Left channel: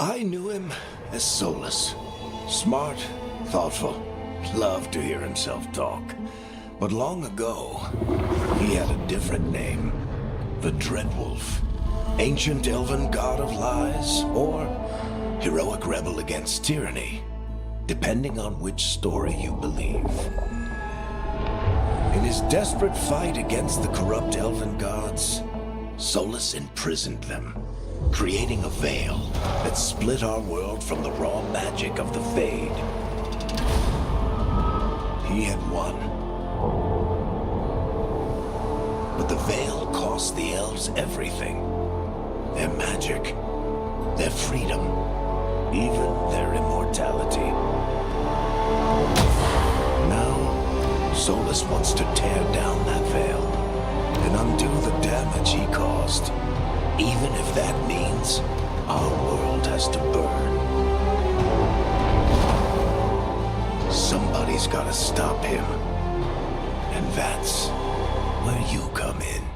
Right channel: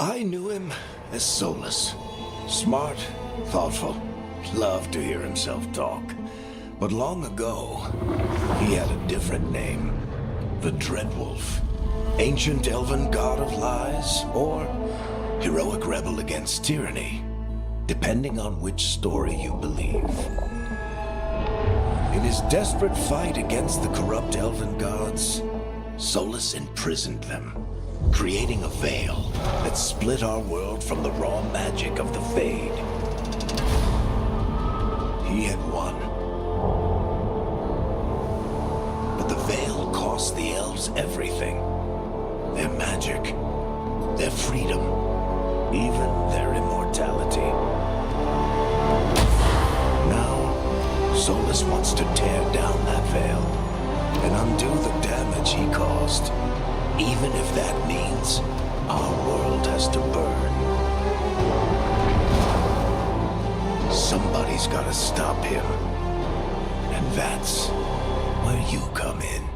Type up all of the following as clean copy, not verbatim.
I knew him as Solus. Smart, thoughtful, loved to hear himself talk. But long ago, he had a different name. The Dreadwolf. Ancient elven god of lies, or heroic rebel against tyranny, depending on which story you believe. In his desperate fight against the corrupt elven gods, Solus imprisoned them, creating a veil that split our world from the raw magic of the Fade. He had won. But the veil cost the elves everything. Their magic, their freedom, even their immortality. Now, Solus wants to tear down that veil and undo the damage he caused, even if that means our world has to burn. Somebody's gotta stop him, and that's where you come in.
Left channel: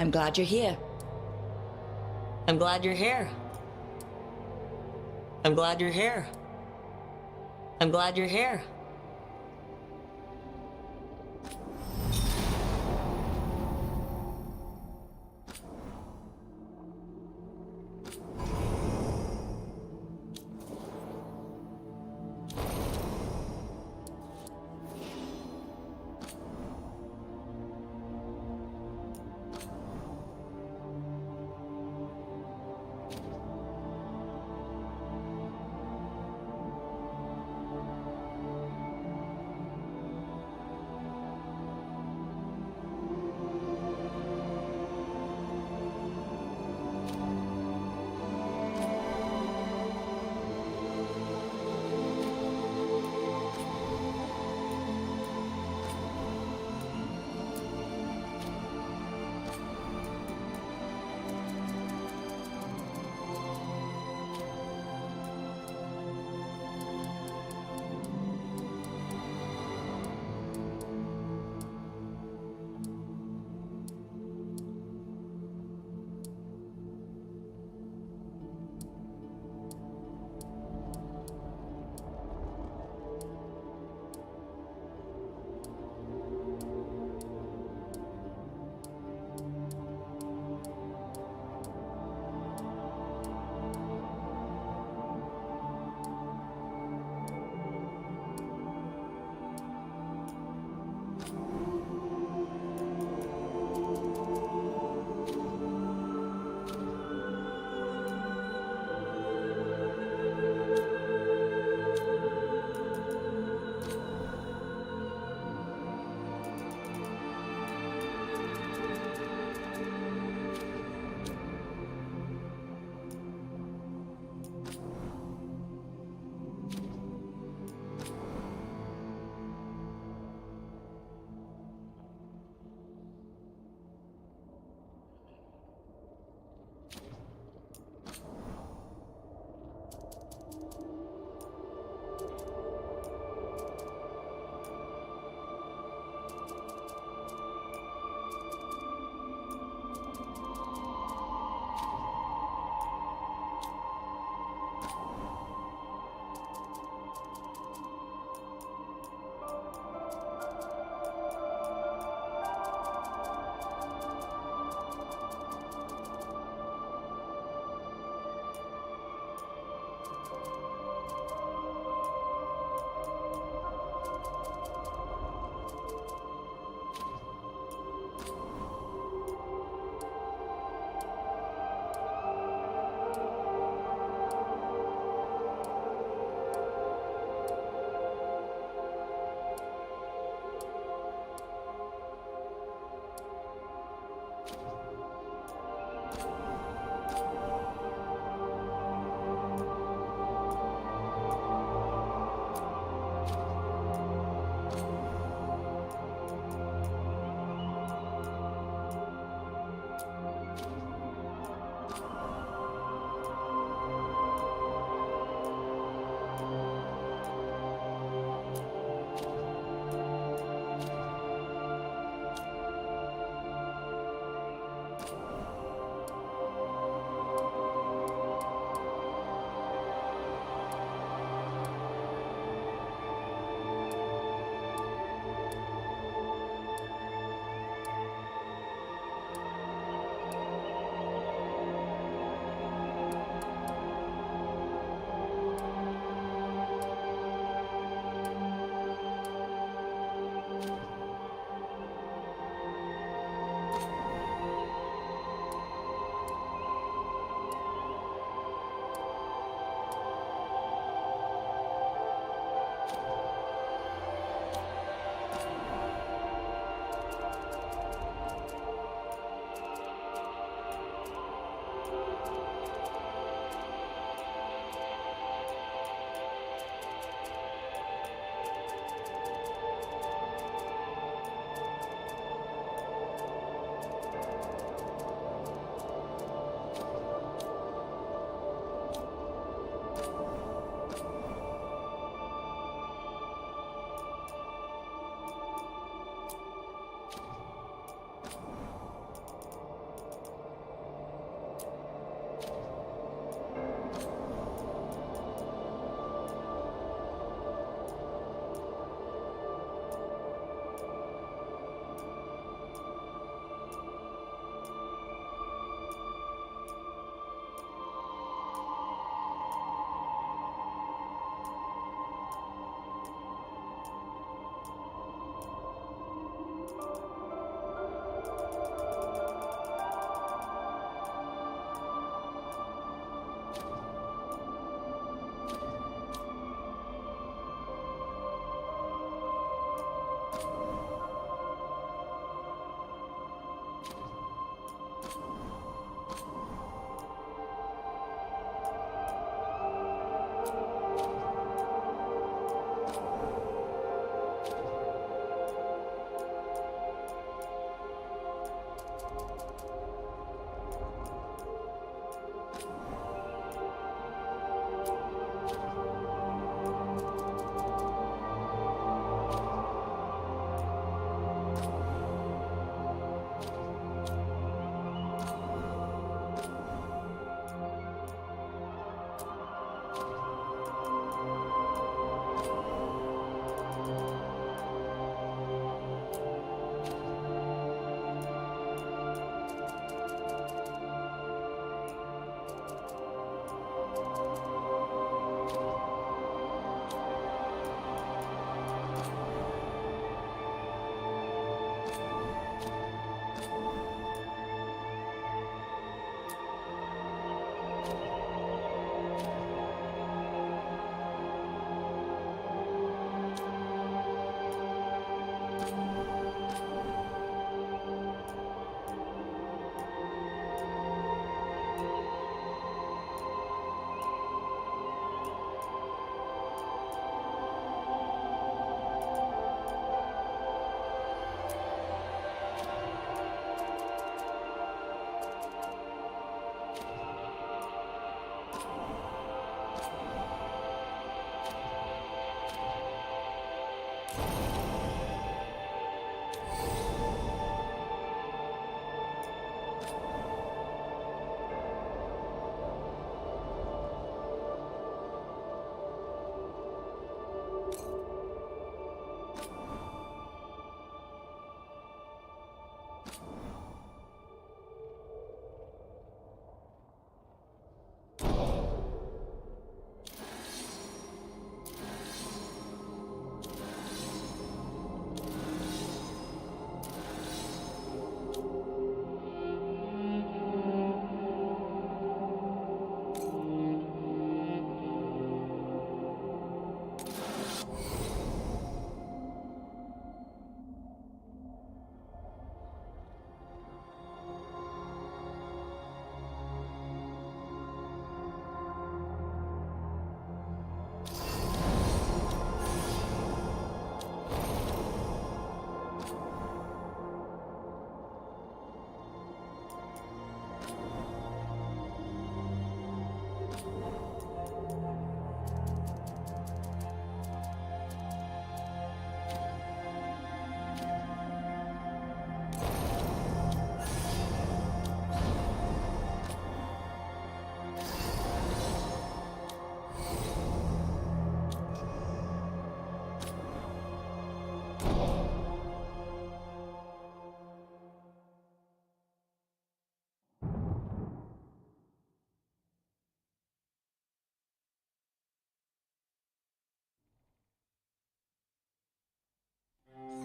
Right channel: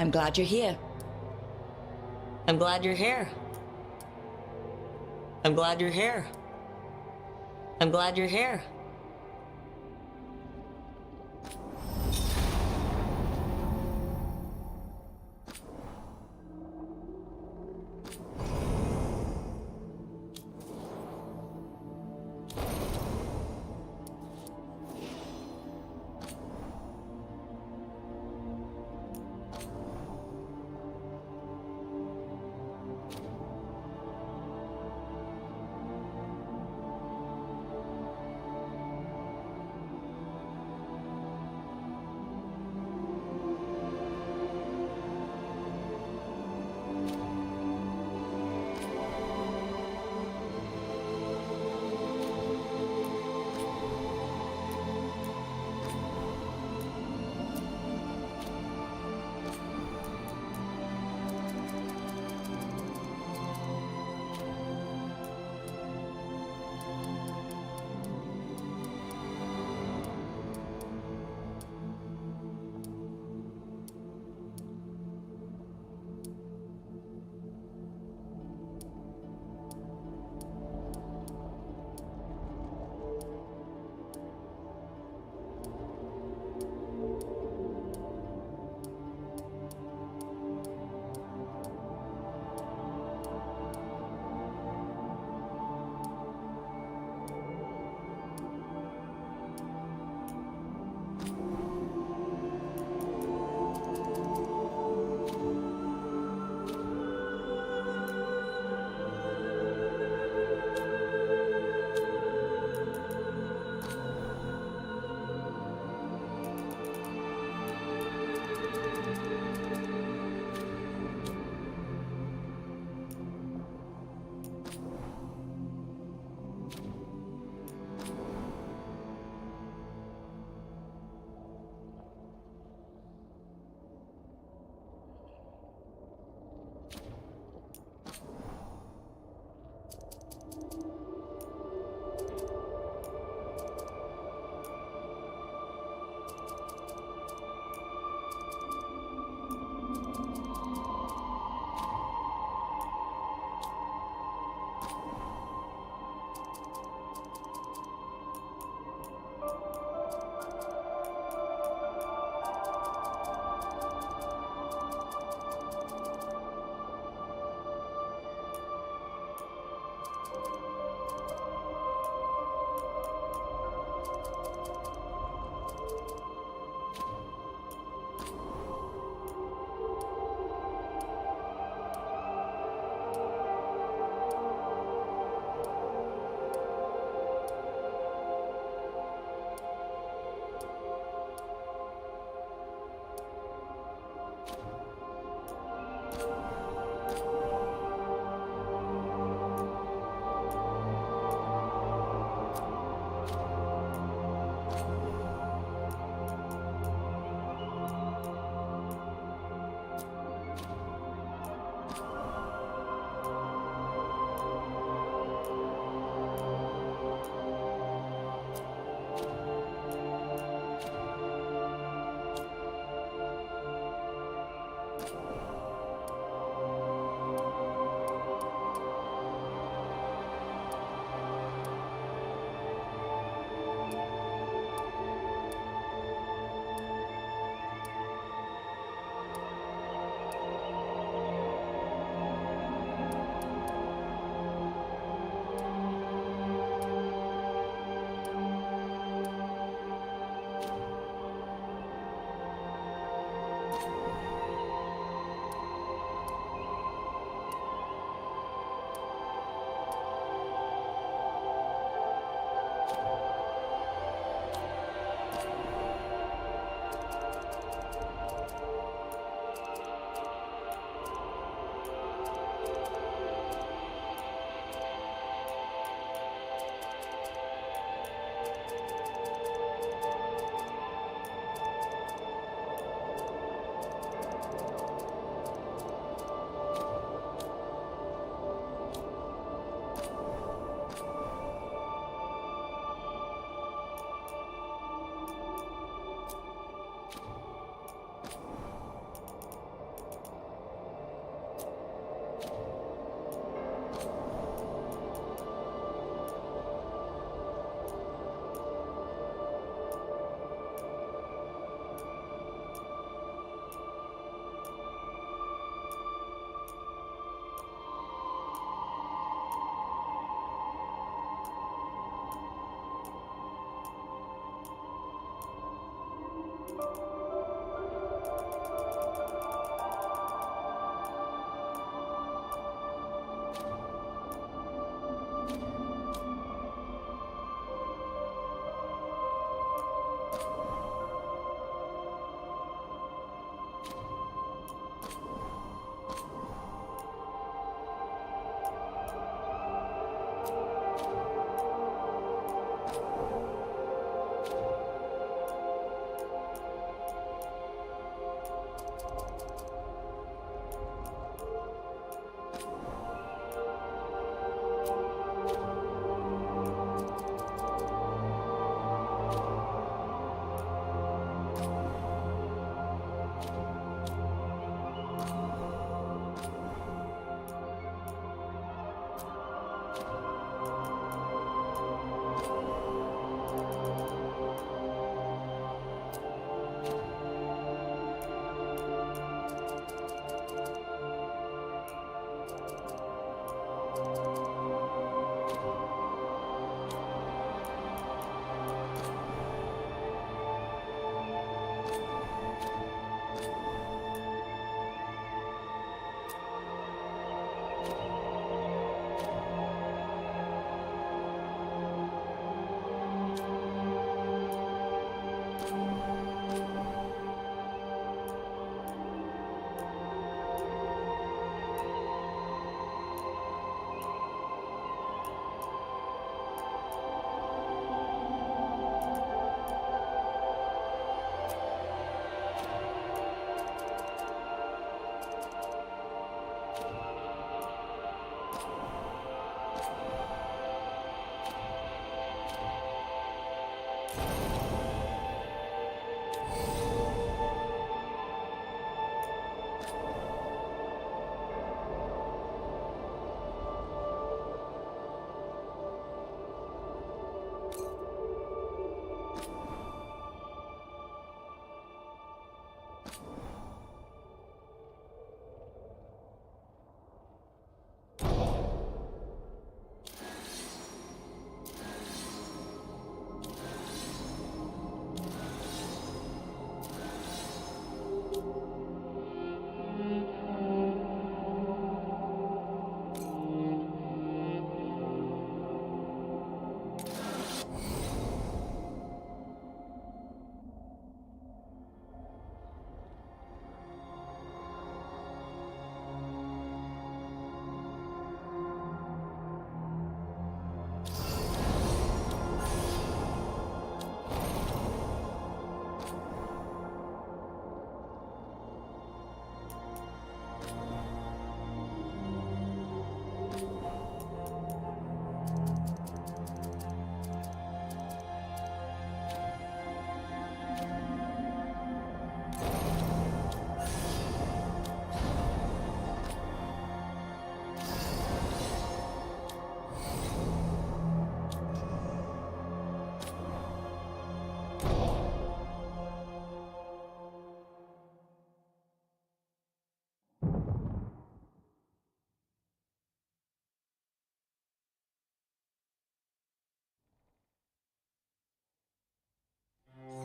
I'm glad you're here. I'm glad you're here. I'm glad you're here. I'm glad you're here.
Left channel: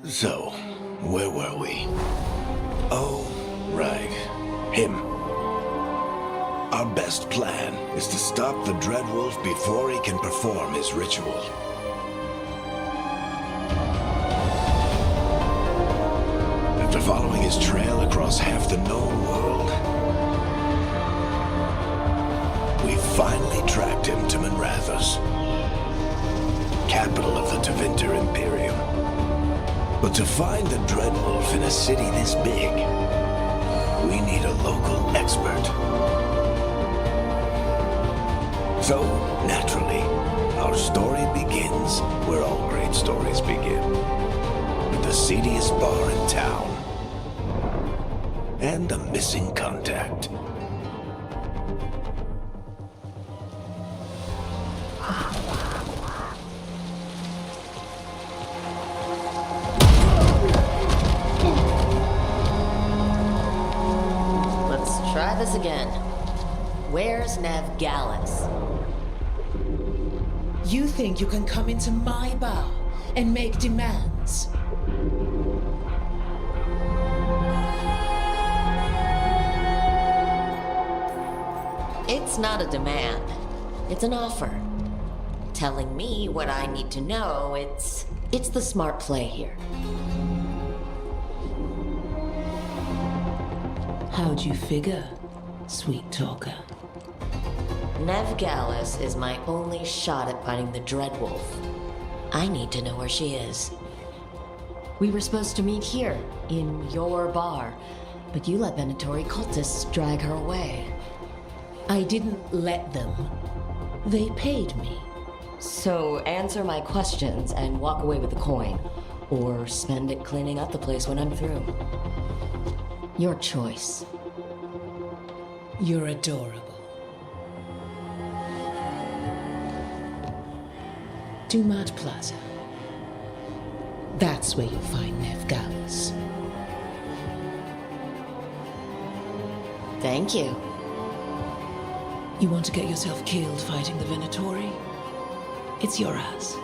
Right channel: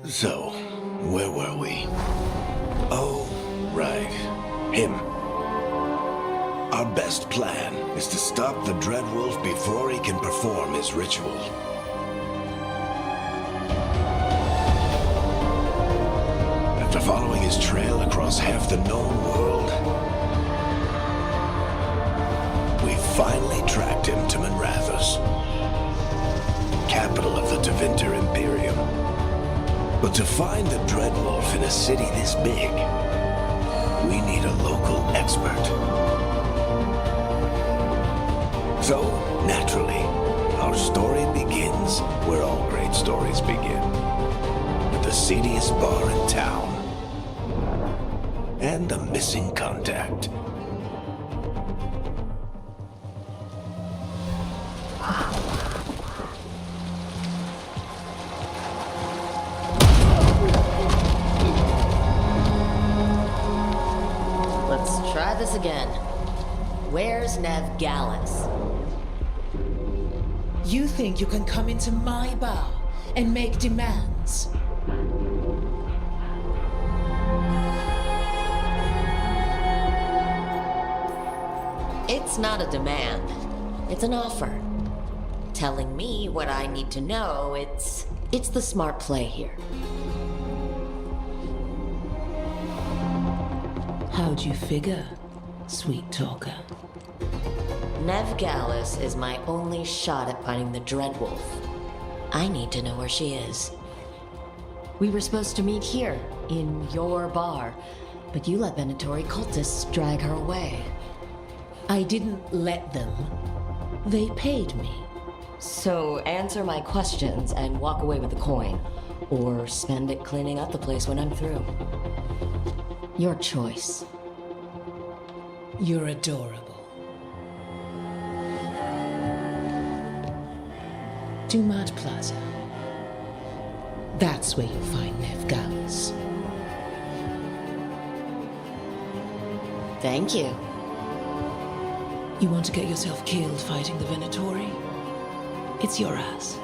So, where were we? Oh, right. Him. Our best plan is to stop the Dreadwolf before he can perform his ritual. After following his trail across half the known world, we finally tracked him to Minrathous, capital of the Tevinter Imperium. But to find the Dreadwolf in a city this big, we need a local expert. So, naturally, our story begins where all great stories begin. With the seediest bar in town. And a missing contact. Let's try this again. Where's Nev Gallus? You think you can come into my bar and make demands? It's not a demand. It's an offer. Telling me what I need to know, it's the smart play here. How'd you figure, sweet talker? Nev Gallus is my only shot at finding the Dreadwolf. I need to know where she is. We were supposed to meet here, in your bar, but you let Venatori cultists drag her away. I didn't let them. They paid me. So answer my questions and walk away with the coin, or spend it cleaning up the place when I'm through. Your choice. You're adorable. Dumad Plaza. That's where you'll find Nev Gallus. Thank you. You want to get yourself killed fighting the Venatori? It's your ass.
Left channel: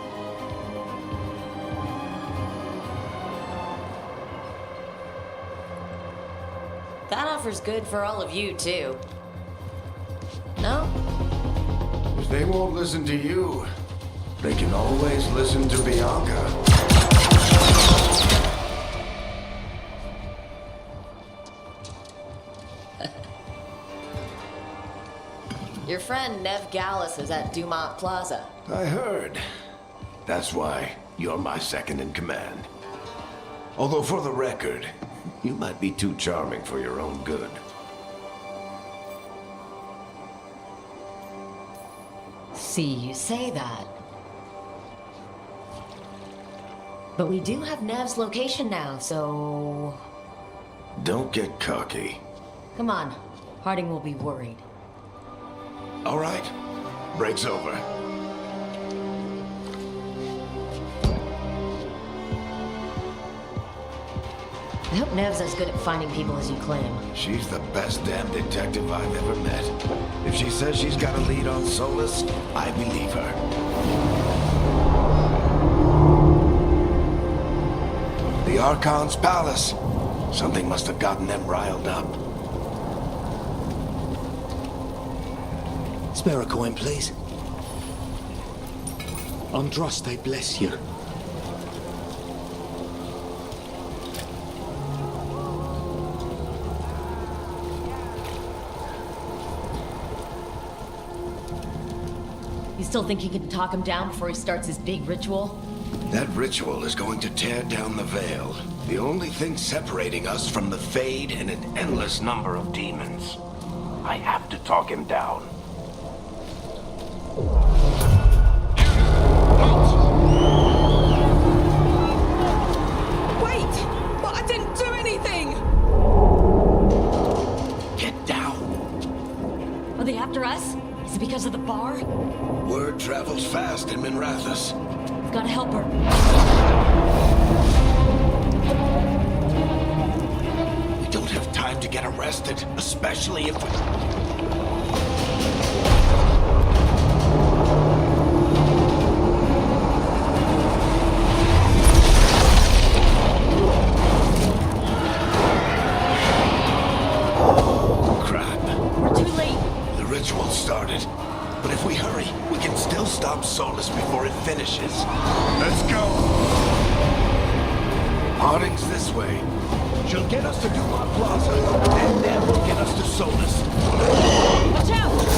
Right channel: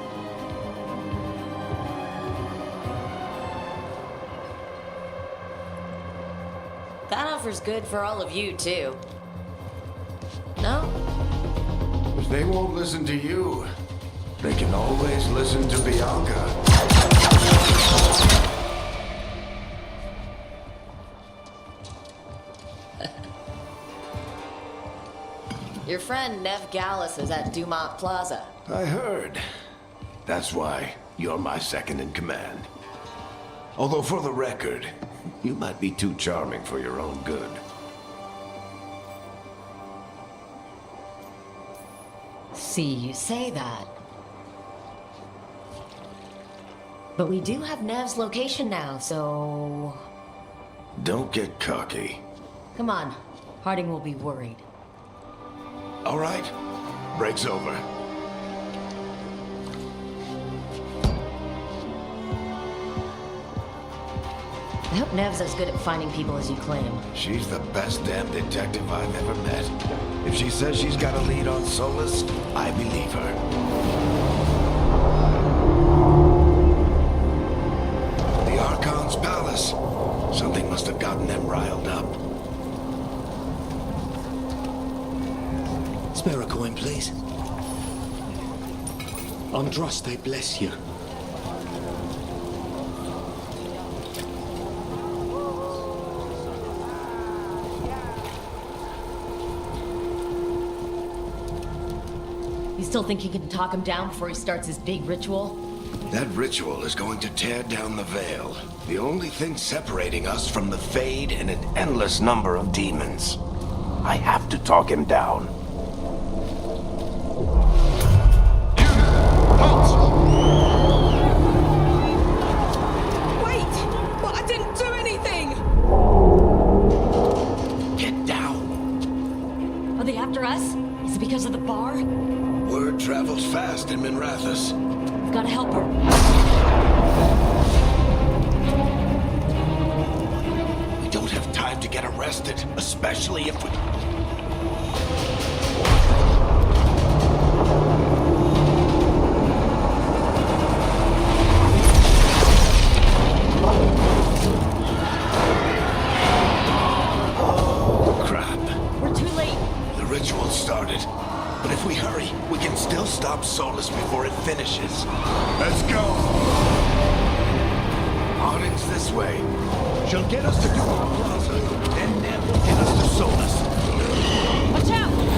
That offer's good for all of you, too. No? If they won't listen to you, they can always listen to Bianca. Your friend Nev Gallus is at Dumont Plaza. I heard. That's why you're my second in command. Although for the record, you might be too charming for your own good. See, you say that. But we do have Nev's location now, so... Don't get cocky. Come on. Harding will be worried. All right. Break's over. I hope Nev's as good at finding people as you claim. She's the best damn detective I've ever met. If she says she's got a lead on Solus, I believe her. The Archon's palace. Something must have gotten them riled up. Spare a coin, please. Andraste, I bless you. You still think you can talk him down before he starts his big ritual? That ritual is going to tear down the veil. The only thing separating us from the Fade and an endless number of demons. I have to talk him down. Wait! But I didn't do anything! Get down. Are they after us? Is it because of the bar? Word travels fast in Minrathous. We've got to help her. We don't have time to get arrested, especially if we... ritual started. But if we hurry, we can still stop Solus before it finishes. Let's go! Harding's this way. She'll get us to Dumont Plaza, and Nev will get us to Solus. Watch out! Is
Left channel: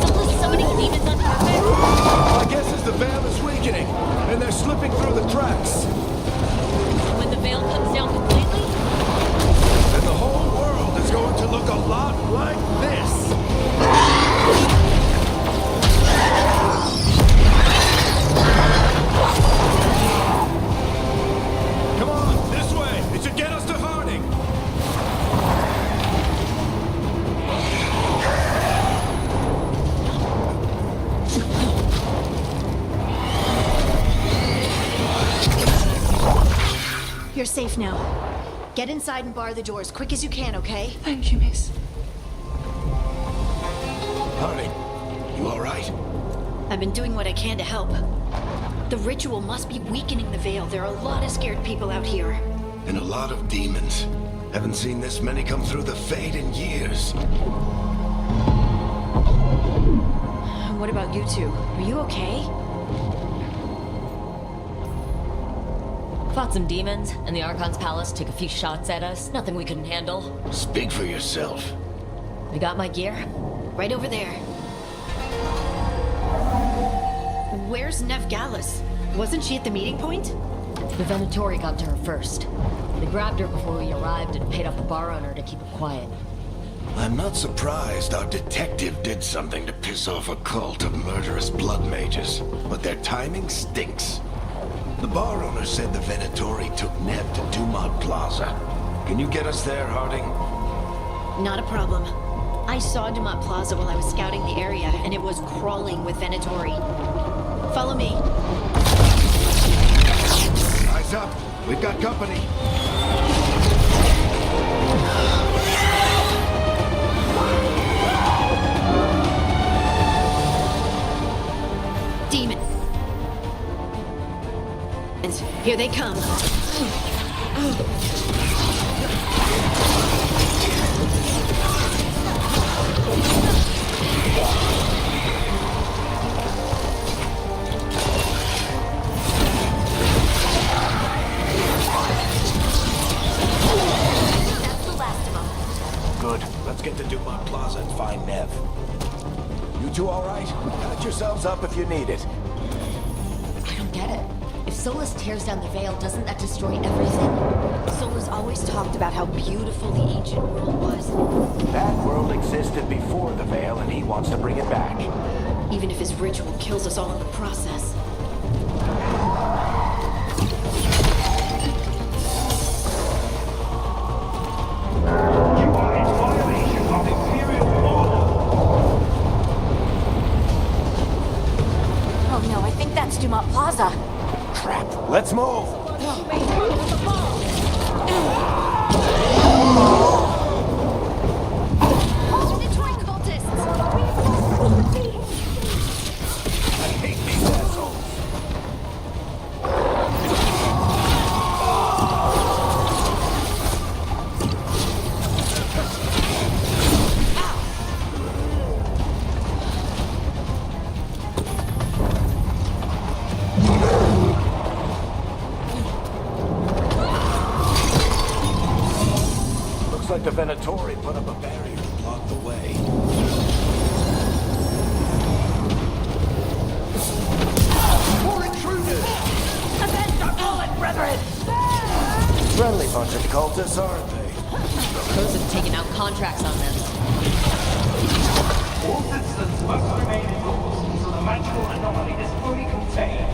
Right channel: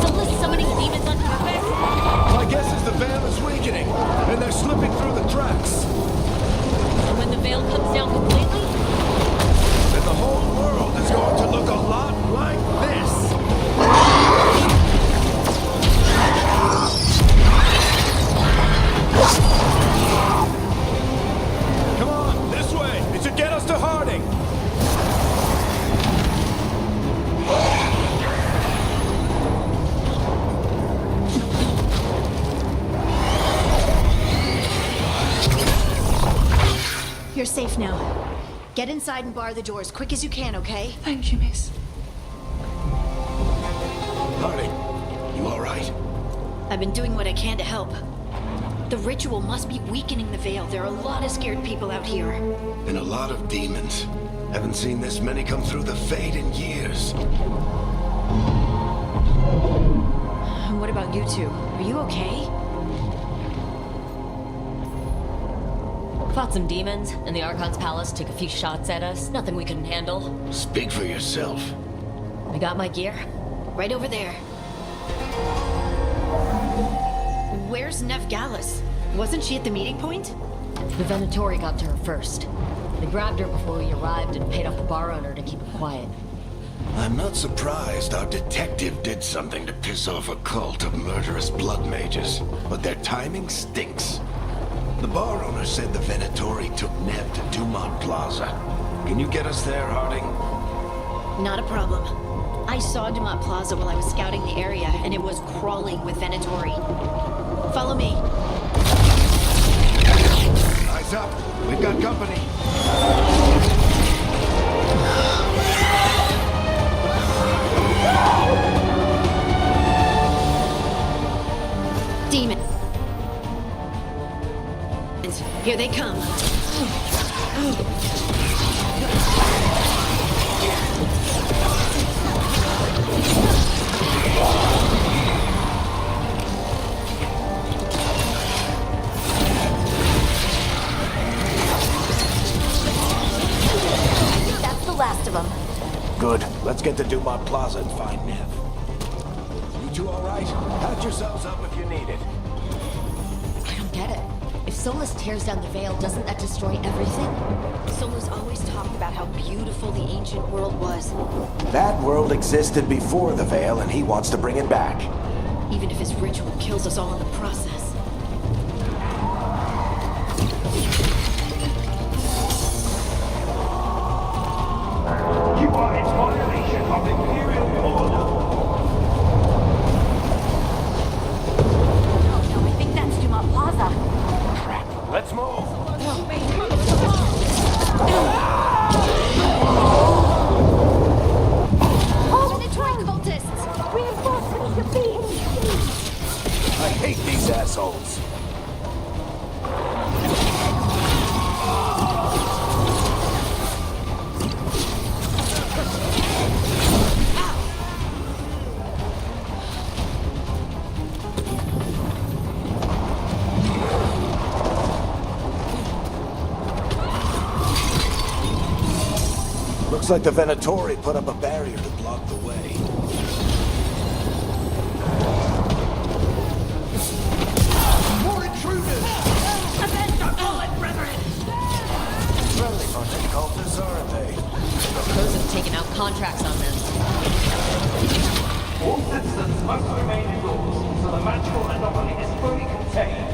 Solus summoning demons on purpose? My guess is the Veil is weakening, and they're slipping through the cracks. And when the veil comes down completely? Then the whole world is going to look a lot like this. Come on, this way! It should get us to Harding! You're safe now. Get inside and bar the doors quick as you can, okay? Thank you, miss. Harding, you all right? I've been doing what I can to help. The ritual must be weakening the Veil. There are a lot of scared people out here. And a lot of demons. Haven't seen this many come through the Fade in years. And what about you two? Are you okay? Fought some demons, and the Archon's palace took a few shots at us. Nothing we couldn't handle. Speak for yourself. I got my gear. Right over there. Where's Nev Gallus? Wasn't she at the meeting point? The Venatori got to her first. They grabbed her before we arrived and paid off the bar owner to keep her quiet. I'm not surprised our detective did something to piss off a cult of murderous blood mages, but their timing stinks. The bar owner said the Venatori took Nev to Dumont Plaza. Can you get us there, Harding? Not a problem. I saw Dumont Plaza while I was scouting the area, and it was crawling with Venatori. Follow me. Eyes up. We've got company. Demon. Here they come. That's the last of them. Good. Let's get to Dumont Plaza and find Nev. You two all right? Patch yourselves up if you need it. I don't get it. If Solus tears down the Veil, doesn't that destroy everything? Solus always talked about how beautiful the ancient world was. That world existed before the Veil, and he wants to bring it back. Even if his ritual kills us all in the process. You are in violation of Imperial order. Oh no, I think that's Dumont Plaza. Crap. Let's move. Venatori cultists! I hate these assholes. Looks like the Venatori put up a barrier to block the way. More intruders! Avenge our fallen brethren! Friendly bunch of cultists, aren't they? Those have taken out contracts on them. All citizens must remain indoors until the magical anomaly is fully contained.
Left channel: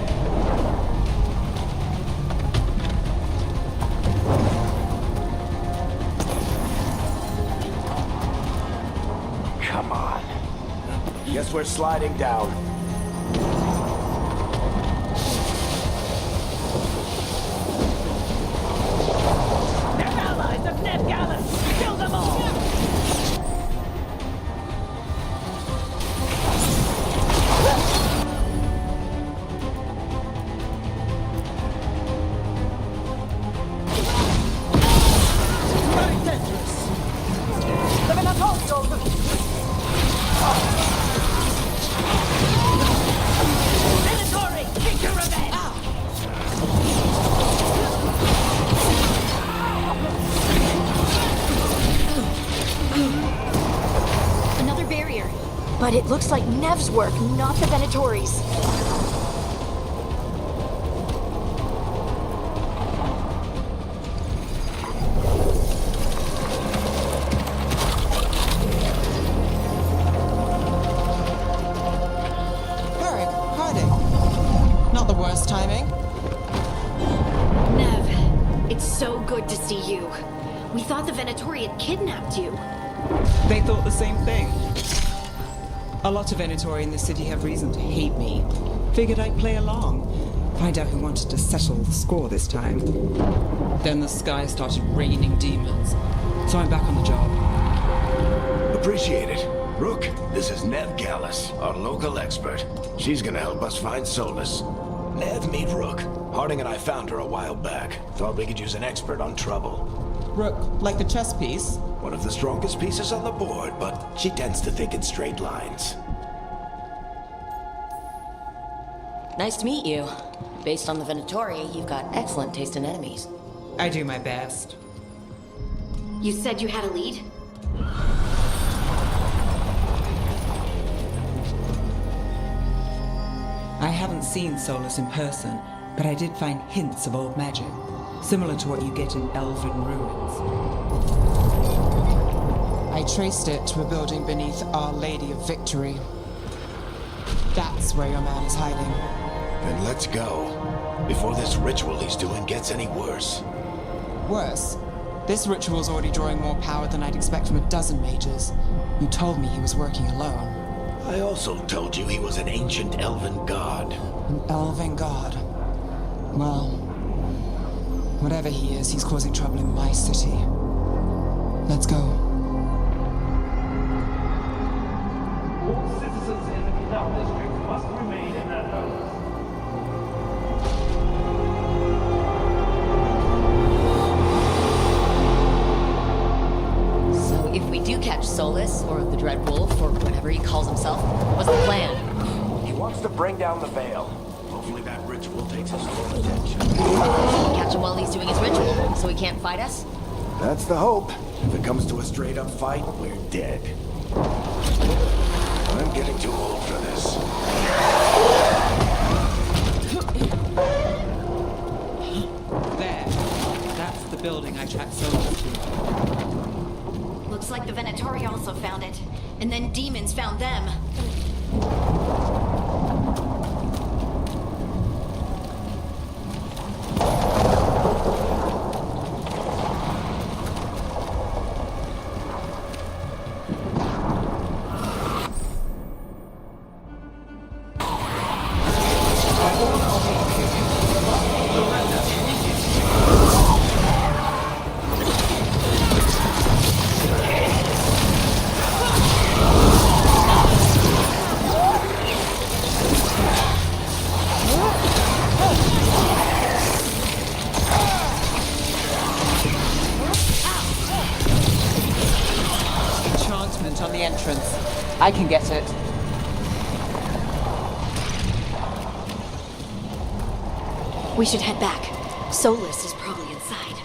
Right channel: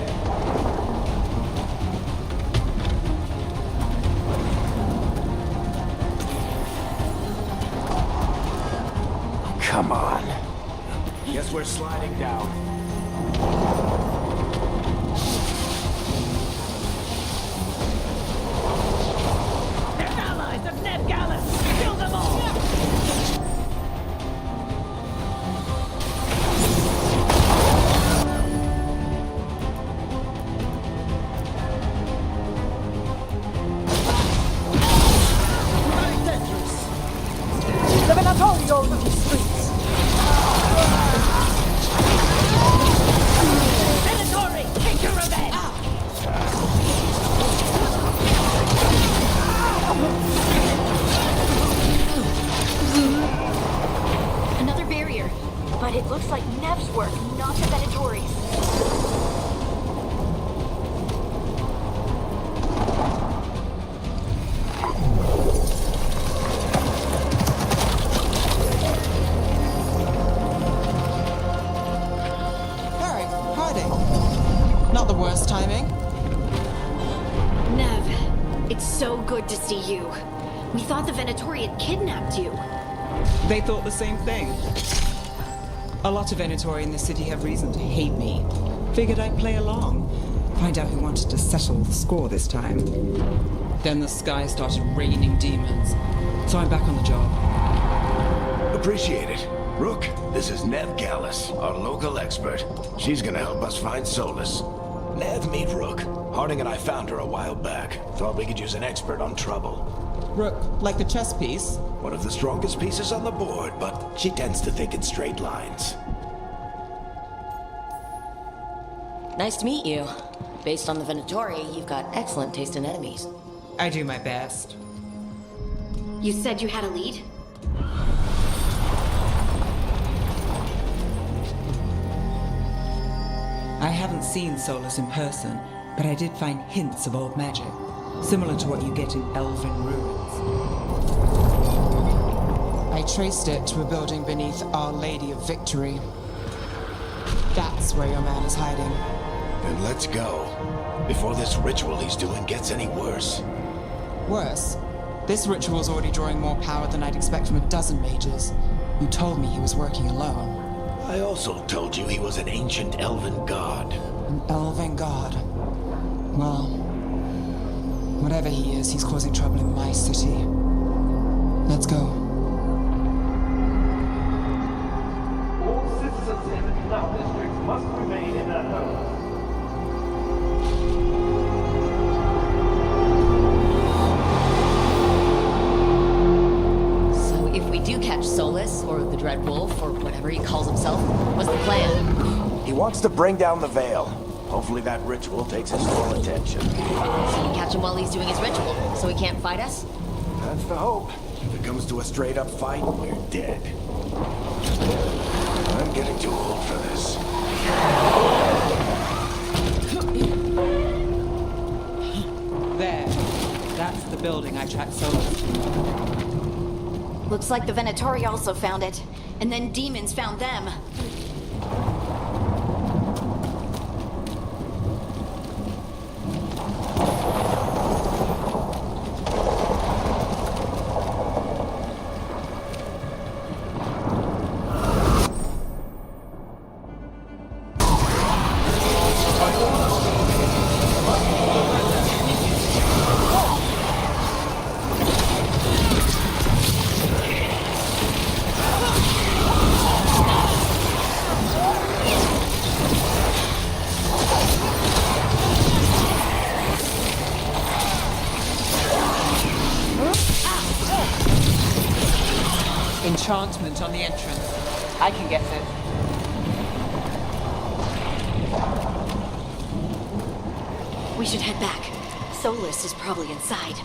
Come on. Guess we're sliding down. They're allies of Nev Gallus! Kill them all! Very dangerous! The Venatori Another barrier. But it looks like Nev's work, not the Venatori's. Varric, hiding. Not the worst timing. Nev, it's so good to see you. We thought the Venatori had kidnapped you. They thought the same thing. A lot of Venatori in the city have reason to hate me. Figured I'd play along. Find out who wanted to settle the score this time. Then the sky started raining demons. So I'm back on the job. Appreciate it. Rook, this is Nev Gallus, our local expert. She's gonna help us find Solus. Nev, meet Rook. Harding and I found her a while back. Thought we could use an expert on trouble. Rook, like the chess piece? One of the strongest pieces on the board, but she tends to think in straight lines. Nice to meet you. Based on the Venatori, you've got excellent taste in enemies. I do my best. You said you had a lead? I haven't seen Solus in person, but I did find hints of old magic, similar to what you get in elven ruins. I traced it to a building beneath Our Lady of Victory. That's where your man is hiding. Then let's go. Before this ritual he's doing gets any worse. Worse, this ritual's already drawing more power than I'd expect from a dozen mages. You told me he was working alone. I also told you he was an ancient elven god. An elven god. Well, whatever he is, he's causing trouble in my city. Let's go. All citizens in the canal district must remain in their homes. So if we do catch Solus, or the Dread Wolf, or whatever he calls himself, what's the plan? He wants to bring down the Veil. Hopefully that ritual takes his full attention. So we catch him while he's doing his ritual, so he can't fight us? That's the hope. If it comes to a straight-up fight, we're dead. I'm getting too old for this. There. That's the building I tracked Solus to. Looks like the Venatori also found it. And then demons found them. Enchantment on the entrance. I can get it. We should head back. Solus is probably inside.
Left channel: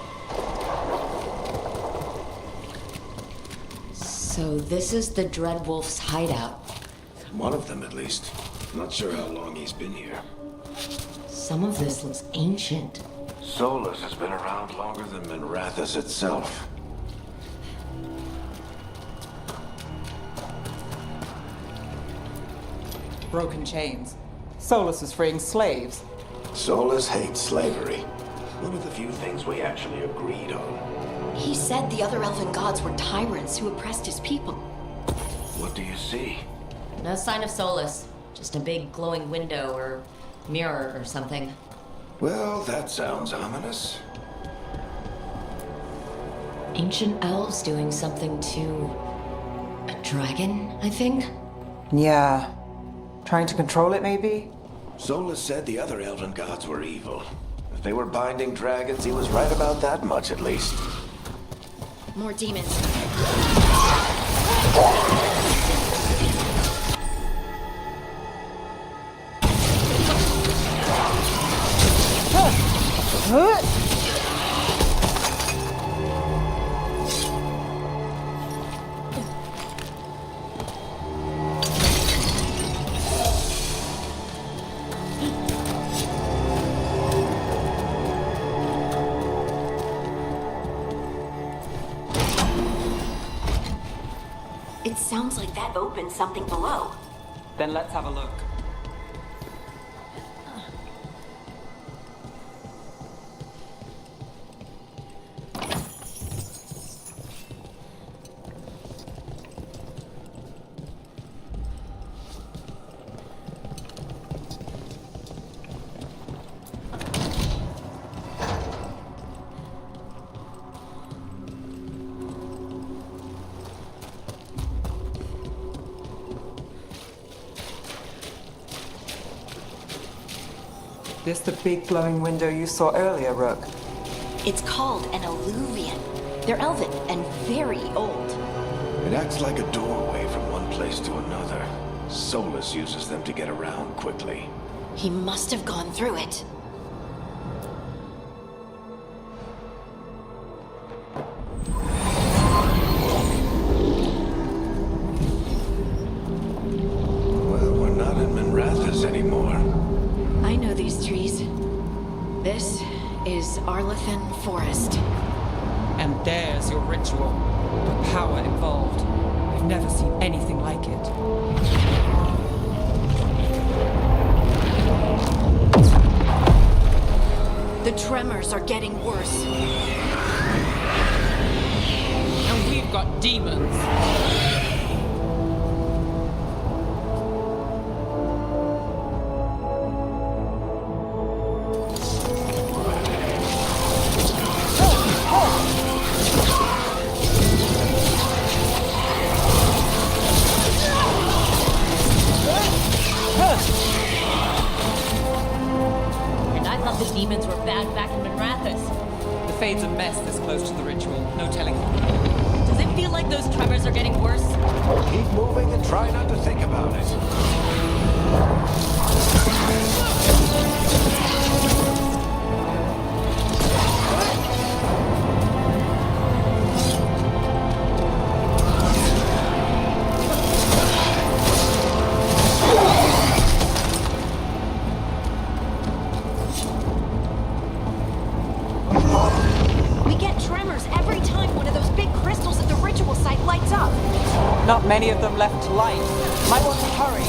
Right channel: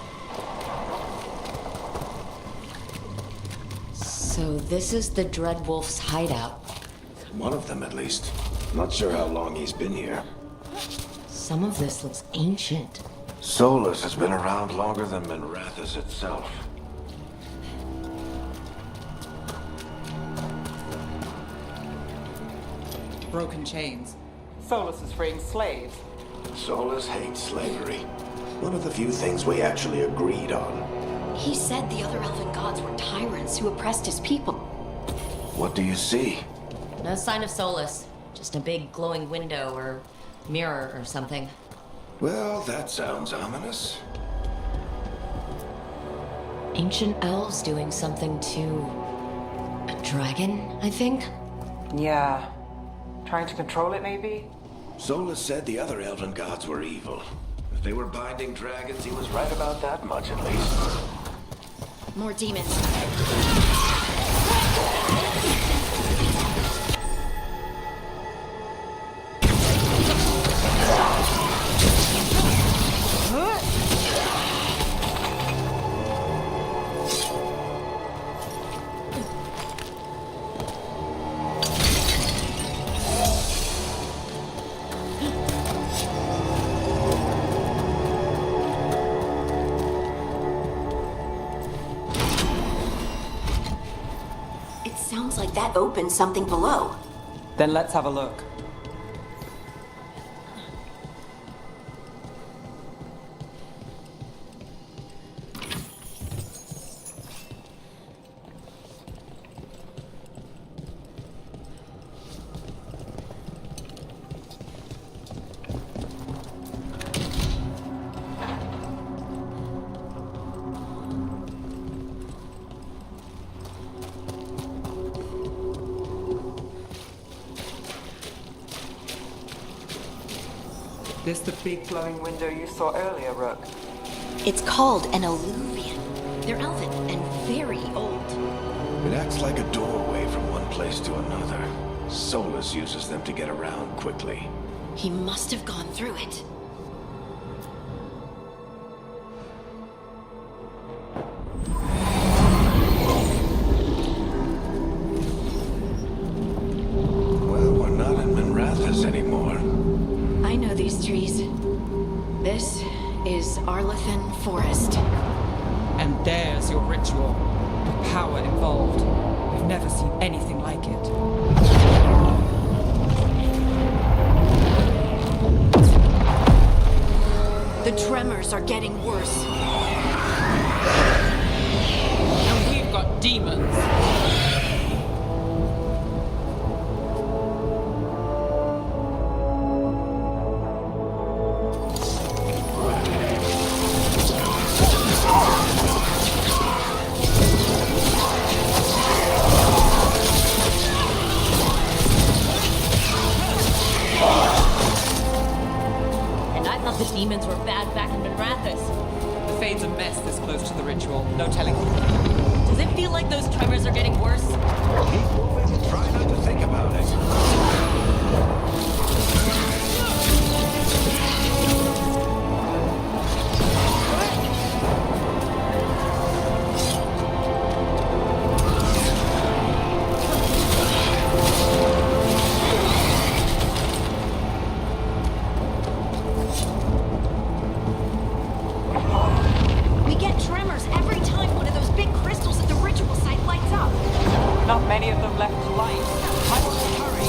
So this is the Dread Wolf's hideout. One of them, at least. Not sure how long he's been here. Some of this looks ancient. Solus has been around longer than Manrathus itself. Broken chains. Solus is freeing slaves. Solus hates slavery. One of the few things we actually agreed on. He said the other elven gods were tyrants who oppressed his people. What do you see? No sign of Solus. Just a big glowing window or mirror or something. Well, that sounds ominous. Ancient elves doing something to a dragon, I think? Yeah. Trying to control it, maybe? Solus said the other elven gods were evil. If they were binding dragons, he was right about that much, at least. More demons. sounds like that opened something below. Then let's have a look. This the big glowing window you saw earlier, Rook? It's called an alluvian. They're elven and very old. It acts like a doorway from one place to another. Solus uses them to get around quickly. He must have gone through it. Well, we're not in Minrathous anymore. I know these trees. This is Arlethan Forest. And there's your ritual. The power involved. I've never seen anything like it. The tremors are getting worse. And we've got demons. I thought the demons were bad back in Minrathous. The Fade's a mess this close to the ritual. No telling. Does it feel like those tremors are getting worse? Keep moving and try not to think about it. We get tremors every time one of those big crystals at the ritual site lights up. Not many of them left to light. Might want to hurry.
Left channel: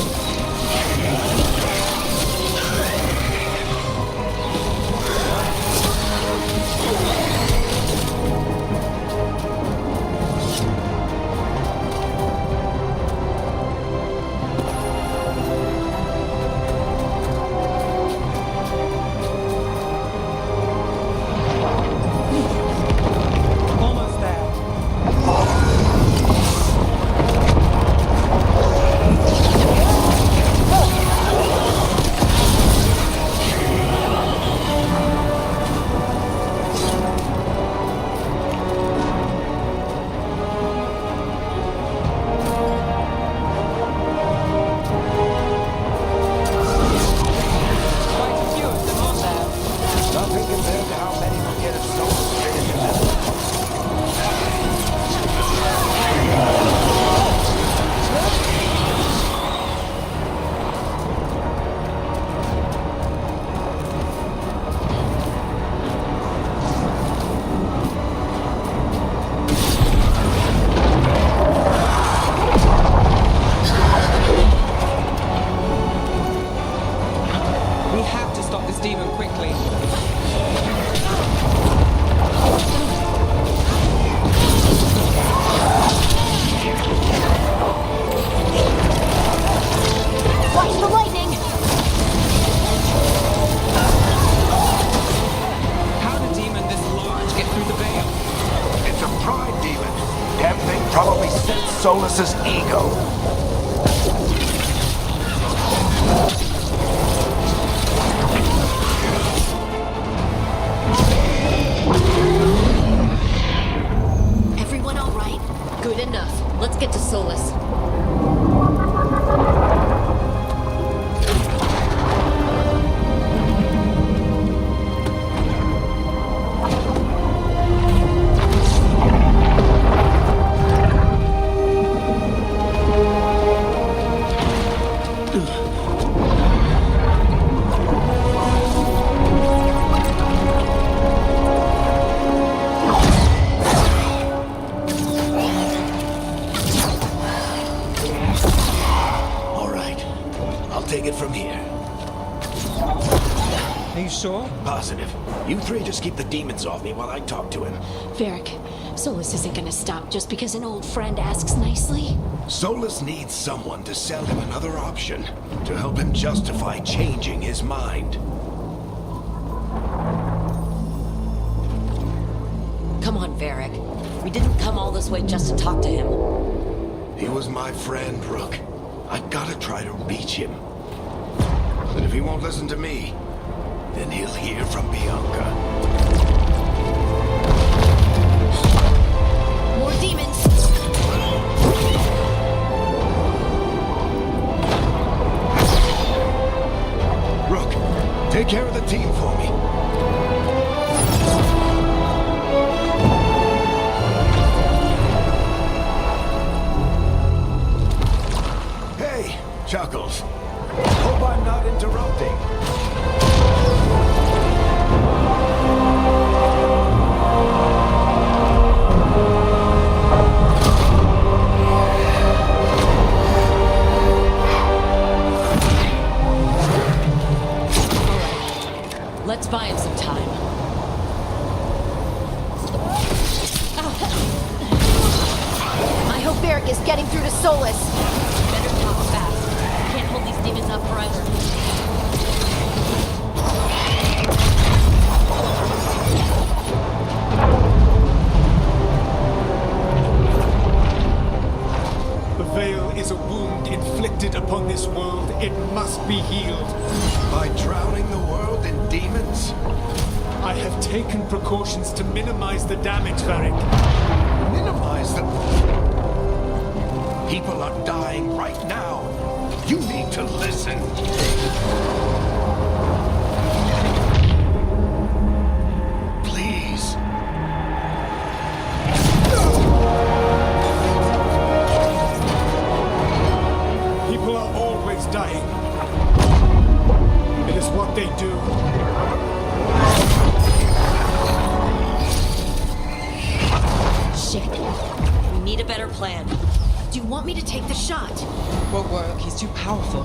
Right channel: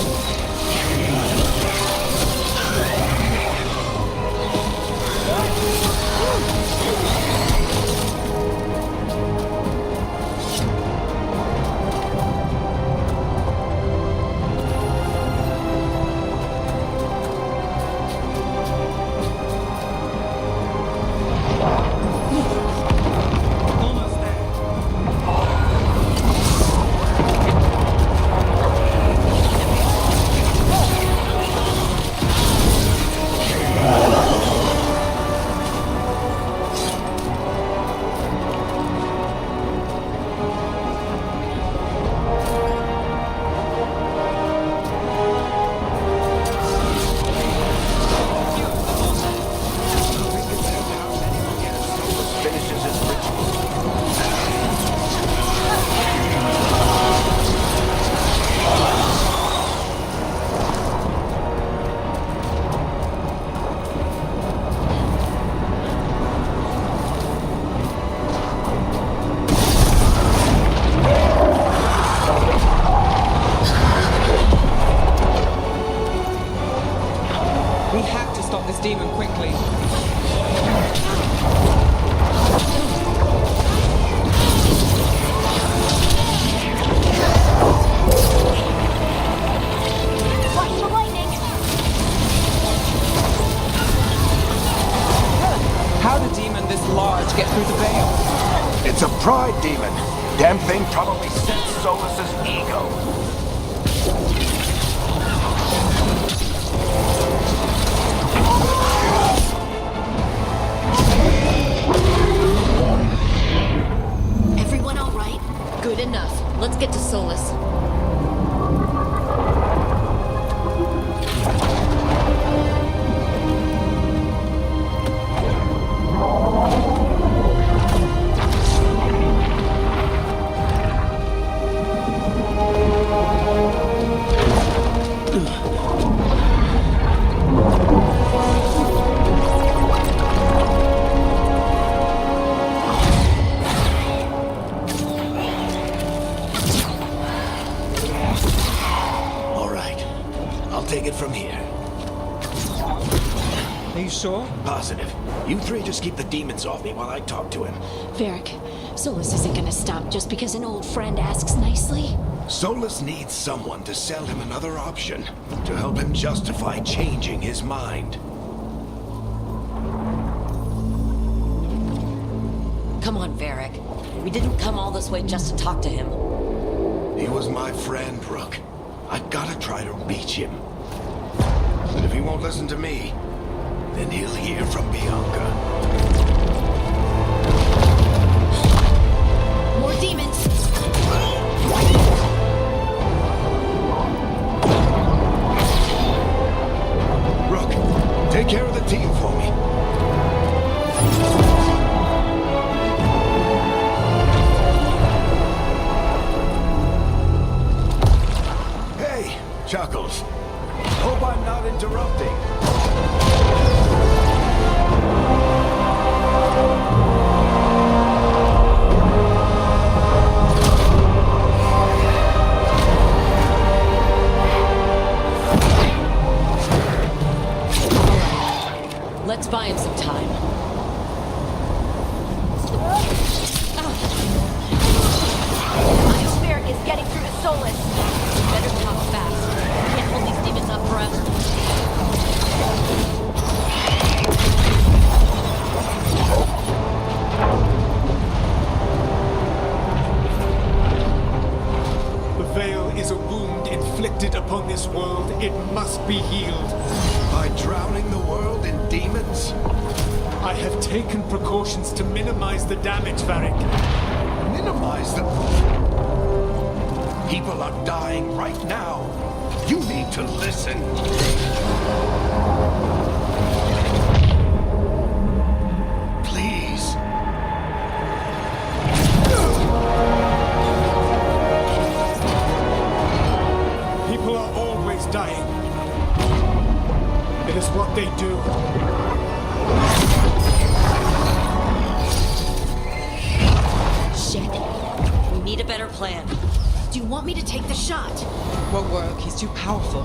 Almost there. Quite a few of them on there. Nothing compared to how many we get if Solus finishes his ritual. We have to stop this demon quickly. The lightning! How did a demon this large get through the veil? It's a pride demon. Damn thing probably sensed Solus's ego. Everyone all right? Good enough. Let's get to Solus. I'll take it from here. Are you sure? Positive. You three just keep the demons off me while I talk to him. Varric, Solus isn't gonna stop just because an old friend asks nicely. Solus needs someone to sell him another option, to help him justify changing his mind. Come on, Varric. We didn't come all this way just to talk to him. He was my friend, Rook. I gotta try to reach him. But if he won't listen to me, then he'll hear from Bianca. More demons! Rook, take care of the team for me. Hey, Chuckles. Hope I'm not interrupting. Let's buy him some time. I hope Varric is getting through to Solus. Better talk fast. We can't hold these demons up forever. The Veil is a wound inflicted upon this world. It must be healed. By drowning the world in demons? I have taken precautions to minimize the damage, Varric. Minimize the... People are dying right now. You need to listen. Please. People are always dying. It is what they do. Shit. We need a better plan. Do you want me to take the shot? Won't work. He's too powerful.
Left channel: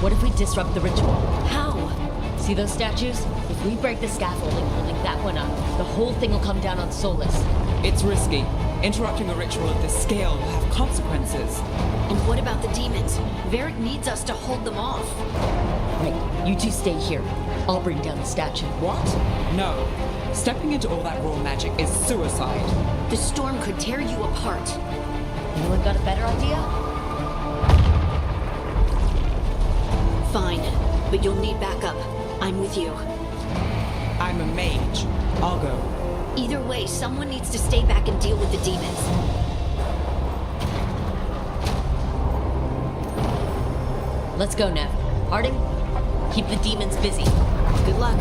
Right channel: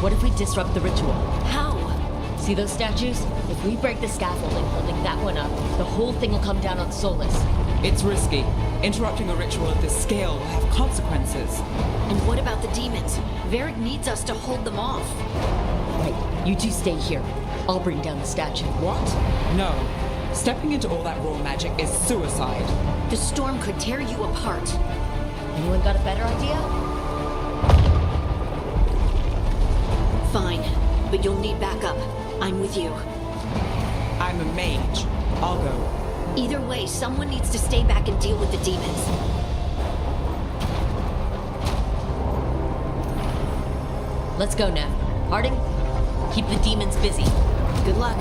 What if we disrupt the ritual? How? See those statues? If we break the scaffolding holding that one up, the whole thing will come down on Solus. It's risky. Interrupting a ritual of this scale will have consequences. And what about the demons? Varric needs us to hold them off. Right. You two stay here. I'll bring down the statue. What? No. Stepping into all that raw magic is suicide. The storm could tear you apart. Anyone got a better idea? Fine, but you'll need backup. I'm with you. I'm a mage. I'll go. Either way, someone needs to stay back and deal with the demons. Let's go, Nev. Harding, keep the demons busy. Good luck.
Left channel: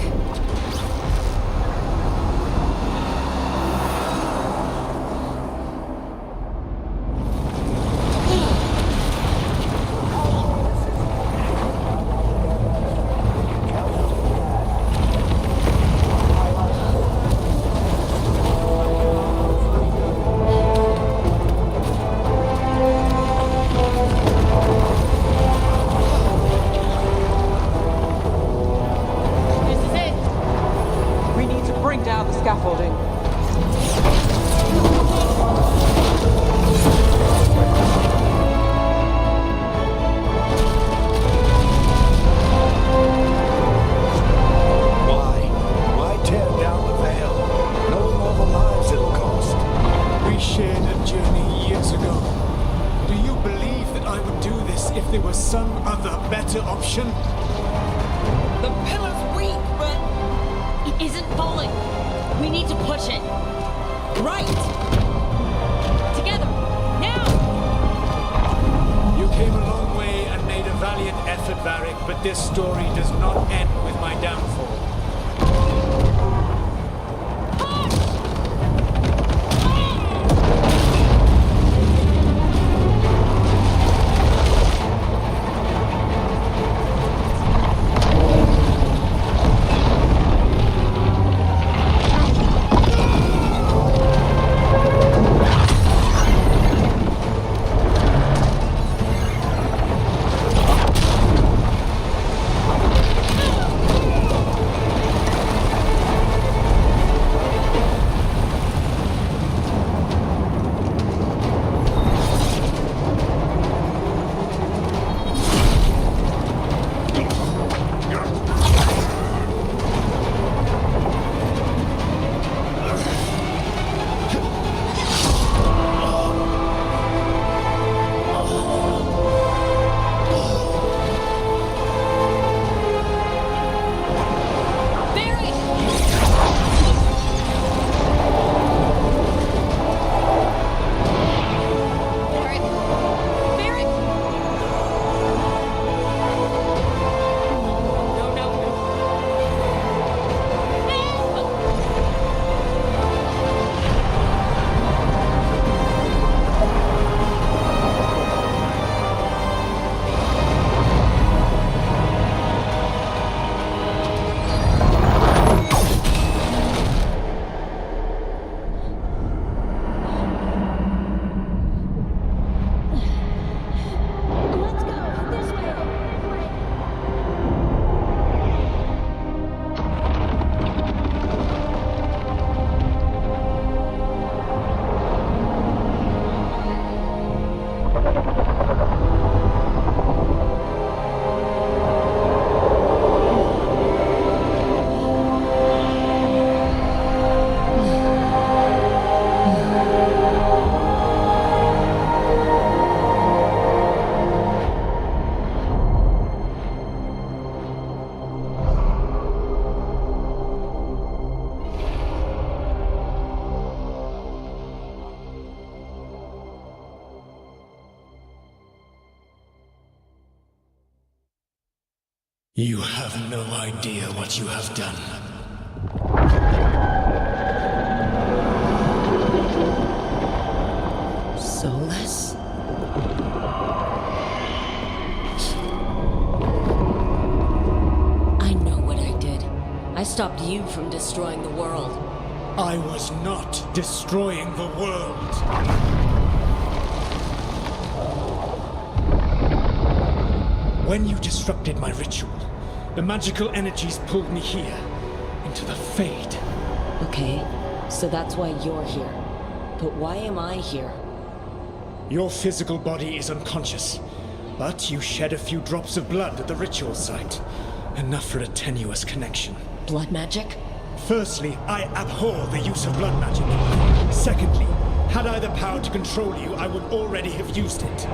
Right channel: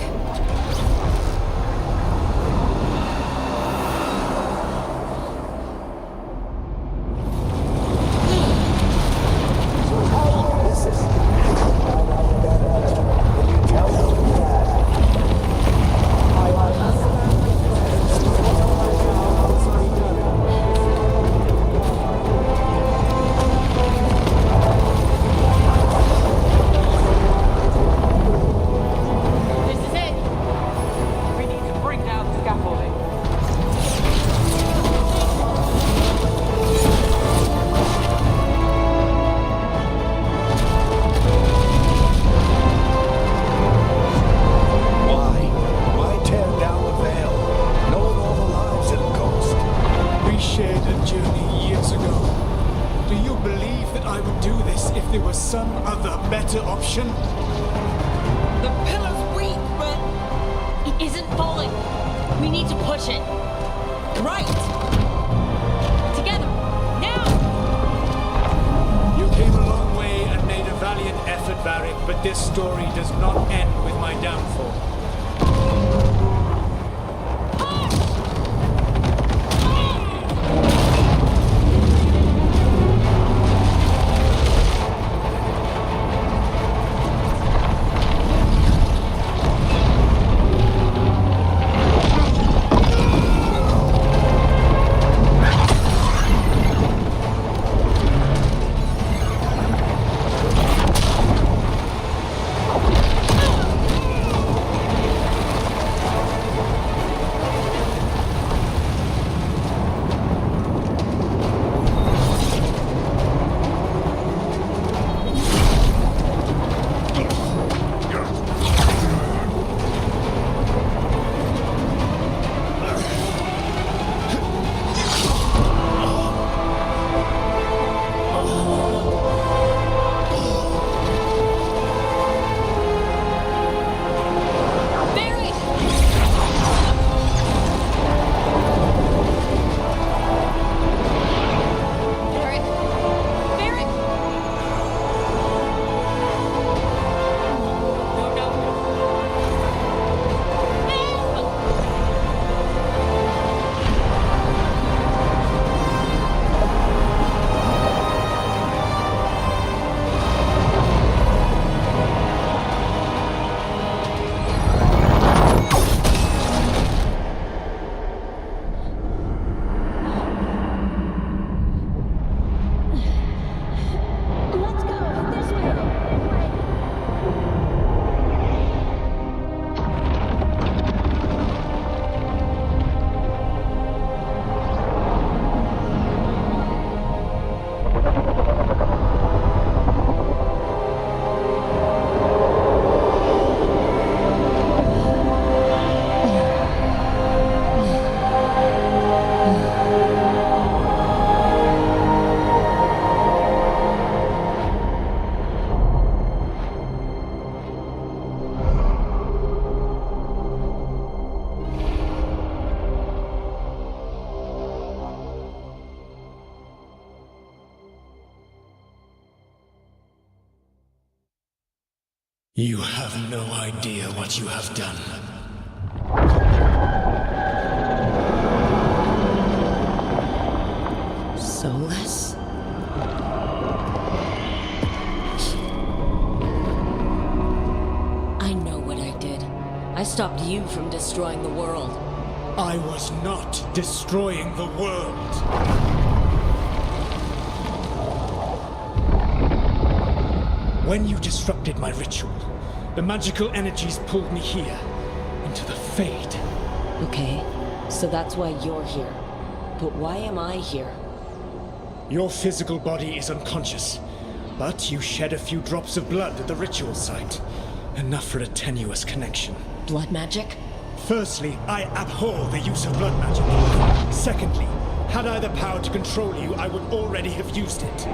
This is it. We need to bring down the scaffolding. Why tear down the veil, knowing all the lives it'll cost? We shared a journey years ago. Do you believe that I would do this if there was some other better option? The pillar's weak, but... It isn't falling. We need to push it. Right! Together. Now! You came a long way and made a valiant effort, Varric, but this story does not end with my downfall. Barry! Barry! Barry! No, no, no, no. Nev! Let's go! This way! This way! You have no idea what you have done. Soulless? I know what I did. I stopped you from destroying the world. I was not destroying the world. When you disrupted my ritual, the magical energies pulled me here, into the Fade. Okay, so that's why you're here. But why am I here? Your physical body is unconscious, but you shed a few drops of blood at the ritual site. Enough for a tenuous connection. Blood magic? Firstly, I abhor the use of blood magic. Secondly, had I the power to control you, I would already have used it.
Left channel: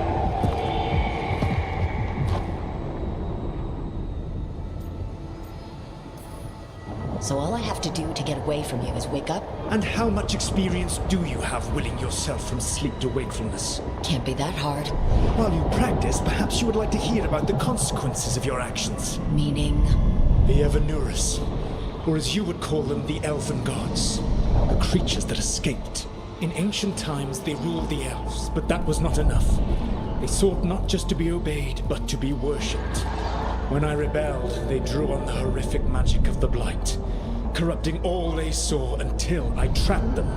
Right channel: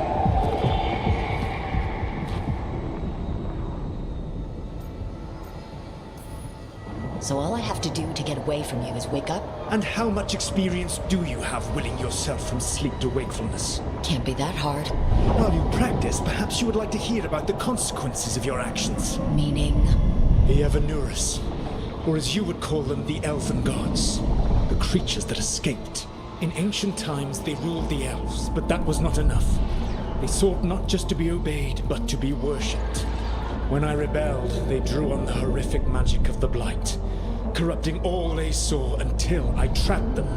So all I have to do to get away from you is wake up? And how much experience do you have willing yourself from sleep to wakefulness? Can't be that hard. While you practice, perhaps you would like to hear about the consequences of your actions. Meaning? The Evanurus, or as you would call them, the Elven Gods. The creatures that escaped. In ancient times, they ruled the elves, but that was not enough. They sought not just to be obeyed, but to be worshipped. When I rebelled, they drew on the horrific magic of the Blight, corrupting all they saw until I trapped them.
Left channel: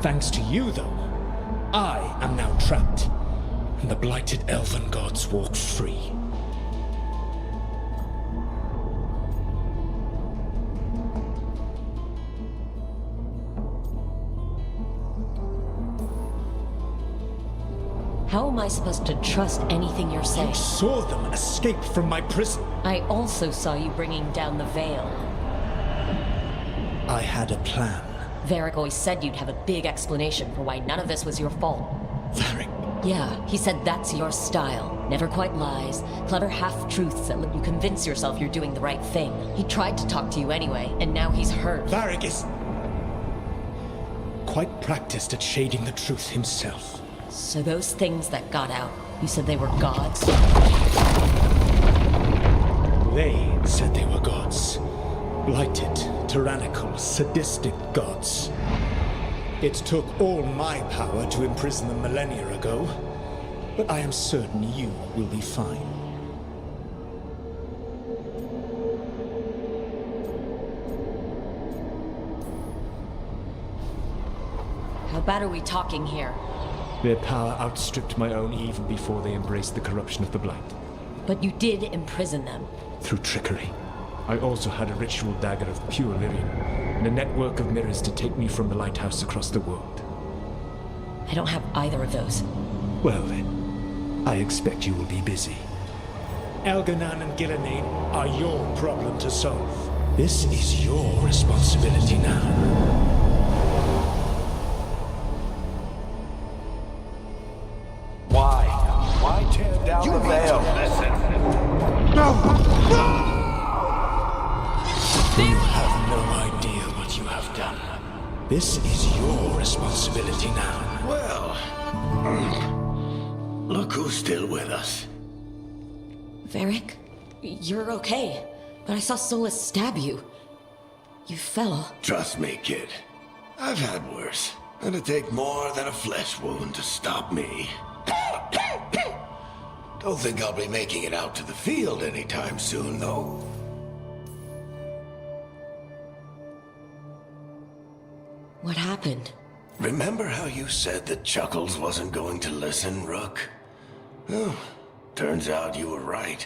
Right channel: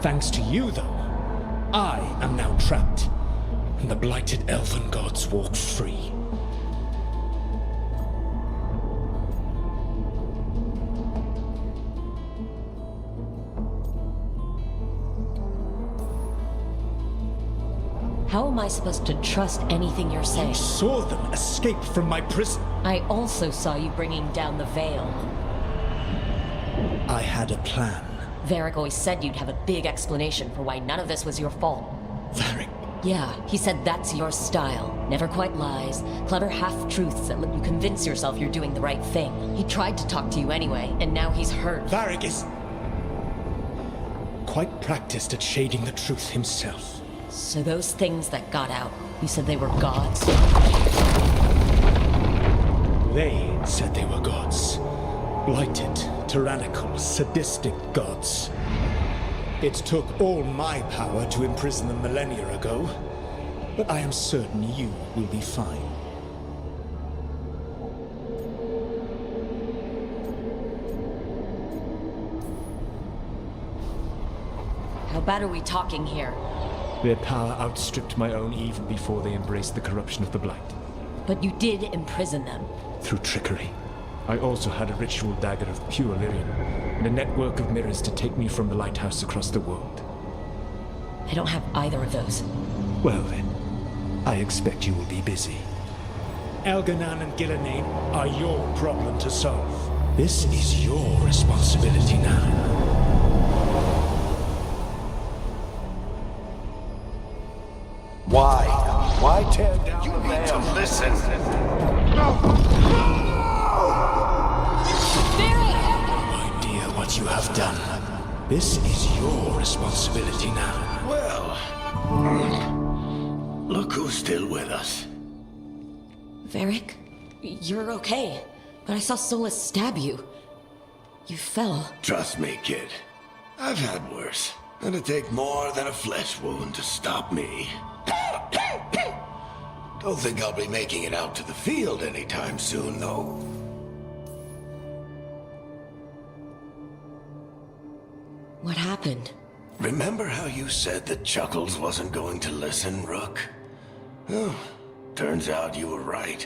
Thanks to you, though, I am now trapped, and the blighted Elven Gods walk free. How am I supposed to trust anything you're saying? You saw them escape from my prison. I also saw you bringing down the veil. I had a plan. Varric always said you'd have a big explanation for why none of this was your fault. Varric? Yeah, he said that's your style. Never quite lies, clever half-truths that let you convince yourself you're doing the right thing. He tried to talk to you anyway, and now he's hurt. Varric is quite practiced at shading the truth himself. So those things that got out, you said they were gods? They said they were gods. Blighted, tyrannical, sadistic gods. It took all my power to imprison them millennia ago, but I am certain you will be fine. How bad are we talking here? Their power outstripped my own even before they embraced the corruption of the Blight. But you did imprison them. Through trickery. I also had a ritual dagger of pure Lyrian, and a network of mirrors to take me from the lighthouse across the world. I don't have either of those. Well then, I expect you will be busy. Elganan and Gillenane are your problem to solve. This is your responsibility now. Why tear down the veil. You need to listen. No idea what you have done. This is your responsibility now. Well, look who's still with us. Varric, you're okay. But I saw Solus stab you. You fell. Trust me, kid. I've had worse. It'd take more than a flesh wound to stop me. Don't think I'll be making it out to the field anytime soon, though. What happened? Remember how you said that Chuckles wasn't going to listen, Rook? Oh, turns out you were right.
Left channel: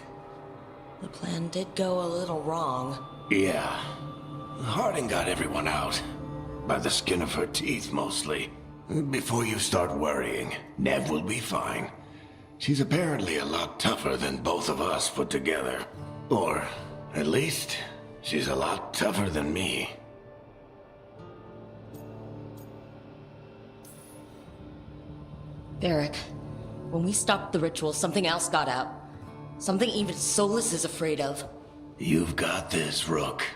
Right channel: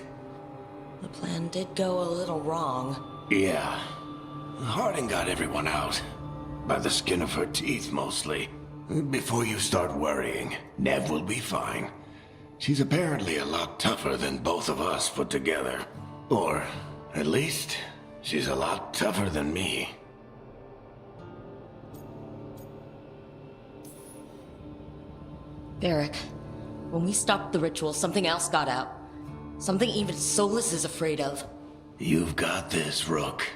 The plan did go a little wrong. Yeah. Harding got everyone out. By the skin of her teeth, mostly. Before you start worrying, Nev will be fine. She's apparently a lot tougher than both of us put together. Or, at least, she's a lot tougher than me. Varric, when we stopped the ritual, something else got out. Something even Solus is afraid of. You've got this, Rook.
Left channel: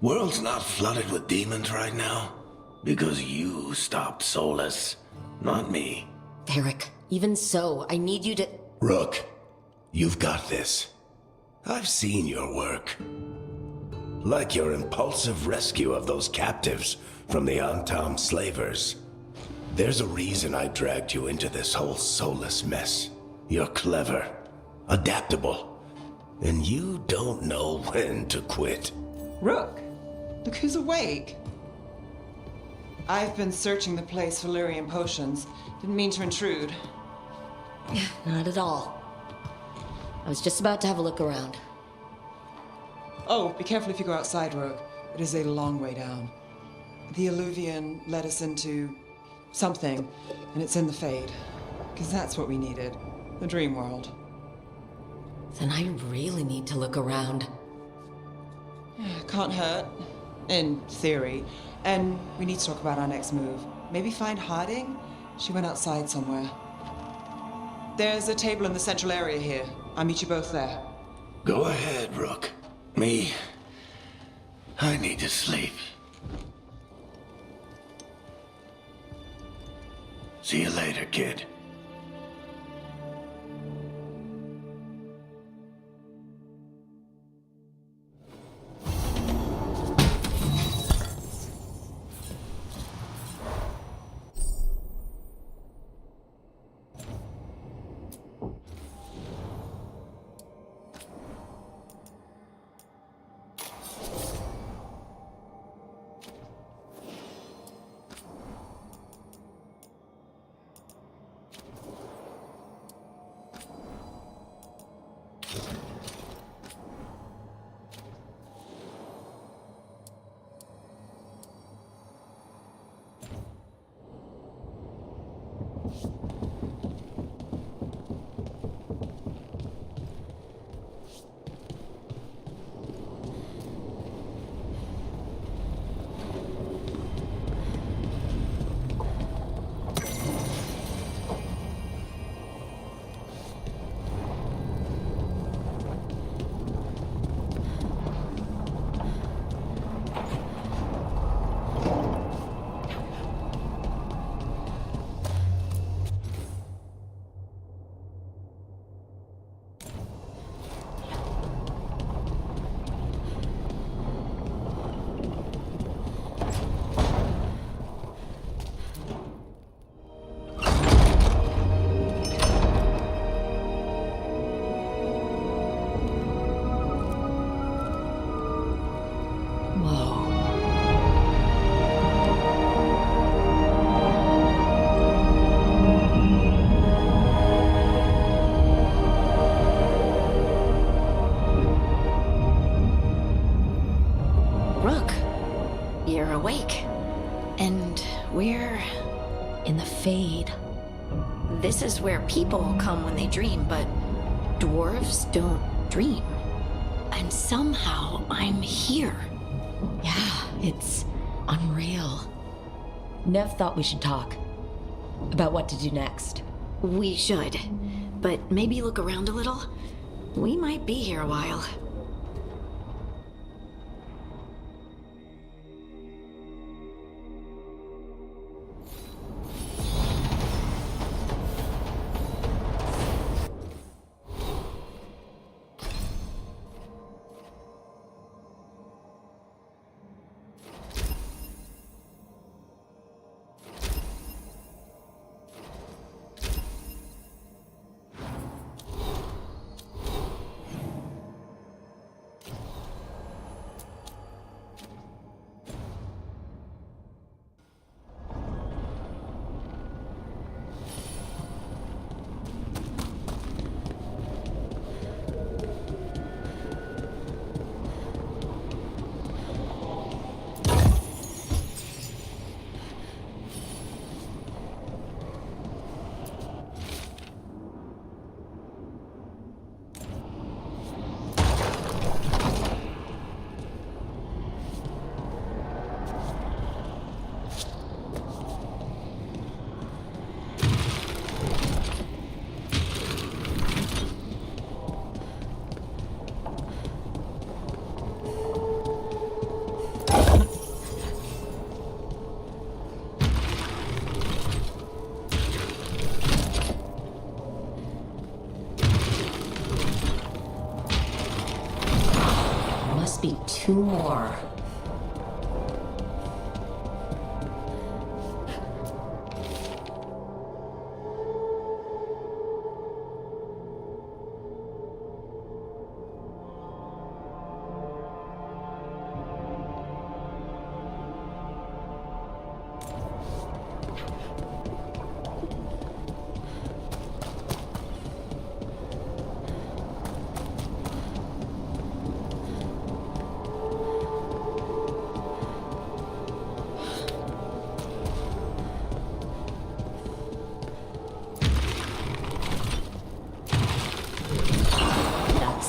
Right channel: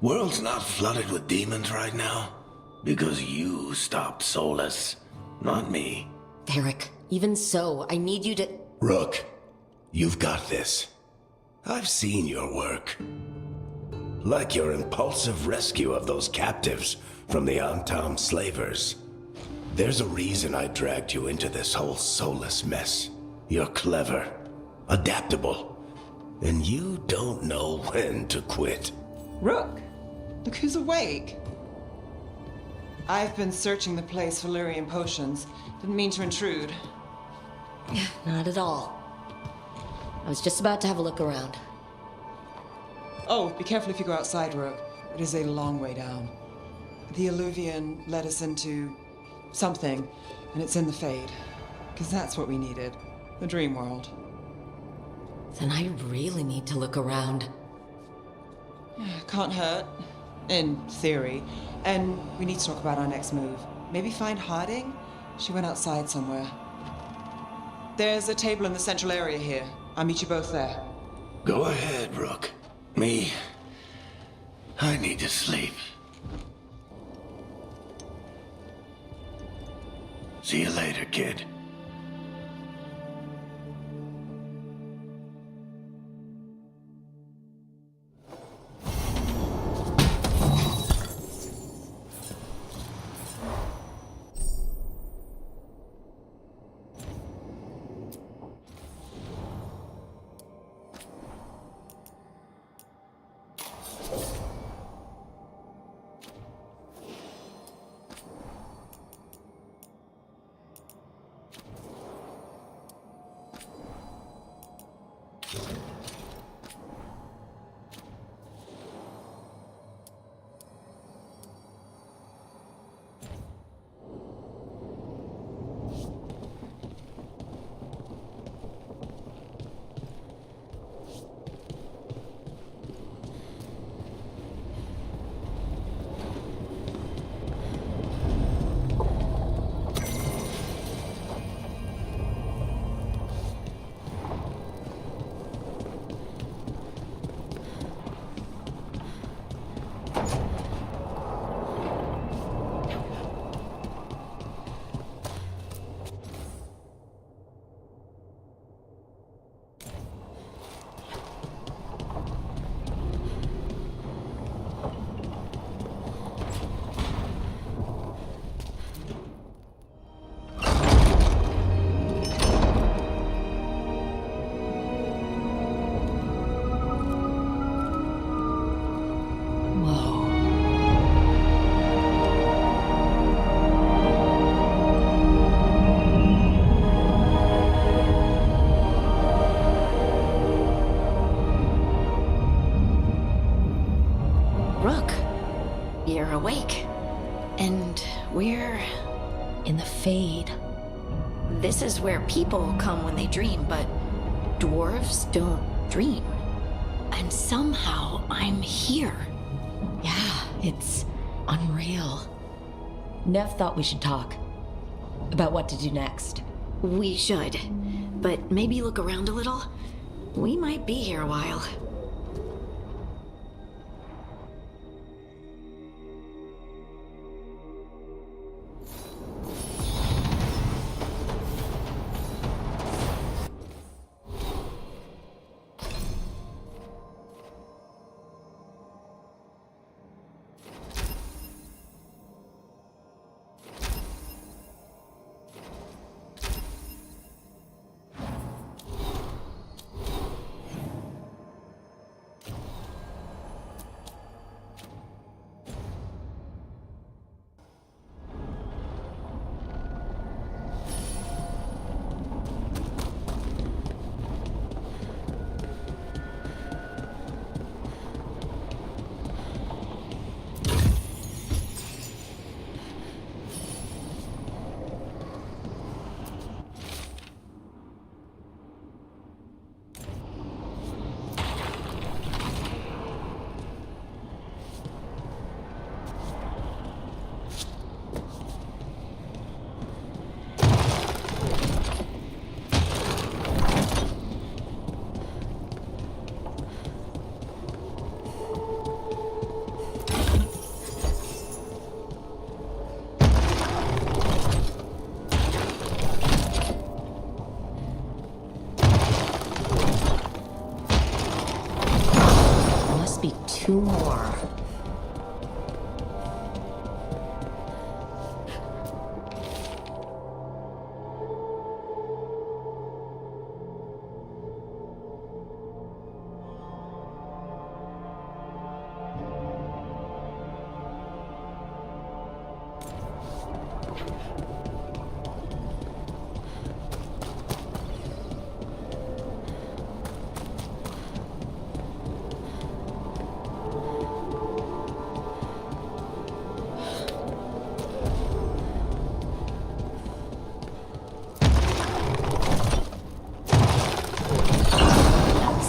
World's not flooded with demons right now. Because you stopped Solus, not me. Varric, even so, I need you to... Rook, you've got this. I've seen your work. Like your impulsive rescue of those captives from the Antam slavers. There's a reason I dragged you into this whole Solus mess. You're clever, adaptable, and you don't know when to quit. Rook, look who's awake. I've been searching the place for Lyrian potions. Didn't mean to intrude. Not at all. I was just about to have a look around. Oh, be careful if you go outside, Rook. It is a long way down. The Alluvian led us into something, and it's in the Fade. Because that's what we needed. The dream world. Then I really need to look around. Can't hurt. In theory. And we need to talk about our next move. Maybe find Harding? She went outside somewhere. There's a table in the central area here. I'll meet you both there. Go ahead, Rook. Me, I need to sleep. See you later, kid. You're awake. And we're In the Fade. This is where people come when they dream, but dwarves don't dream. And somehow I'm here. Yeah, it's unreal. Nev thought we should talk about what to do next. We should. but maybe look around a little. We might be here a while. Be 2 more.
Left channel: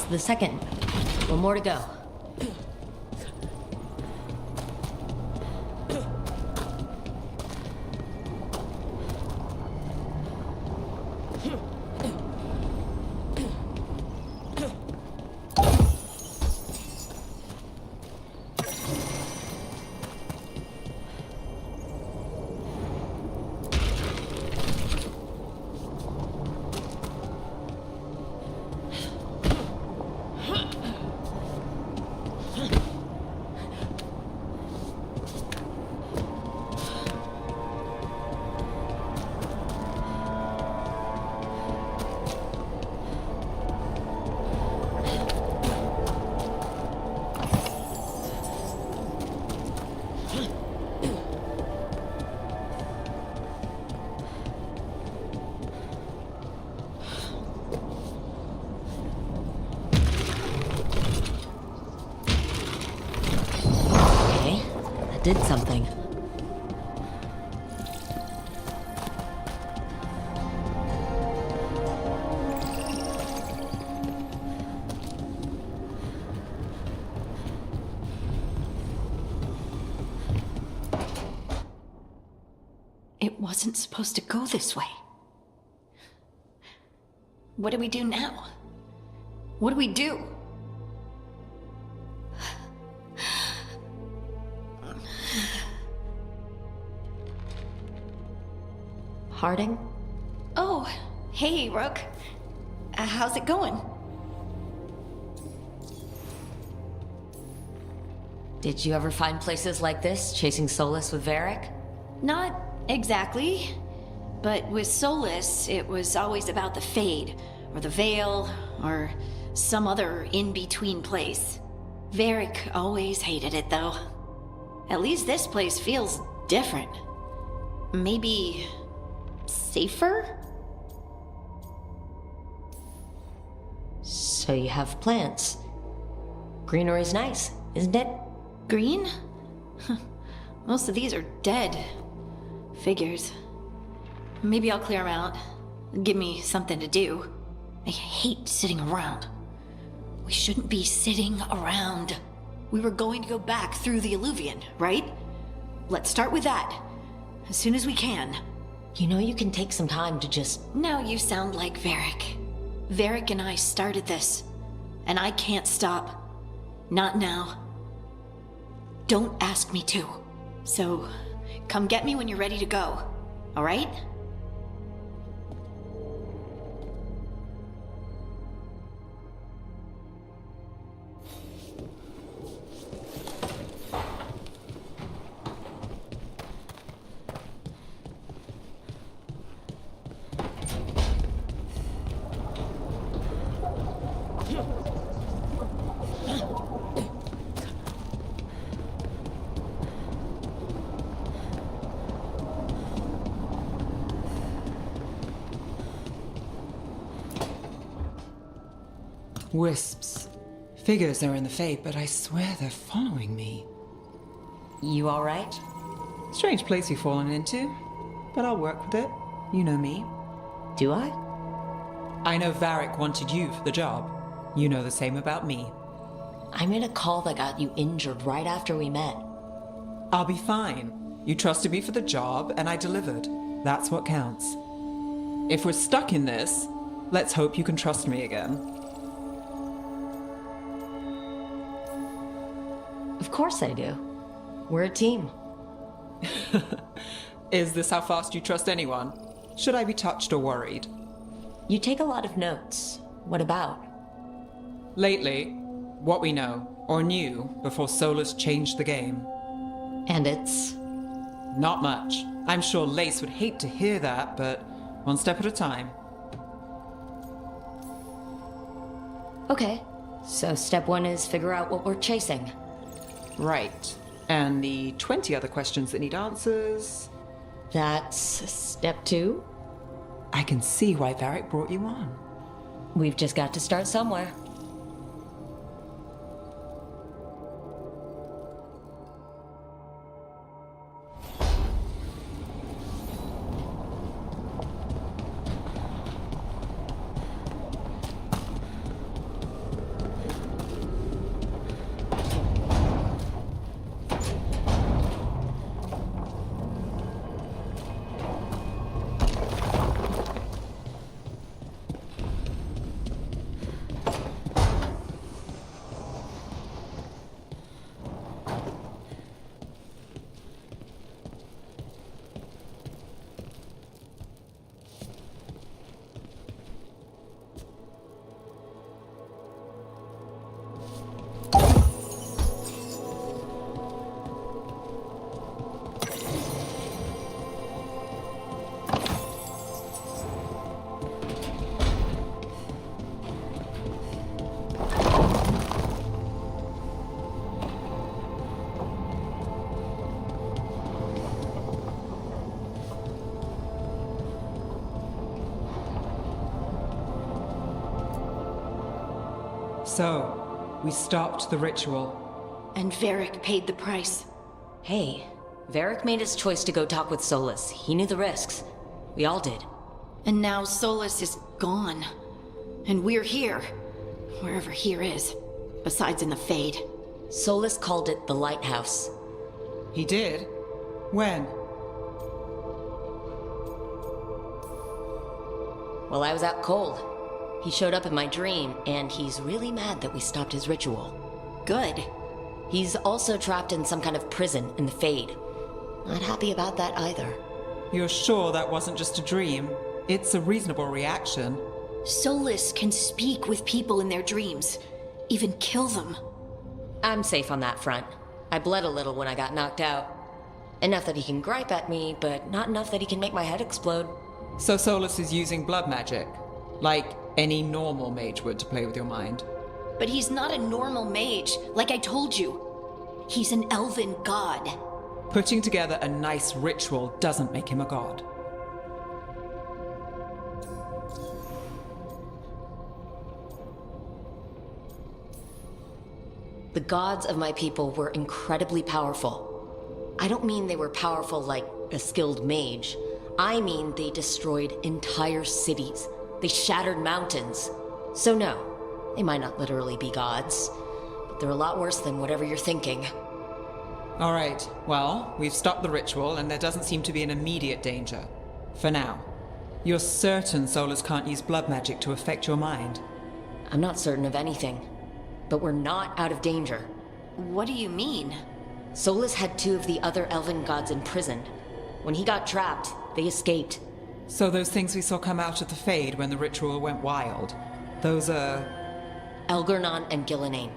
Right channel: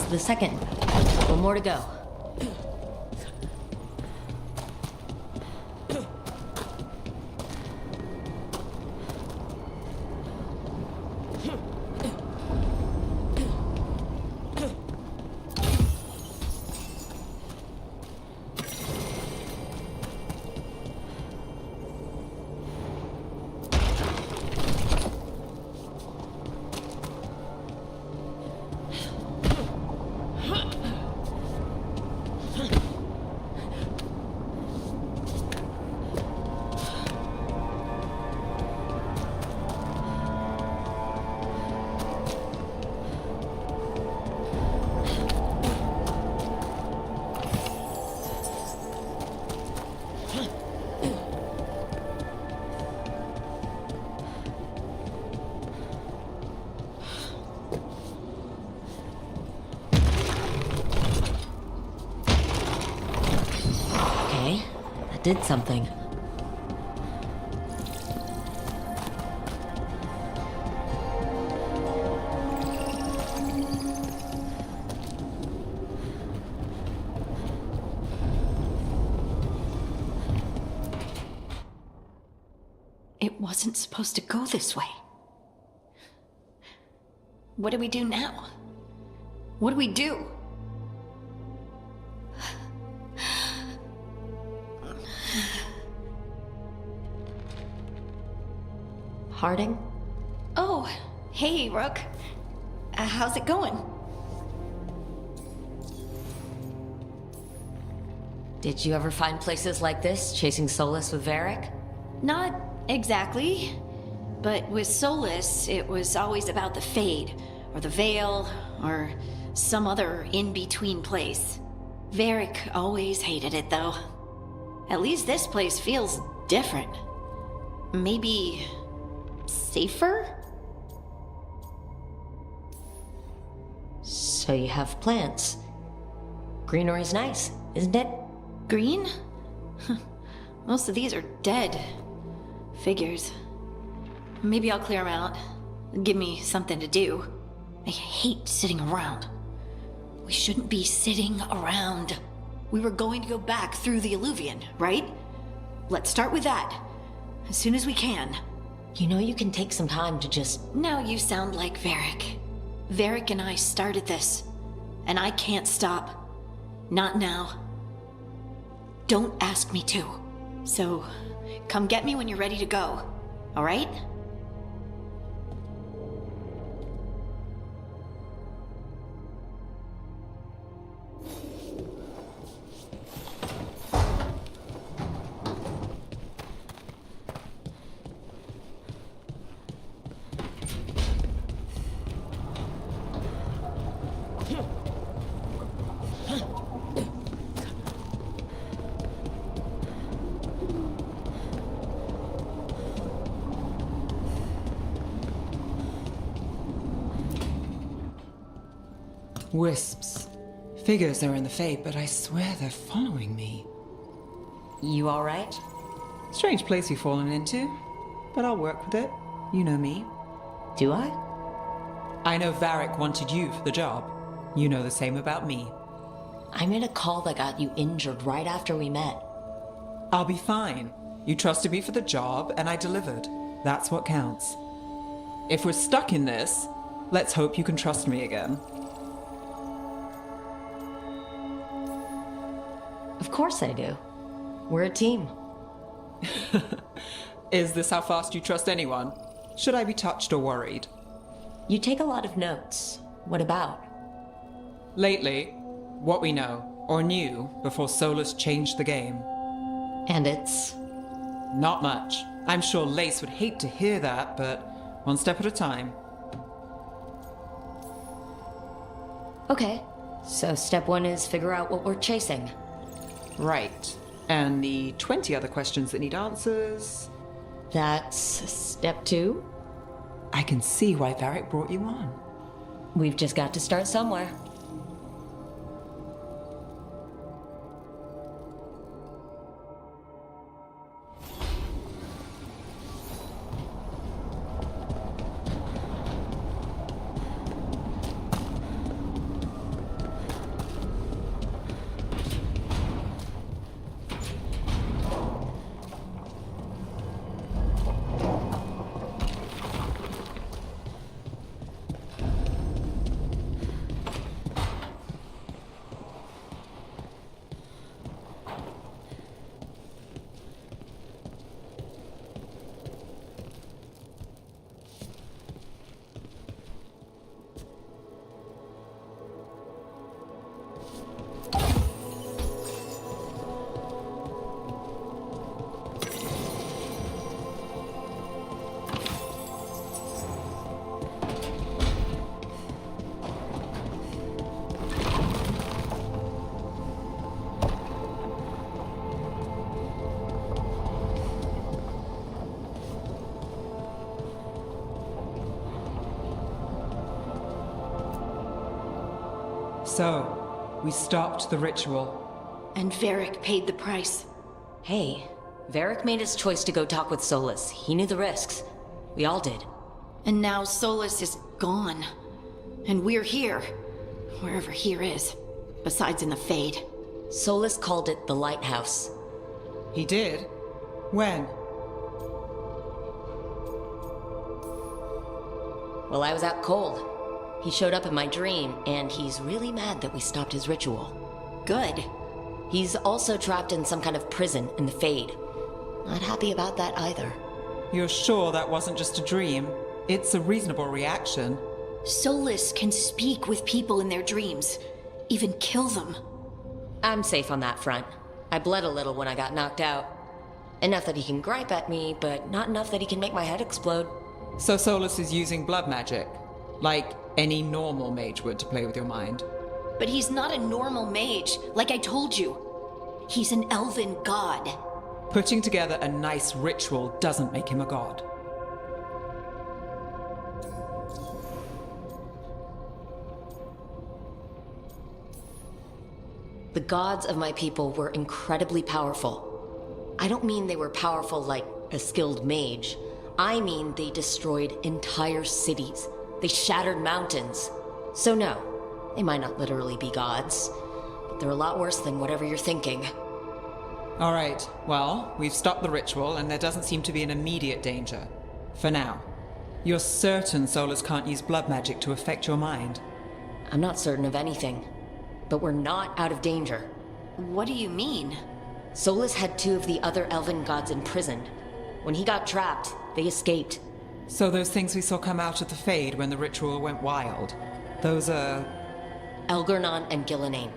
The second. 1 more to go. Did something. It wasn't supposed to go this way. What do we do now? What do we do? Harding? Oh, hey, Rook. How's it going? Did you ever find places like this, chasing Solus with Varric? Not exactly. But with Solus, it was always about the Fade, or the Veil, or some other in-between place. Varric always hated it, though. At least this place feels different. Maybe safer? So you have plants. Greenery's nice, isn't it? Green? Most of these are dead. Figures. Maybe I'll clear them out. Give me something to do. I hate sitting around. We shouldn't be sitting around. We were going to go back through the Alluvion, right? Let's start with that. As soon as we can. You know you can take some time to just... Now you sound like Varric. Varric and I started this, and I can't stop. Not now. Don't ask me to. So, come get me when you're ready to go, all right? Wisps. Figures are in the Fade, but I swear they're following me. You alright? Strange place you've fallen into, but I'll work with it. You know me. Do I? I know Varric wanted you for the job. You know the same about me. I made a call that got you injured right after we met. I'll be fine. You trusted me for the job, and I delivered. That's what counts. If we're stuck in this, let's hope you can trust me again. Of course I do. We're a team. Is this how fast you trust anyone? Should I be touched or worried? You take a lot of notes. What about? Lately, what we know, or knew, before Solus changed the game. And it's... Not much. I'm sure Lace would hate to hear that, but one step at a time. Okay. So step 1 is figure out what we're chasing. Right. And the 20 other questions that need answers... That's step 2? I can see why Varric brought you on. We've just got to start somewhere. So, we stopped the ritual. And Varric paid the price. Hey, Varric made his choice to go talk with Solus. He knew the risks. We all did. And now Solus is gone. And we're here. Wherever here is. Besides in the Fade. Solus called it the Lighthouse. He did? When? Well, I was out cold. He showed up in my dream, and he's really mad that we stopped his ritual. Good. He's also trapped in some kind of prison in the Fade. Not happy about that either. You're sure that wasn't just a dream? It's a reasonable reaction. Solus can speak with people in their dreams. Even kill them. I'm safe on that front. I bled a little when I got knocked out. Enough that he can gripe at me, but not enough that he can make my head explode. So Solus is using blood magic? Like any normal mage would to play with your mind? But he's not a normal mage, like I told you. He's an elven god. Putting together a nice ritual doesn't make him a god. The gods of my people were incredibly powerful. I don't mean they were powerful like a skilled mage. I mean they destroyed entire cities. They shattered mountains. So no, they might not literally be gods, but they're a lot worse than whatever you're thinking. All right, well, we've stopped the ritual and there doesn't seem to be an immediate danger. For now. You're certain Solus can't use blood magic to affect your mind? I'm not certain of anything. But we're not out of danger. What do you mean? Solus had 2 of the other elven gods imprisoned. When he got trapped, they escaped. So those things we saw come out of the Fade when the ritual went wild, those are... Elgernon and Gillenane,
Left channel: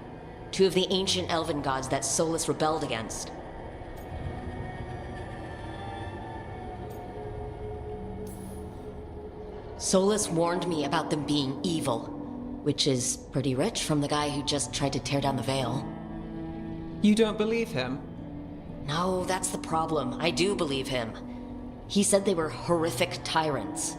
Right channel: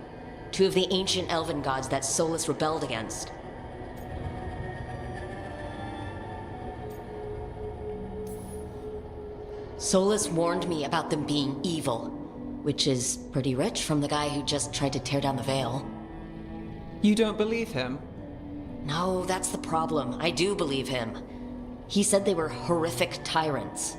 2 of the ancient elven gods that Solus rebelled against. Solus warned me about them being evil, which is pretty rich from the guy who just tried to tear down the veil. You don't believe him? No, that's the problem. I do believe him. He said they were horrific tyrants.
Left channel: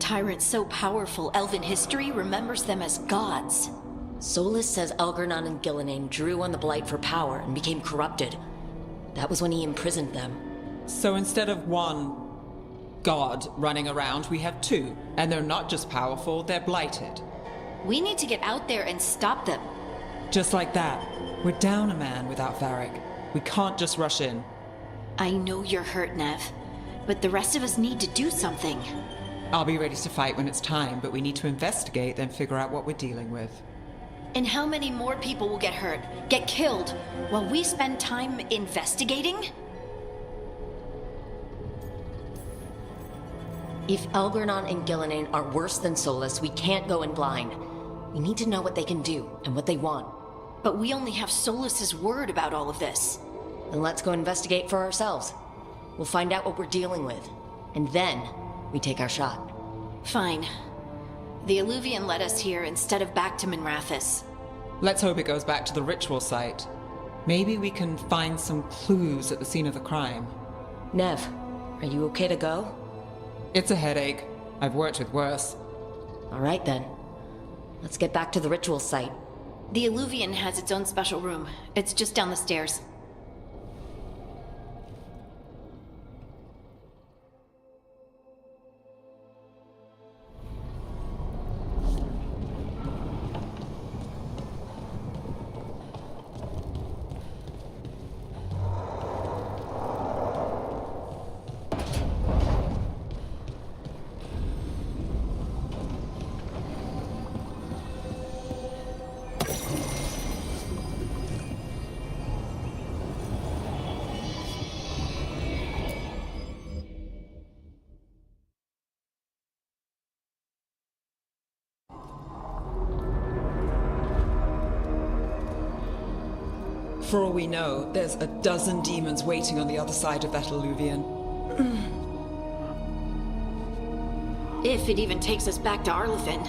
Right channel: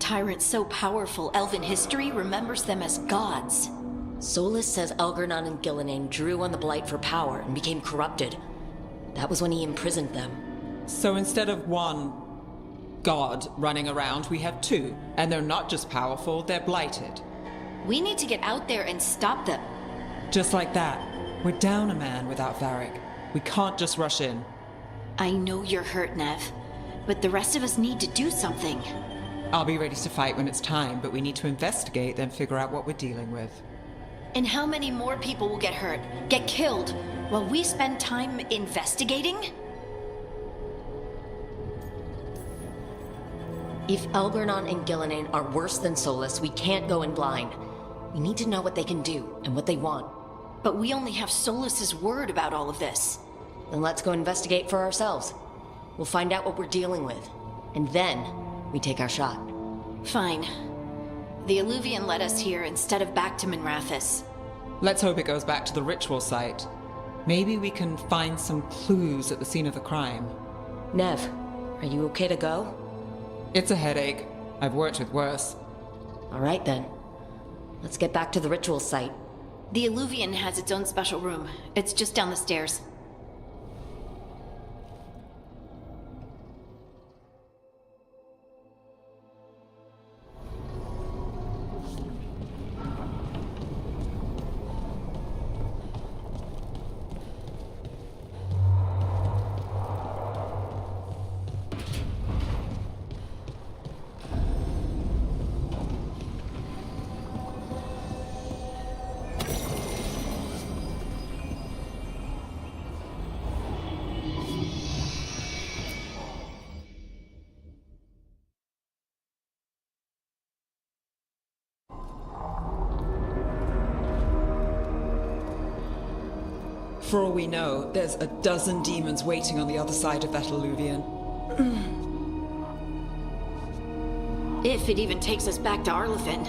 Tyrants so powerful, elven history remembers them as gods. Solus says Elgernon and Gillenane drew on the Blight for power and became corrupted. That was when he imprisoned them. So instead of 1 god running around, we have 2. And they're not just powerful, they're blighted. We need to get out there and stop them. Just like that. We're down a man without Varric. We can't just rush in. I know you're hurt, Nev, but the rest of us need to do something. I'll be ready to fight when it's time, but we need to investigate, then figure out what we're dealing with. And how many more people will get hurt, get killed, while we spend time investigating? If Elgernon and Gillenane are worse than Solus, we can't go in blind. We need to know what they can do and what they want. But we only have Solus's word about all of this. Then let's go investigate for ourselves. We'll find out what we're dealing with. And then, we take our shot. Fine. The Illuvian led us here instead of back to Minrathous. Let's hope it goes back to the ritual site. Maybe we can find some clues at the scene of the crime. Nev, are you okay to go? It's a headache. I've worked with worse. All right then. Let's get back to the ritual site. The Illuvian has its own special room. It's just down the stairs. For all we know, there's a dozen demons waiting on the other side of that Illuvian. If it even takes us back to Arlathan.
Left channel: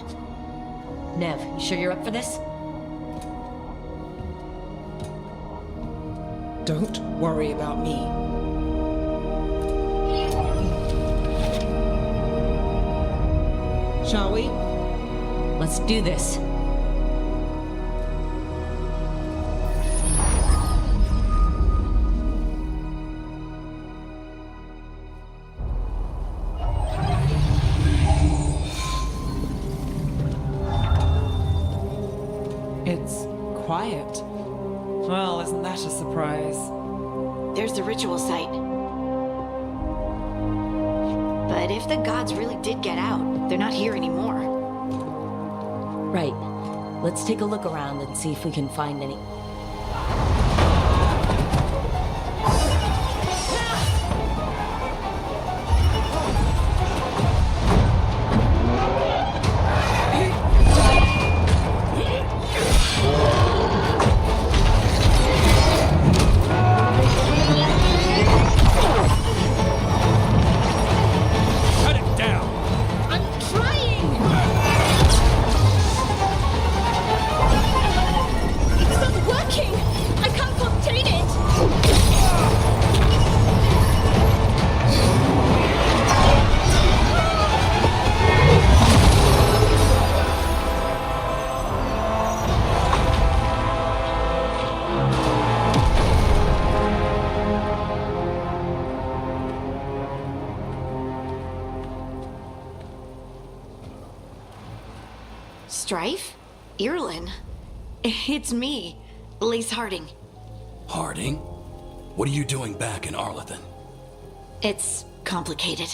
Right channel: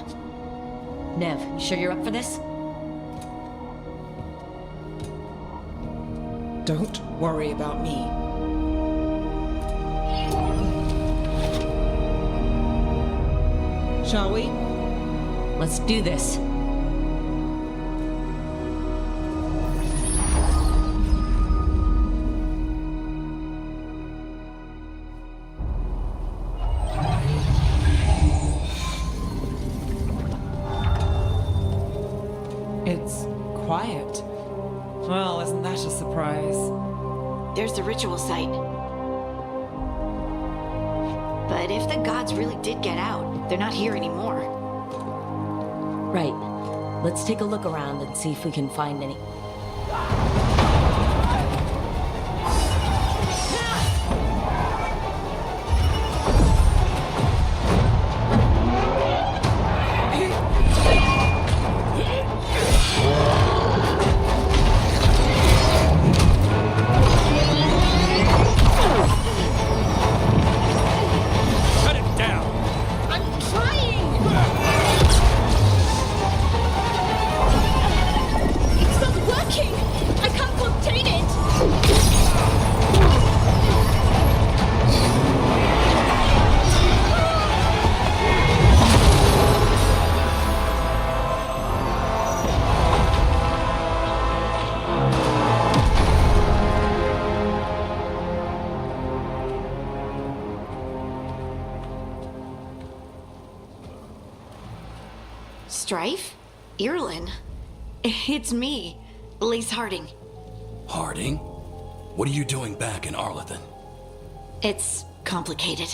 Nev, you sure you're up for this? Don't worry about me. Shall we? Let's do this. It's quiet. Well, isn't that a surprise? There's the ritual site. But if the gods really did get out, they're not here anymore. Right. Let's take a look around and see if we can find any... Strife? Irulan? It's me, Lace Harding. Harding? What are you doing back in Arlathan? It's complicated.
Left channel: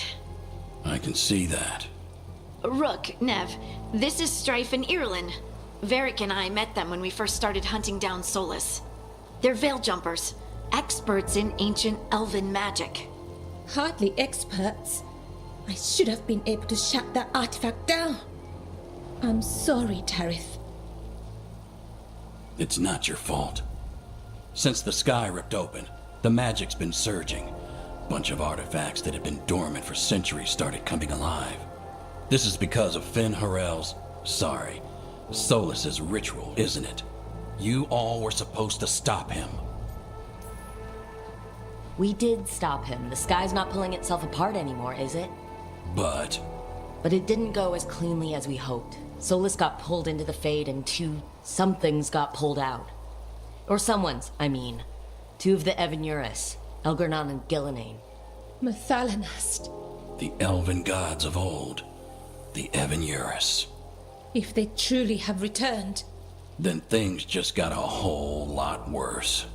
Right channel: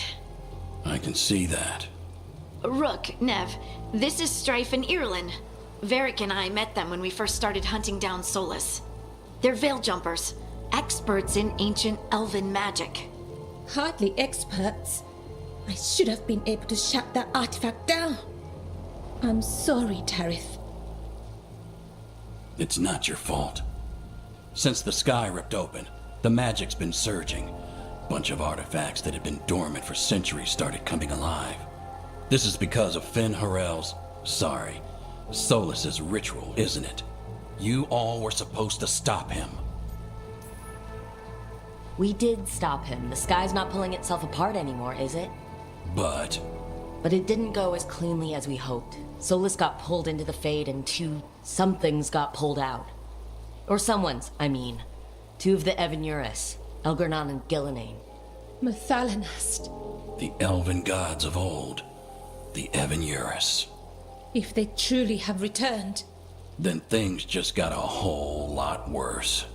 I can see that. Rook, Nev, this is Strife and Irlin. Varric and I met them when we first started hunting down Solus. They're veil jumpers, experts in ancient elven magic. Hardly experts. I should have been able to shut that artifact down. I'm sorry, Tarith. It's not your fault. Since the sky ripped open, the magic's been surging. Bunch of artifacts that had been dormant for centuries started coming alive. This is because of Solus's ritual, isn't it? You all were supposed to stop him. We did stop him. The sky's not pulling itself apart anymore, is it? But it didn't go as cleanly as we hoped. Solus got pulled into the Fade and two somethings got pulled out. Or someone's, I mean. Two of the Evanuris, Elgernon and Gillenane. Mathalanast. the elven gods of old, the Evanuris. If they truly have returned, Then things just got a whole lot worse.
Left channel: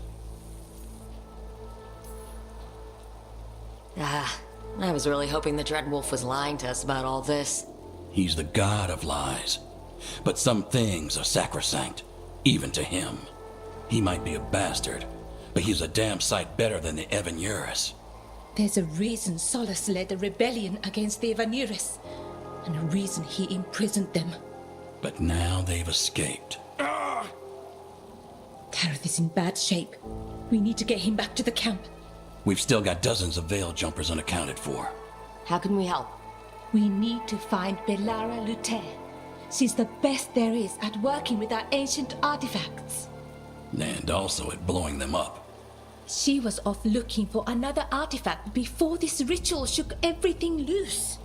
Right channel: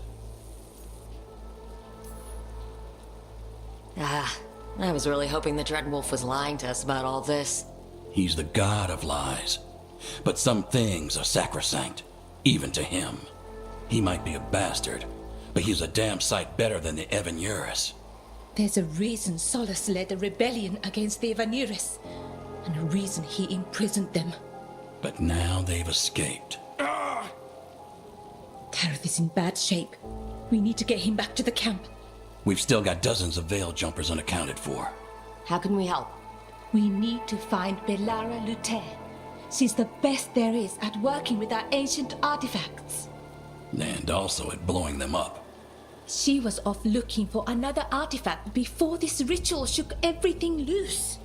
I was really hoping the Dreadwolf was lying to us about all this. He's the god of lies. But some things are sacrosanct, even to him. He might be a bastard, but he's a damn sight better than the Evanuris. there's a reason Solus led a rebellion against the Evanuris, and a reason he imprisoned them. But now they've escaped. Tareth is in bad shape. We need to get him back to the camp. We've still got dozens of veil jumpers unaccounted for. How can we help? We need to find Belara Luther. She's the best there is at working with our ancient artifacts. And also at blowing them up. She was off looking for another artifact before this ritual shook everything loose.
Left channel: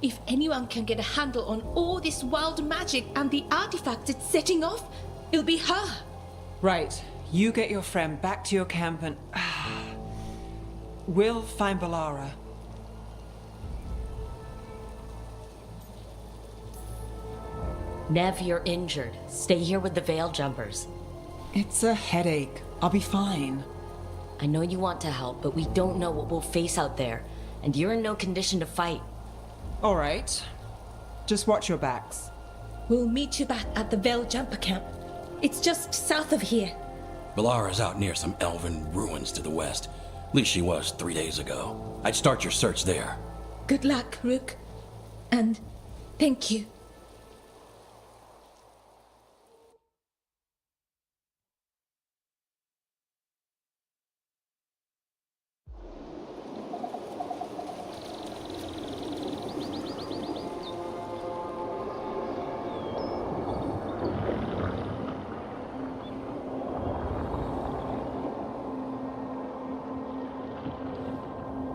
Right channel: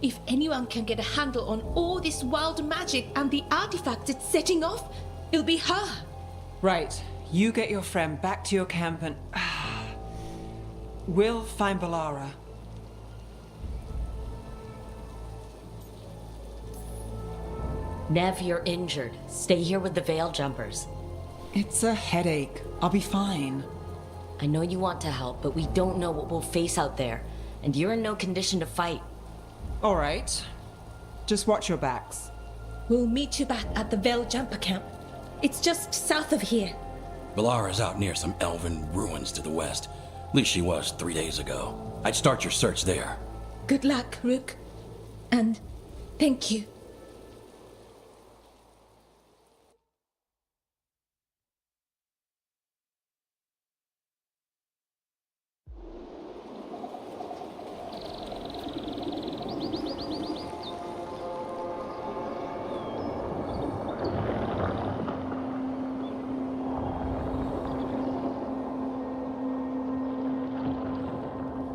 If anyone can get a handle on all this wild magic and the artifacts it's setting off, it'll be her. Right. You get your friend back to your camp and... we'll find Belara. Nev, you're injured. Stay here with the Veil Jumpers. It's a headache. I'll be fine. I know you want to help, but we don't know what we'll face out there. And you're in no condition to fight. All right. Just watch your backs. We'll meet you back at the Veil Jumper camp. It's just south of here. Belara's out near some elven ruins to the west. At least she was 3 days ago. I'd start your search there. Good luck, Rook. And thank you.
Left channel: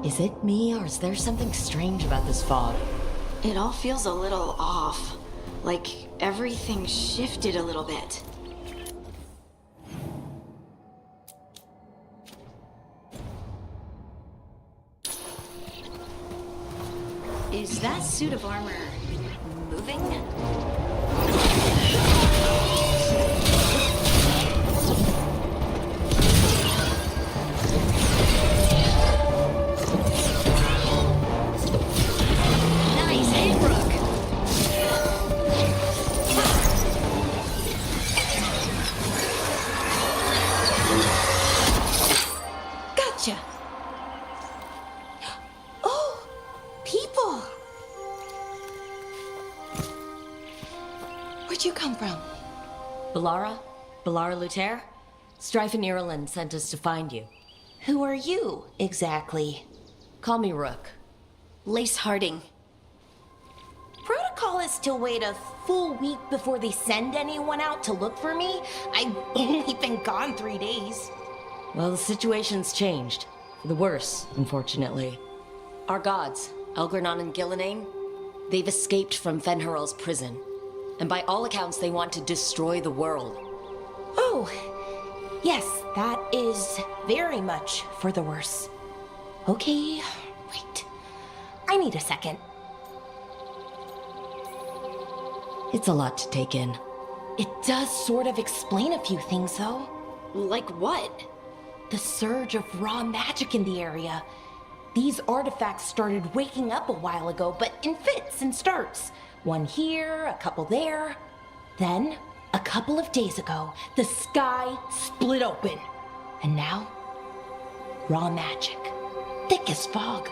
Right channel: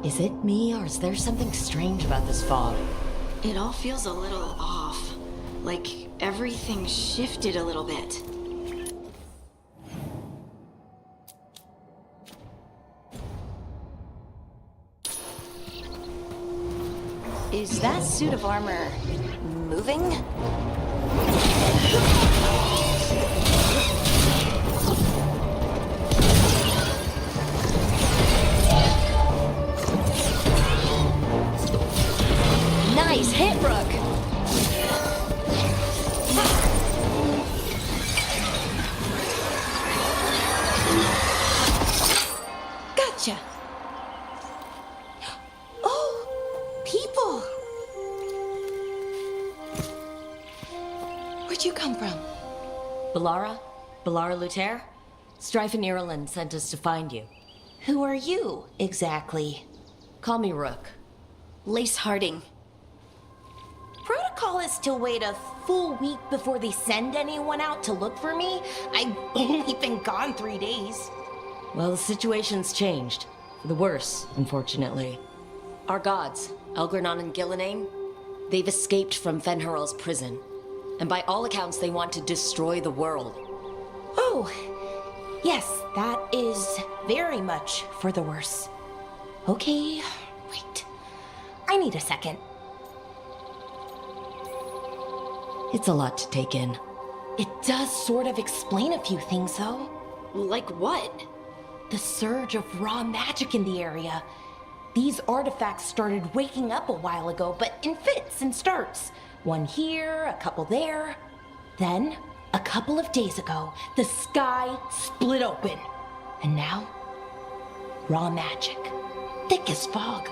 Is it me, or is there something strange about this fog? It all feels a little off. Like everything shifted a little bit. Is that suit of armor moving? Nice hit, Brooke! Gotcha! Oh, people! Where'd you come from? Belara? Belara Luther? Strife and Ireland sent us to find you. Who are you, exactly? Call me Rook. Lace Harding. Protocol is to wait a full week before they send anyone out to look for me. I've only been gone 3 days. Well, the situation's changed. For the worse, unfortunately. Our gods, Elgernon and Gillenane, they've escaped from Fenharal's prison. And by all accounts, they want to destroy the world. Oh, yes, that is very much for the worse. Okay, wait. I need a second. It's a lot to take in. It does sort of explain a few things, though. Like what? The surge of raw magic in the area. These artifacts started waking up a while ago, but in fits and starts. One here, a couple there. Then, a couple of days ago, the sky split open. And now, raw magic. Thick as fog.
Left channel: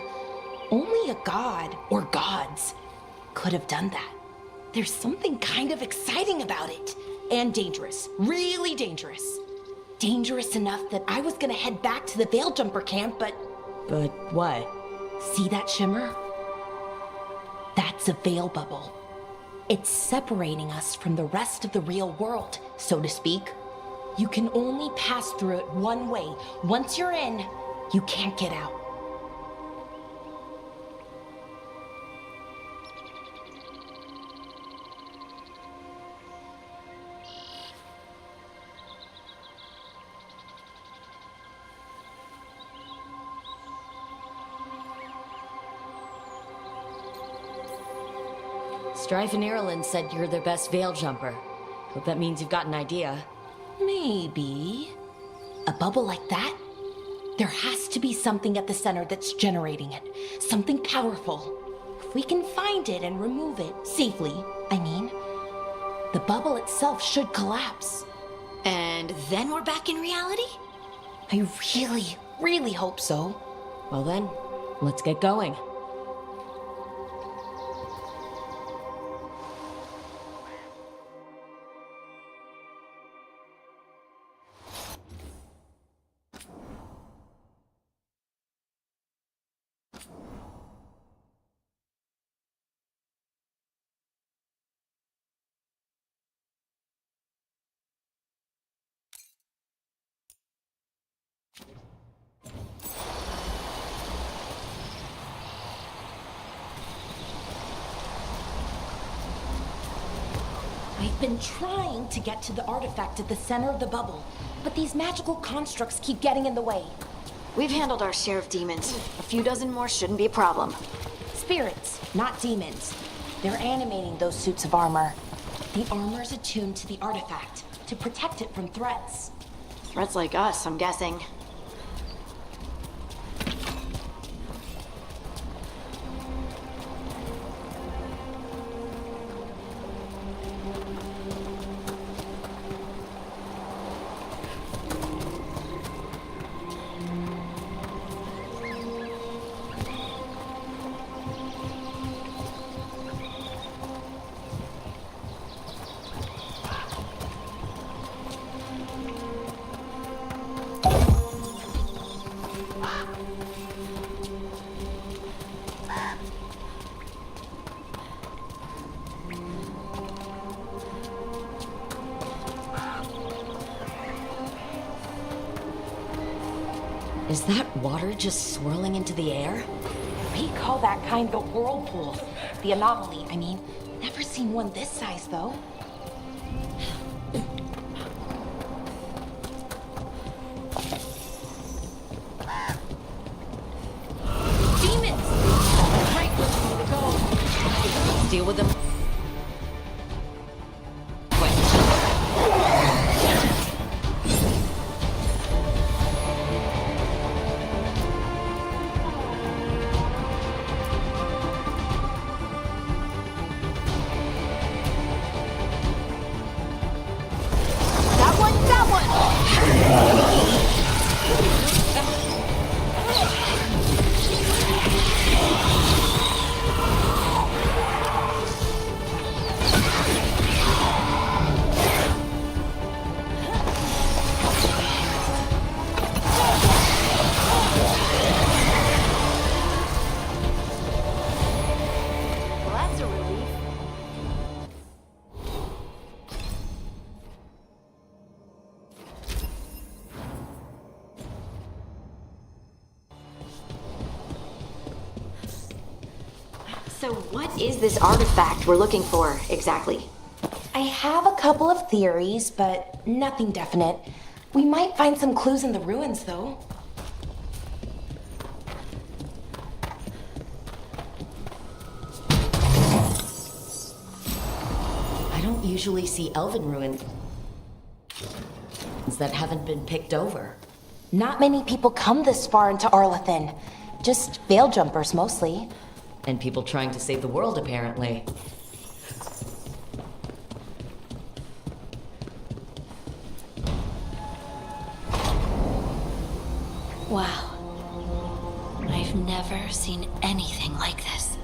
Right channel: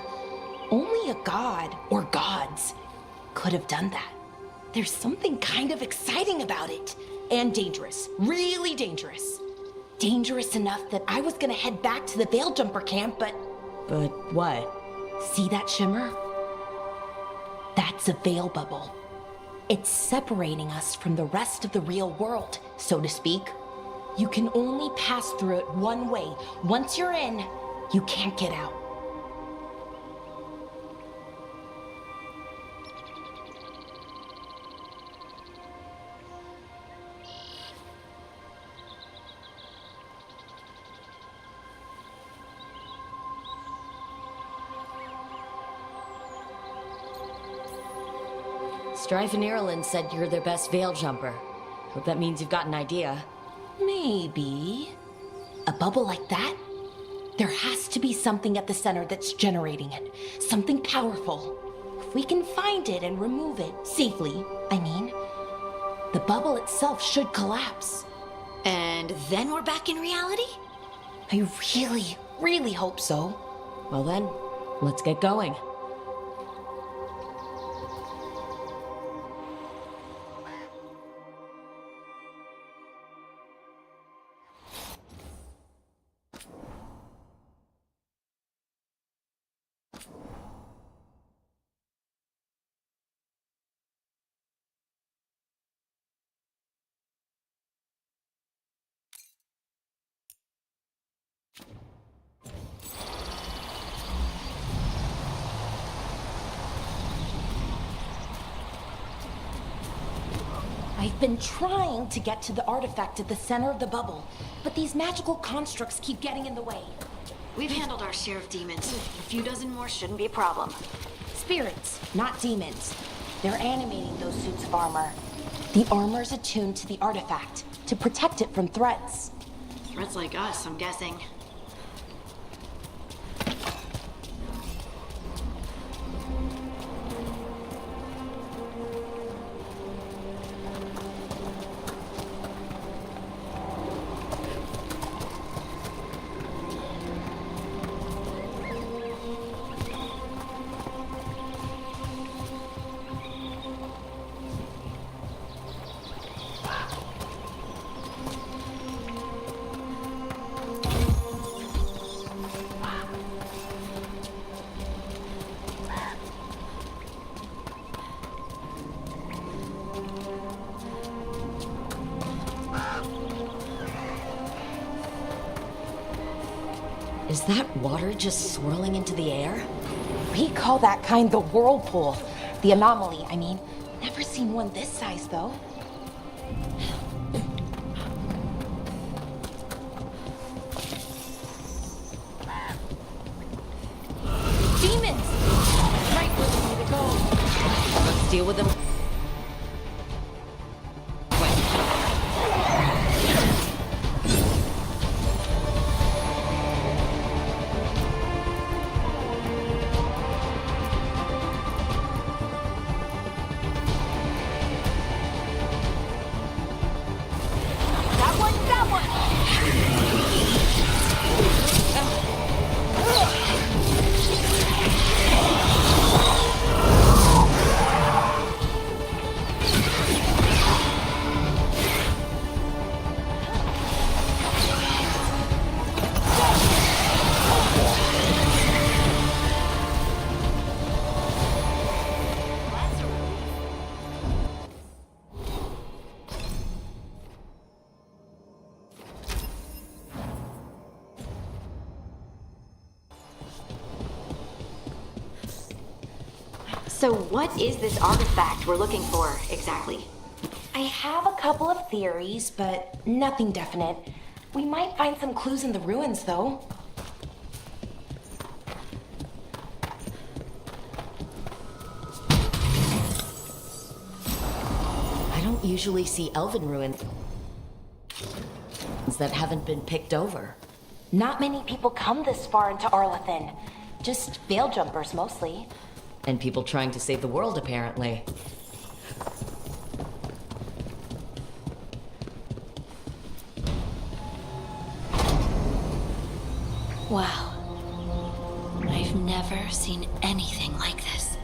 Only a god, or gods, could have done that. There's something kind of exciting about it. And dangerous. Really dangerous. Dangerous enough that I was gonna head back to the Veil Jumper camp, but... But what? See that shimmer? That's a veil bubble. It's separating us from the rest of the real world, so to speak. You can only pass through it one way. Once you're in, you can't get out. Strife and Ireland said you're their best veil jumper. Hope that means you've got an idea. Maybe. A bubble like that? There has to be something at the center that's generating it. Something powerful. If we can find it and remove it, safely, I mean, the bubble itself should collapse. And then we're back in reality? I really, really hope so. Well then, let's get going. I've been trying to get to the artifact at the center of the bubble, but these magical constructs keep getting in the way. We've handled our share of demons. A few dozen more shouldn't be a problem. Spirits, not demons. They're animating those suits of armor. The armor's attuned to the artifact to protect it from threats. Threats like us, I'm guessing. Is that water just swirling into the air? We call that kind the whirlpool. The anomaly, I mean. Never seen one this size, though. Demons! Right where we need to go. Let's deal with them. So what is this artifact we're looking for, exactly? I have a couple of theories, but nothing definite. We might find some clues in the ruins, though. I don't usually see elven ruins that haven't been picked over. Not many people come this far into Arlathan. Just veil jumpers, mostly. And people trying to save the world, apparently. Wow. I've never seen anything like this.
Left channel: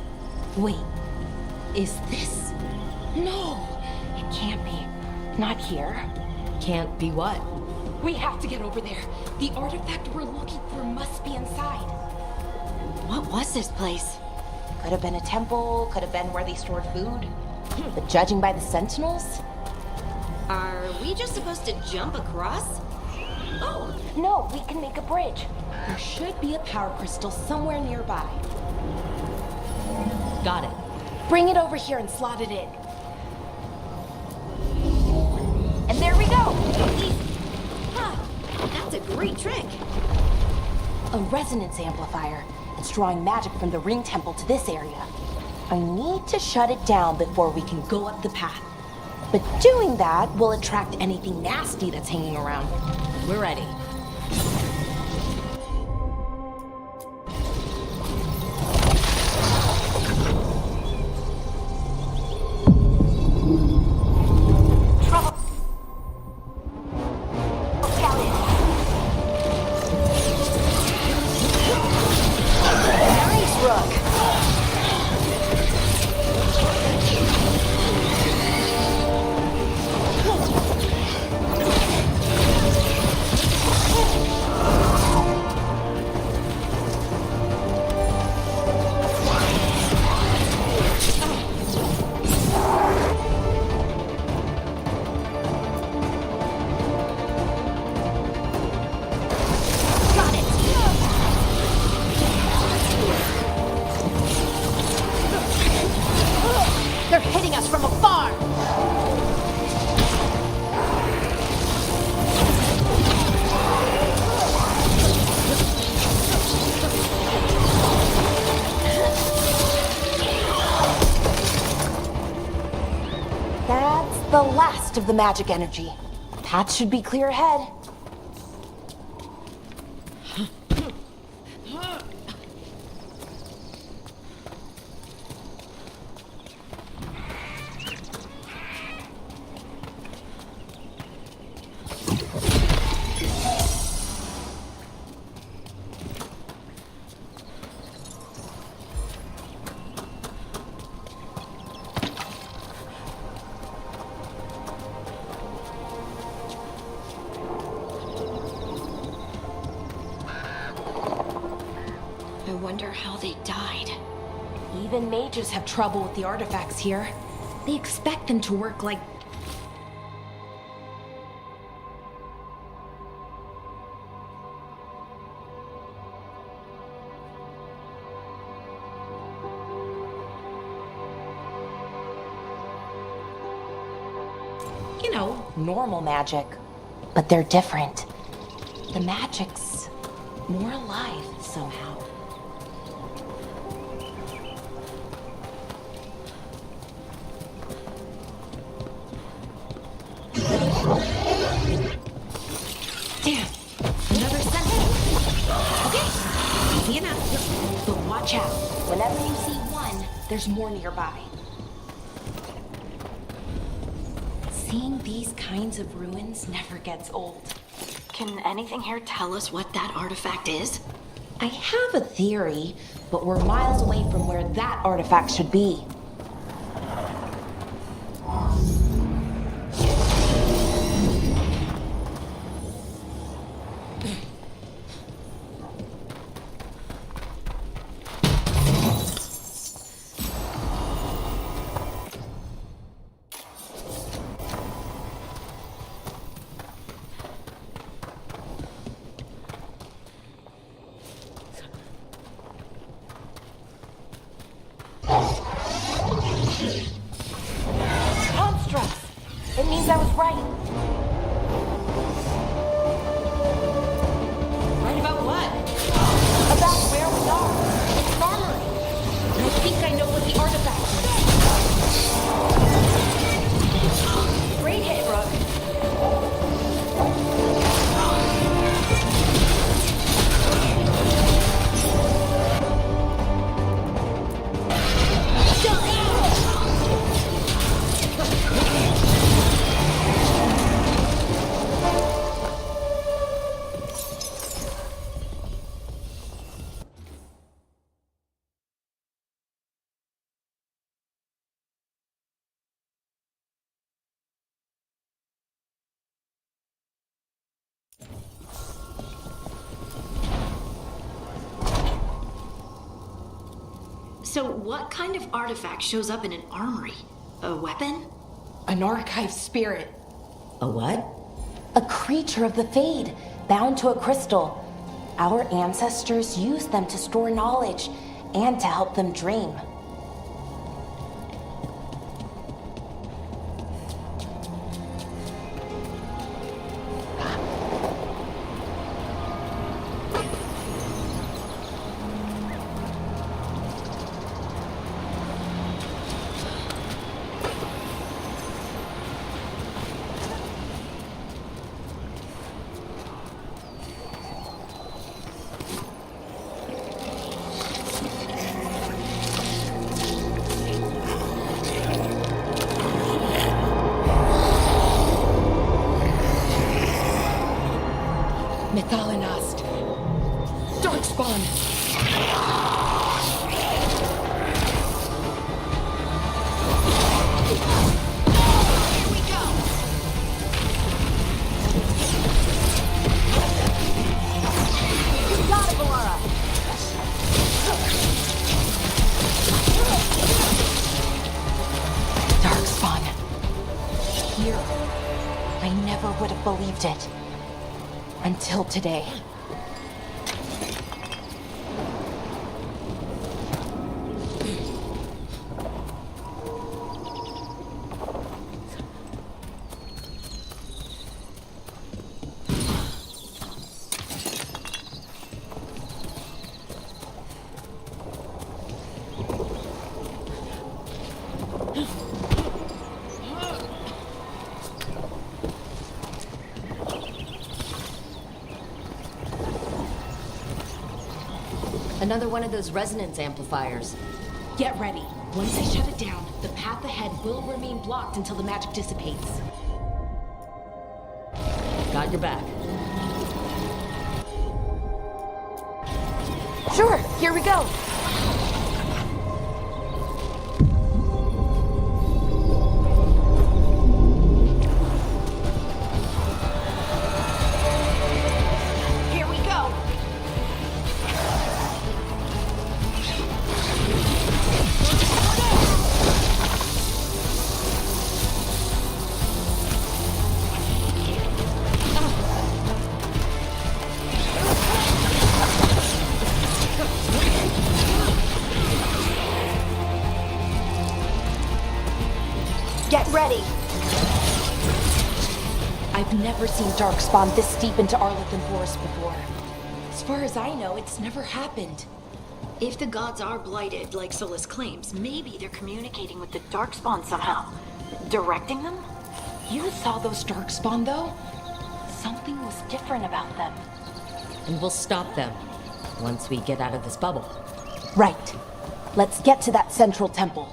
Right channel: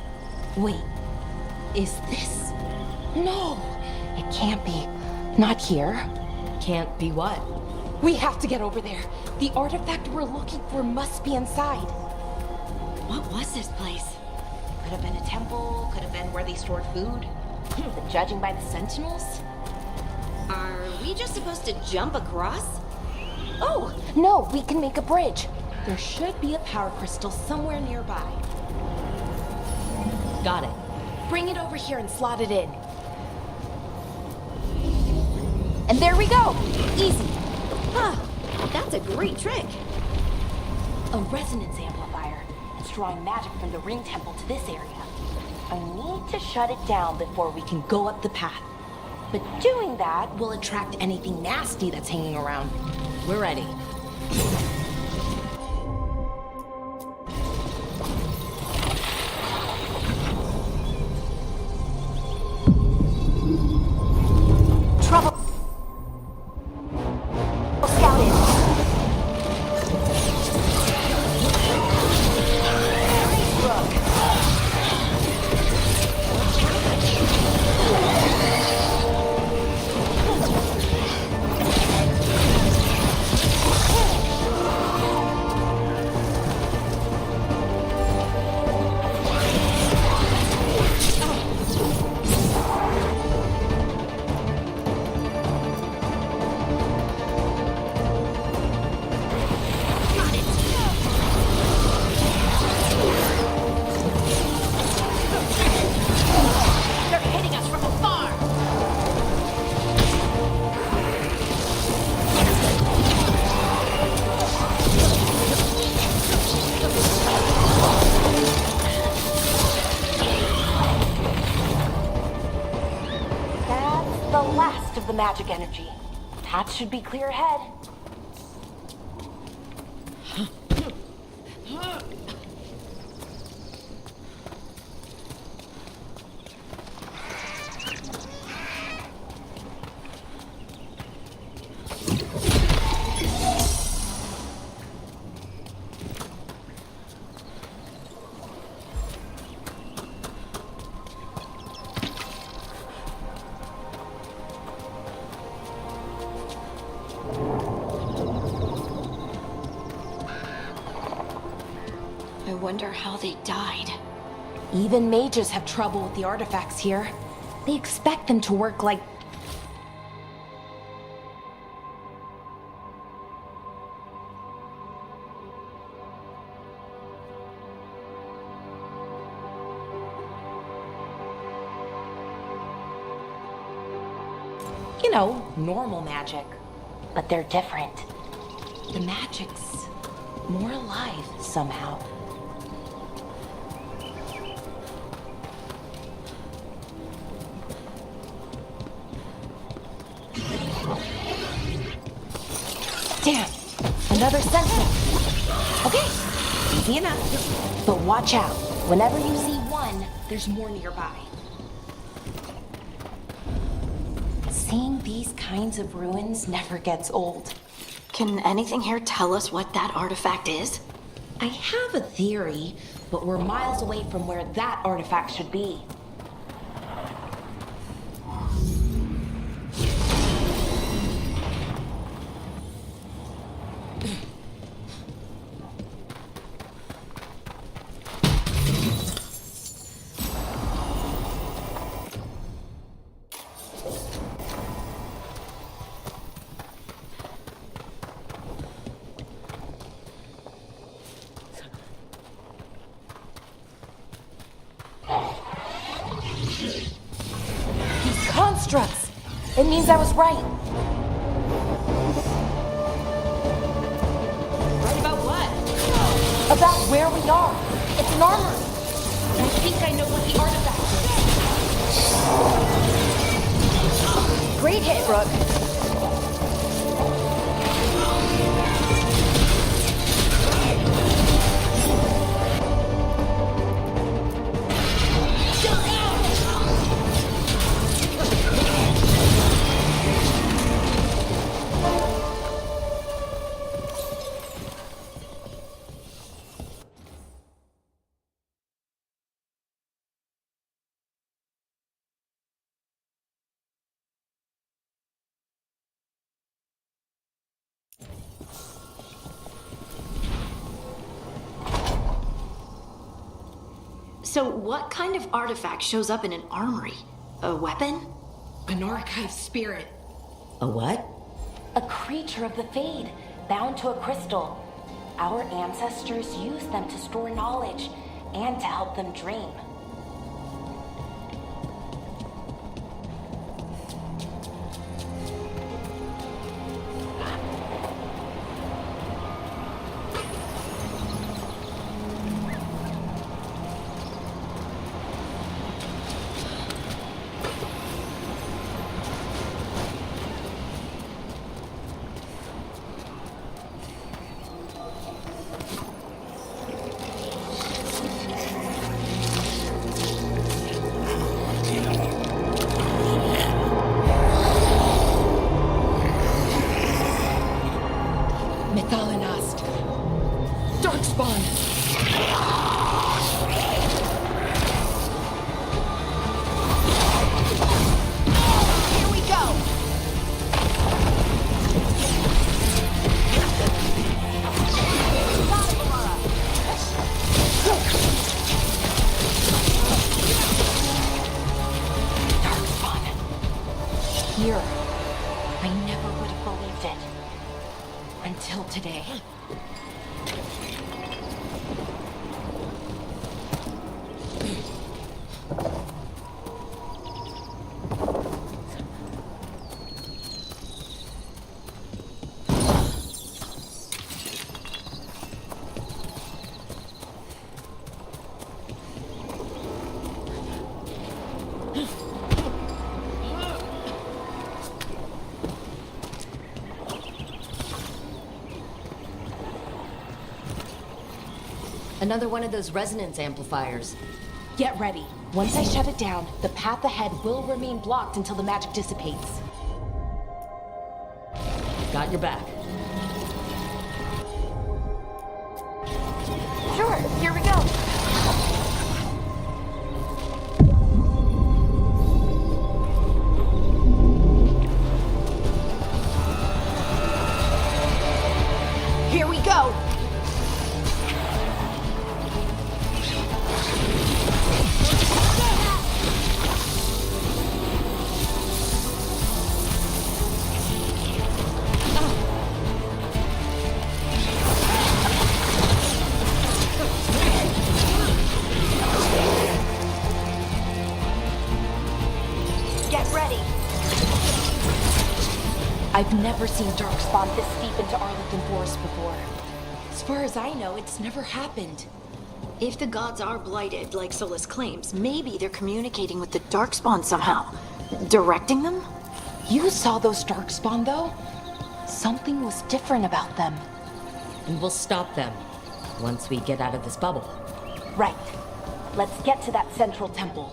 Wait, is this? No, it can't be. Not here. Can't be what? We have to get over there. The artifact we're looking for must be inside. What was this place? Could have been a temple, could have been where they stored food. But judging by the sentinels? Are we just supposed to jump across? Oh, no, we can make a bridge. There should be a power crystal somewhere nearby. Got it. Bring it over here and slot it in. And there we go! Easy. Huh. That's a great trick. A resonance amplifier. It's drawing magic from the ring temple to this area. I need to shut it down before we can go up the path. But doing that will attract anything nasty that's hanging around. We're ready. Of the magic energy. Path should be clear ahead. I wonder how they died. Even mages have trouble with the artifacts here. They expect them to work like... you know, normal magic. But they're different. The magic's more alive somehow. Damn! Another sentinel! Okay, easy enough. But watch out. Whenever you see one, there's more nearby. Seeing these kinds of ruins never gets old. Can anything here tell us what that artifact is? I have a theory, but we're miles away from where that artifact should be. Constructs! It means I was right. Right about what? About where we are. It's an armory. And I think I know what the artifact is. Great hit, Brooke. So what kind of artifact shows up in an armory? A weapon? An archive spirit. A what? A creature of the Fade, bound to a crystal. Our ancestors used them to store knowledge and to help them dream. Methalinast. Darkspawn. Here we go. Darkspawn. Here. I never would have believed it. Until today. Another one of those resonance amplifiers. Get ready. Once I shut it down, the path ahead will remain blocked until the magic dissipates. Got your back. Sure, here we go. Here we go. I've never seen Darkspawn this deep into Arlethan Forest before. As far as I know, it's never happened. If the gods are blighted, like Solus claims, maybe they're communicating with the Darkspawn somehow. Directing them? You saw those Darkspawn, though? Something was different about them. And we'll stop them once we get out of this bubble. Right. Let's get to that central temple.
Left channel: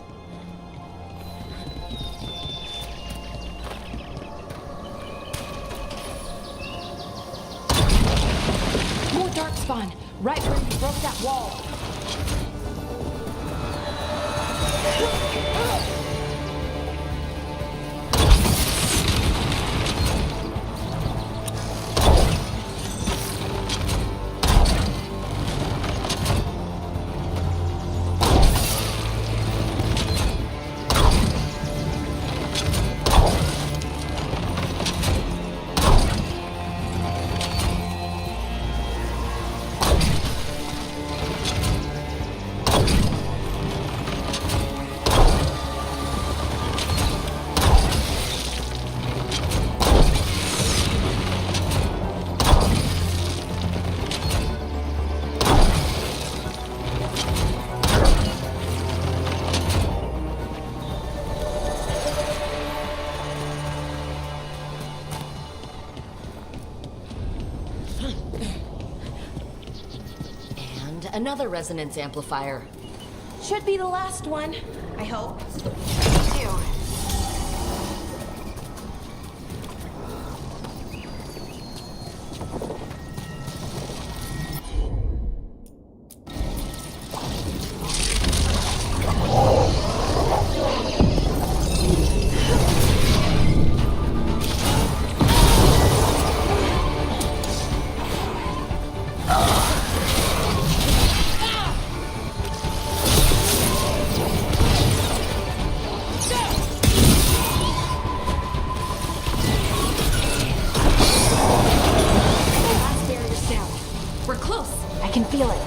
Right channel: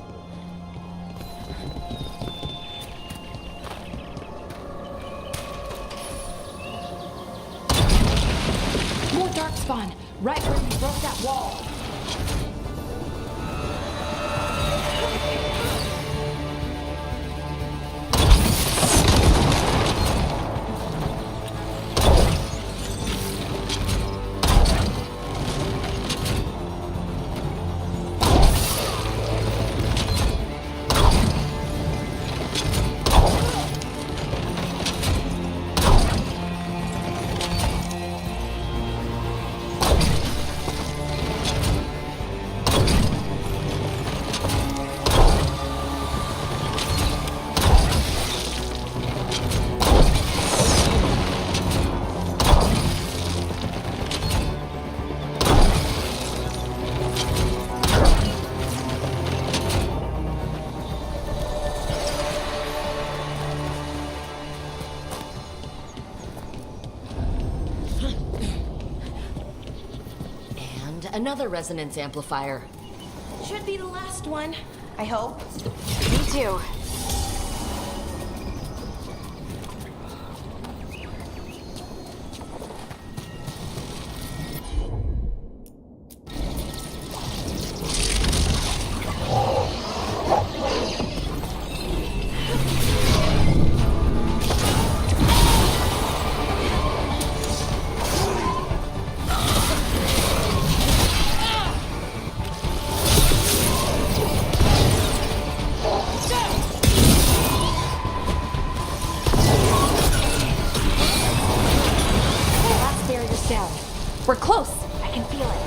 More Darkspawn, right where we broke that wall. Another resonance amplifier. Should be the last one, I hope. Me too. can feel it.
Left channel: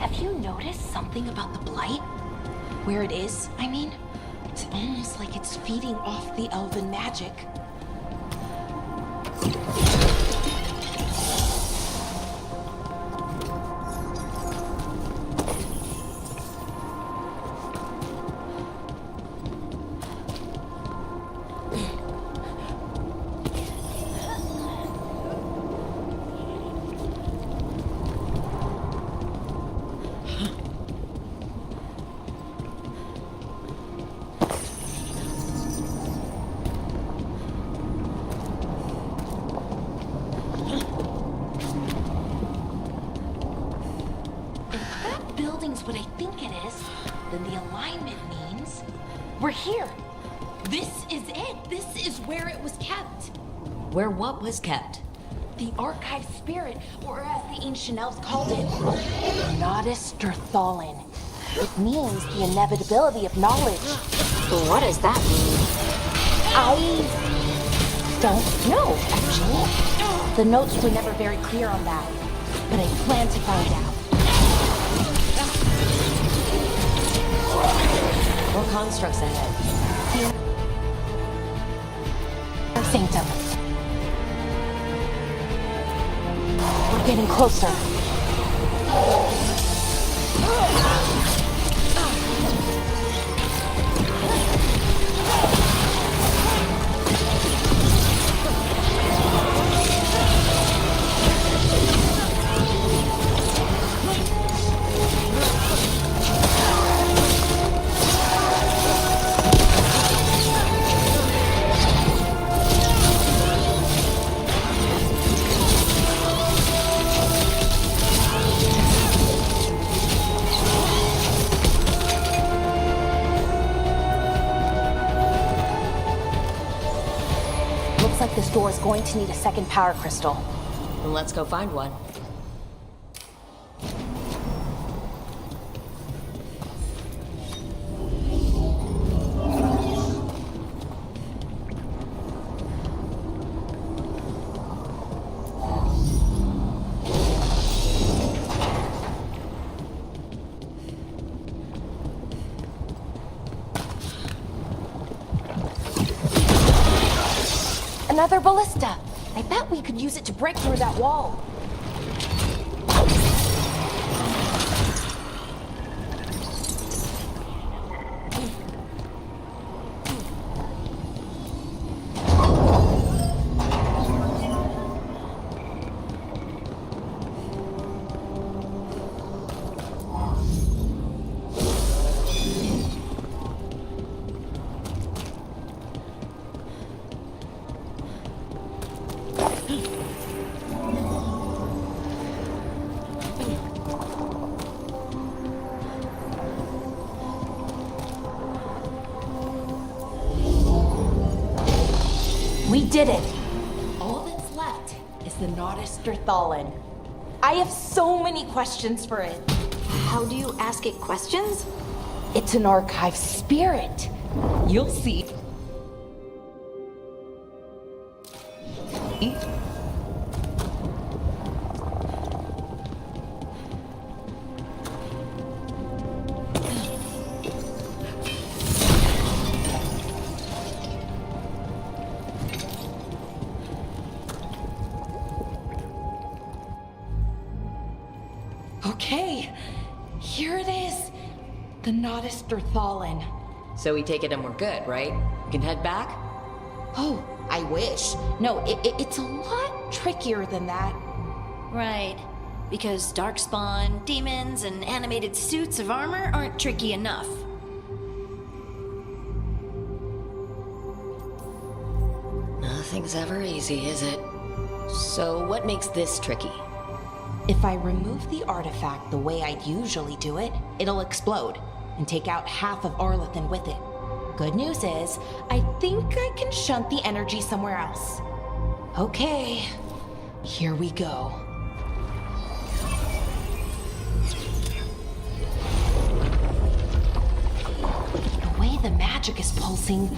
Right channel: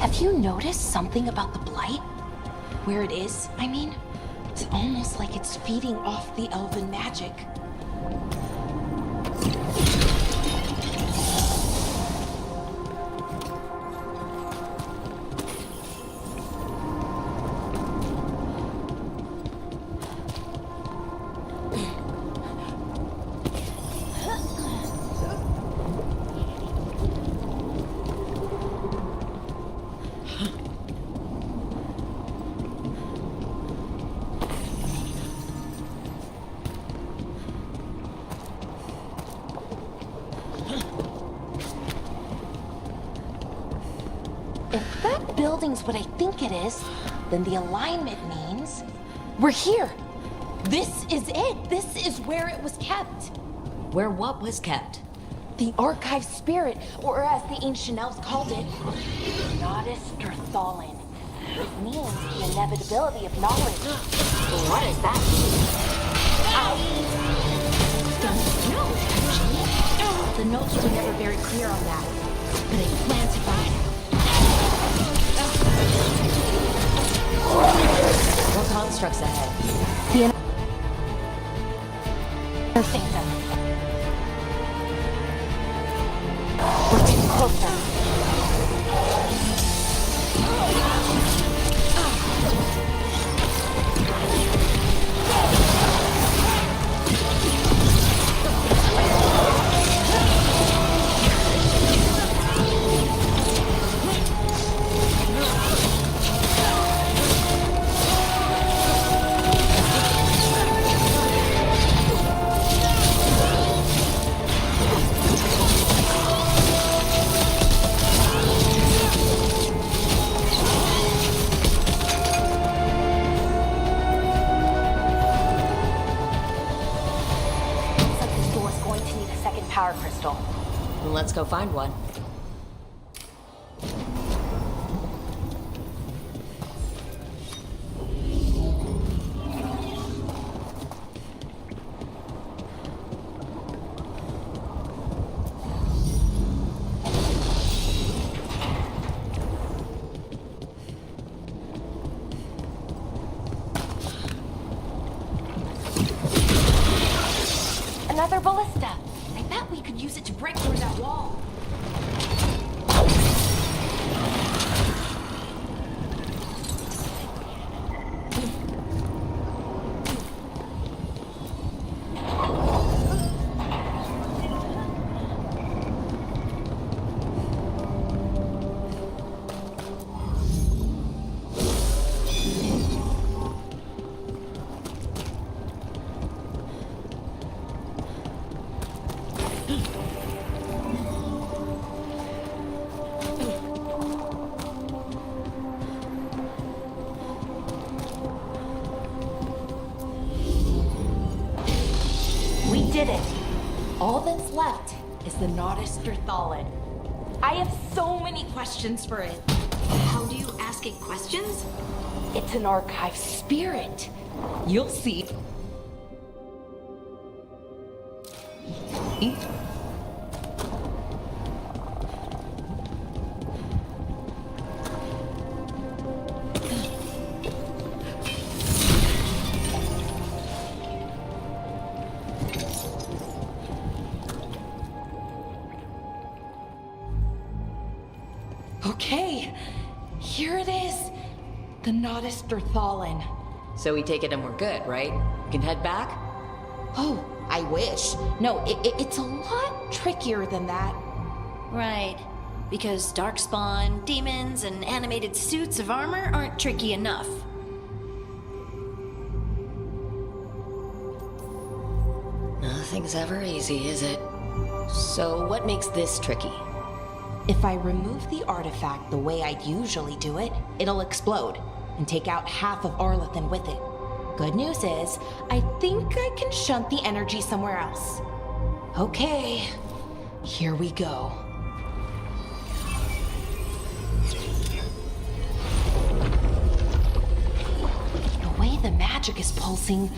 Have you noticed something about the blight? Where it is, I mean? It's almost like it's feeding off the elven magic. If that building's what I think it is, then the alignment means we're here. This is it. This is where it was kept. Where what was kept? The archive spirit, or as the ancient elves called it, Nodus Thalin. It means the inevitability of knowledge. What is that? I don't know, actually. The notes were never very clear on that, but I plan to find out. What constructs ahead? The inner sanctum. We're getting closer. Need a second power crystal. Then let's go find one. Another ballista. I bet we could use it to break through that wall. We did it. All that's left is the Nodus Thalin. I have so many questions for it. How do you ask it questions? It's an archive spirit. You'll see. Okay, here it is. The Nodus Thalin. So we take it and we're good, right? We can head back? Oh, I wish. No, it's a lot trickier than that. Right. Because darkspawn, demons, and animated suits of armor aren't tricky enough. Nothing's ever easy, is it? So what makes this tricky? If I remove the artifact the way I'd usually do it, it'll explode and take out half of Arlathan with it. Good news is, I think I can shunt the energy somewhere else. Okay, here we go. The way the magic is pulsing,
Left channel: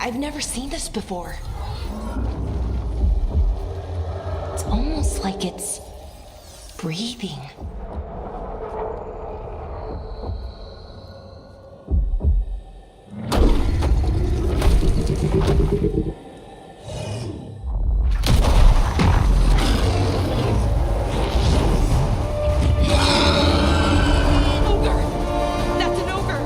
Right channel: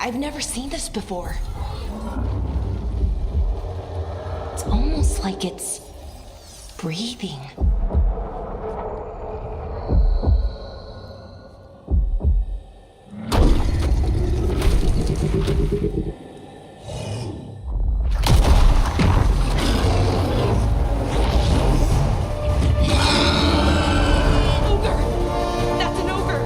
I've never seen this before. almost like it's breathing. Ogre! That's an ogre!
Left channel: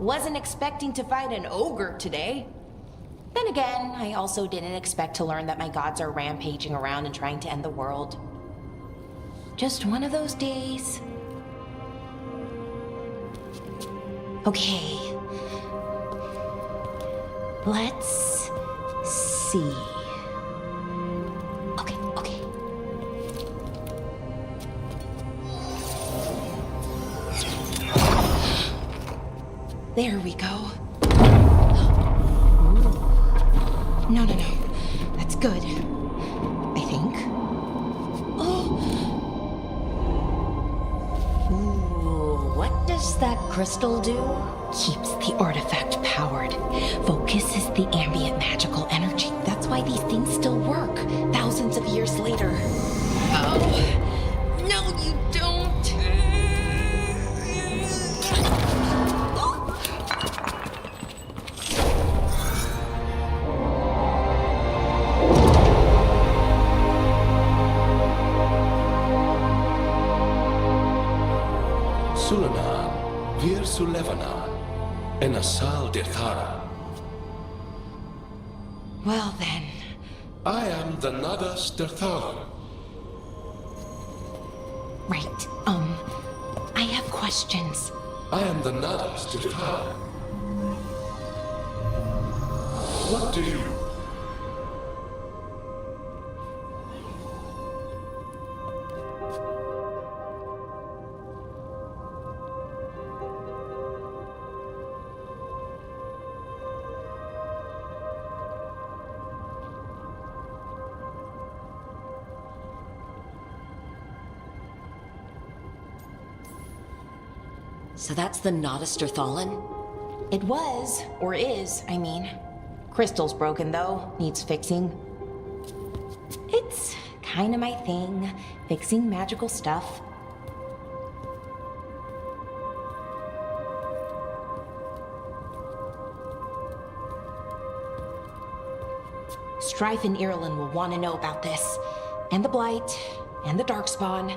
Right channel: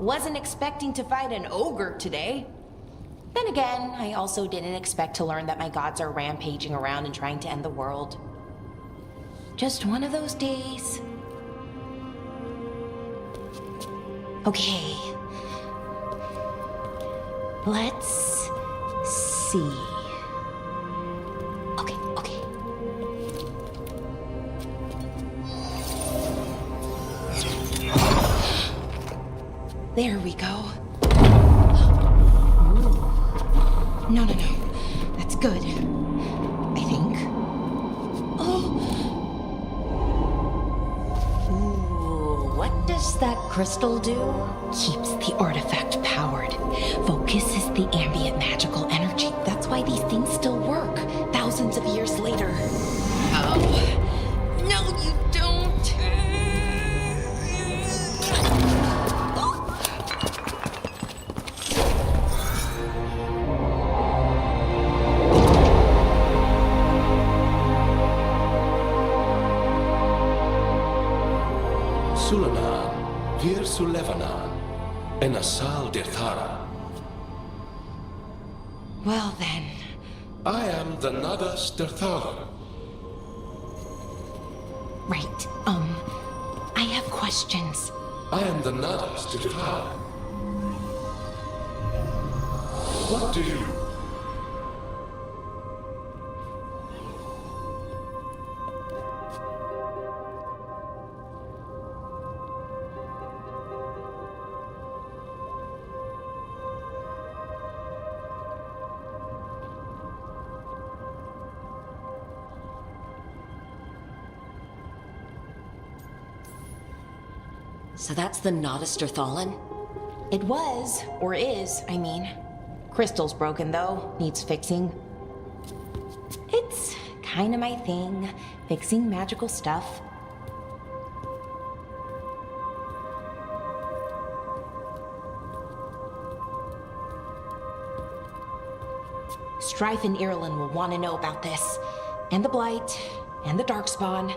Wasn't expecting to fight an ogre today. Then again, I also didn't expect to learn that my gods are rampaging around and trying to end the world. Just one of those days. Okay. Let's see. Okay. There we go. Ooh. No. That's good. I think. Oh. Ooh, what does that crystal do? Keeps the artifact powered. Focuses the ambient magical energy. That's why these things still work, thousands of years later. Oh. No, you don't. Sulanan, Vir Sulevanan, and Asal Dirthara. Well then. I am the Nadas Dirthara. Right, I have questions. I am the Nadas Dirthara. What do you... So that's the Notisterthalin? It was, or is, I mean. Crystal's broken though, needs fixing. It's kinda my thing, fixing magical stuff. Strife and Irulan will want to know about this. And the Blight, and the Darkspawn.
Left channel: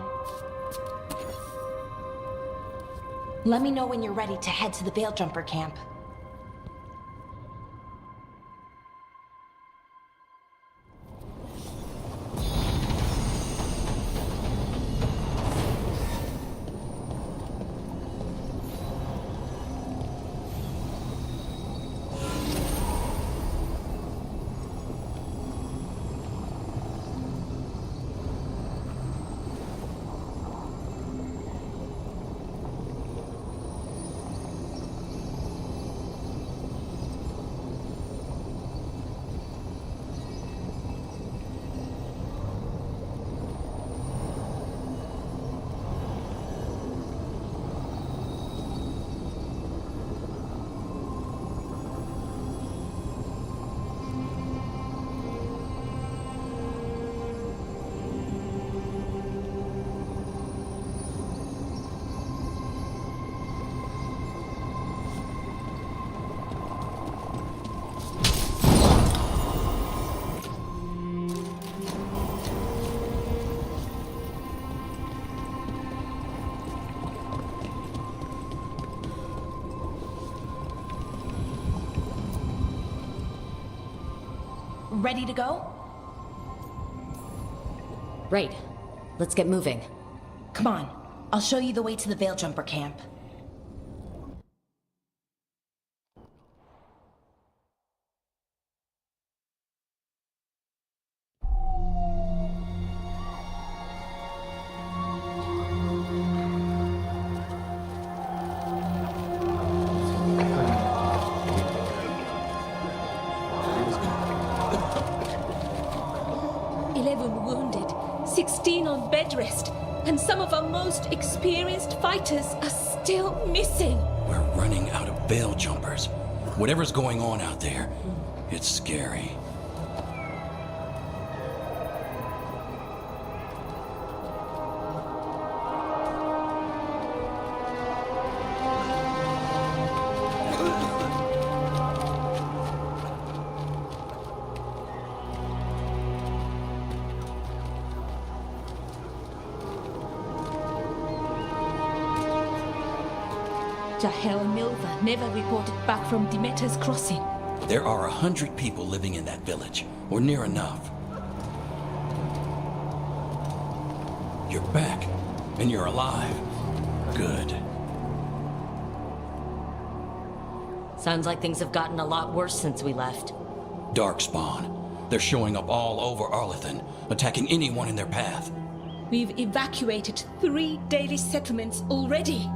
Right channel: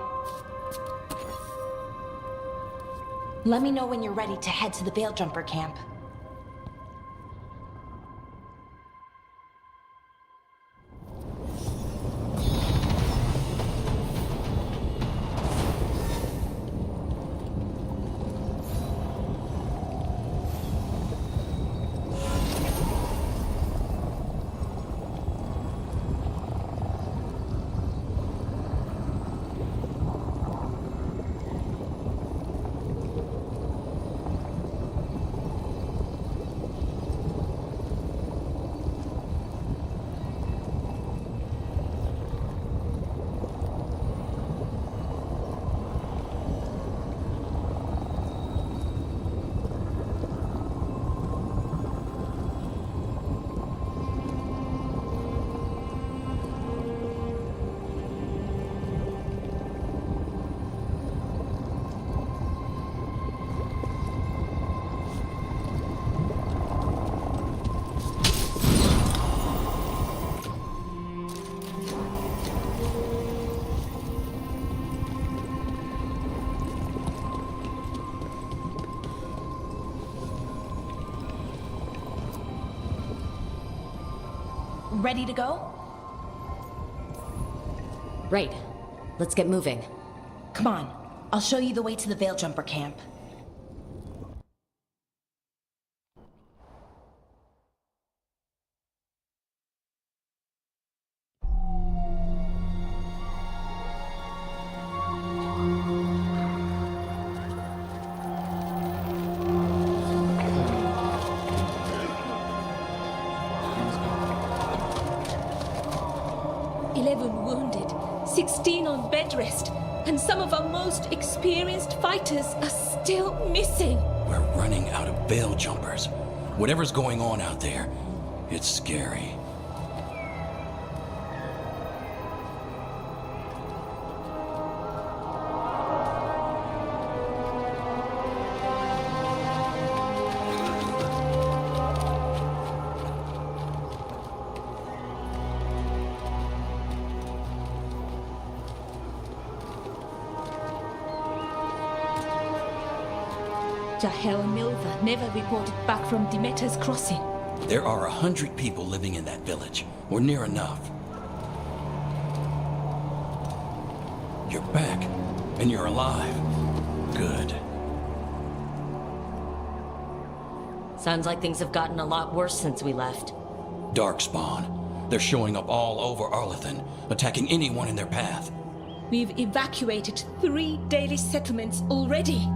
Let me know when you're ready to head to the Veil-Jumper camp. ready to go? Right. Let's get moving. Come on, I'll show you the way to the Veil Jumper camp. Wounded, 16 on bed rest, and some of our most experienced fighters are still missing. We're running out of Veil Jumpers. Whatever's going on out there, it's scary. Jahel and Milva never reported back from Demeter's crossing. There are 100 people living in that village, or near enough. You're back, and you're alive. Good. Sounds like things have gotten a lot worse since we left. Darkspawn. They're showing up all over Arlethan, attacking anyone in their path. We've evacuated 3 daily settlements already.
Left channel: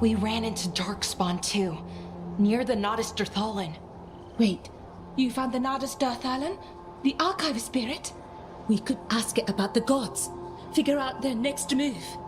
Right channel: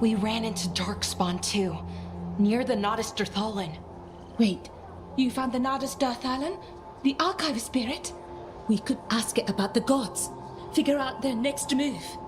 We ran into Darkspawn too, near the Nodus Dirthalan. Wait, you found the Nodus Dirthalan? The archive spirit? We could ask it about the gods. Figure out their next move.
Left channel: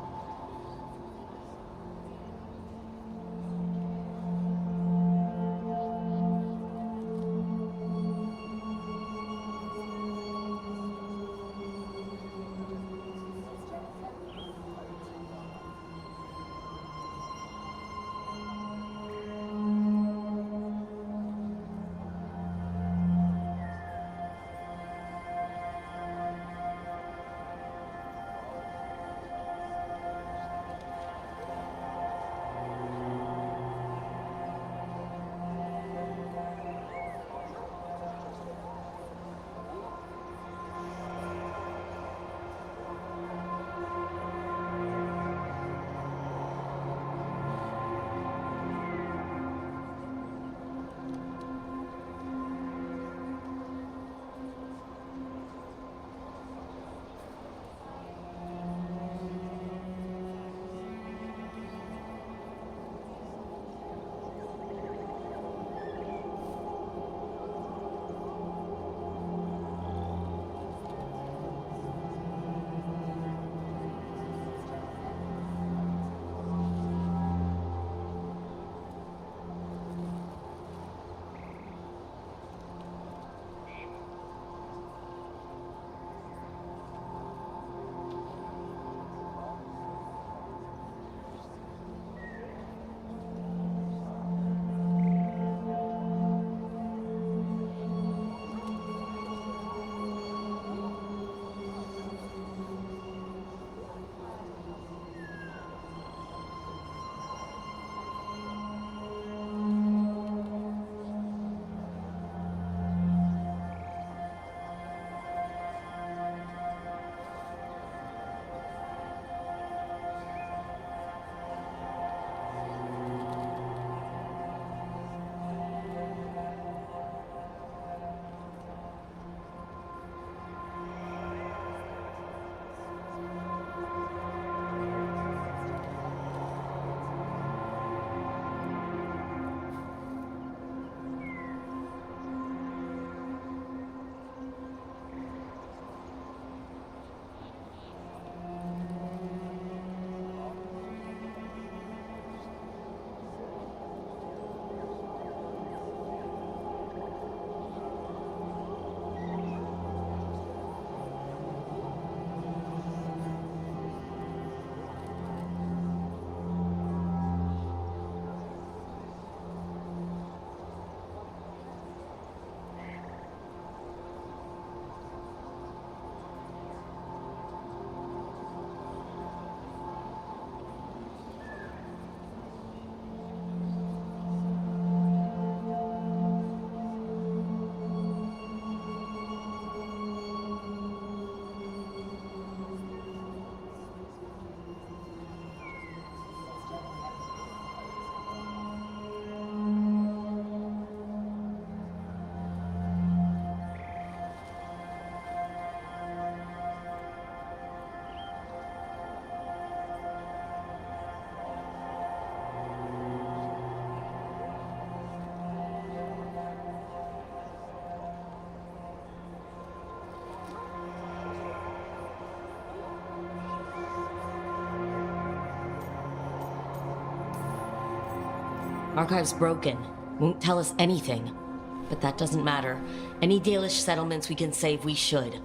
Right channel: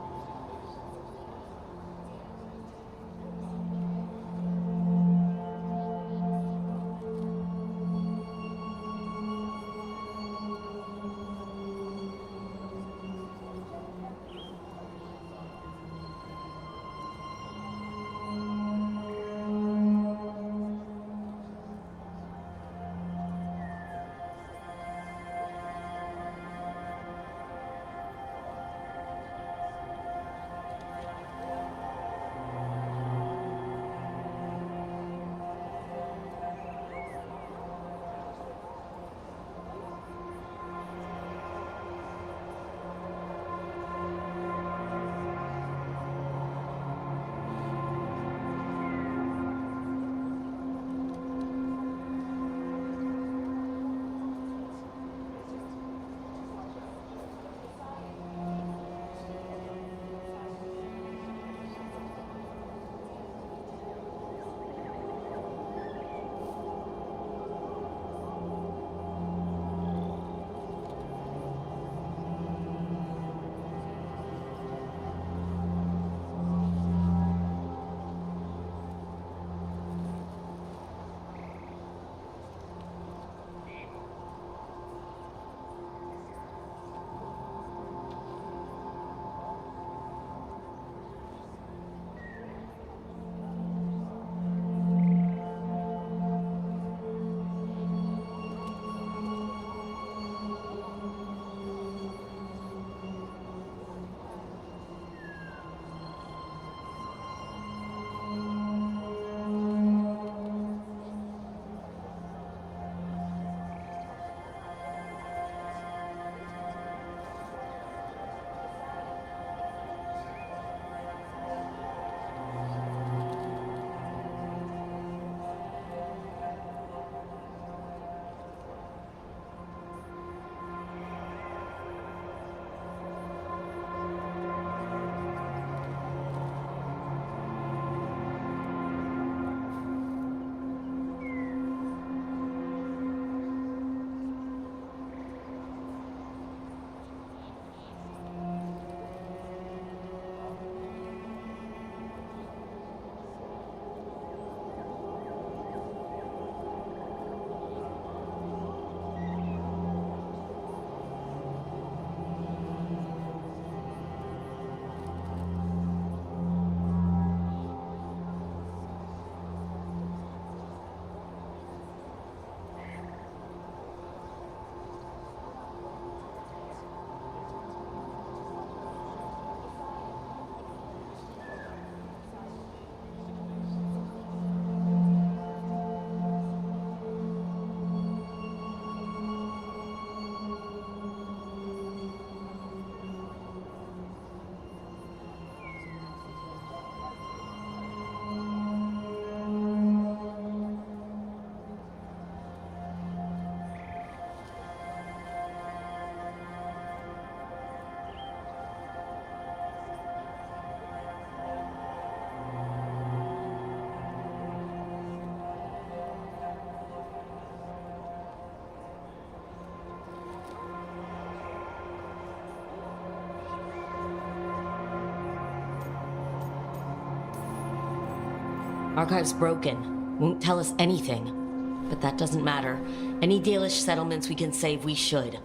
Archive's broken. Won't tell us anything. But that doesn't matter. Any Dalish settlements we can save, we should.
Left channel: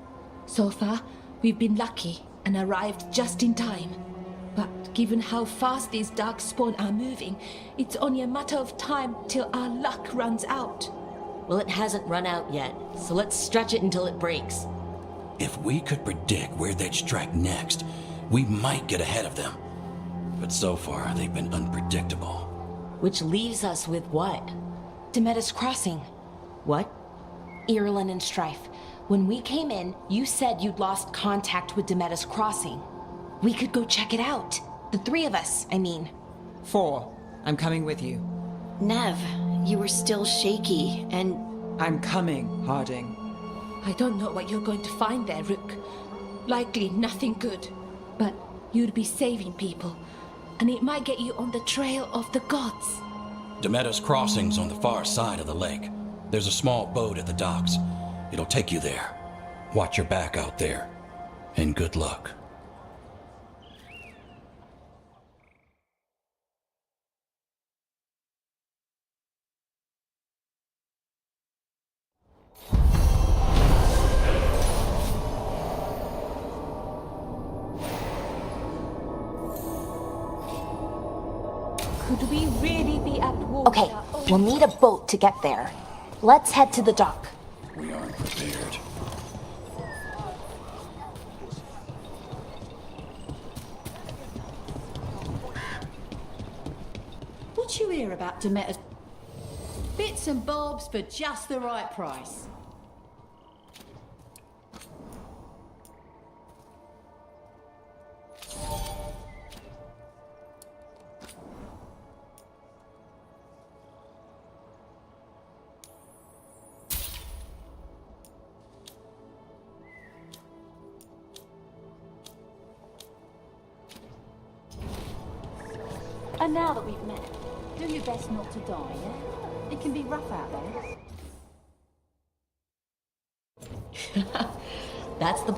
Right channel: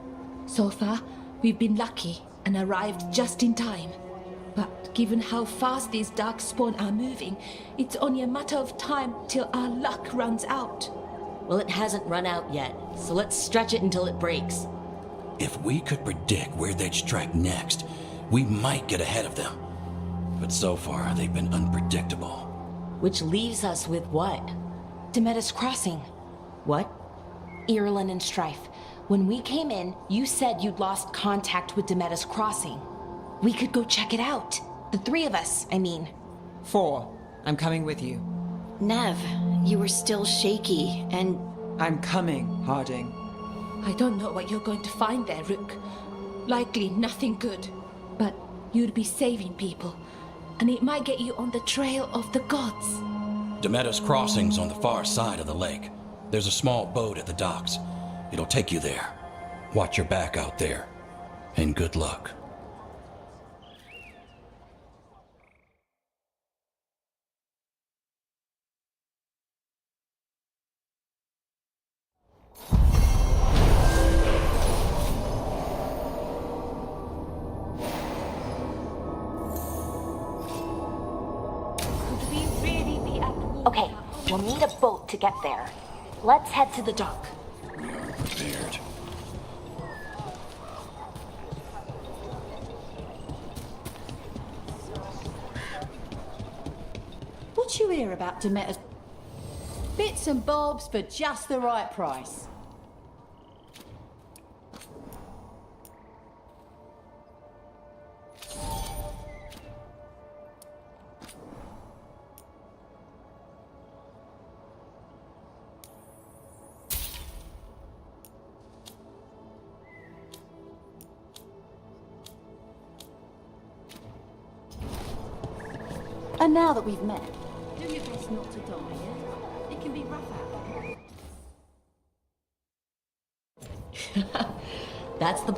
So far, we've been lucky and arrived just in time. But given how fast these darkspawn are moving, it's only a matter of time till our luck runs out. Well, it hasn't run out yet, so let's stretch it until it breaks. If we could predict where they'd strike next, we might get ahead of them. But so far, they've been unpredictable. Which leaves us with what? Demetis Crossing. What? Irulan and Strife. When we came in, you said you'd lost contact with Demetis Crossing. We could go check it out. The three of us, I mean. 4. I'm coming with you. Nev, you were still shaky, and... I'm coming, Harding. I don't know what you're going to find there, Rook. Likely nothing good. But you'd be saving people, and it might get you on the trail of the gods. Demetis Crossing's on the far side of the lake. There's a small boat at the docks. It'll take you there. Watch your back out there. And good luck. Could we really be at war? Okay, we'll need a boat to get there. Let's head to the dock. We aren't prepared. What you hear about Demeter's? Bits and bobs for just the right price. And now that we've met, do your best not to die, yeah? It can be rough out there. That's the...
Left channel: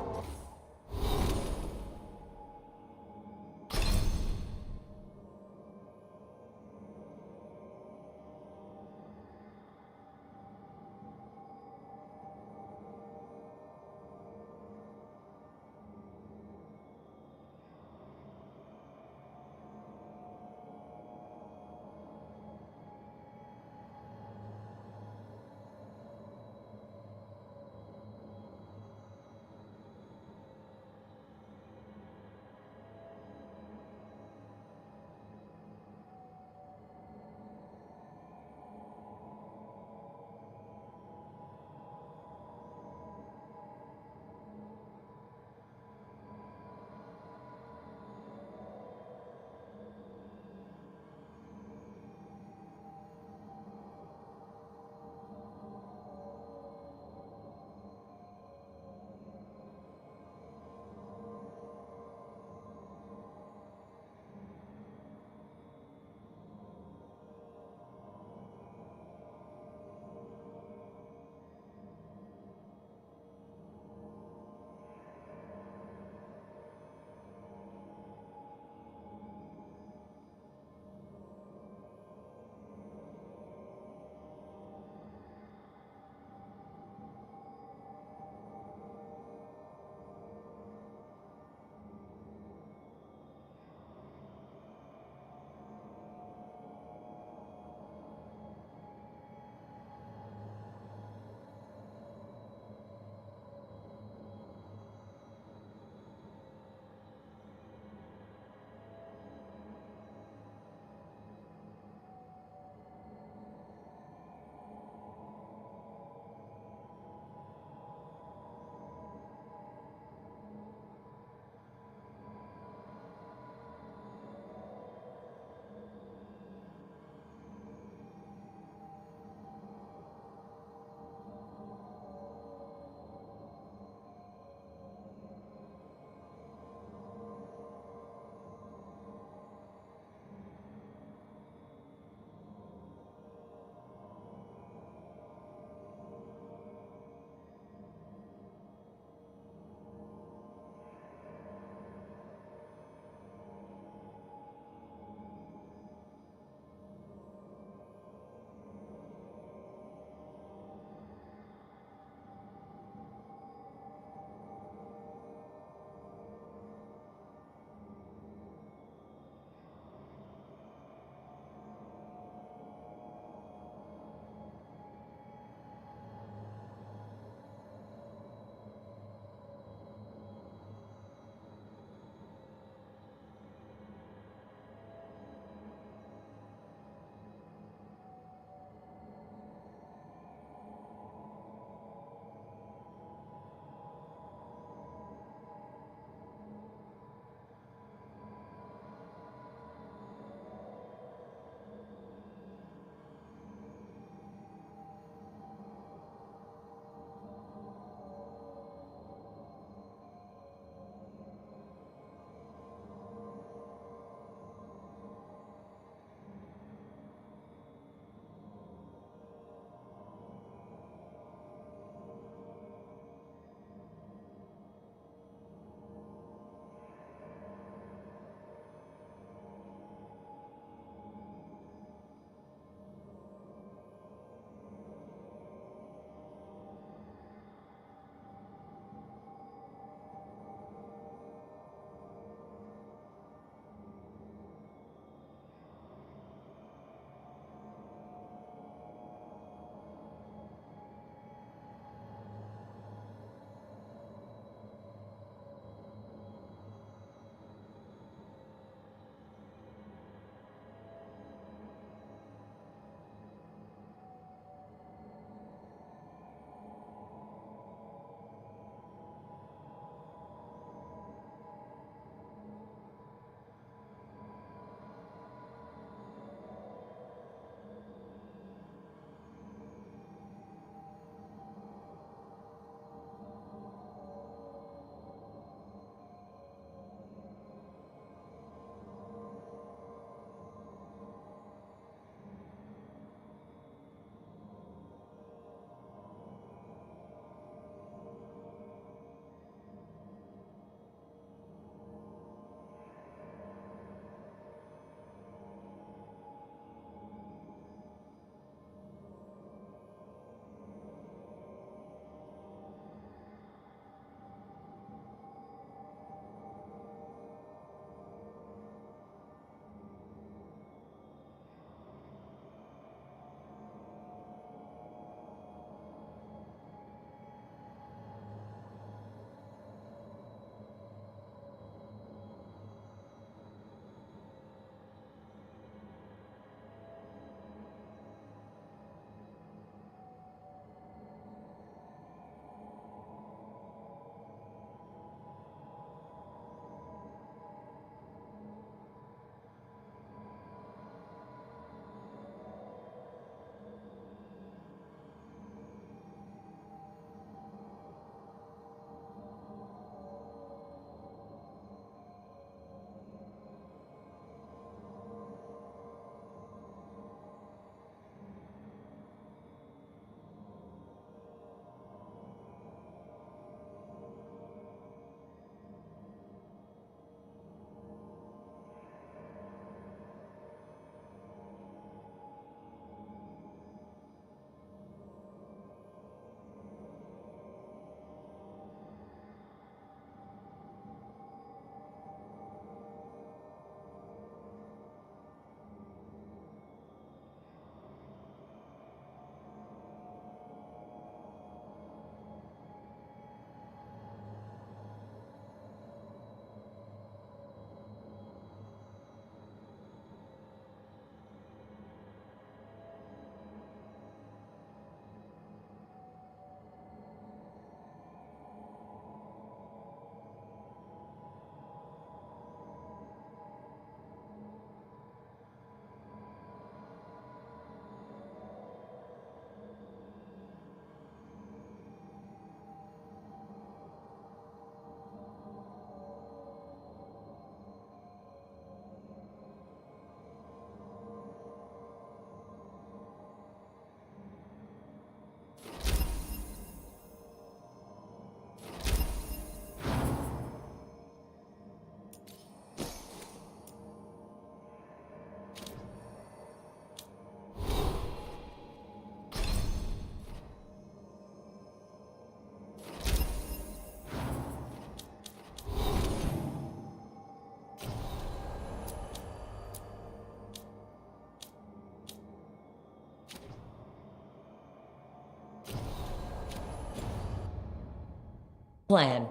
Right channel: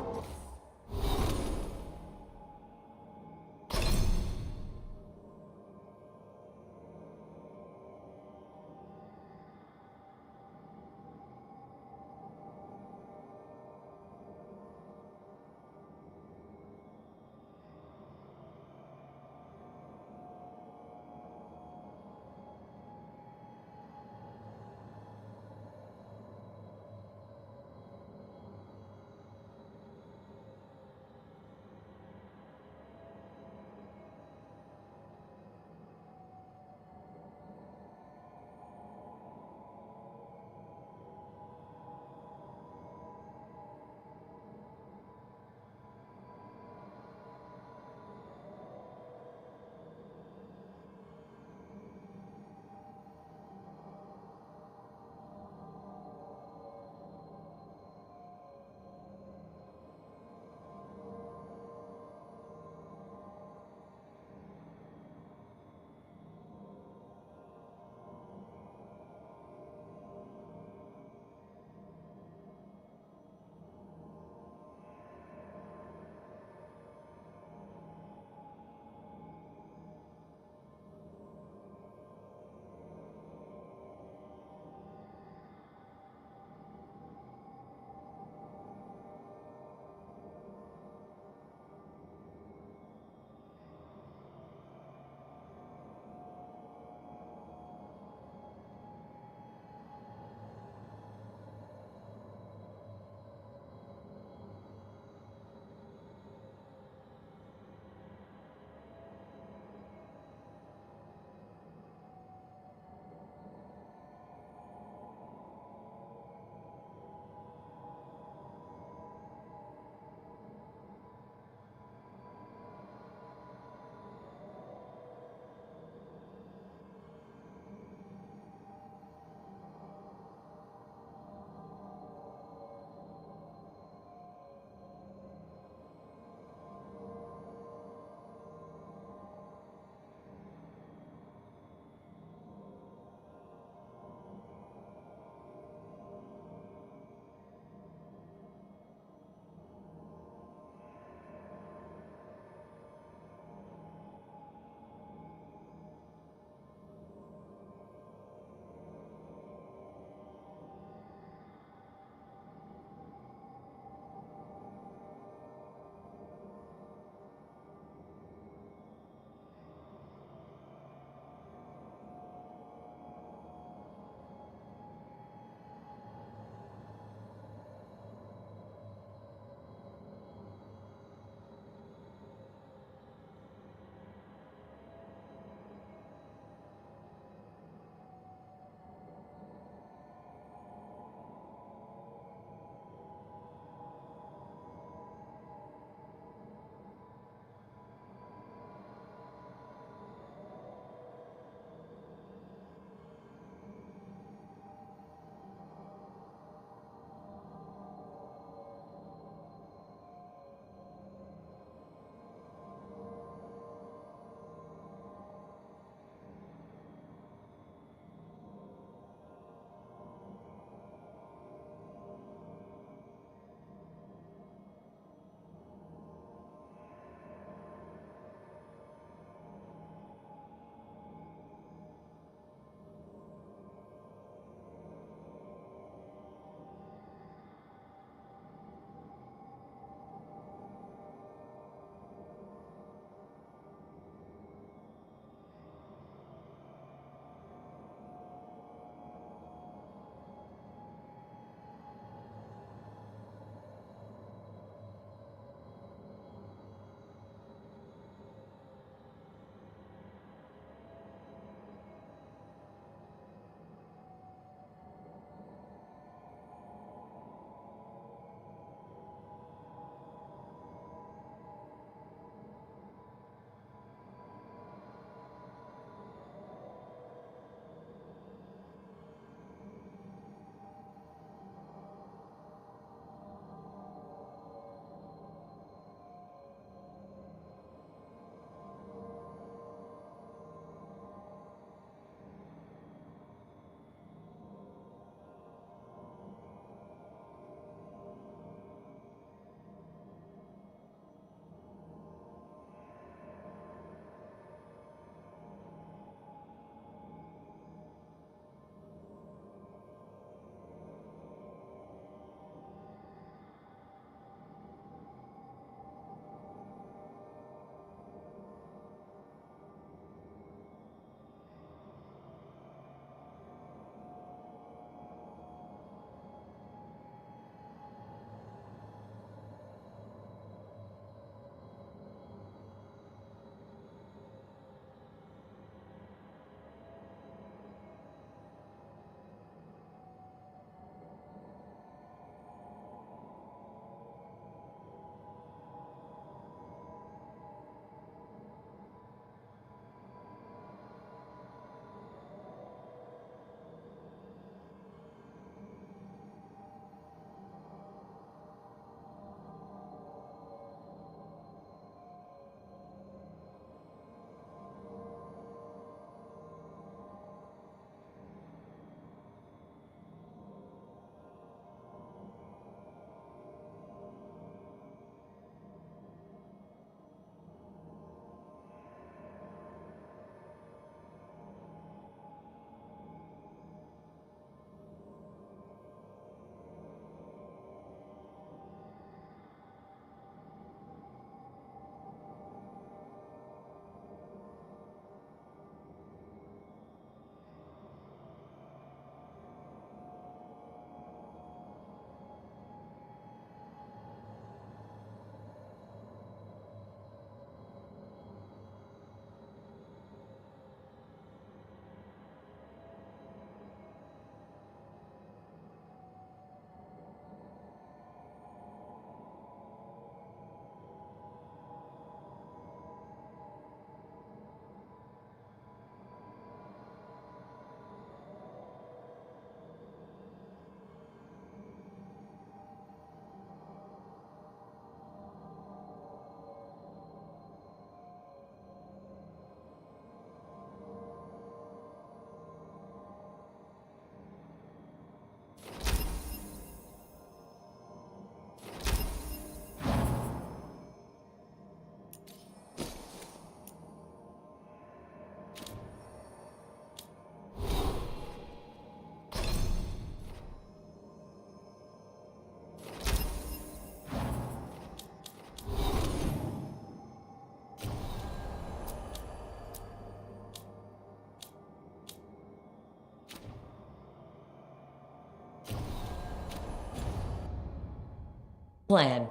plan.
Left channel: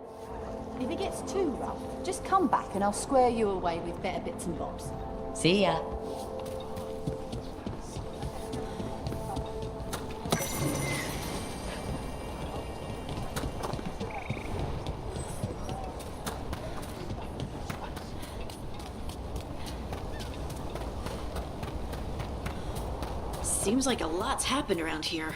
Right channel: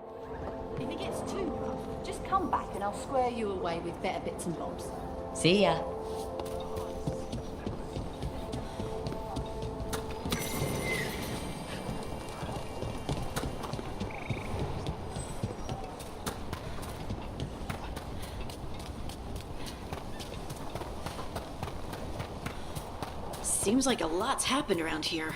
If it gets too rough, just come back and I'll square you away with better bits and bobs. See ya. Seems like a lot's happened around here.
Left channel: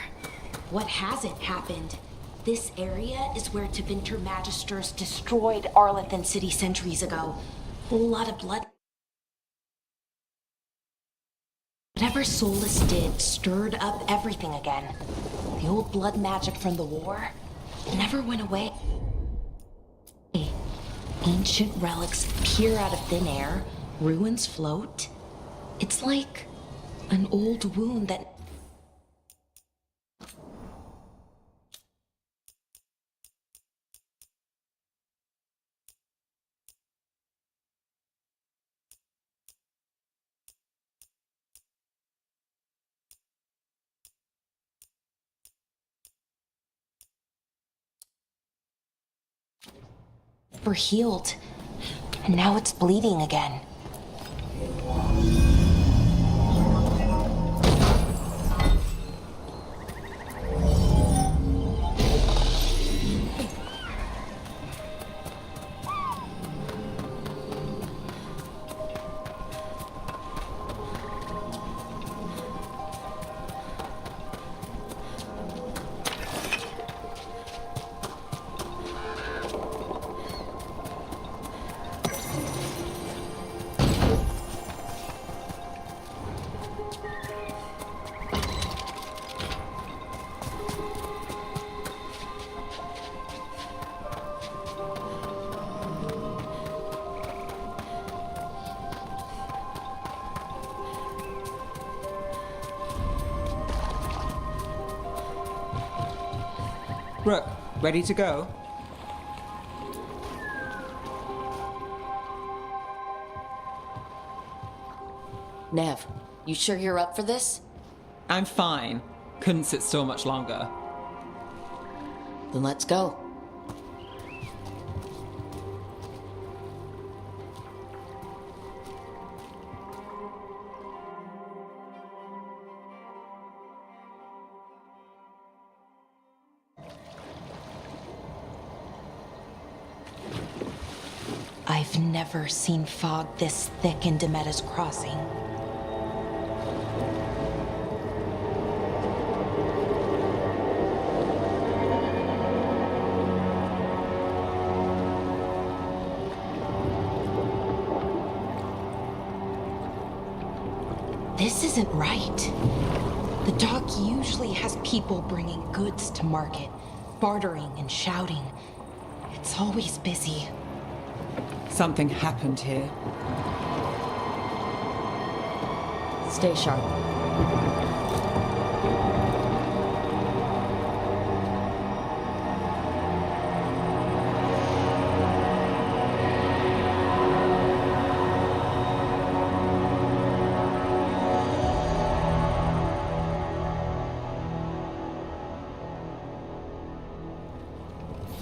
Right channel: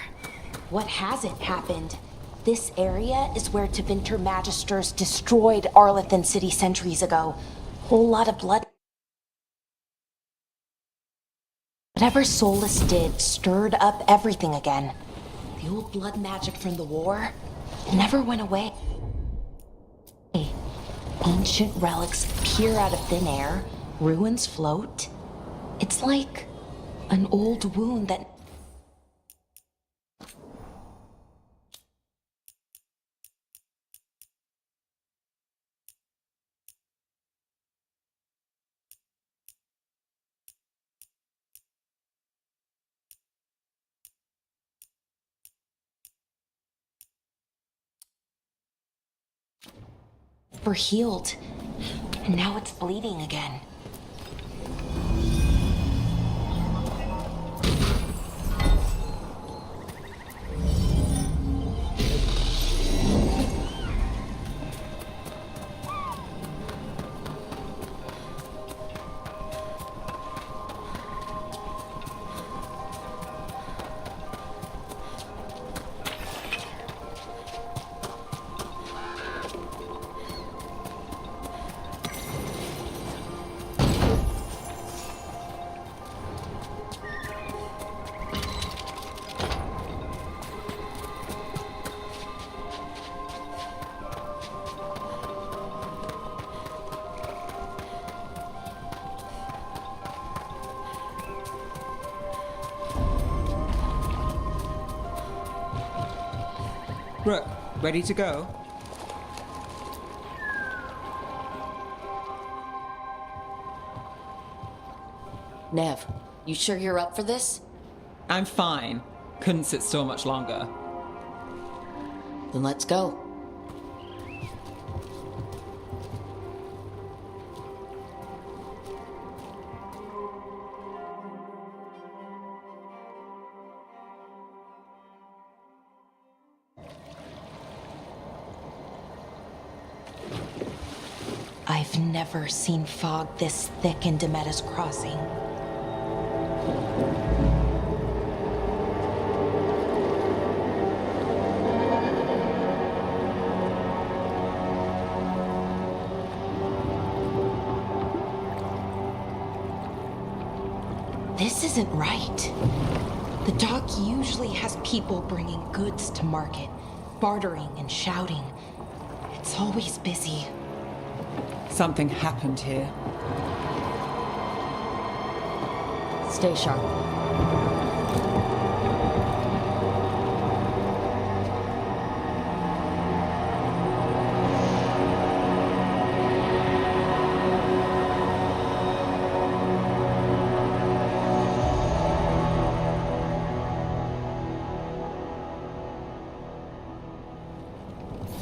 What hasn't happened? This area is where Tevinter Magisters destroyed Arlethan City centuries ago. Whole lot of blood. Whatever Solus did stirred up everything again. The old blood magic from the war never went away. Ancient relics peer out of thin air, ruins float. It's like an old wound that never healed, and now it's bleeding again. Rook, ready to go? Nev, you sure you're up for this? I'm fine. Couldn't sit still much longer. Then let's go. I've never seen fog this thick in Demetta's Crossing. This isn't right. The dock usually has people bringing goods to market, bartering and shouting. It's always busy. Something happened here. Stay sharp.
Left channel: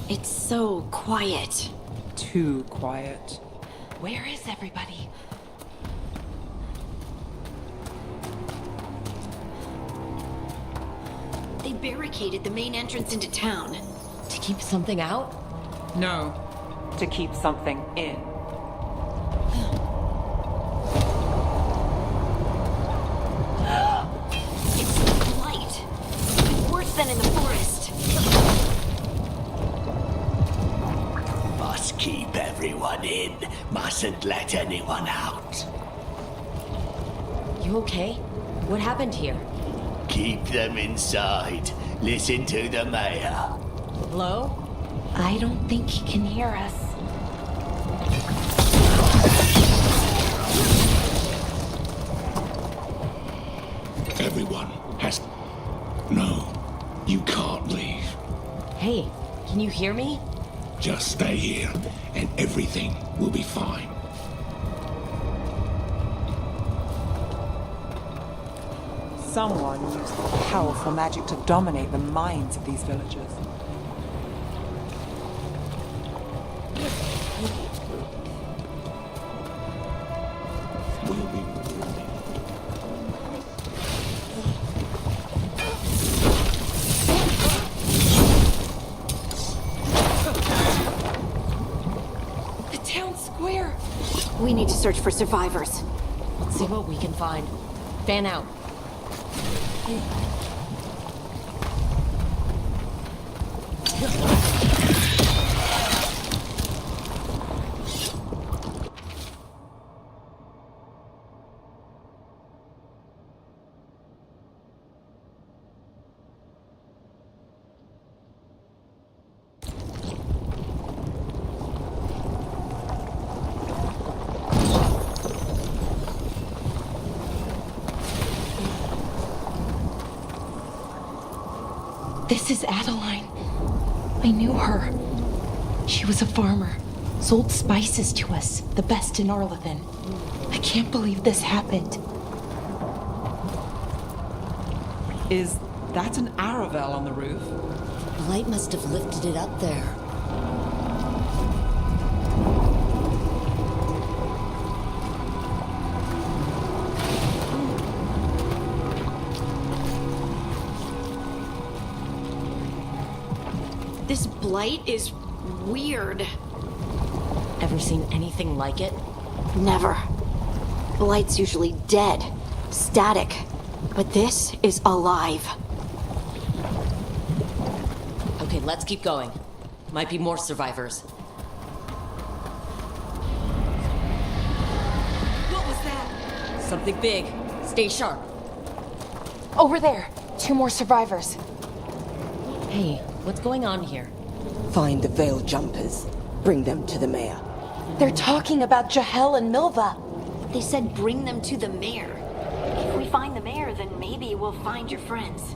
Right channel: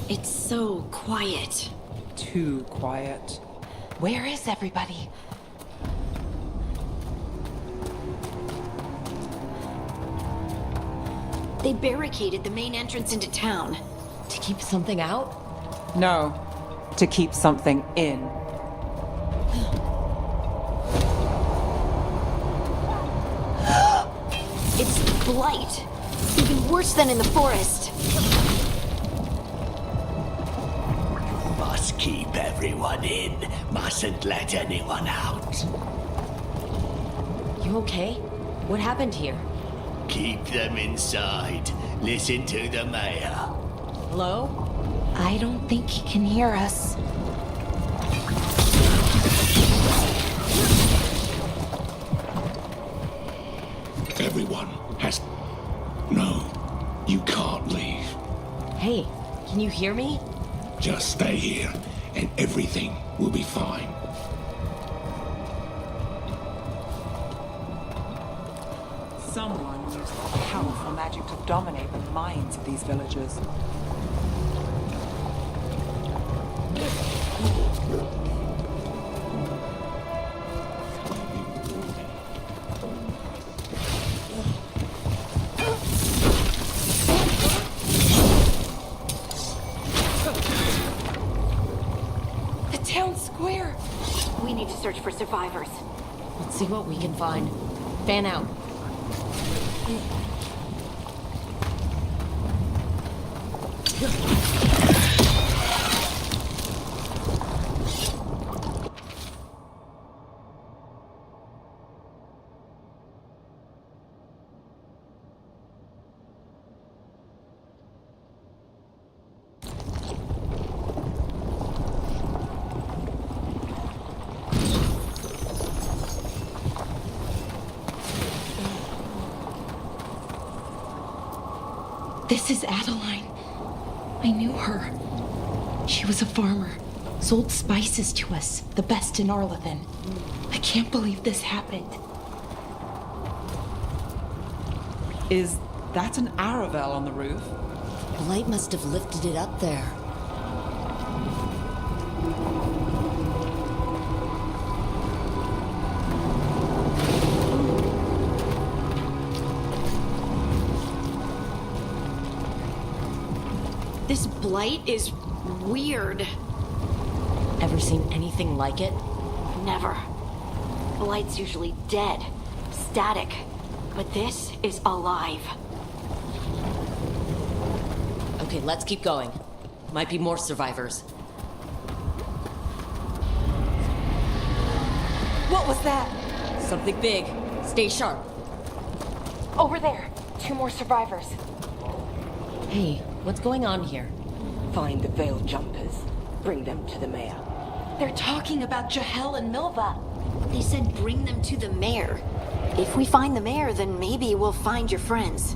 It's so quiet. Too quiet. Where is everybody? They barricaded the main entrance into town. To keep something out? No, to keep something in. It's blight. Even worse than in the forest. Must keep everyone in. Mustn't let anyone out. You okay? What happened here? Keep them inside. Listen to the mayor. Hello? I don't think he can hear us. Everyone has... No, you can't leave. Hey, can you hear me? Just stay here, and everything will be fine. Someone used powerful magic to dominate the minds of these villagers. The town square! We need to search for survivors. Let's see what we can find. Fan out. This is Adeline. I knew her. She was a farmer, sold spices to us, the best in Arlathan. I can't believe this happened. Is that an Aravel on the roof? Blight must have lifted it up there. This blight is weird. Ever seen anything like it? Never. Blight's usually dead, static. But this is alive. Okay, let's keep going. Might be more survivors. What was that? Something big. Stay sharp. Over there. 2 more survivors. Hey, what's going on here? Find the veil jumpers. Bring them to the mayor. They're talking about Jahel and Milva. They said bring them to the mayor. If we find the mayor, then maybe we'll find your friends.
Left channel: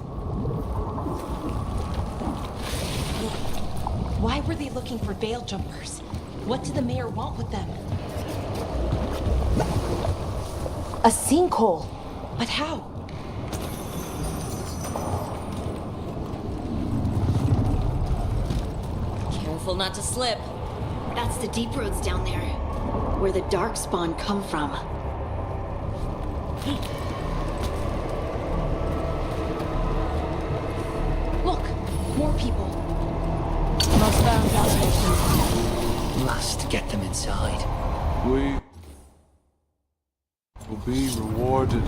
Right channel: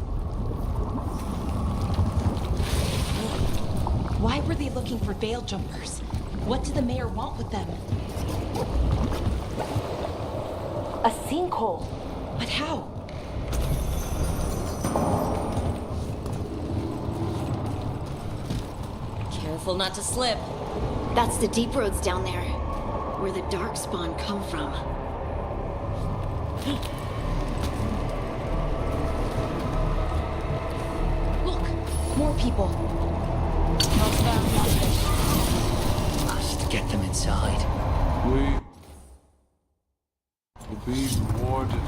Why were they looking for veil jumpers? What did the mayor want with them? A sinkhole. But how? Careful not to slip. That's the deep roads down there, where the darkspawn come from. Look, more people. Must get them inside. We will be rewarded.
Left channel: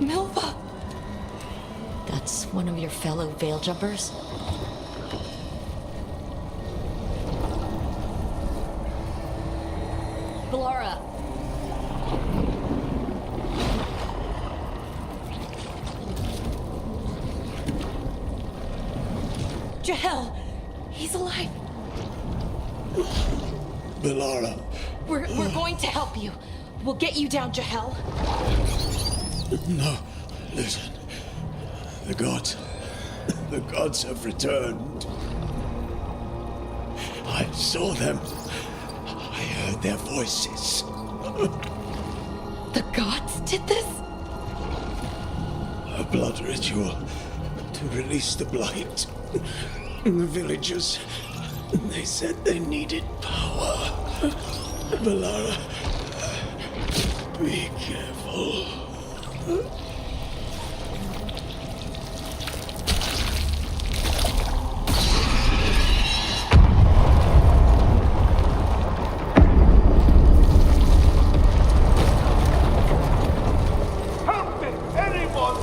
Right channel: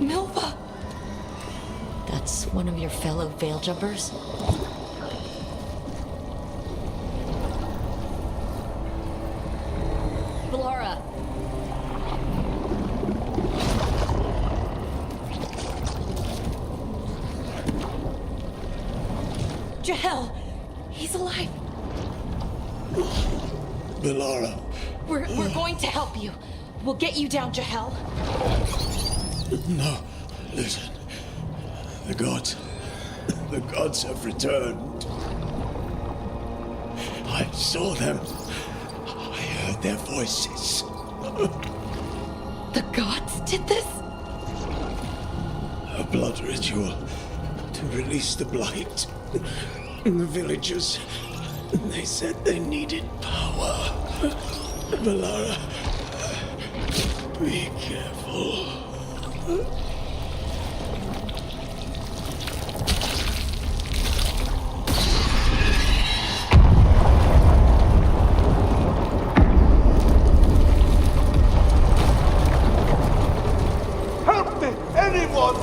Milva! That's one of your fellow veil jumpers? Bellara! Jahel! He's alive! Bellara. We're going to help you. We'll get you down, Jahel. No, listen. The gods have returned. I saw them. I heard their voices. The gods did this? A blood ritual to release the blight. The villagers, they said they needed power. Bellara, be careful. Help me! Anyone!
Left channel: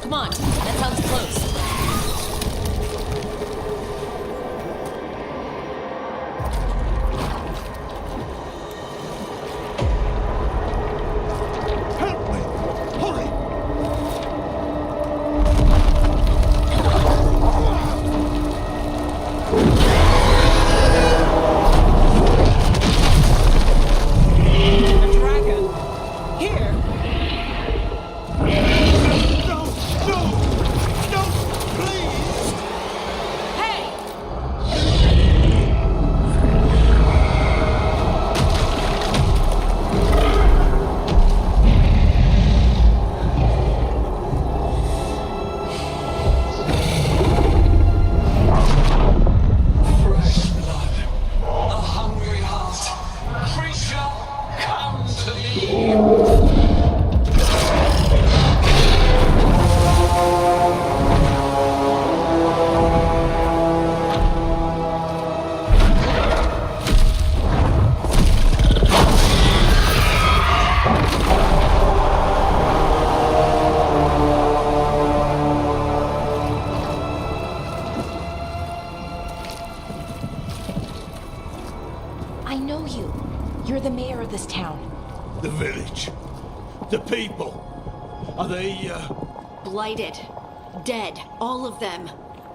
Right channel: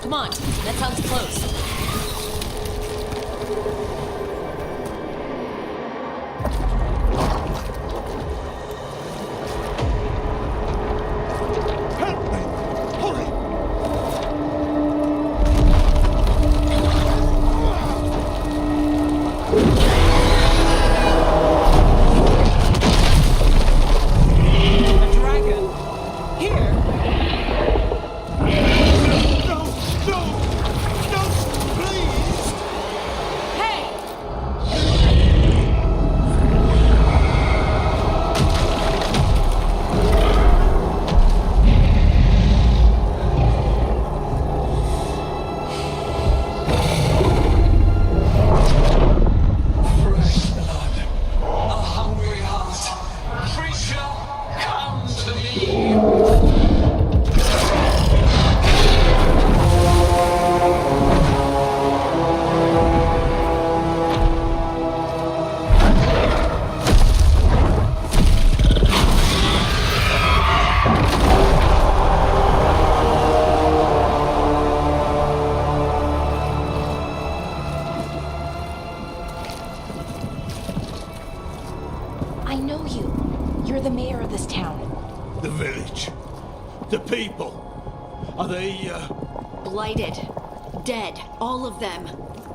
Come on, that sounds close. I know you. You're the mayor of this town. The village. The people. Are they, Blighted. Dead. All of them.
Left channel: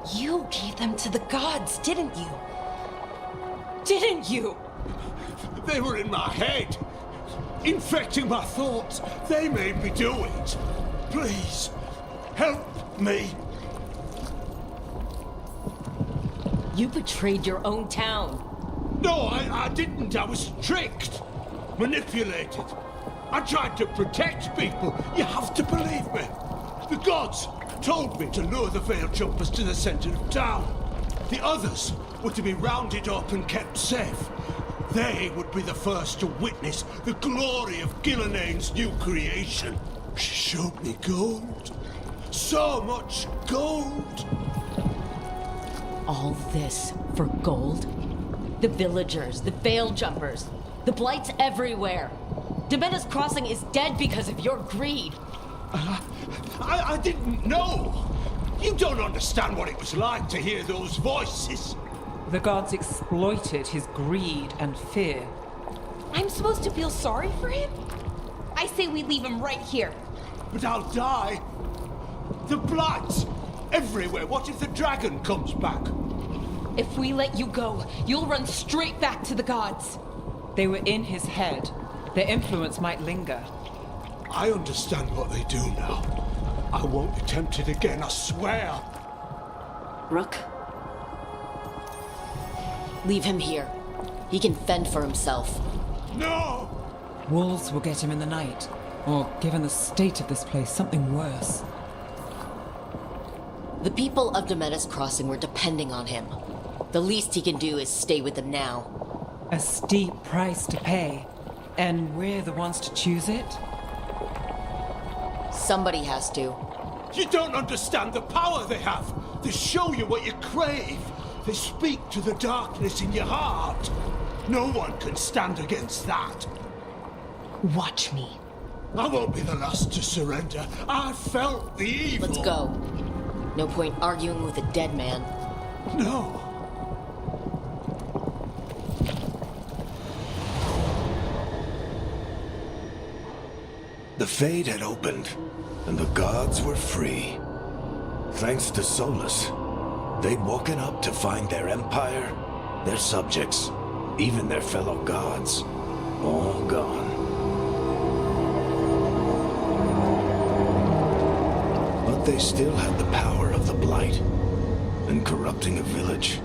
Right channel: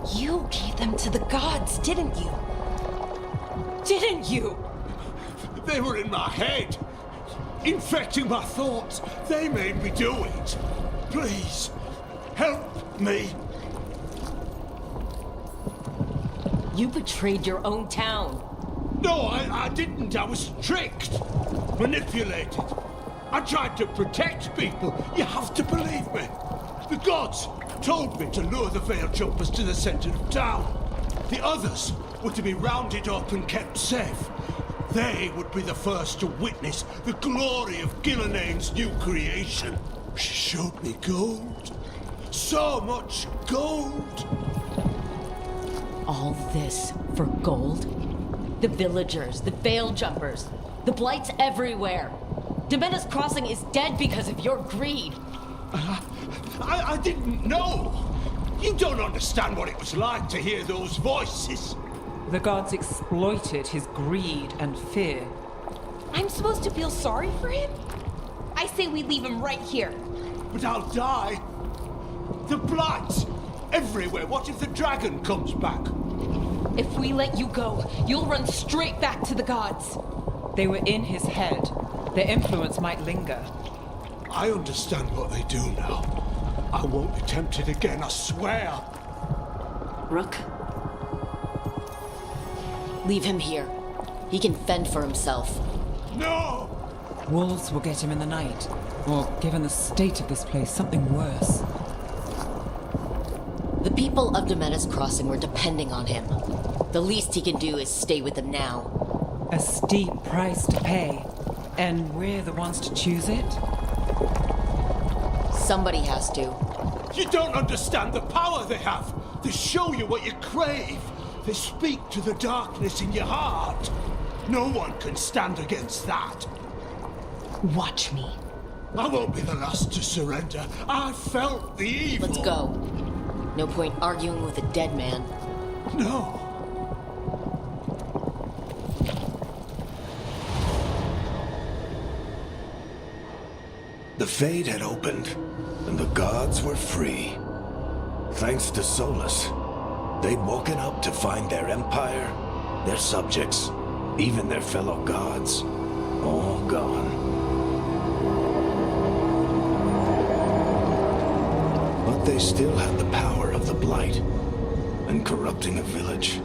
You gave them to the gods, didn't you? Didn't you? They were in my head. Infecting my thoughts. They made me do it. Please, help me. You betrayed your own town. No, I didn't. I was tricked. Manipulated. I tried to protect people. You have to believe me. The gods told me to lure the Veil Jumpers to the center of town. The others were to be rounded up and kept safe. They would be the first to witness the glory of Gilnenane's new creation. She showed me gold. So much gold. All this for gold? The villagers, the Veil Jumpers, the blights everywhere. Demena's Crossing is dead because of your greed. I didn't know. You don't understand what it was like to hear those voices. The gods exploited his greed and fear. I'm supposed to feel sorry for him? I say we leave him right here. But I'll die. The blights everywhere. What if the dragon comes back? If we let you go, you'll run straight back to the gods. They were in his head. Their influence might linger. I understand what they do now. I won't be tempted again, I swear. Rook? Leave him here. He can fend for himself. No! Wolves will get him in the night. Or, given the state of this place, something worse. The people of Demena's Crossing were depending on him. The least he can do is stay with them now. A steep price to pay. And we're the ones to choose it? Somebody has to. You don't understand the power they have. They show you what you crave. They speak to the darkness in your heart. No one can stand against that. Watch me. I won't be the last to surrender. I felt the evil. Let's go. No point arguing with a dead man. No. The Fade had opened, and the gods were free. Thanks to Solus, they'd woken up to find their empire, their subjects, even their fellow gods, all gone. But they still had the power of the Blight, and corrupting a village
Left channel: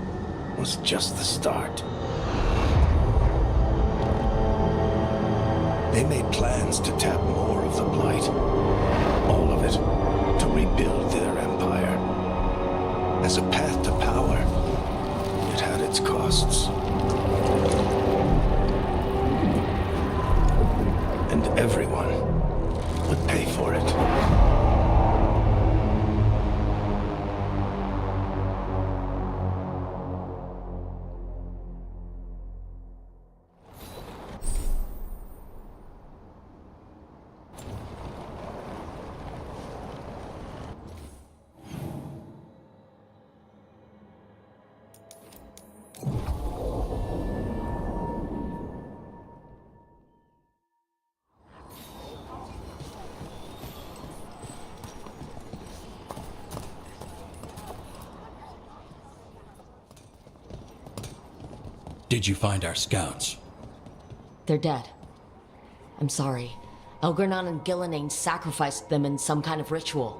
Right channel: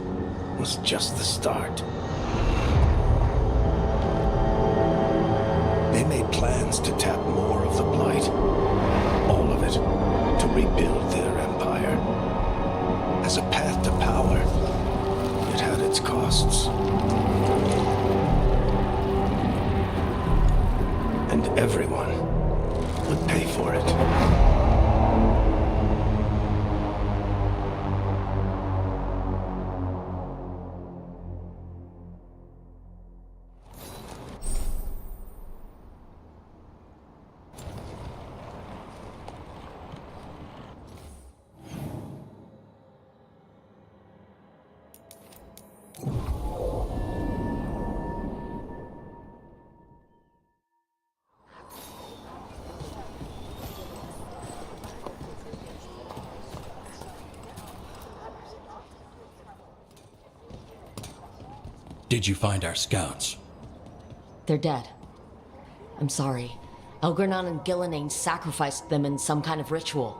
was just the start. They made plans to tap more of the Blight, all of it, to rebuild their empire. As a path to power, it had its costs. And everyone would pay for it. Did you find our scouts? They're dead. I'm sorry. Elgornon and Gillenane sacrificed them in some kind of ritual.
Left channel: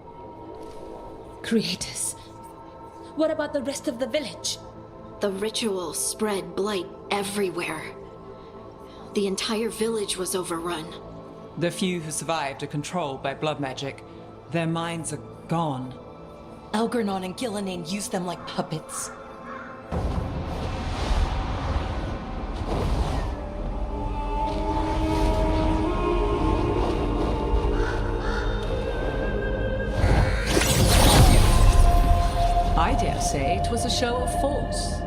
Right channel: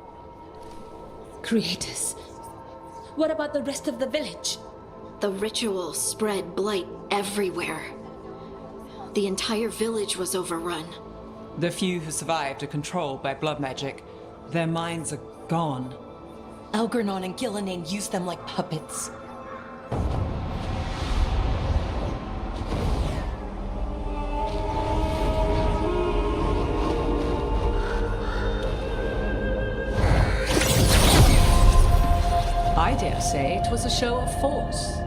Creators. What about the rest of the village? The ritual spread blight everywhere. The entire village was overrun. The few who survived are controlled by blood magic. Their minds are gone. Elgornon and Gillenane used them like puppets. I dare say it was a show of force.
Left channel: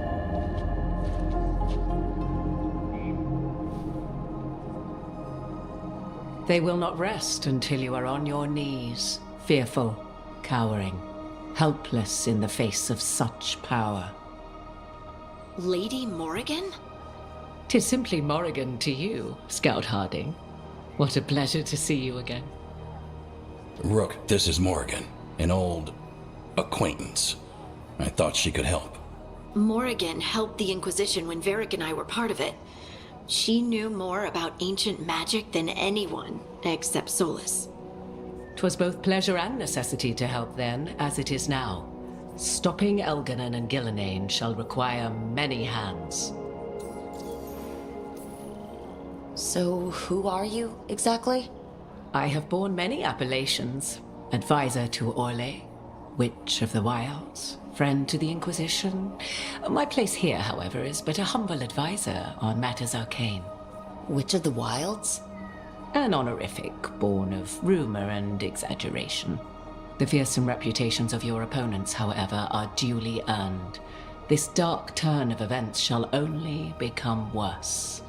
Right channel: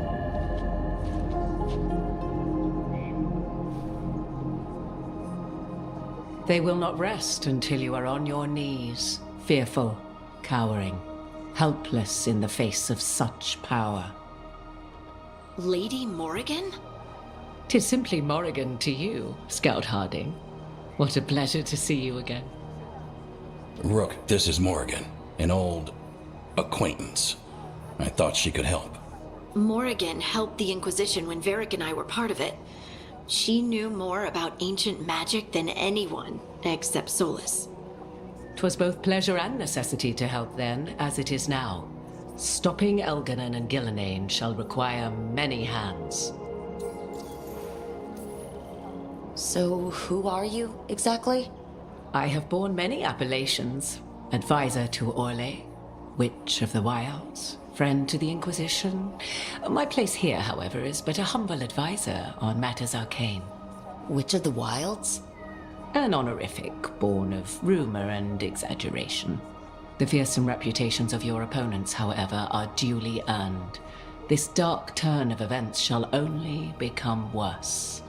They will not rest until you are on your knees, fearful, cowering, helpless in the face of such power. Lady Morrigan? 'Tis simply Morrigan to you, Scout Harding. What a pleasure to see you again. Rook, this is Morrigan, an old acquaintance. I thought she could help. Morrigan helped the Inquisition when Varric and I were part of it. She knew more about ancient magic than anyone, except Solus. 'Twas both pleasure and necessity to help then, as it is now. Stopping Elganon and Gillenane shall require many hands. So, who are you, exactly? I have borne many appellations. Advisor to Orle, Witch of the Wilds, friend to the Inquisition. My place here, however, is but a humble advisor on matters arcane. Witch of the Wilds? An honorific born of rumor and exaggeration. The fearsome reputations of your opponents, however, are duly earned. This dark turn of events shall only become worse.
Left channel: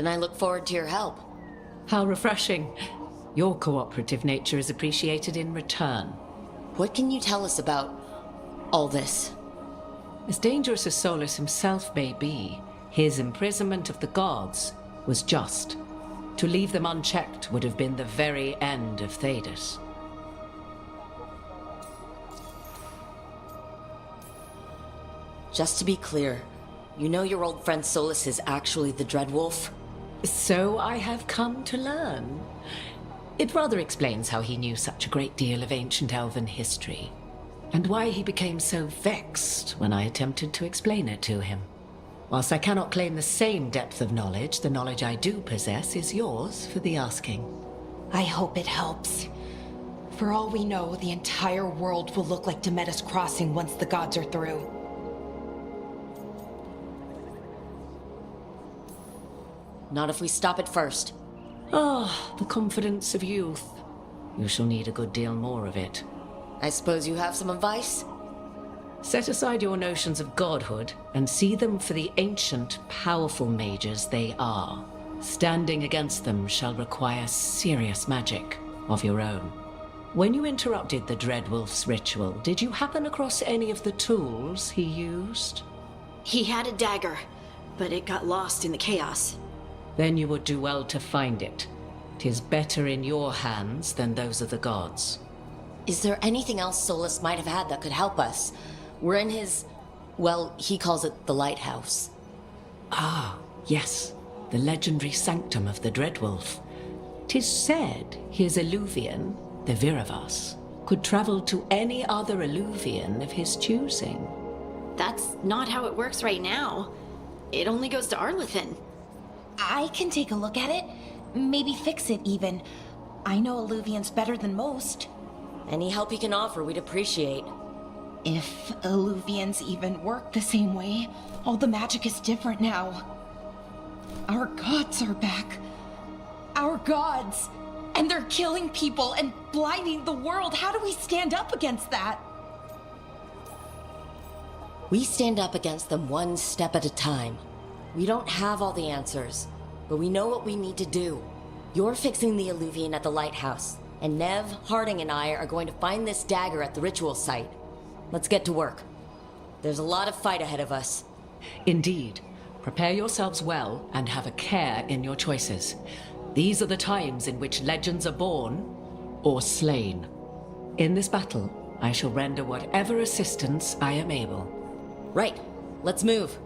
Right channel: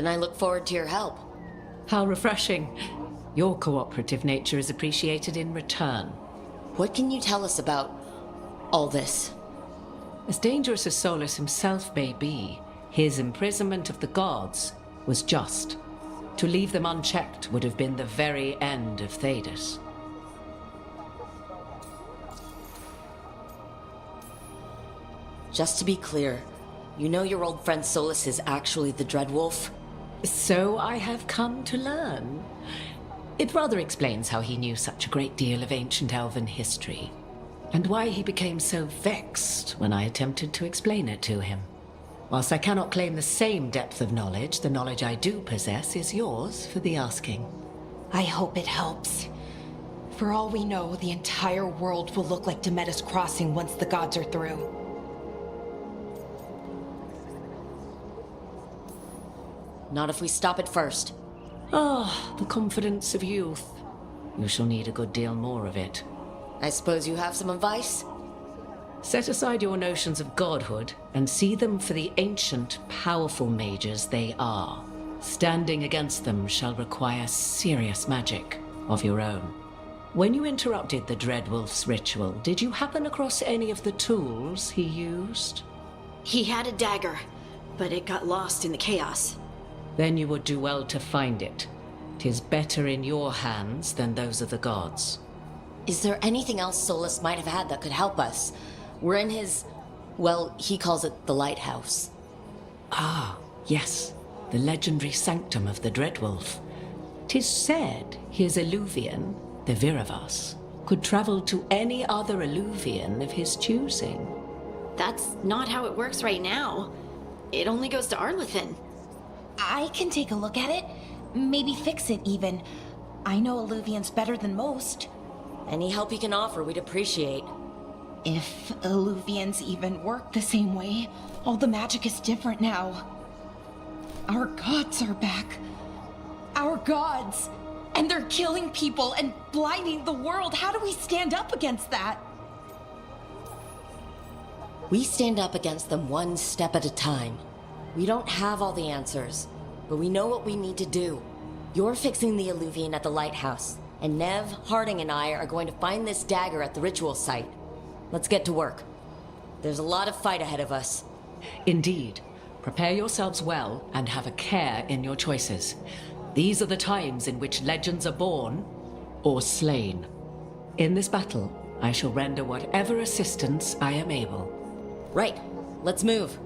Then I look forward to your help. How refreshing. Your cooperative nature is appreciated in return. What can you tell us about all this? As dangerous as Solus himself may be, his imprisonment of the gods was just. To leave them unchecked would have been the very end of Thedas. Just to be clear, you know your old friend Solus is actually the Dreadwolf? So I have come to learn. It rather explains how he knew such a great deal of ancient elven history, and why he became so vexed when I attempted to explain it to him. Whilst I cannot claim the same depth of knowledge, the knowledge I do possess is yours for the asking. I hope it helps. For all we know, the entire world will look like Demetus Crossing once the gods are through. Not if we stop it first. Ah, the confidence of youth. You shall need a good deal more of it. I suppose you have some advice? Set aside your notions of godhood and see them for the ancient, powerful mages they are. Standing against them shall require serious magic of your own. When you interrupted the Dreadwolf's ritual, did you happen across any of the tools he used? He had a dagger, but it got lost in the chaos. Then you would do well to find it. 'Tis better in your hands than those of the gods. Is there anything else Solus might have had that could help us? We're in his... well, he calls it the lighthouse. Ah, yes. The legendary sanctum of the Dreadwolf. 'Tis said his Illuvian, the Viravas, could travel to any other Illuvian of his choosing. That's not how it works right now. It only goes to Arlethan. I can take a look at it. Maybe fix it, even. I know Illuvians better than most. Any help you can offer, we'd appreciate. If Illuvians even work the same way, all the magic is different now. Our gods are back. Our gods! And they're killing people and blinding the world. How do we stand up against that? We stand up against them one step at a time. We don't have all the answers, but we know what we need to do. You're fixing the Illuvian at the lighthouse, and Nev, Harding, and I are going to find this dagger at the ritual site. Let's get to work. There's a lot of fight ahead of us. Indeed. Prepare yourselves well and have a care in your choices. These are the times in which legends are born or slain. In this battle, I shall render whatever assistance I am able. Right. Let's move.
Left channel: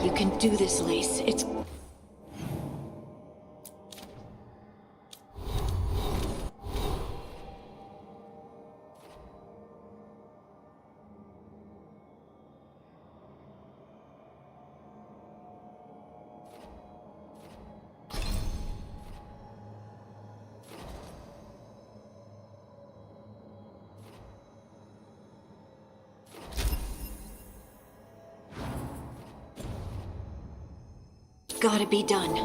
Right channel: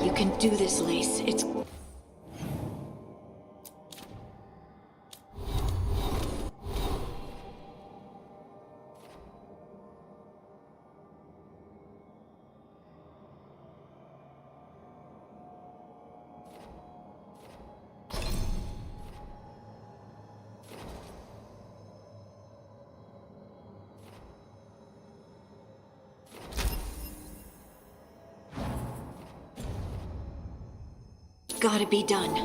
You can do this, Lace. It's... Gotta be done.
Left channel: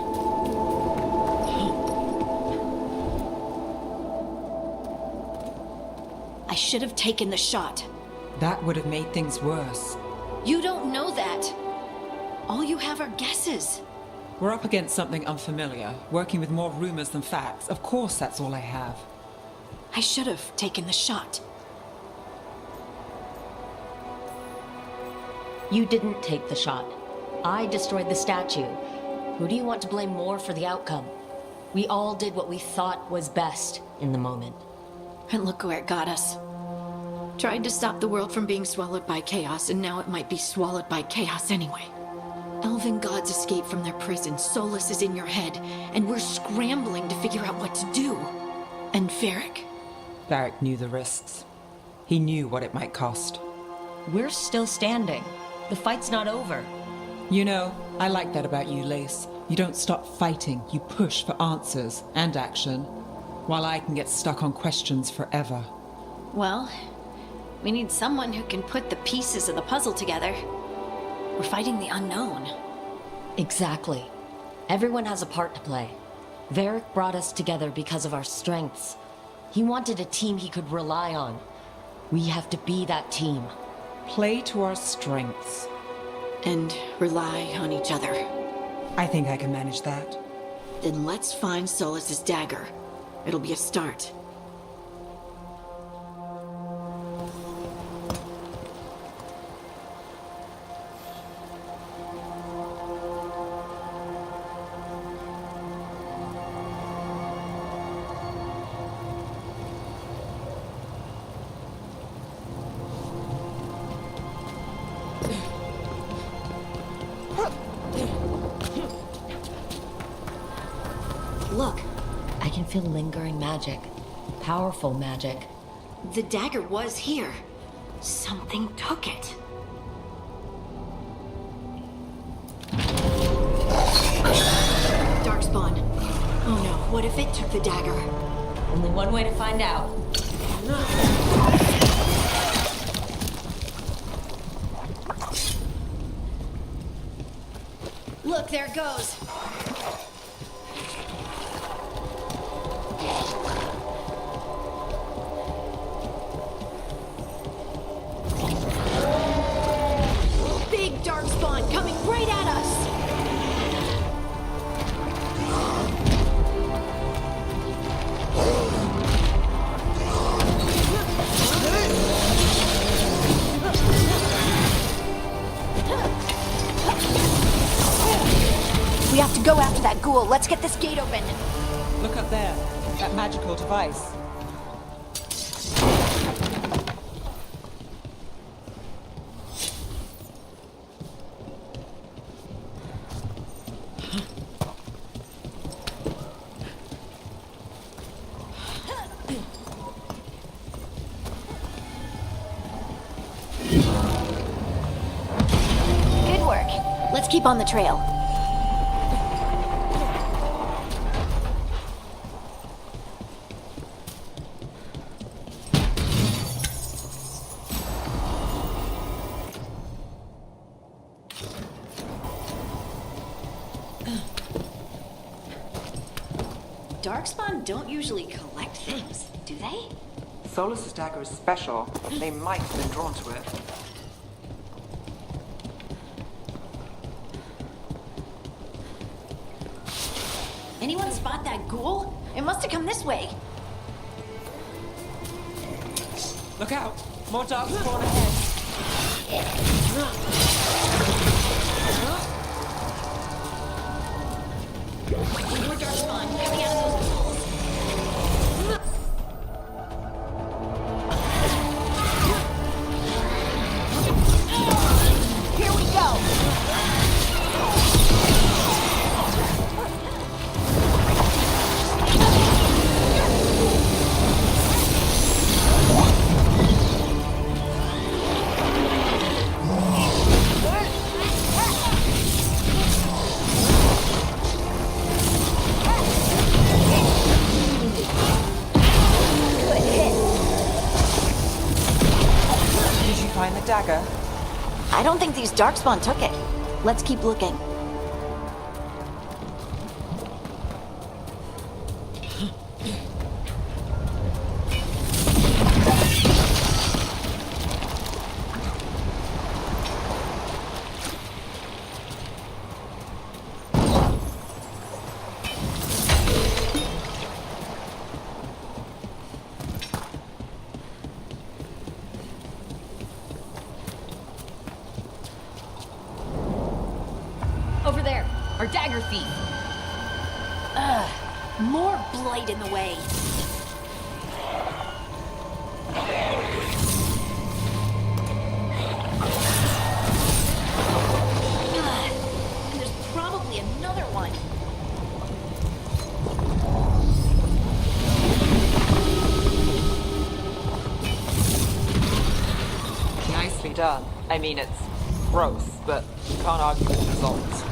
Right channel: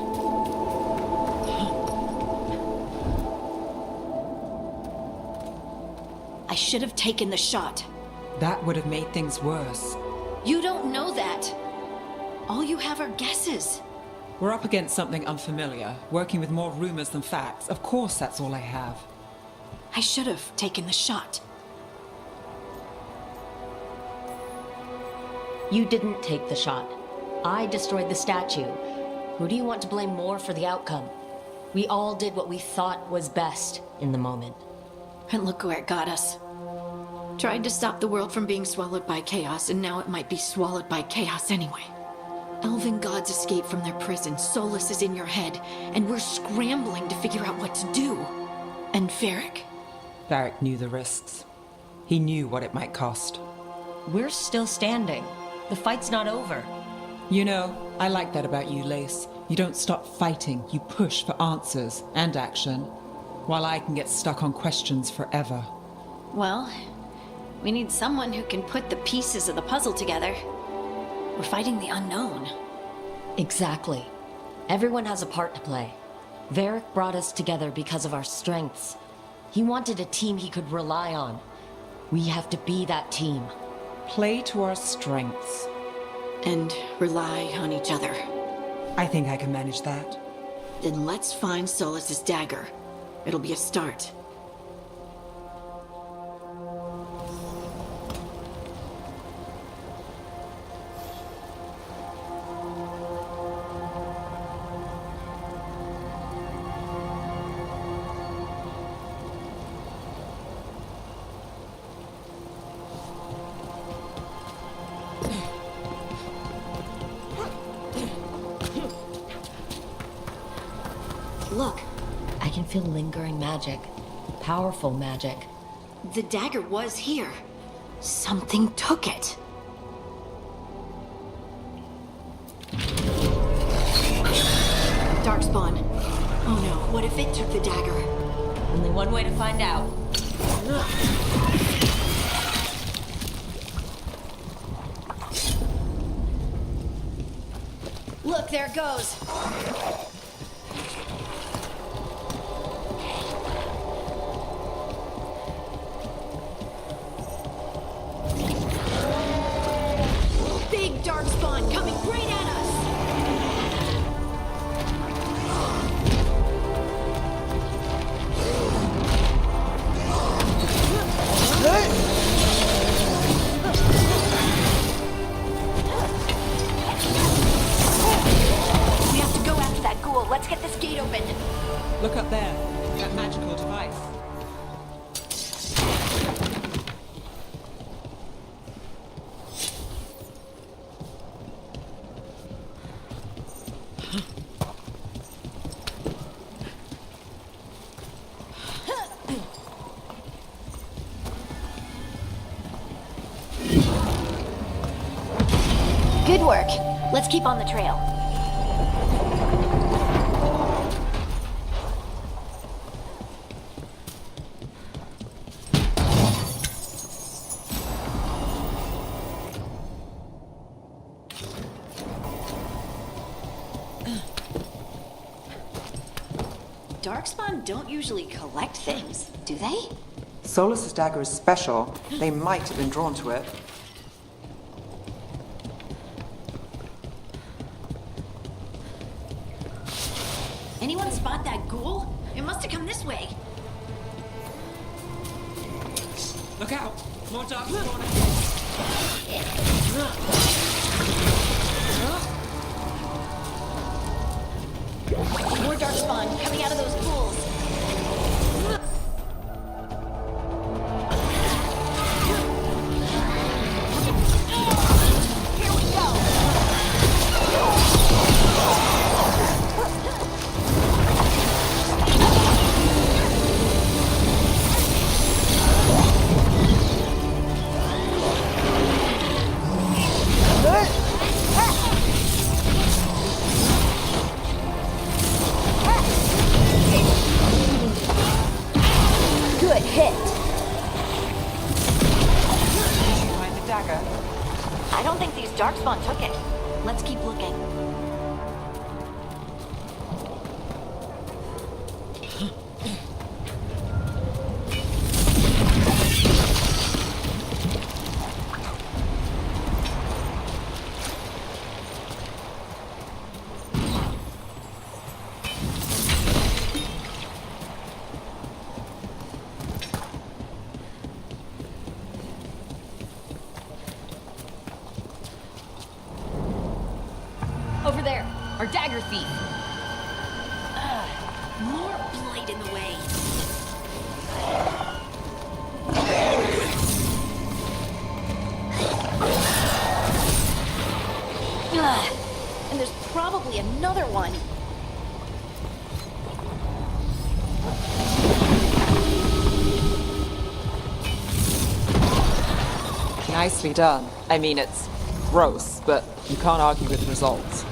I should have taken the shot. That would have made things worse. You don't know that. All you have are guesses. We're up against something unfamiliar, working with more rumors than facts. Of course that's all I have. I should have taken the shot. You didn't take the shot. I destroyed the statue. Who do you want to blame more for the outcome? We all did what we thought was best in the moment. And look where it got us. Tried to stop the world from being swallowed by chaos, and now it might be swallowed by chaos anyway. Elven gods escaped from their prison, Solus is in your head, and we're scrambling to figure out what to do. And Varric? Varric knew the risks. He knew what it might cost. We're still standing. The fight's not over. You know, I like that about you, Lace. You don't stop fighting, you push for answers and action, while I can get stuck on questions forever. Well, we need someone who can put the pieces of the puzzle together. We're fighting the unknown. Exactly. Everyone has a part to play. Varric brought us together because of our strengths. He wanted a team he could rely on. We have to be that team. Play to our strengths. And rely on each other. I think I can manage that. Then let's find Solus's dagger. It'll be a start. Look. I can feel lingering magic. Powerful magic. The dagger was here. Something took it. Darkspawn. Oh no, what if it took the dagger? Only one way to find out. Look, there it goes. Big Darkspawn coming right at us. We have to go after that ghoul. Let's get this gate open. Look up there. That magical device. keep on the trail. Darkspawn don't usually collect things, do they? Solus's dagger is special. They might have been drawn to it. Anyone spot that ghoul? It must have come this way. Look out! More darkspawn ahead! More darkspawn coming out of those pools. Darkspawn took it. Let's keep looking. Over there, our dagger thief. More blight in the way. And there's probably another one. Nicely done. I mean, it's gross, but you can't argue with the results.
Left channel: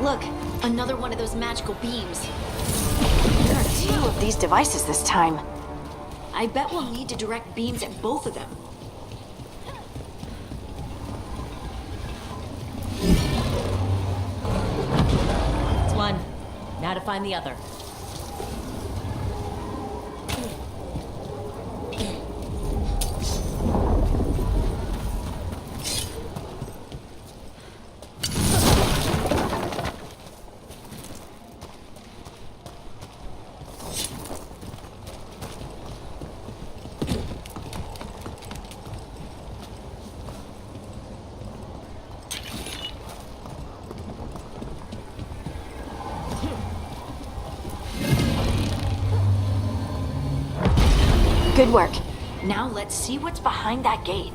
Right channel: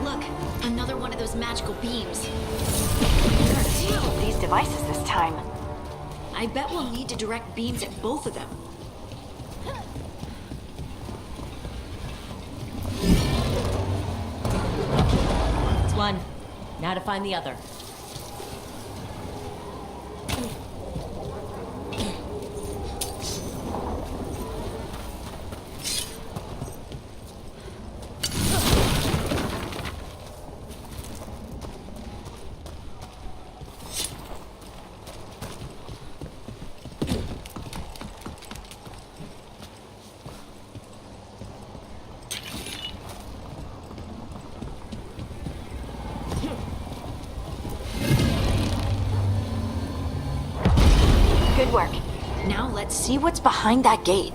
Look, another one of those magical beams. There are two of these devices this time. I bet we'll need to direct beams at both of them. That's one. Now to find the other. Good work. Now let's see what's behind that gate.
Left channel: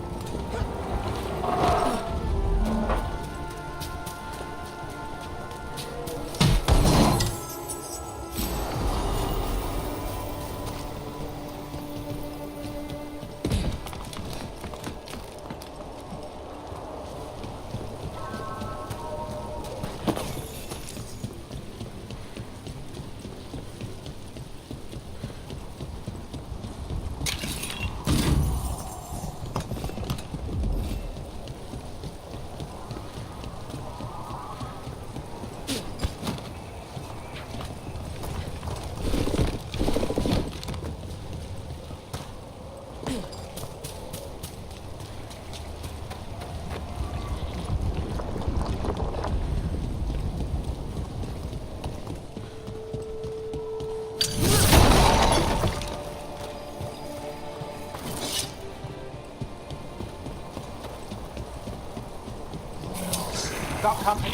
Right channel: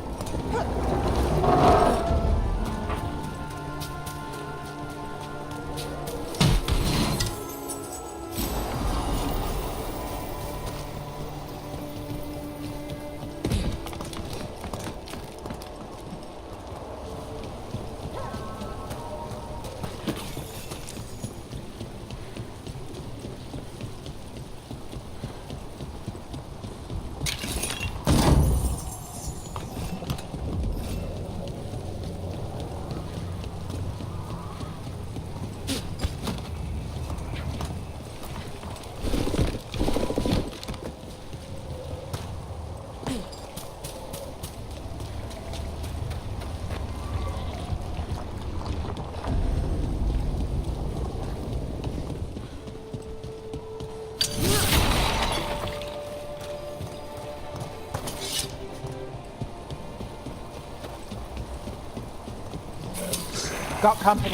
got company.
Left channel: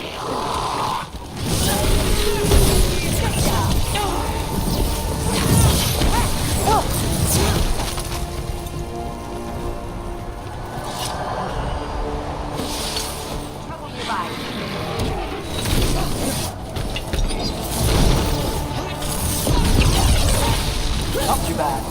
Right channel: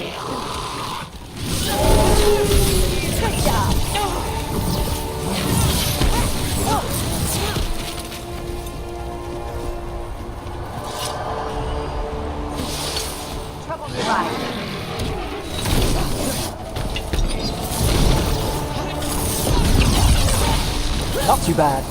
Not too bad.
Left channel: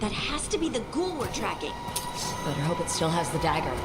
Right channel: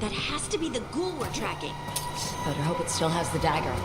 That has to be the ghoul we're tracking. Better hope it still has the dagger.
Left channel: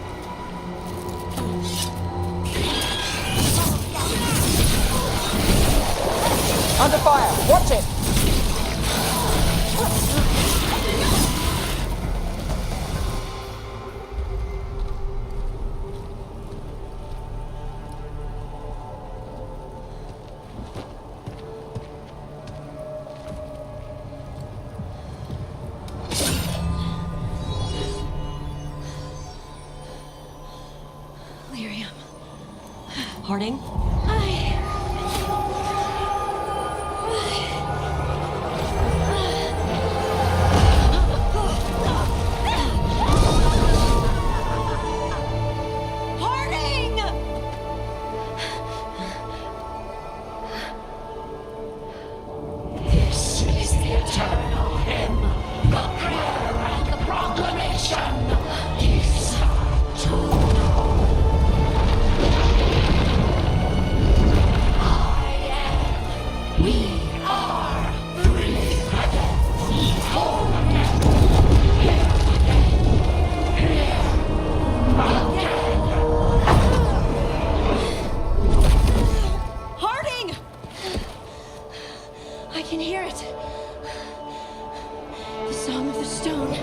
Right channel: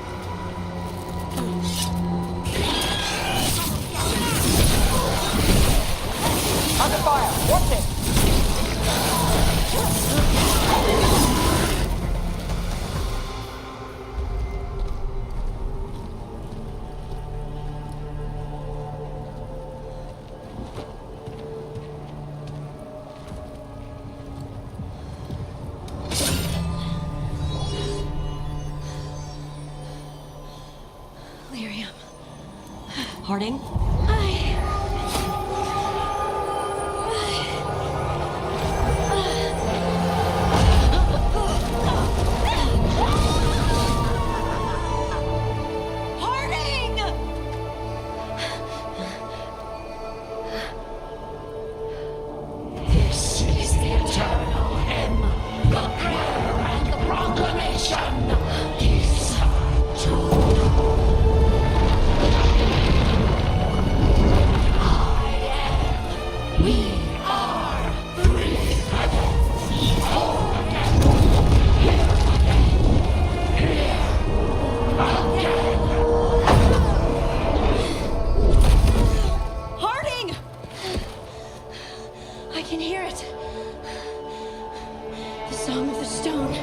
Lyrium. Harding? Harding! This is the eternal hymn, the prayer and the proclamation. These are to know. We are free again, whole again, here again, here again. Harding! I can hear it. The song of the stone.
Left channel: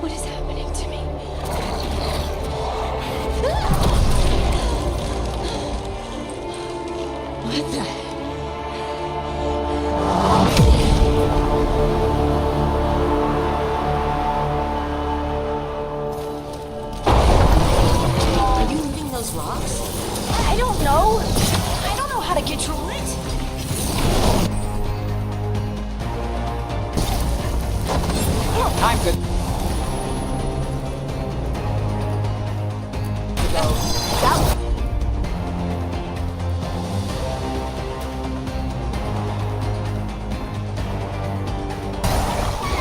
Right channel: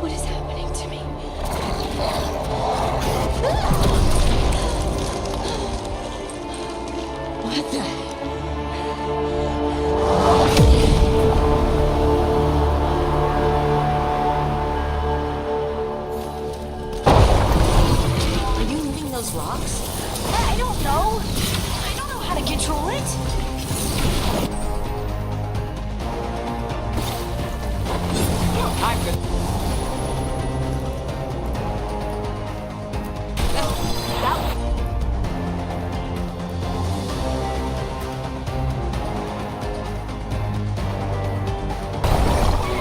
What is happening to me? What the? Are you moving those rocks? I don't know. I don't know how to control it. I'm good.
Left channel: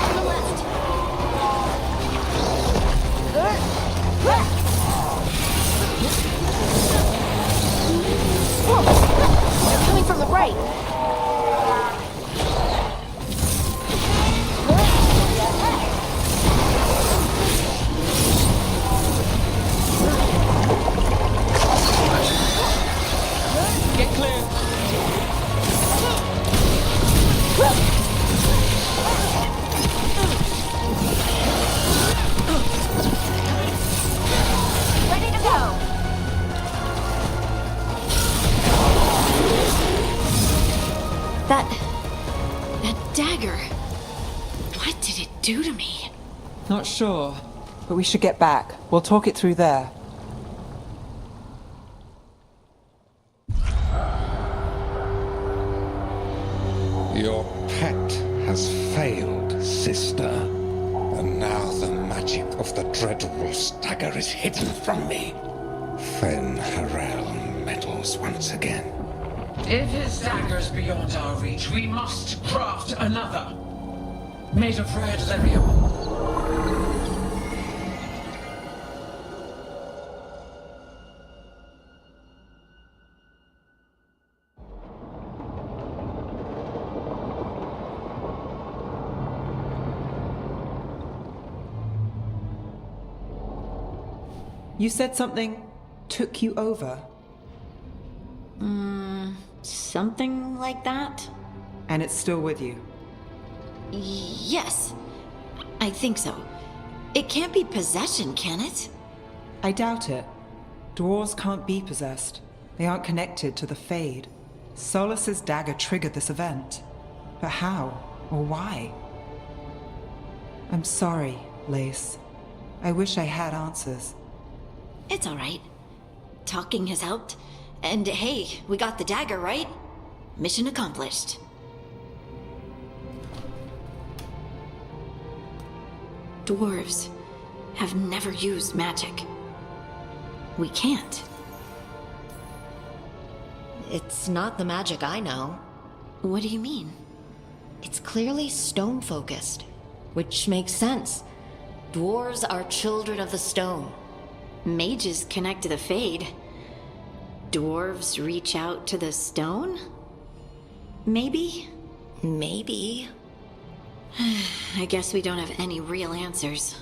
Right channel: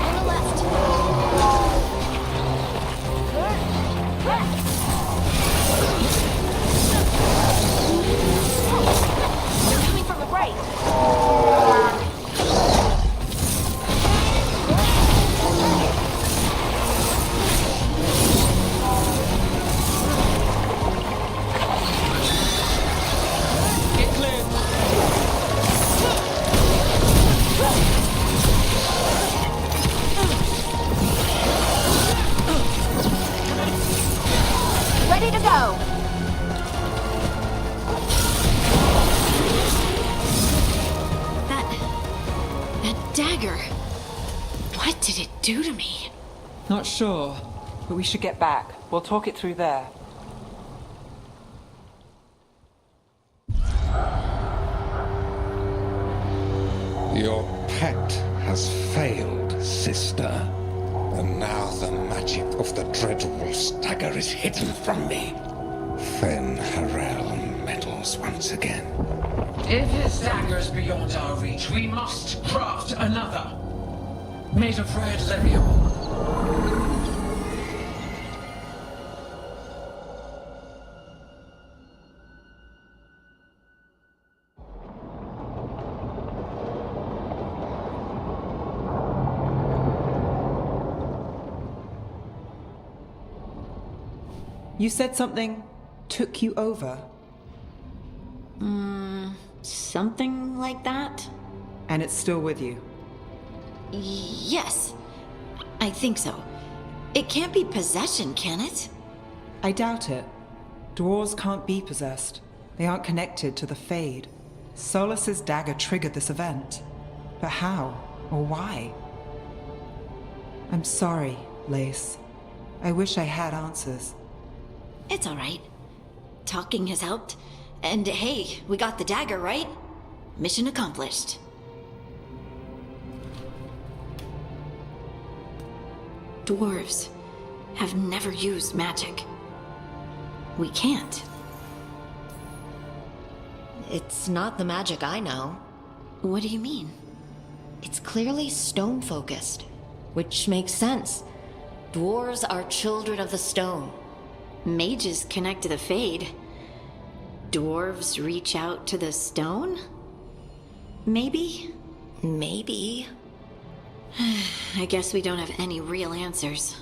On the left. They're coming from the right. Get clear. Ready to go. That dagger. What did it do to me? Not sure, but we should get back. We'll talk it through there. Your pet has failed, sister. And now the magic of the Dreadwolf's dagger is hidden from me. Fen Harel meddles once again. If his dagger's beyond our reach, we must craft another. Made of red lyrium. You said something took you over. Something like that? And it's still with you. Yes. I think so. It can't be possession, can it? I doubt it. Dwarves can't be possessed. They aren't connected to the Fade. Solus's dagger triggered this event. But how? Or why? I'm sorry, Lace. I wish I had answers. It's all right. Talking has helped. And hey, we got the dagger, right? Mission accomplished. Dwarves have never used magic. We can't. It's not the magic I know. What do you mean? It's clearly stone-focused, which makes sense. Dwarves are children of the stone. Mages connect to the Fade. Dwarves reach out to the stone? Maybe? Maybe. I guess we don't have any real answers.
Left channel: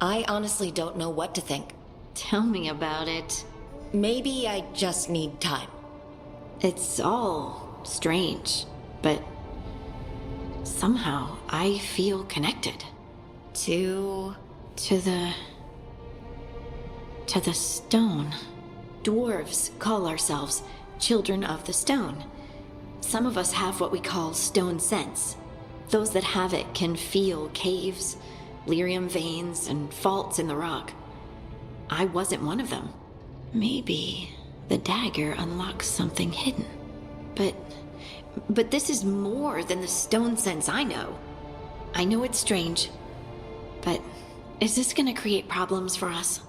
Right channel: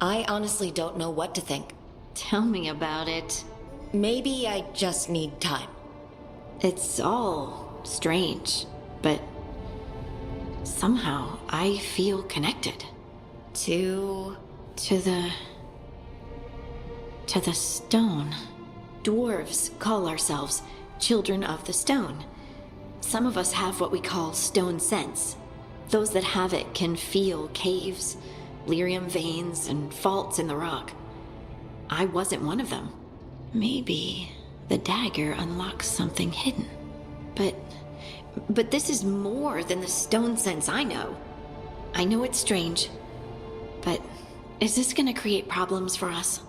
I honestly don't know what to think. Tell me about it. Maybe I just need time. It's all strange, but somehow I feel connected. To the stone. Dwarves call ourselves children of the stone. Some of us have what we call stone sense. Those that have it can feel caves, lyrium veins, and faults in the rock. I wasn't one of them. Maybe the dagger unlocks something hidden. But this is more than the stone sense I know. I know it's strange, but is this gonna create problems for us?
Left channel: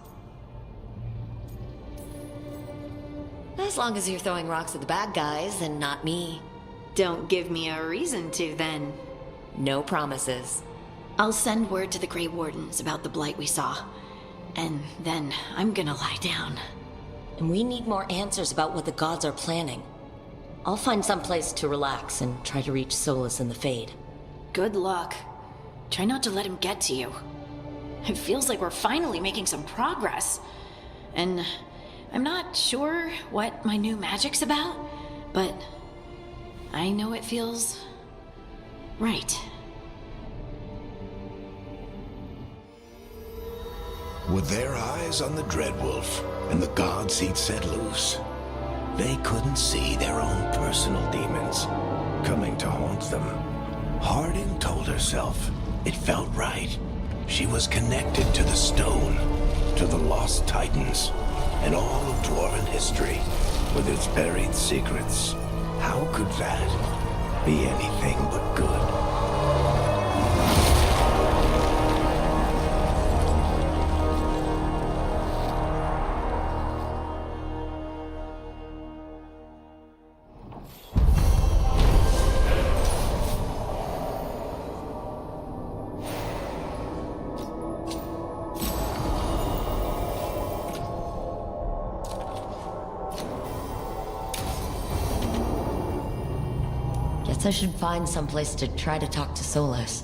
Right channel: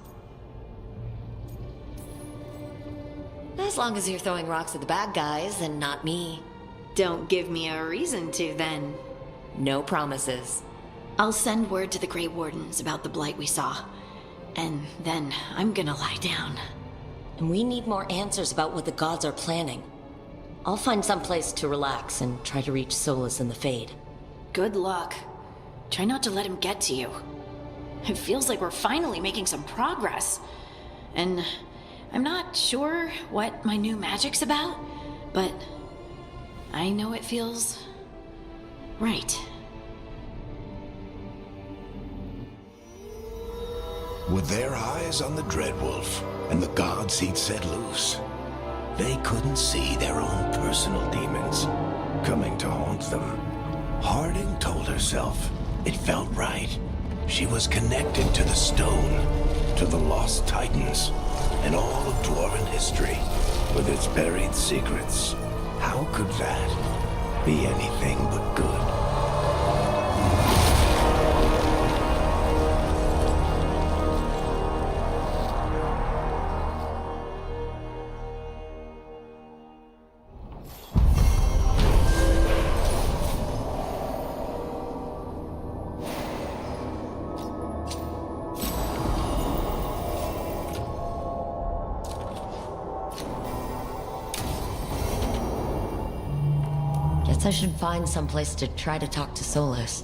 As long as you're throwing rocks at the bad guys and not me. Don't give me a reason to, then. No promises. I'll send word to the Grey Wardens about the blight we saw. And then I'm gonna lie down. And we need more answers about what the gods are planning. I'll find some place to relax and try to reach Solus in the Fade. Good luck. Try not to let him get to you. It feels like we're finally making some progress. And I'm not sure what my new magic's about, but I know it feels right. With their eyes on the Dreadwolf and the gods he'd set loose, they couldn't see their own personal demons coming to haunt them. Harding told herself it felt right. She was connected to the stone, to the lost titans, and all of Dwarven history with its buried secrets. How could that be anything but good? Guess I should find someplace to try to talk to Solus.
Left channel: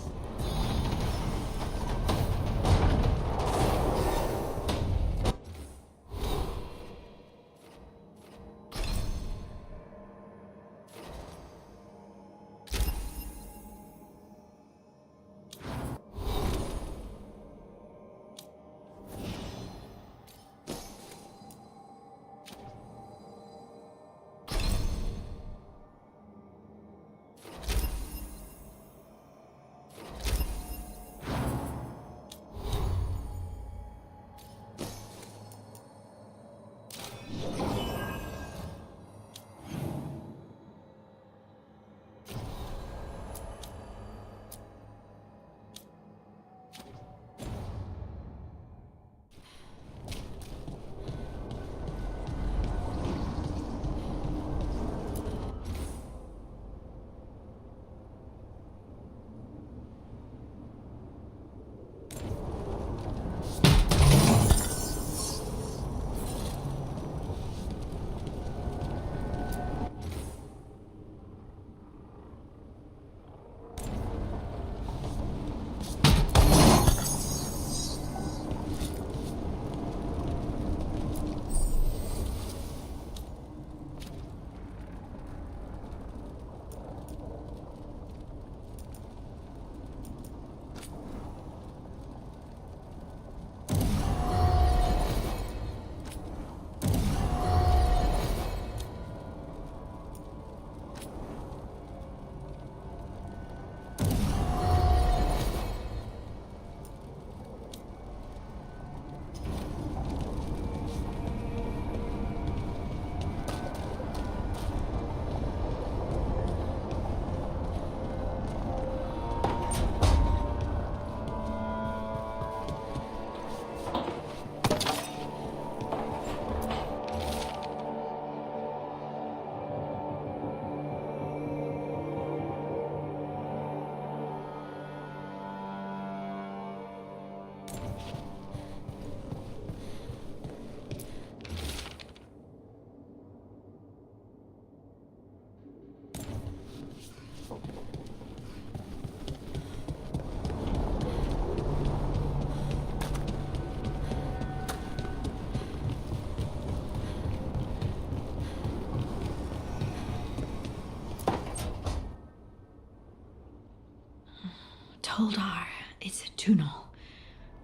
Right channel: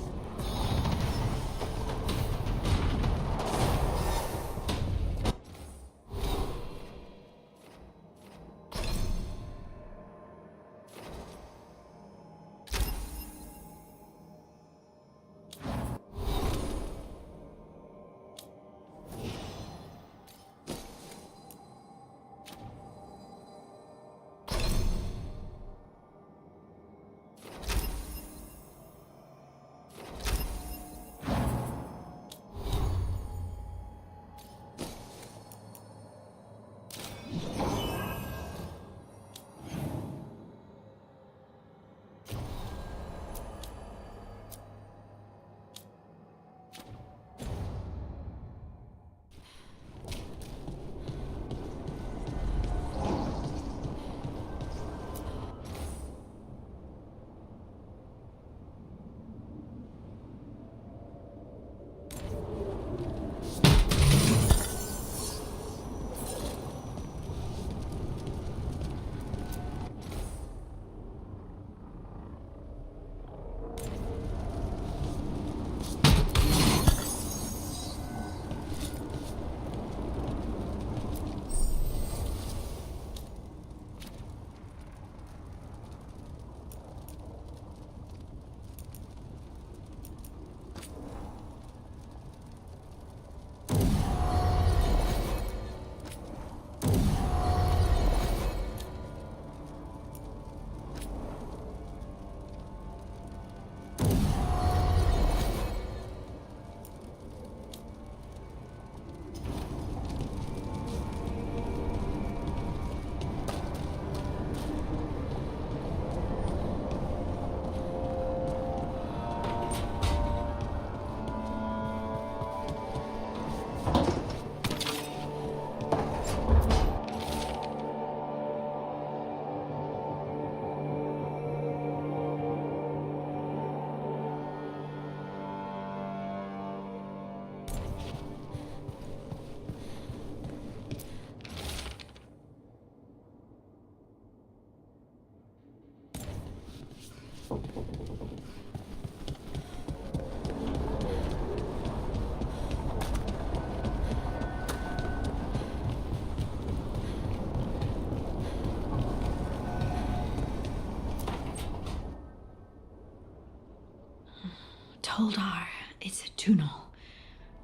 Holdar, it's a tunnel.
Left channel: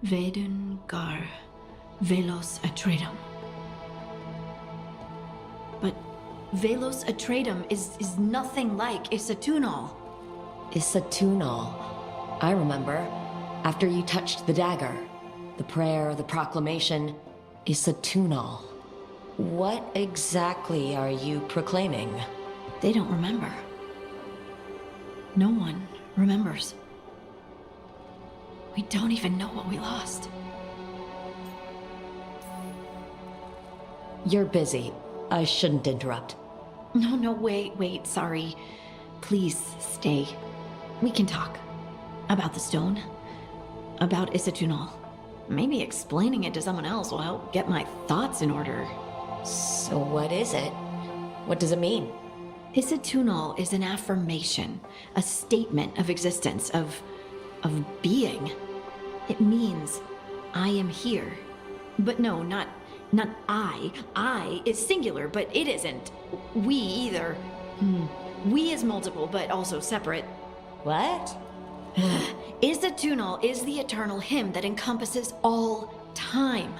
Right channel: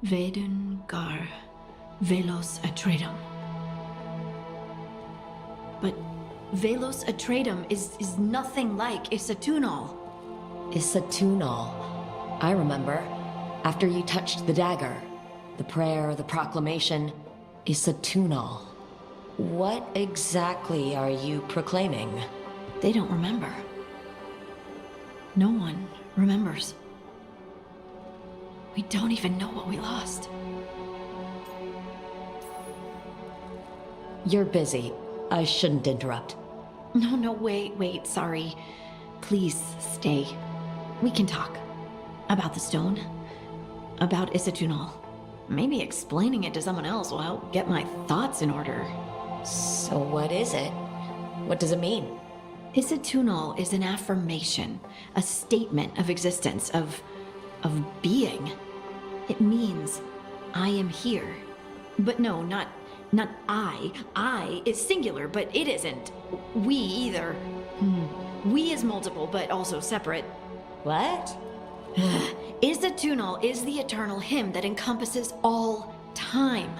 Veilguard, Velos Atreidim. But Velos Atreidim is nothing like Isatunal. Isatunal. I remember. After you touched the dagger. The prayer, the proclamation. Isatunal. What exactly are you proclaiming? They don't remember. No one remembers. We don't even know what we lost. You're busy. I shouldn't interrupt. No, wait, sorry. Please stay. We can talk. About the stone. About Isatunal. Maybe explaining it to someone else will help get my thoughts in order. So what is it? What does it mean? Isatunal is an affirmation, a statement of existence, of being. It means, I am here. But no, not I. I is singular, but it isn't. We either. We is multiple, but also separate. What? Isatunal is the eternal hymn that encompasses all time.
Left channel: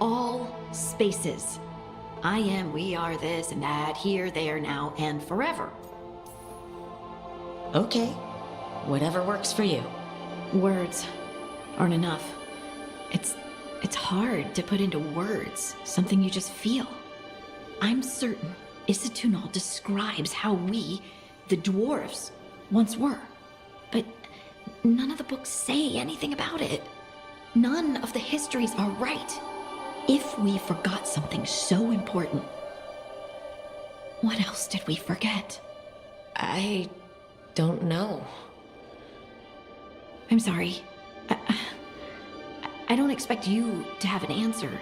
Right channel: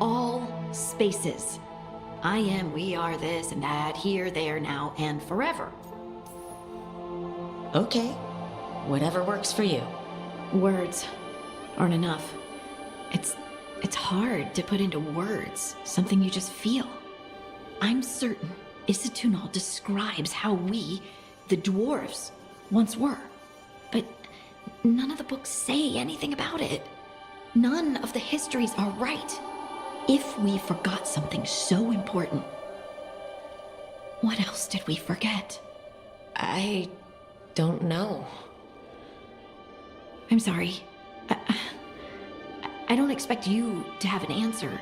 All spaces. I am, we are, this and that, here, there, now, and forever. Okay. Whatever works for you. Words aren't enough. It's hard to put into words something you just feel. I'm certain Isatunal describes how we, the dwarves, once were. But none of the books say anything about it. None of the histories are right. If we forgot something so important, what else did we forget? I don't know. I'm sorry. I don't expect you to have an answer.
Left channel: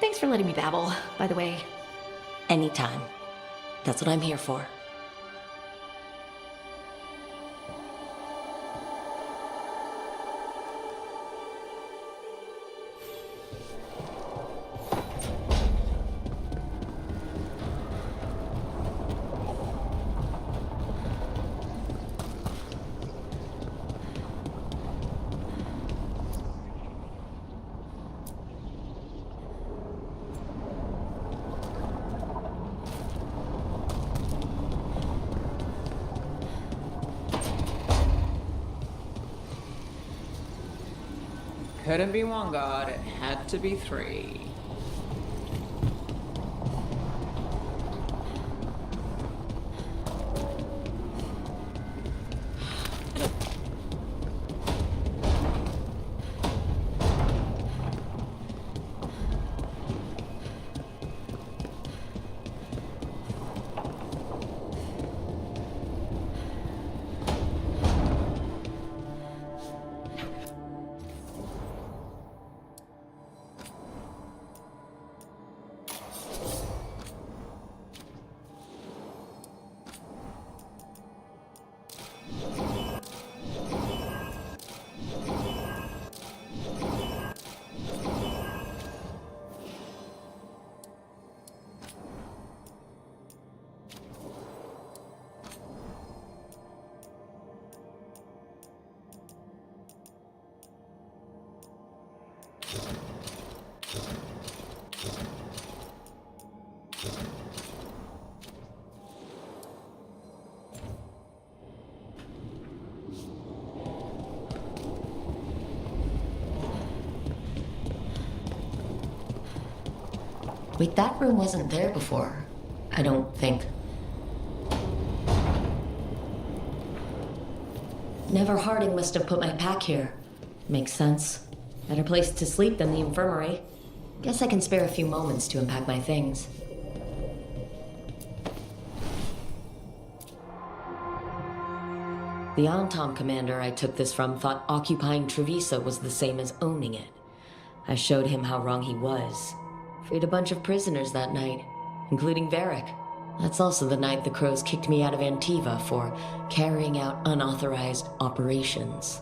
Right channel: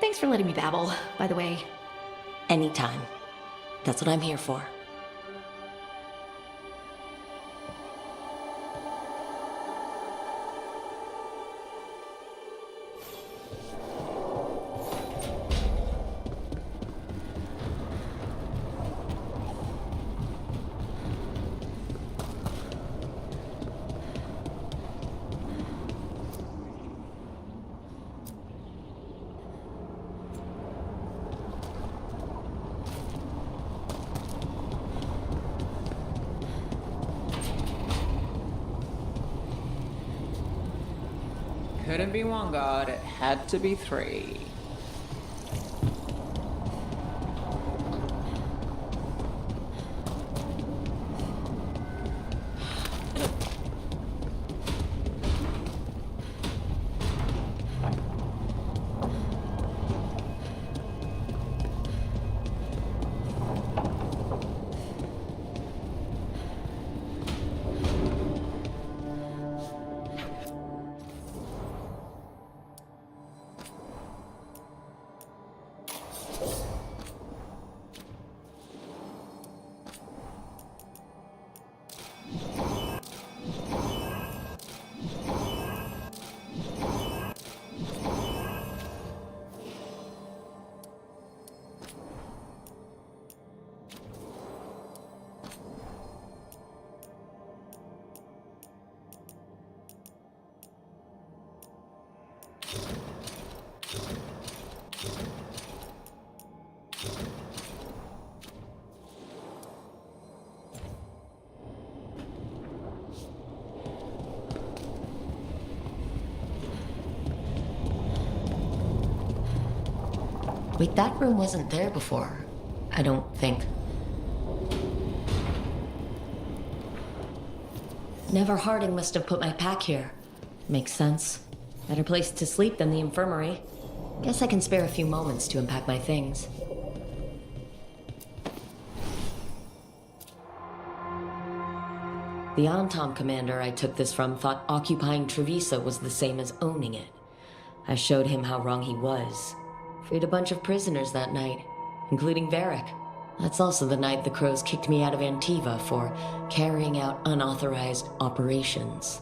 Thanks for letting me babble, by the way. Anytime. That's what I'm here for. Couldn't be one god, it had to be three. Wait, that room wasn't there before. I don't think. Never Harding must have put my pack here. Makes sense. Better place to sleep than the infirmary. Guess I can spare a few moments to unpack my things. The Antom commander I took this from thought occupying Treviso was the same as owning it. I showed him how wrong he was. Freed a bunch of prisoners that night, including Varric. That's also the night the Crows kicked me out of Antiva for carrying out unauthorized operations.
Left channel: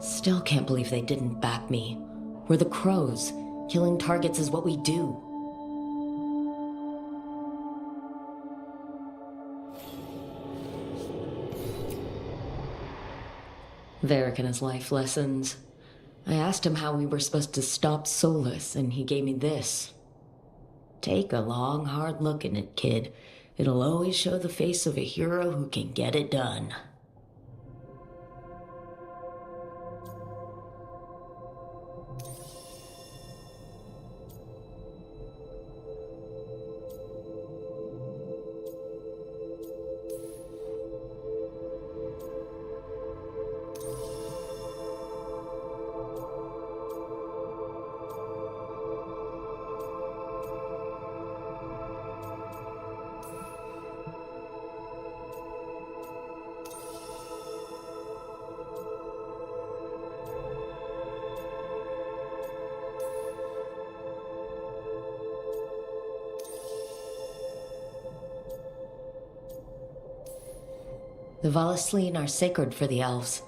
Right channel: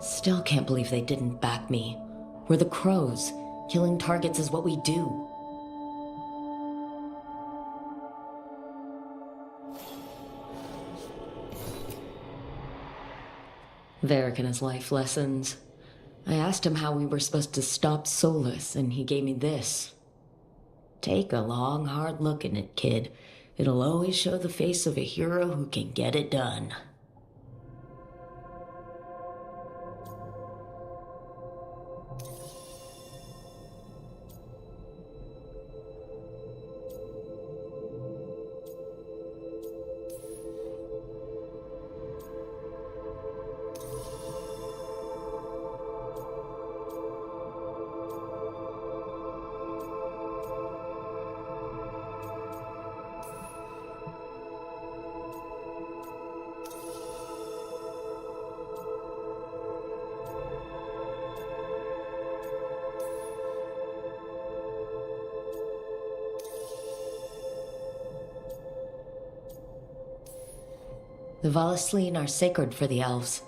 Still can't believe they didn't back me. We're the Crows. Killing targets is what we do. Varric and his life lessons. I asked him how we were supposed to stop Solus, and he gave me this. Take a long, hard look at it, kid. It'll always show the face of a hero who can get it done. The Valesline are sacred for the elves.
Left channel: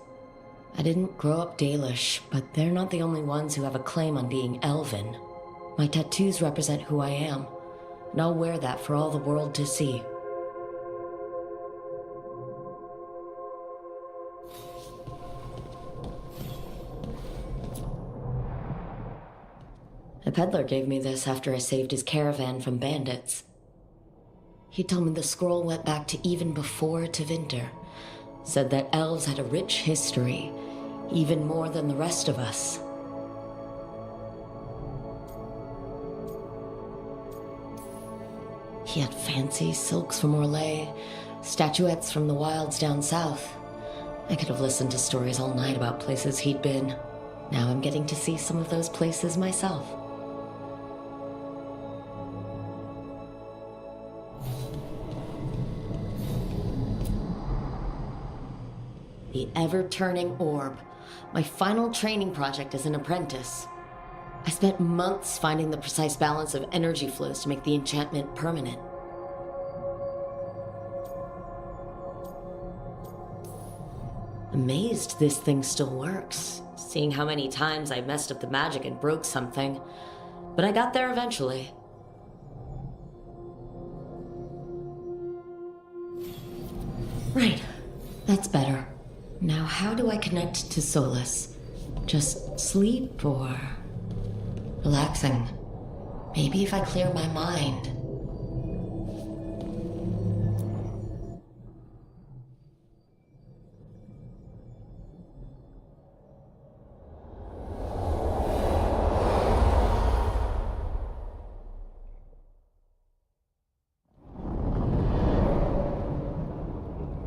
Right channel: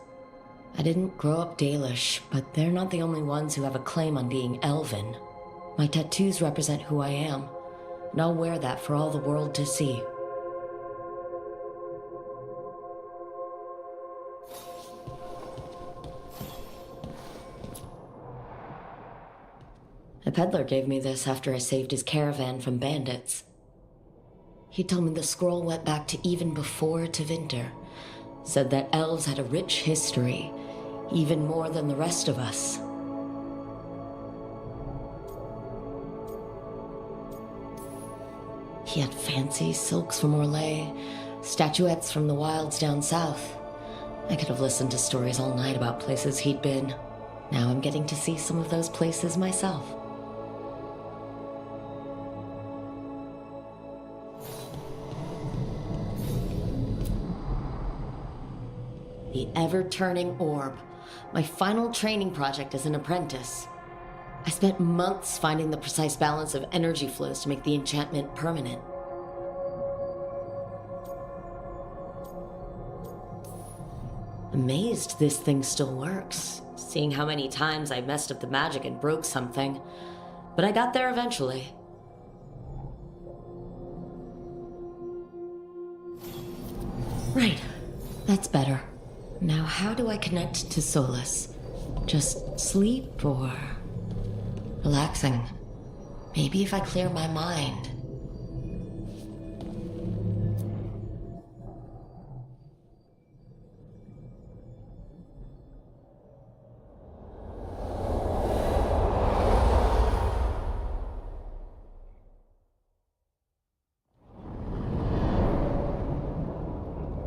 I didn't grow up Dalish, but they're not the only ones who have a claim on being elven. My tattoos represent who I am, and I'll wear that for all the world to see. A peddler gave me this after I saved his caravan from bandits. He told me the scroll went back to even before Tevinter. Said that elves had a rich history, even more than the rest of us. He had fancy silks from Orlais, statuettes from the wilds down south. I could have listened to stories all night about places he'd been. Now I'm getting to see some of those places myself. The ever-turning orb. My final training project as an apprentice. I spent months finding the precise balance of energy flows to make the enchantment permanent. Amazed this thing still works, seeing how many times I messed up the magic and broke something. But I got there eventually. Right, that's better. Now, how do I connect to Solus? Just sleep or relaxing? Maybe if I clear my mind.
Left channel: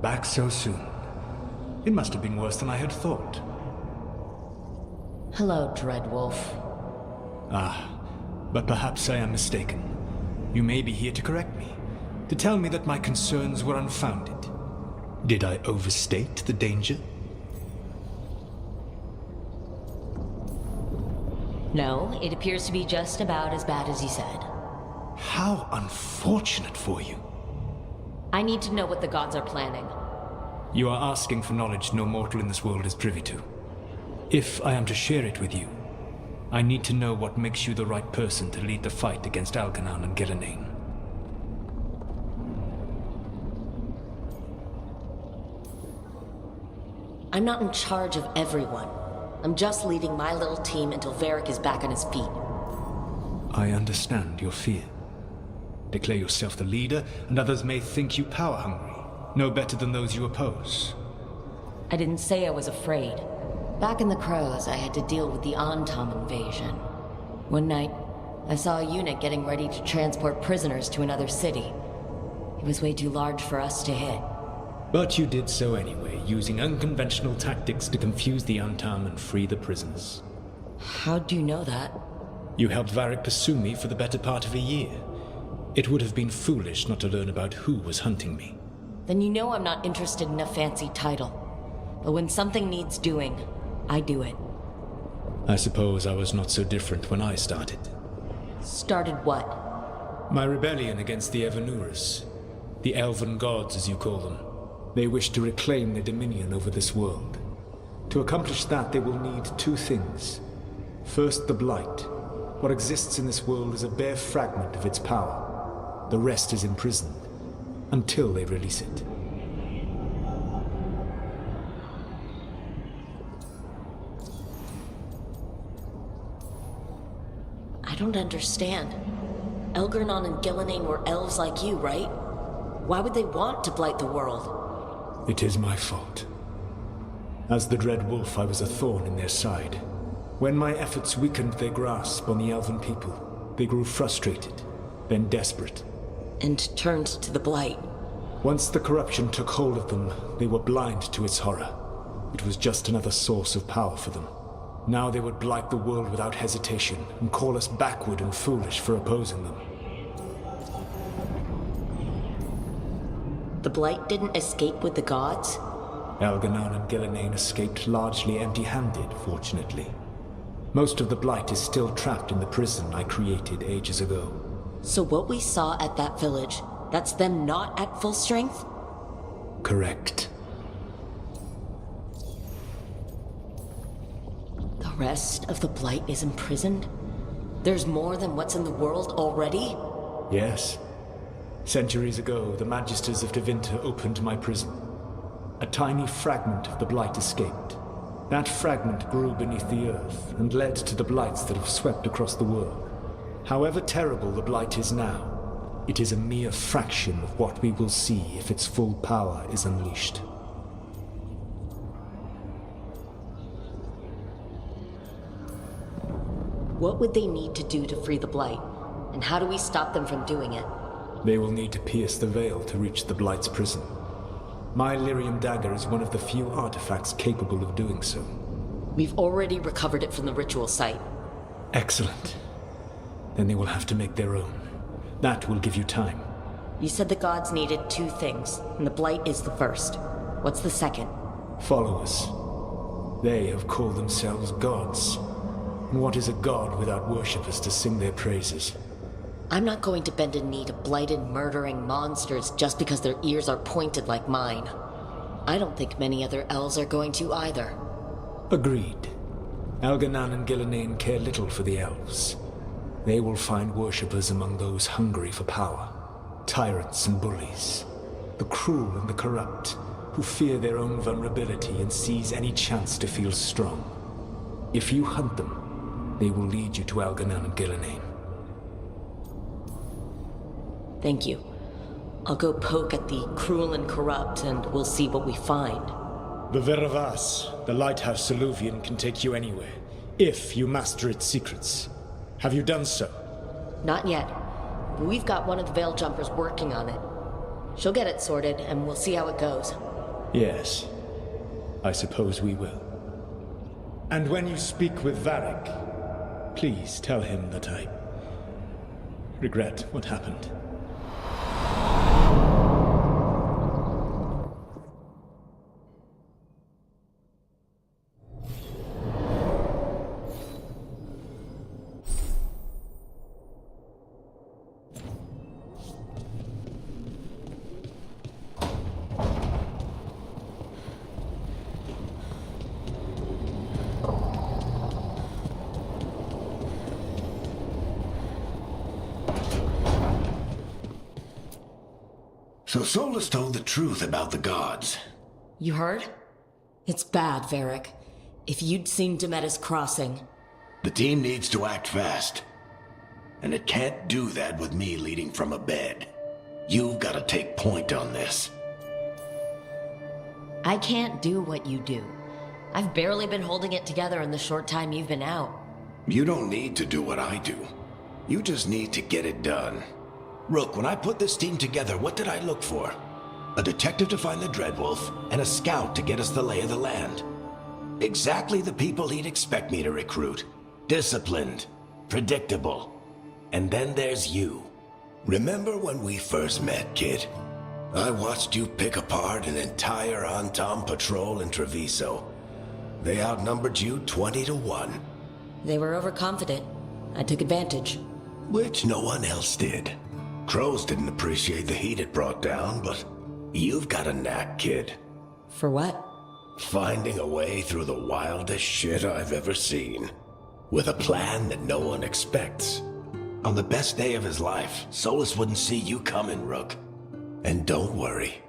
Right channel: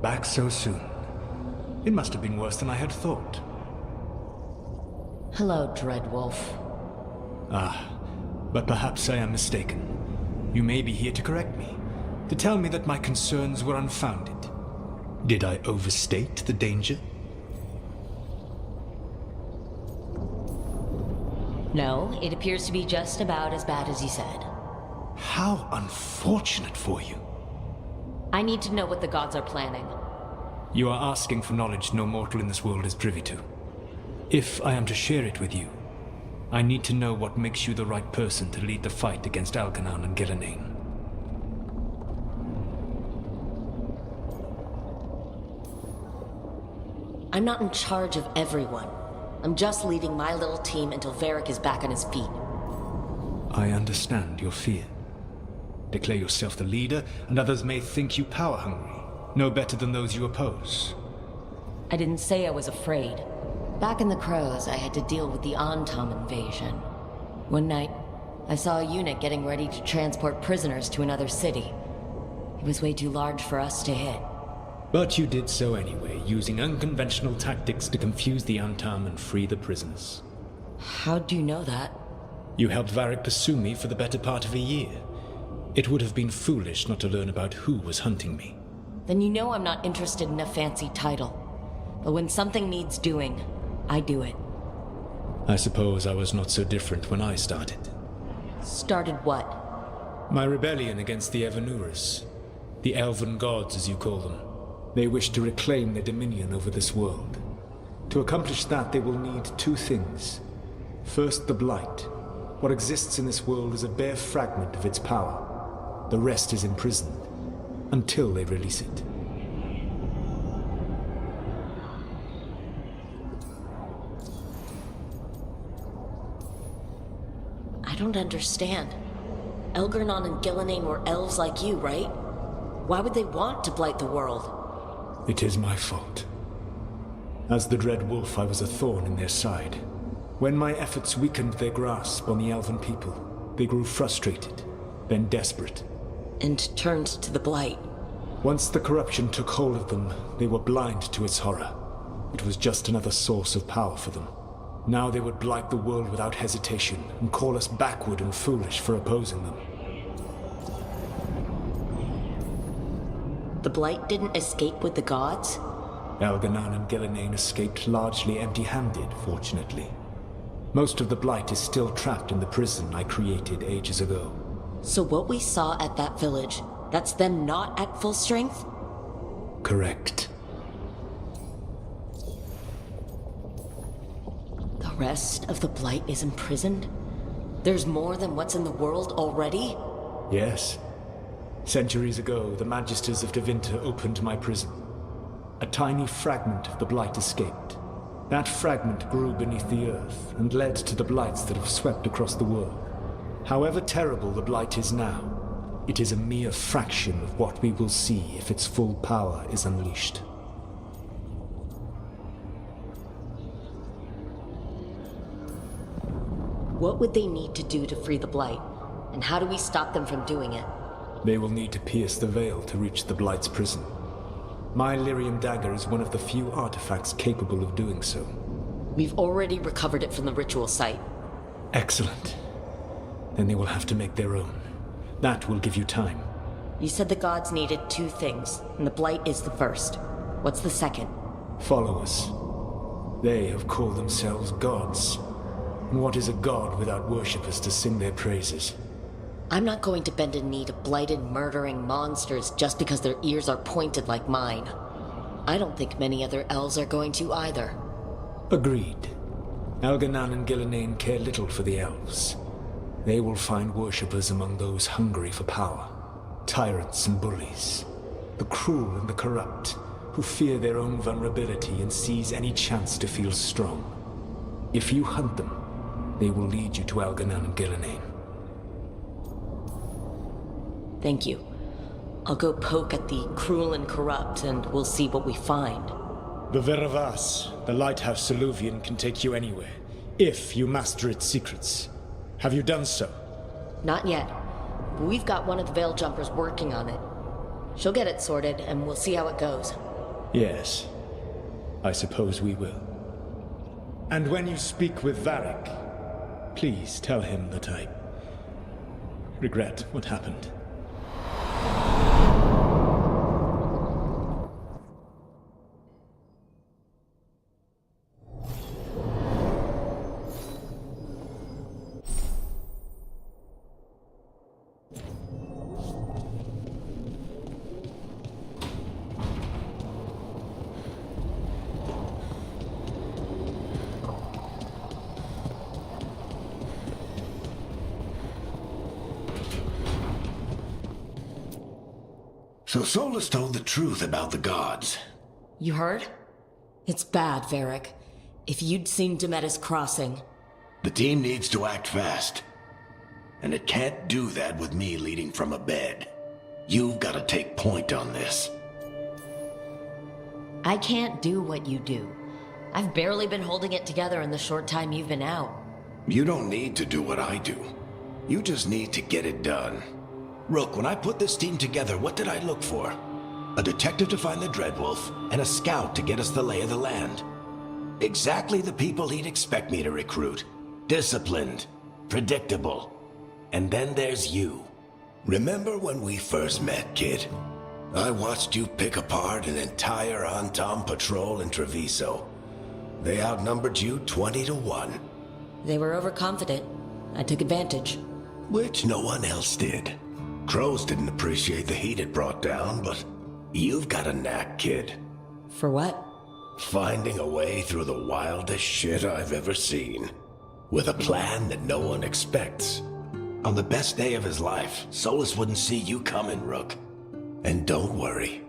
Back so soon. It must have been worse than I had thought. Hello, Dreadwolf. Ah, but perhaps I am mistaken. You may be here to correct me, to tell me that my concerns were unfounded. Did I overstate the danger? No, it appears to be just about as bad as you said. How unfortunate for you. I need to know what the gods are planning. You are asking for knowledge no mortal in this world is privy to. If I am to share it with you, I need to know what makes you the right person to lead the fight against Algernon and Gillenane. I'm not in charge of everyone. I'm just leading my little team until Varric is back on his feet. I understand your fear. Declare yourself the leader, and others may think you power-hungry. No better than those you oppose. I didn't say I was afraid. Back in the Crows, I had to deal with the Antom invasion. One night, I saw a unit getting ready to transport prisoners to another city. It was way too large for us to hit. But you did so anyway, using unconventional tactics to confuse the Antom and free the prisoners. How'd you know that? You helped Varric pursue me for the better part of a year. It would have been foolish not to learn about who was hunting me. Then you know I'm not interested in a fancy title. But when something needs doing, I do it. I suppose I was not so different when I started. Started what? My rebellion against the Evanuris. The Elven Gods, as you call them. They wish to reclaim their dominion over this world. To accomplish that, they will need two things. First, the Blight. What exists in this world is a bare fragment of its power. The rest is imprisoned, until they release it. don't understand. Elgernon and Gillenane were elves like you, right? Why would they want to blight the world? It is my fault. As the Dread Wolf, I was a thorn in their side. When my efforts weakened their grasp on the elven people, they grew frustrated, then desperate. And turned to the blight. Once the corruption took hold of them, they were blind to its horror. It was just another source of power for them. Now they would blight the world without hesitation and call us backward and foolish for opposing them. The blight didn't escape with the gods? Elgernon and Gillenane escaped largely empty-handed, fortunately. Most of the blight is still trapped in the prison I created ages ago. So what we saw at that village, that's them not at full strength? Correct. The rest of the blight is imprisoned? There's more than what's in the world already? Yes. Centuries ago, the Magisters of Tevinter opened my prison. A tiny fragment of the blight escaped. That fragment grew beneath the earth and led to the blights that have swept across the world. However terrible the blight is now, it is a mere fraction of what we will see if its full power is unleashed. What would they need to do to free the blight? And how do we stop them from doing it? They will need to pierce the veil to reach the blight's prison. My lyrium dagger is one of the few artifacts capable of doing so. We've already recovered it from the ritual site. Excellent. Then they will have to make their own. That will give you time. You said the gods needed 2 things, and the blight is the first. What's the second? Followers. They have called themselves gods. And what is a god without worshippers to sing their praises? I'm not going to bend a knee to blighted, murdering monsters just because their ears are pointed like mine. I don't think many other elves are going to either. Agreed. Elgernon and Gillenane care little for the elves. They will find worshippers among those hungry for power. Tyrants and bullies. The cruel and the corrupt, who fear their own vulnerability and seize any chance to feel strong. If you hunt them, they will lead you to Elgernon and Gillenane. Thank you. I'll go poke at the cruel and corrupt, and we'll see what we find. The Veravas, the lighthouse Soluvian, can take you anywhere, if you master its secrets. Have you done so? Not yet. We've got one of the Veil Jumpers working on it. She'll get it sorted, and we'll see how it goes. Yes. I suppose we will. And when you speak with Varric, please tell him that I regret what happened. So Solus told the truth about the gods. You heard? It's bad, Varric. If you'd seen Demetis crossing... The team needs to act fast. And it can't do that with me leading from a bed. You've got to take point on this. I can't do what you do. I've barely been holding it together in the short time you've been out. You don't need to do what I do. You just need to get it done. Rook, when I put this team together, what did I look for? A detective to find the Dreadwolf, and a scout to get us the lay of the land. Exactly the people he'd expect me to recruit. Disciplined, predictable. And then there's you. Remember when we first met, kid? I watched you pick apart an entire Antam patrol in Treviso. They outnumbered you 20 to 1. They were overconfident. I took advantage. Which no one else did. Crows didn't appreciate the heat it brought down, but you've got a knack, kid. For what? Finding a way through the wildest shit I've ever seen. With a plan that no one expects. On the best day of his life, Solus wouldn't see you coming, Rook. And don't worry.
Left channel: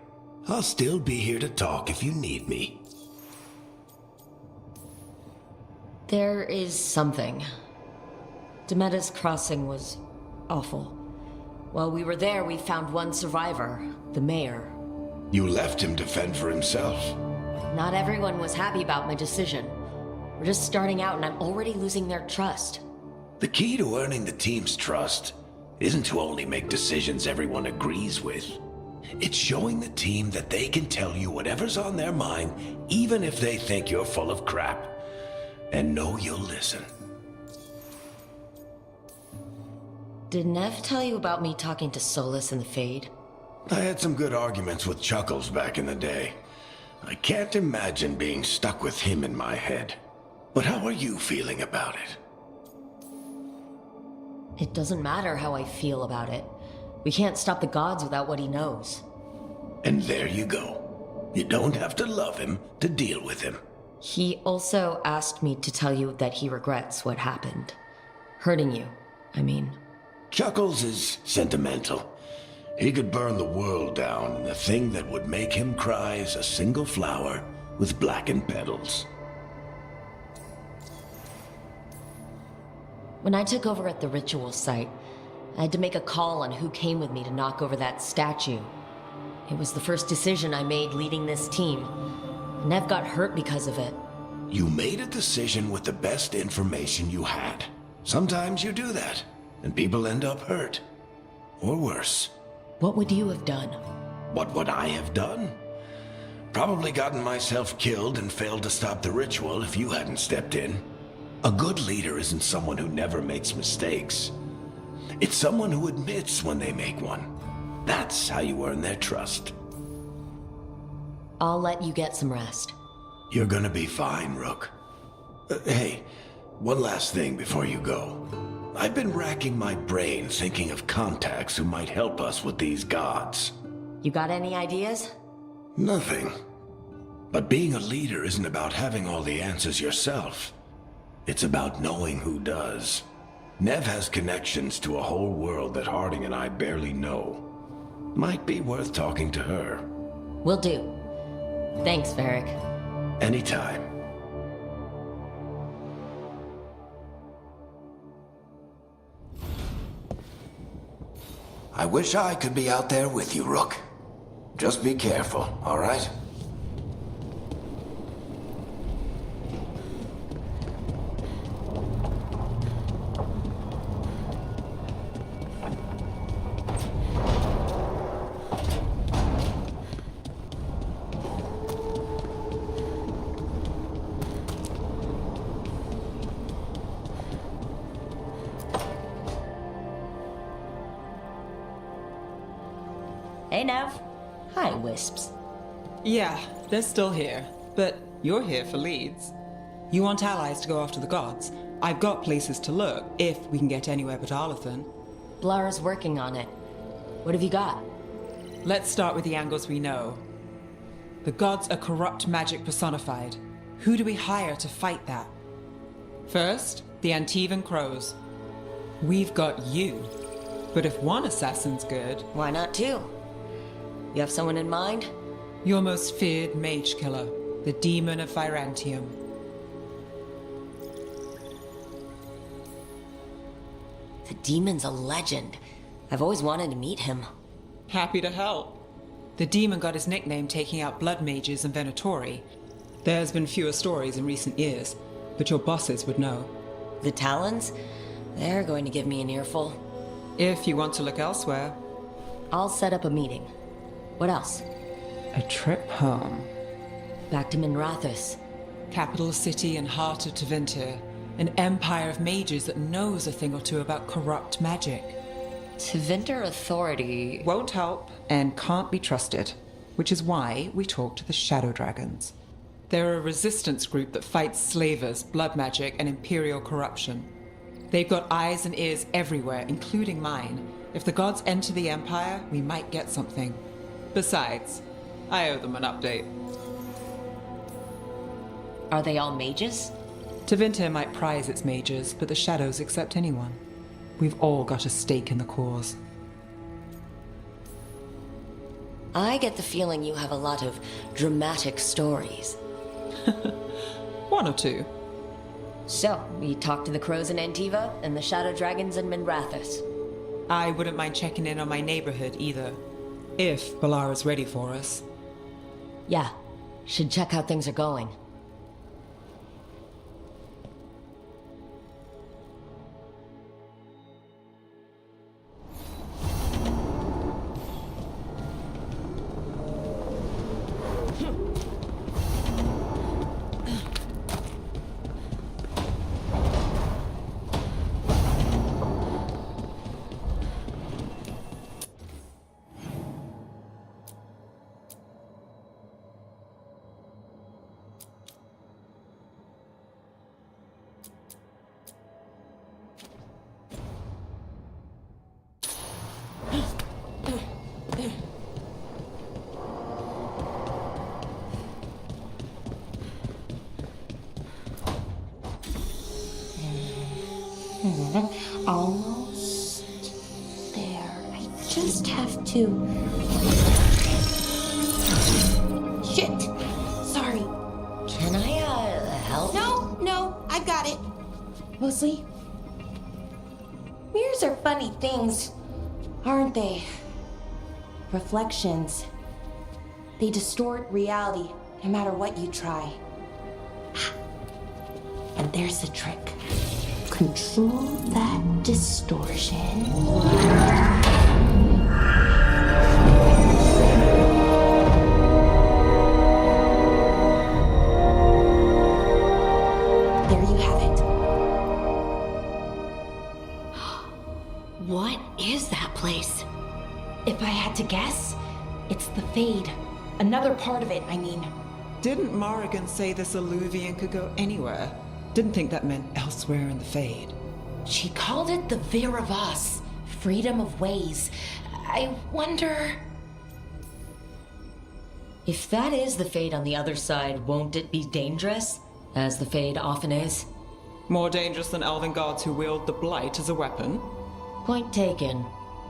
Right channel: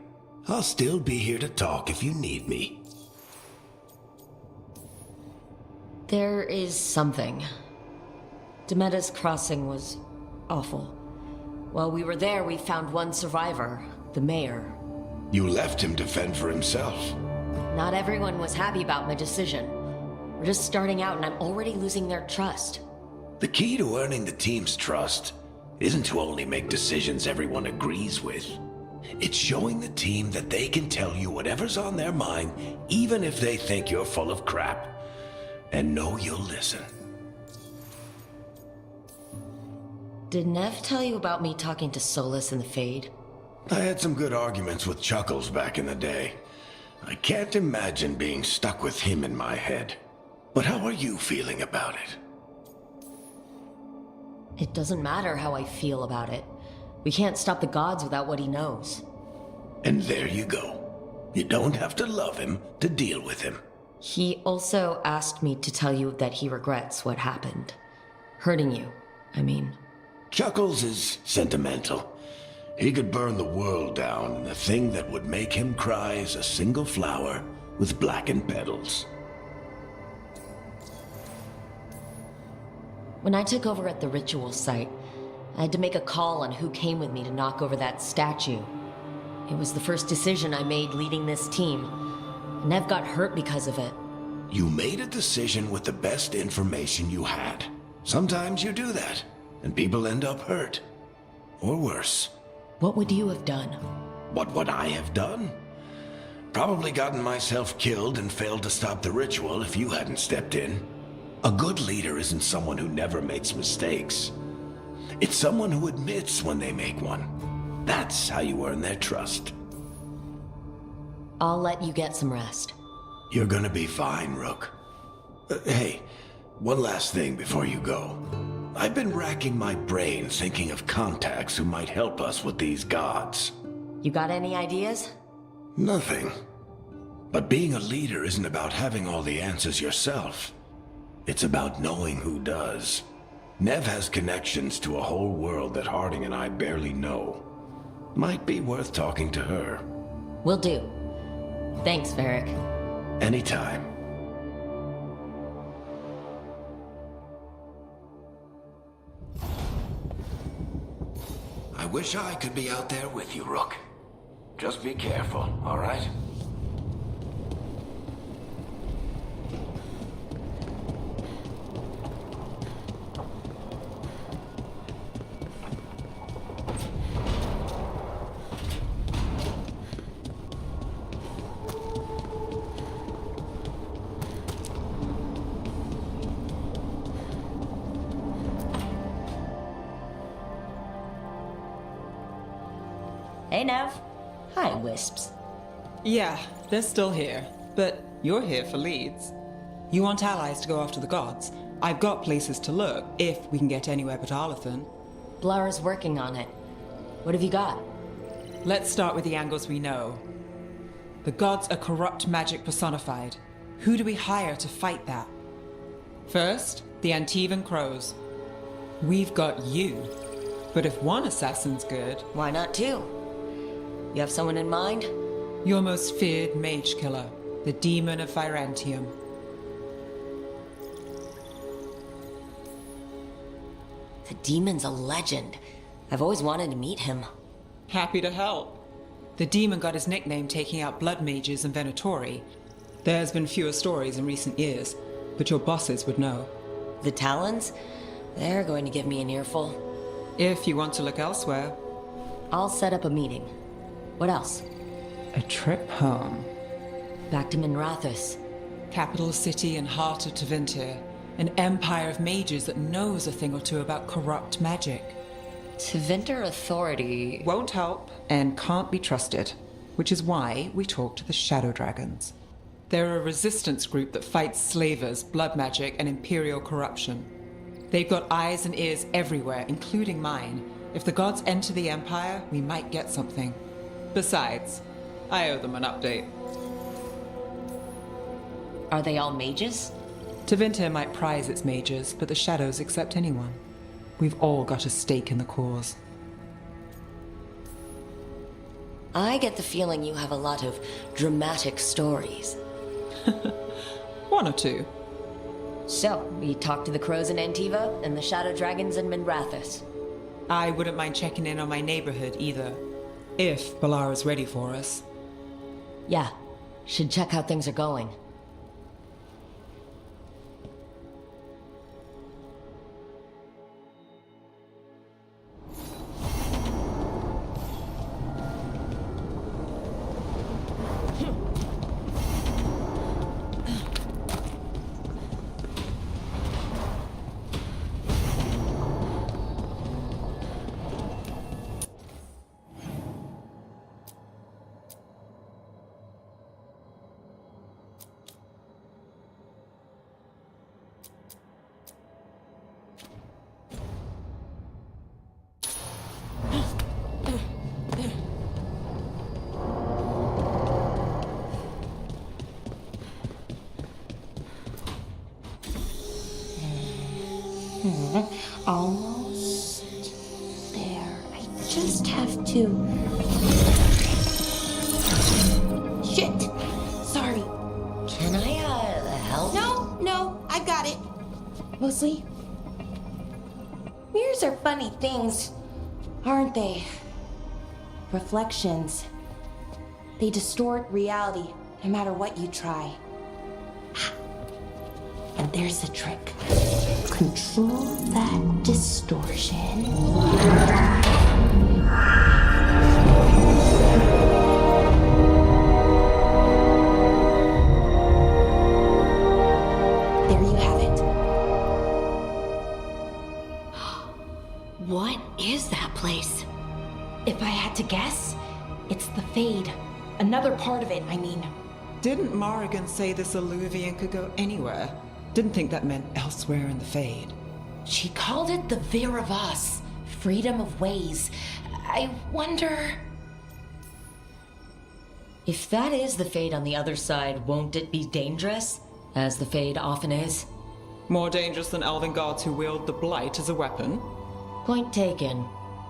I'll still be here to talk if you need me. There is something. Demetta's crossing was awful. While we were there, we found one survivor, the mayor. You left him to fend for himself. Not everyone was happy about my decision. We're just starting out and I'm already losing their trust. The key to earning the team's trust isn't to only make decisions everyone agrees with. It's showing the team that they can tell you whatever's on their mind, even if they think you're full of crap. And know you'll listen. Did Nev tell you about me talking to Solus in the Fade? I had some good arguments with Chuckles back in the day. I can't imagine being stuck with him in my head. But how are you feeling about it? It doesn't matter how I feel about it. We can't stop the gods without what he knows. And there you go. You don't have to love him to deal with him. He also asked me to tell you that he regrets what happened. Hurting you, I mean. Chuckles is sentimental. He could burn the world down, and the thing that would make him cry is a single flower with blackened petals. When I took over at the ritual site, I had to make a call on who came with me to knock over that statue. It was the first decision I made leading this team. Nev got hurt because of it. You made a decision with the best information you had. Sometimes you do that, and people end up hurt. Or worse. What would you have done? What would I have done? Probably gotten myself killed and failed to stop the ritual if you hadn't stepped in. A good leader isn't someone who never makes mistakes. It's someone who admits when they make one. That's how you earn their trust. I'll let you get some rest. You're gonna be fine, Rook. Hey, one last thing before you go. I've been racking my brain thinking of contacts who might help us with these gods. You got any ideas? Nothing. But being a leader isn't about having all the answers yourself. It's about knowing who does. Nev has connections to a whole world that Harding and I barely know. Might be worth talking to her. Will do. Thanks, Varric. Anytime. I wish I could be out there with you, Rook. Just be careful, all right? Hey, Nev. Hi, Wisps. Yeah, they're still here, but you're here for leads. You want allies to go after the gods? I've got places to look, if we can get anywhere but Arlathan. Blara's working on it. What have you got? Let's start with the angles we know. The gods are corrupt magic personified. Who do we hire to fight that? First, the Antivan Crows. We've got you. But if one assassin's good... Why not two? You have someone in mind? Your most feared mage killer, the Demon of Virantium. The demon's a legend. I've always wanted to meet him. Happy to help. The demon got his nickname taking out blood mages and Venatori. There's been fewer stories in recent years, but your bosses would know. The Talons? They're going to give me an earful. If you want to look elsewhere. I'll set up a meeting. What else? A trip home. Back to Minrathous. Capital city and heart of Tevinter. An empire of mages that knows a thing or two about corrupt magic. Tevinter authority... Won't help and can't be trusted. Which is why we talk to the Shadow Dragons. They're a resistance group that fights slavers, blood magic, and imperial corruption. They've got eyes and ears everywhere, including mine. If the gods enter the Empire, we might get something. Besides, I owe them an update. Are they all mages? Tevinter might prize its mages, but the Shadows accept anyone. We've all got a stake in the cause. I get the feeling you have a lot of dramatic stories. One or two. So, we talked to the crows in Antiva and the shadow dragons in Minrathous. I wouldn't mind checking in on my neighborhood either. If Balara's ready for us. Yeah, should check how things are going. Almost there. I just have to... Shit! Sorry. Can I, help? No, I got it. Mostly. Mirrors are funny things, aren't they? Reflections. They distort reality, no matter what you try. And there's the trick. Control that distortion. There you have it. What is that place? If I had to guess, it's the Fade. Another part of it, I mean. Didn't Morrigan say this Illuvian could go anywhere? Didn't think that meant elsewhere in the Fade. She called it the Viravas, freedom of ways. I wonder... If that is the Fade on the other side, won't it be dangerous? As the Fade often is. More dangerous than elven gods who wield the Blight as a weapon? Point taken.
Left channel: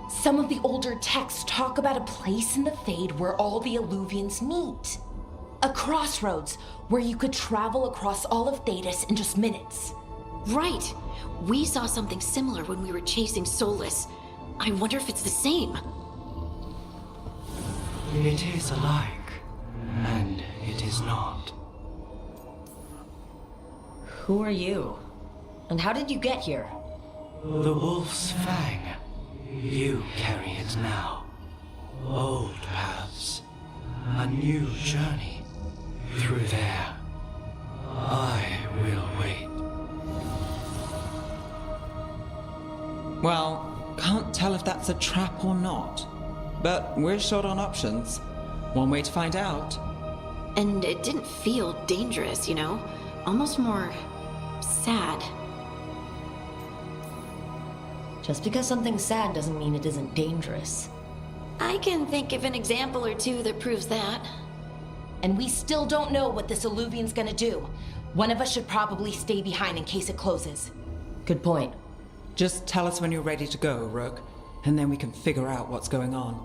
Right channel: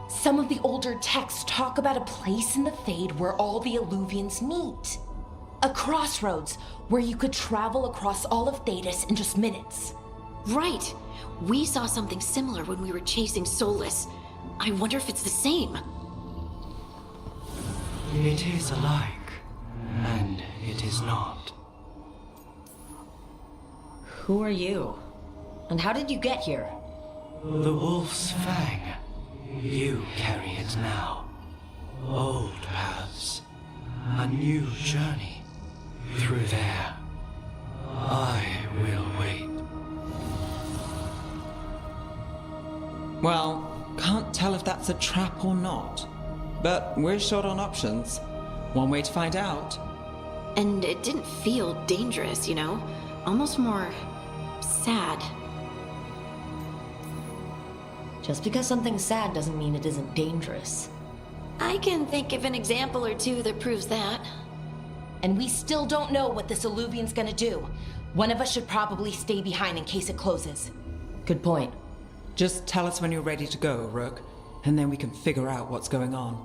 Some of the older texts talk about a place in the Fade where all the Illuvians meet. A crossroads where you could travel across all of Thedas in just minutes. Right. We saw something similar when we were chasing Solus. I wonder if it's the same. It is alike, and it is not. Who are you? And how did you get here? The Wolf's Fang. You carry it now. Old paths. A new journey. Through there. I will wait. Well, can't tell if that's a trap or not. But we're short on options. One way to find out. And it didn't feel dangerous, you know? Almost more... sad. Just because something's sad doesn't mean it isn't dangerous. I can think of an example or two that proves that. And we still don't know what this Illuvian's gonna do. One of us should probably stay behind in case it closes. Good point. Just tell us when you're ready to go, Rook, and then we can figure out what's going on.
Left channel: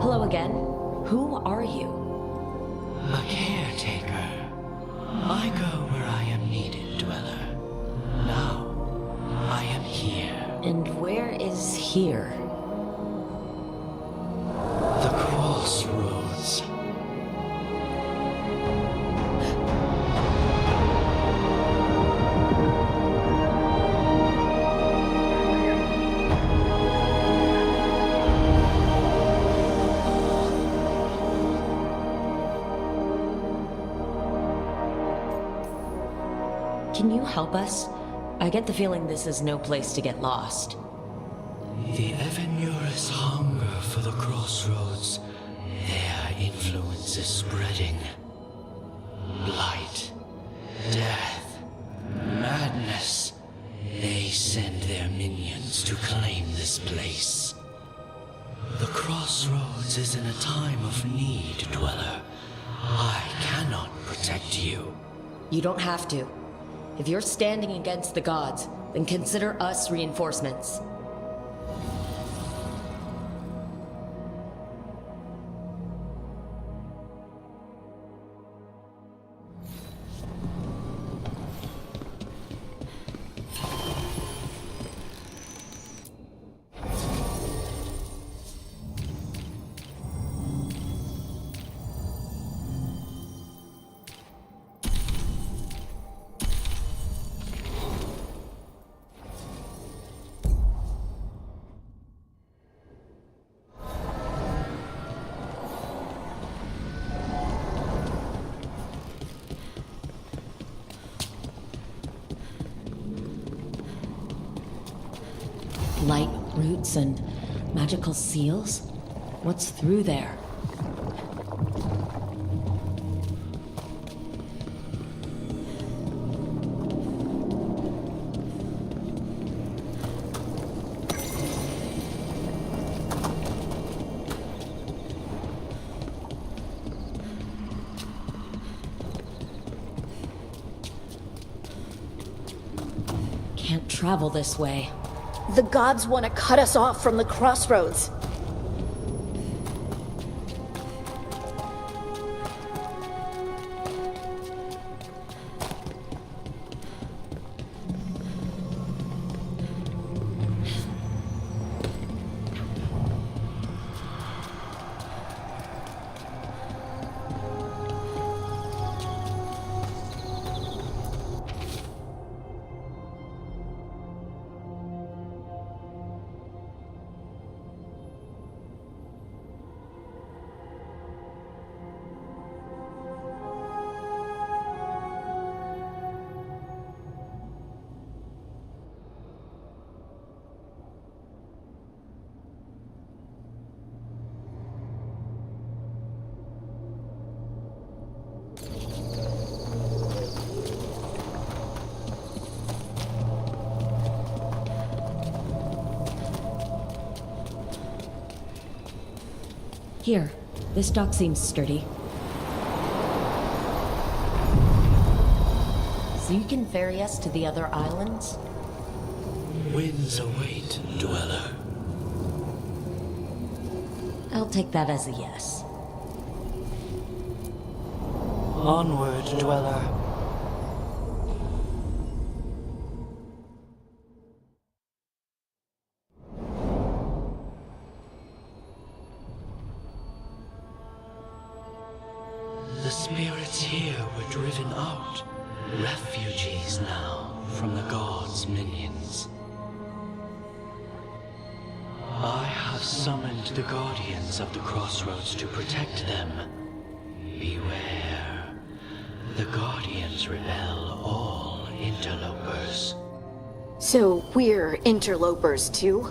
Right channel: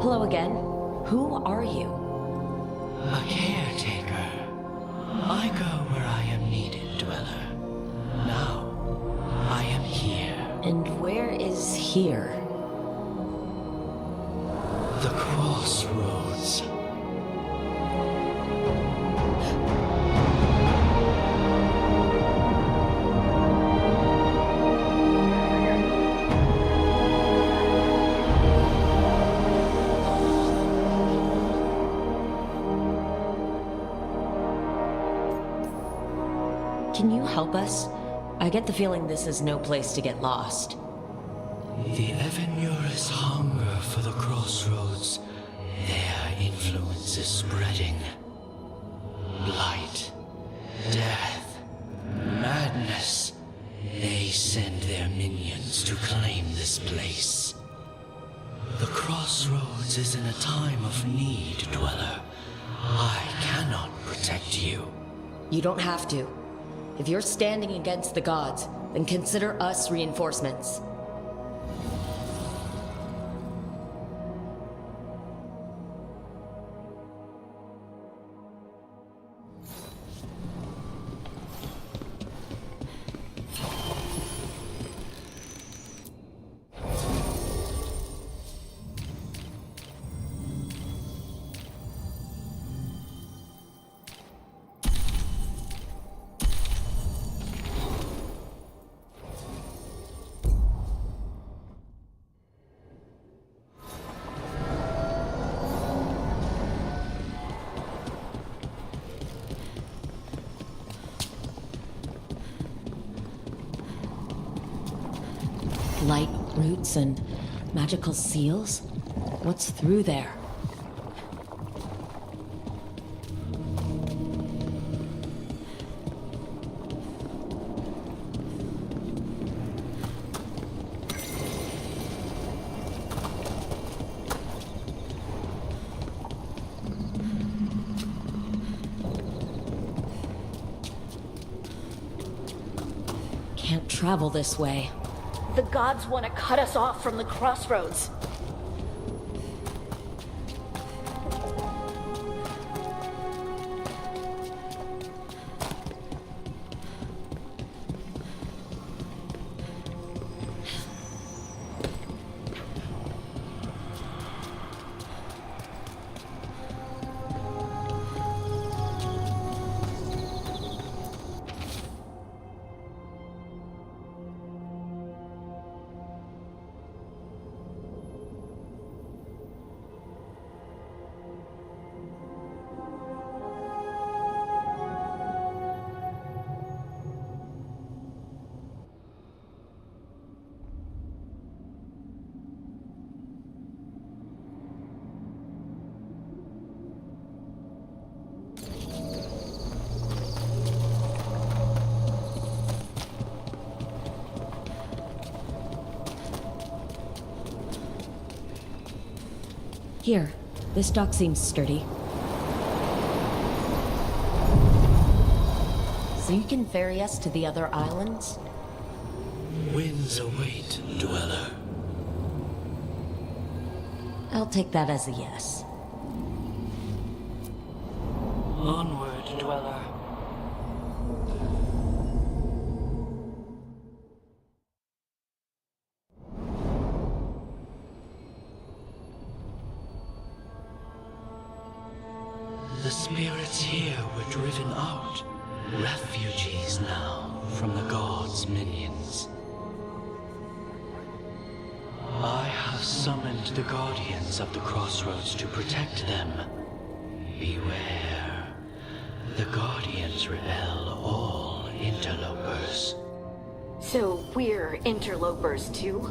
Hello again. Who are you? A caretaker. I go where I am needed, Dweller. Now, I am here. And where is here? The crossroads. Can you help us? I get the feeling this is no place to get lost. The Evenurus hunger for the crossroads. There influence is spreading. Blight, death, madness. They send their minions to claim this place. The crossroads is in a time of need, Dweller. I cannot protect you. You don't have to. If you're standing against the gods, then consider us reinforcements. Light roots and magical seals? What's through there? Can't travel this way. The gods want to cut us off from the crossroads. Here, this dock seems sturdy. So you can ferry us to the other islands? Winds await, Dweller. I'll take that as a yes. Onward, Dweller. The spirits here were driven out, refugees now from the gods' minions. I have summoned the guardians of the crossroads to protect them. Beware. The guardians repel all interlopers. So we're interlopers too?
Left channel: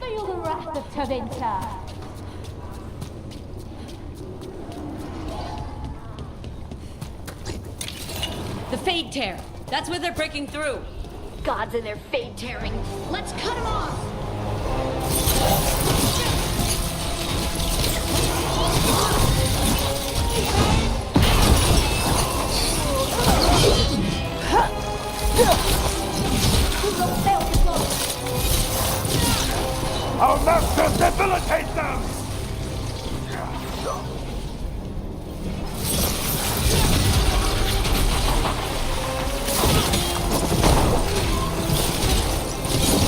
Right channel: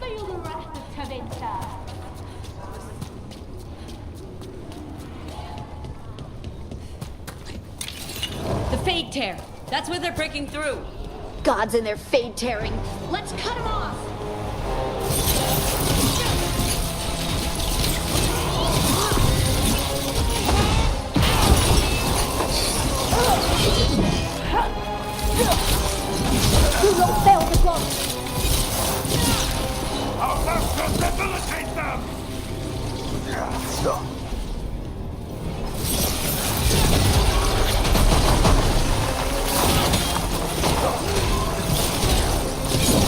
Feel the wrath of Tavinta. The Fade Tear! That's where they're breaking through! Gods and their fade tearing. Let's cut them off! Our masters debilitate them!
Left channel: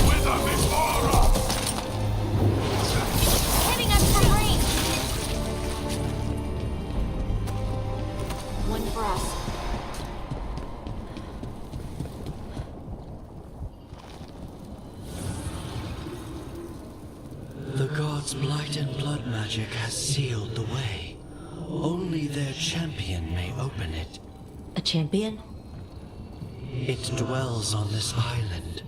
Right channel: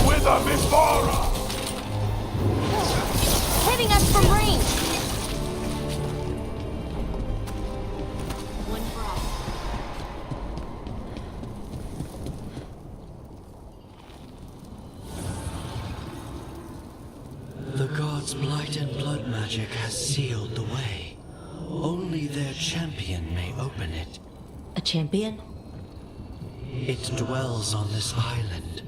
Wither before us! Hitting us from range! One for us. The gods' blight and blood magic has sealed the way. Only their champion may open it. A champion? It dwells on this island,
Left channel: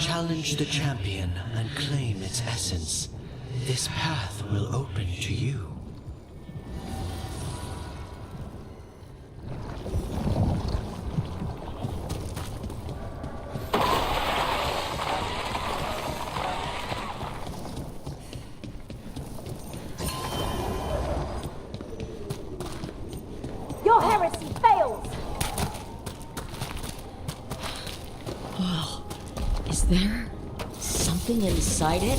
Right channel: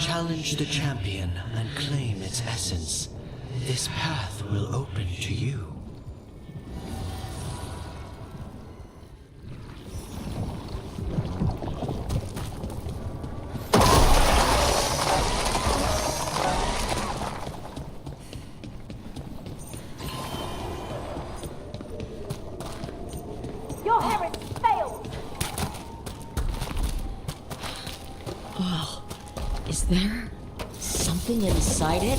Challenge the champion and claim its essence. This path will open to you. Your heresy fails! Oh, is there something inside it?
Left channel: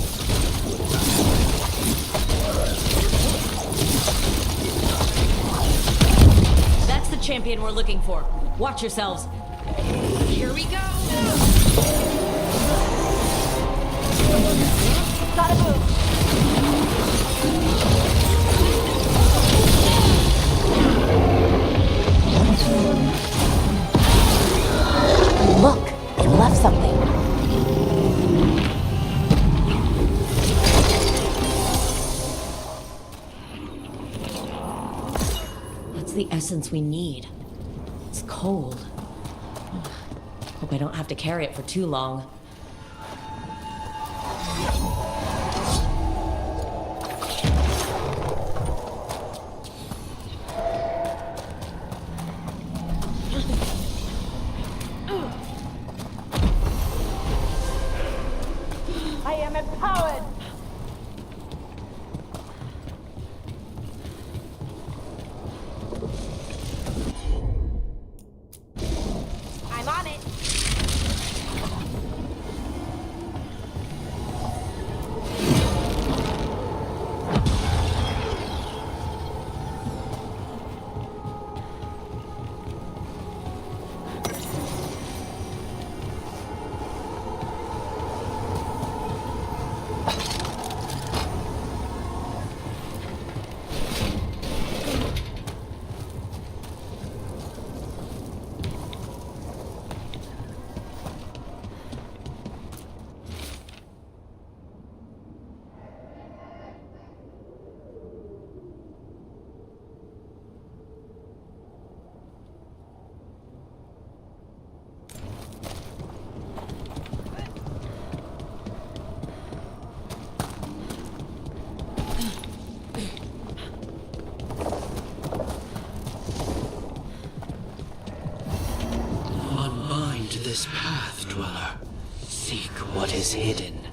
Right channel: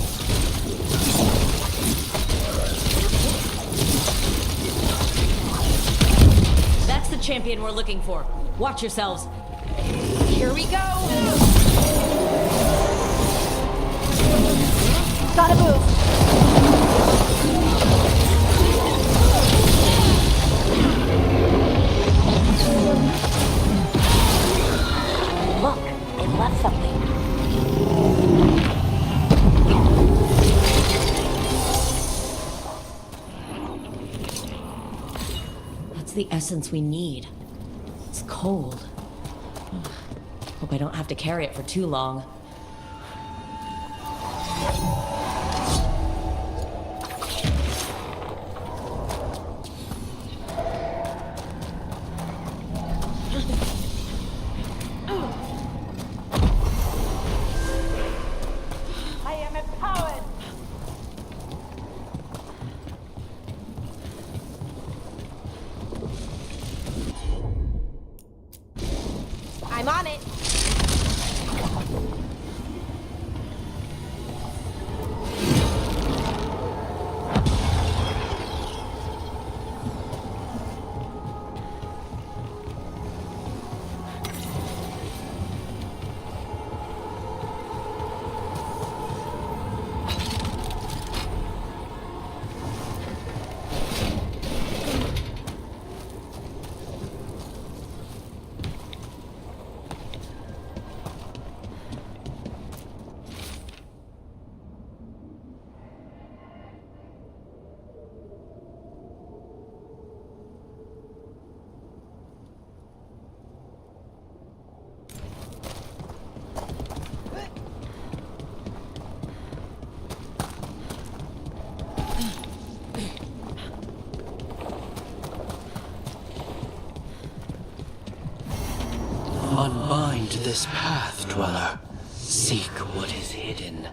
That's the champion we're looking for. Watch yourselves. Here we go! Gotta move! Look, it left something. That's the essence we need. It's cold. Hope I don't have to carry it for too long. I am empowered! I'm on it! Unbind this path, Dweller. Seek what is hidden.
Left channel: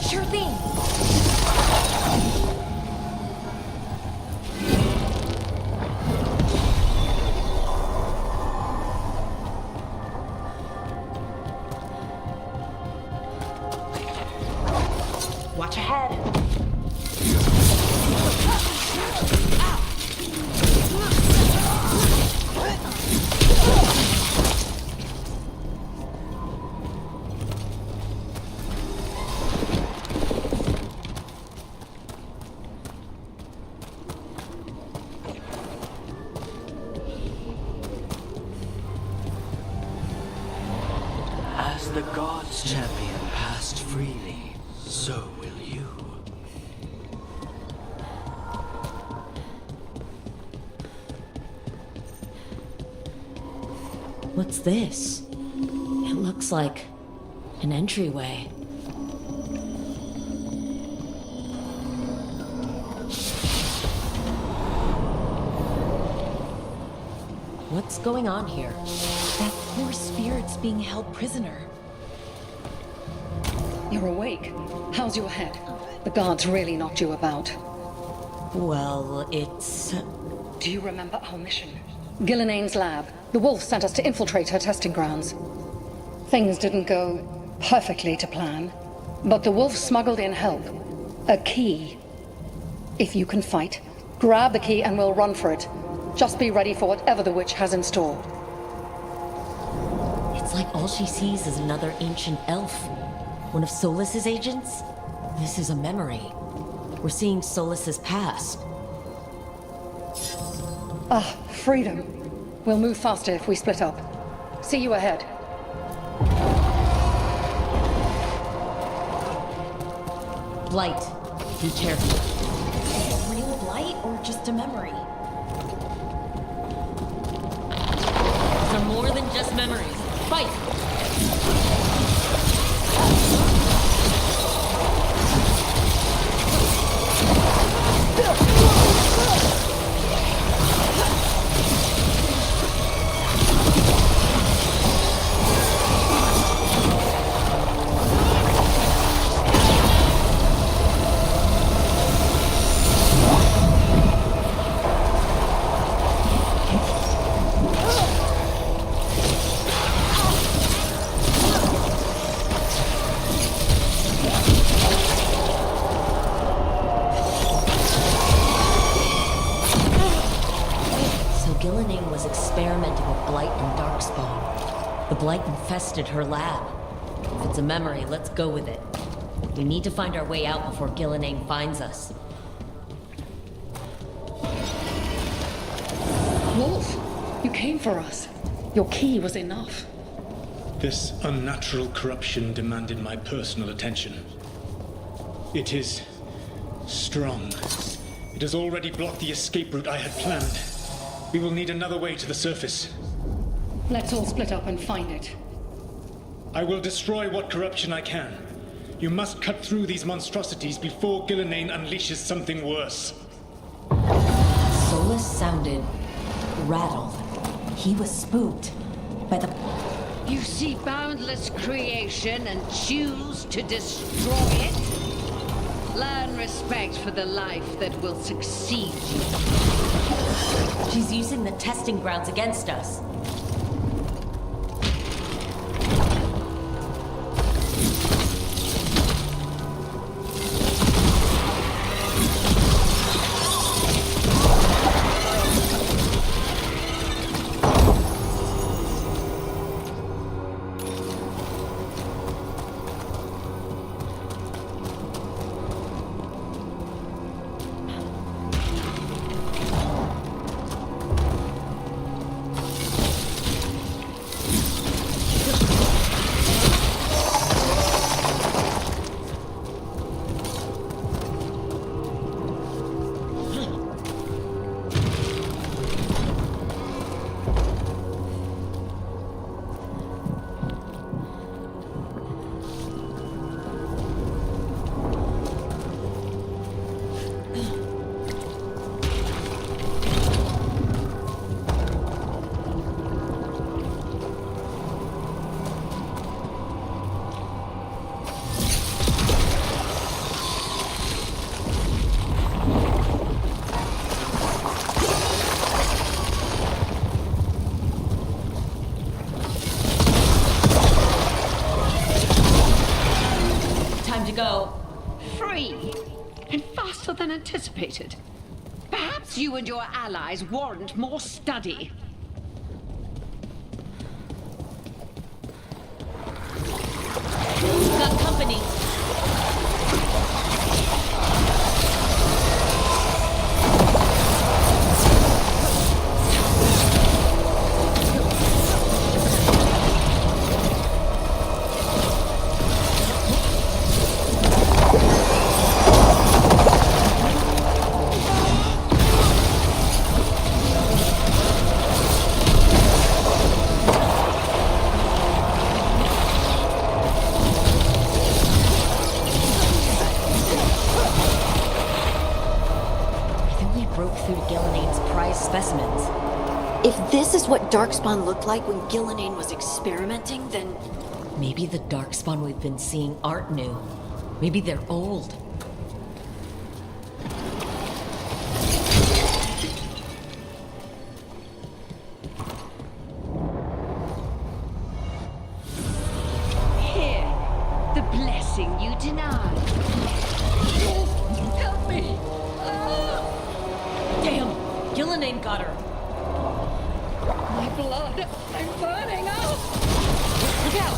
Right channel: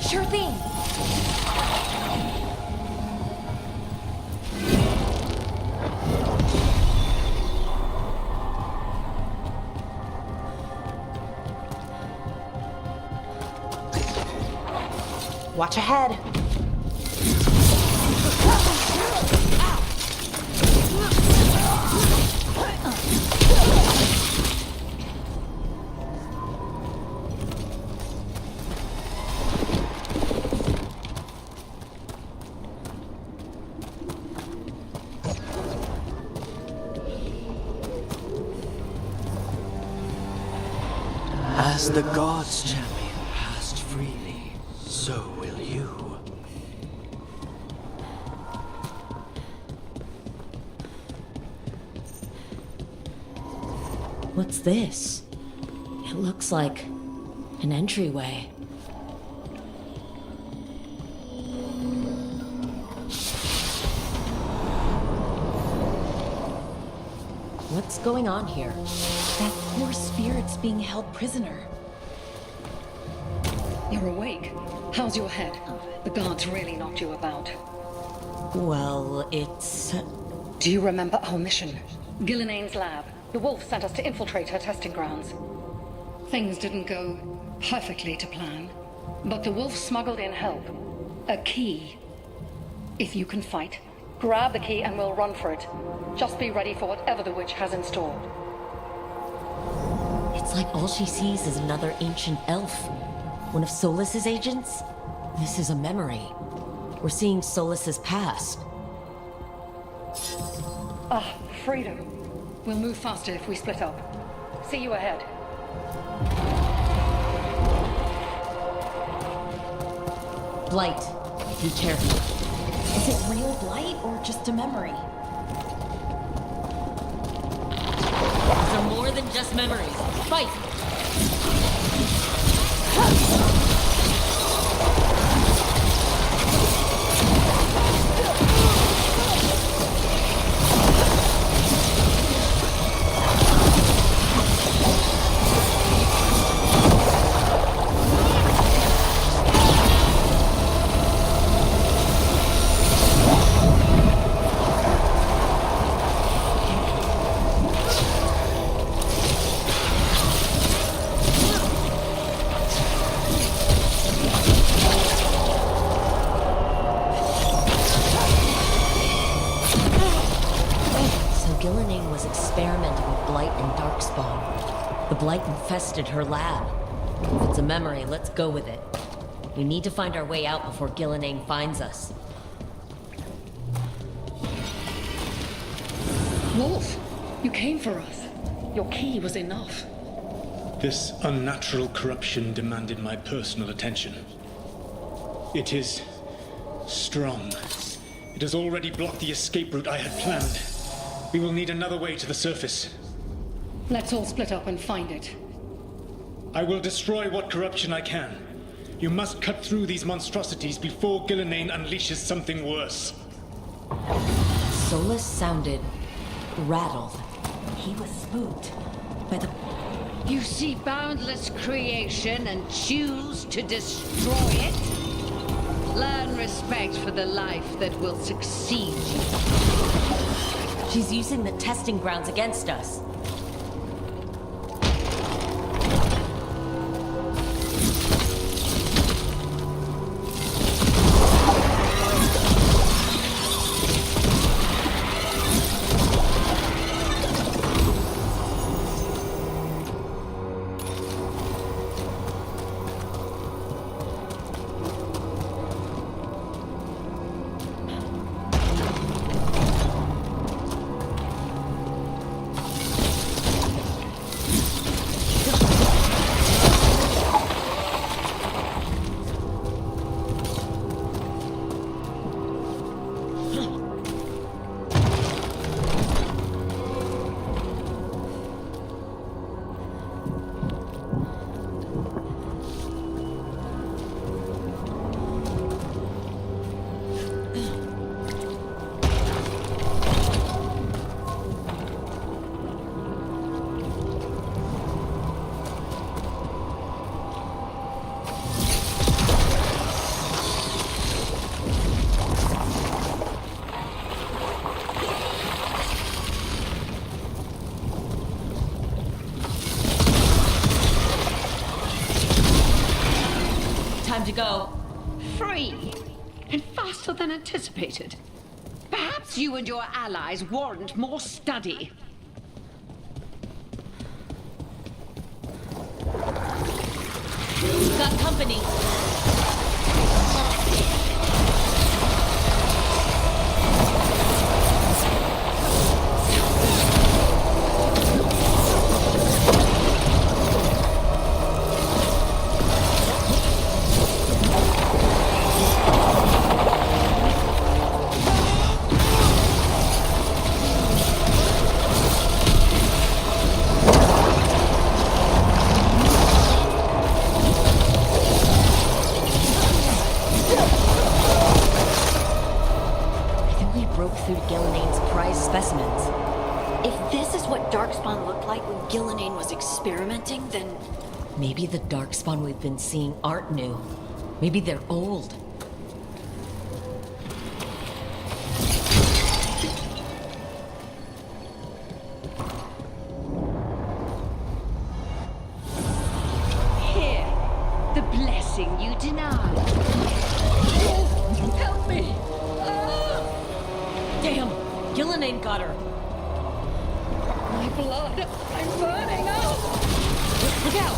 Sure thing! Watch ahead. As the gods' champion passed freely, so will you. What's this? It looks like an entryway. What's going on here? That poor spirit's being held prisoner. You're awake. How's your head? The guards really knocked you about. Well, it's... Do you remember our mission? Gillenane's lab. The wolf sent us to infiltrate her testing grounds. Things didn't go perfectly to plan, but the wolf smuggled in help. A key. If you can fight, grab the key and we'll run for it. Just be ready for whatever the witch has in store. It's like all she sees is another ancient elf. One of Solas's agents? This is a memory. We're seeing Solas's past. Ah, freedom. We'll move faster if we split up. See you ahead. Blight, be careful. Is it real blight or just a memory? These are more than just memories. Fight! Gillenane was experimenting with Blight and Darkspawn. The Blight infested her lab. If it's a memory, let's go with it. We need to find our way out before Gillenane finds us. Wolf, you came for us. Your key was enough. This unnatural corruption demanded my personal attention. It is strong. It has already blocked the escape route I had planned. We will need another way to the surface. Let's all split up and find it. I will destroy what corruption I can. You must cut through these monstrosities before Gillenane unleashes something worse. Solus sounded rattled. He was spooked by the... You see boundless creation and choose to destroy it? Learn respect for the life that will succeed you. She's using the testing grounds against us. Time to go. Free, and faster than anticipated. Perhaps you and your allies warrant more study. We've got company. Broke through to Gillenane's prized specimens. If this is what Darkspawn looked like when Gillenane was experimenting, then... Maybe the Darkspawn we've been seeing aren't new. Maybe they're old. Here, the blessing you denied. Help me! Damn! Gillenane got her! My blood! I'm burning up! Look out!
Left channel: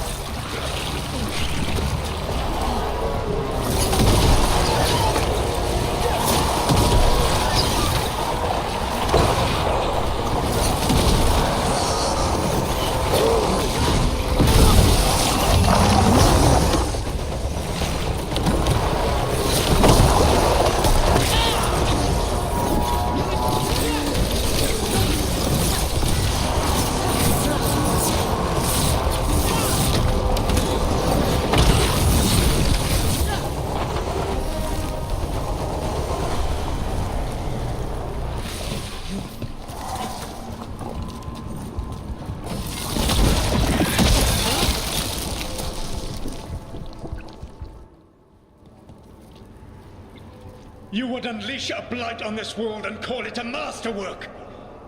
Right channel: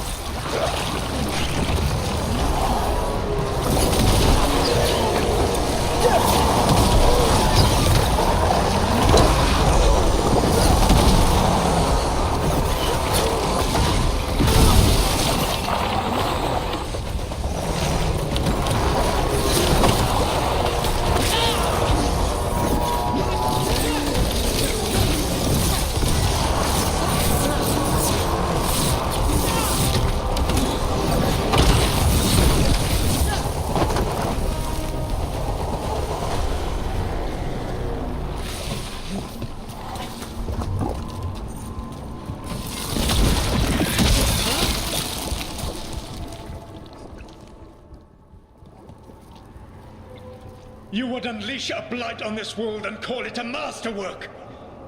You would unleash a blight on this world and call it a masterwork!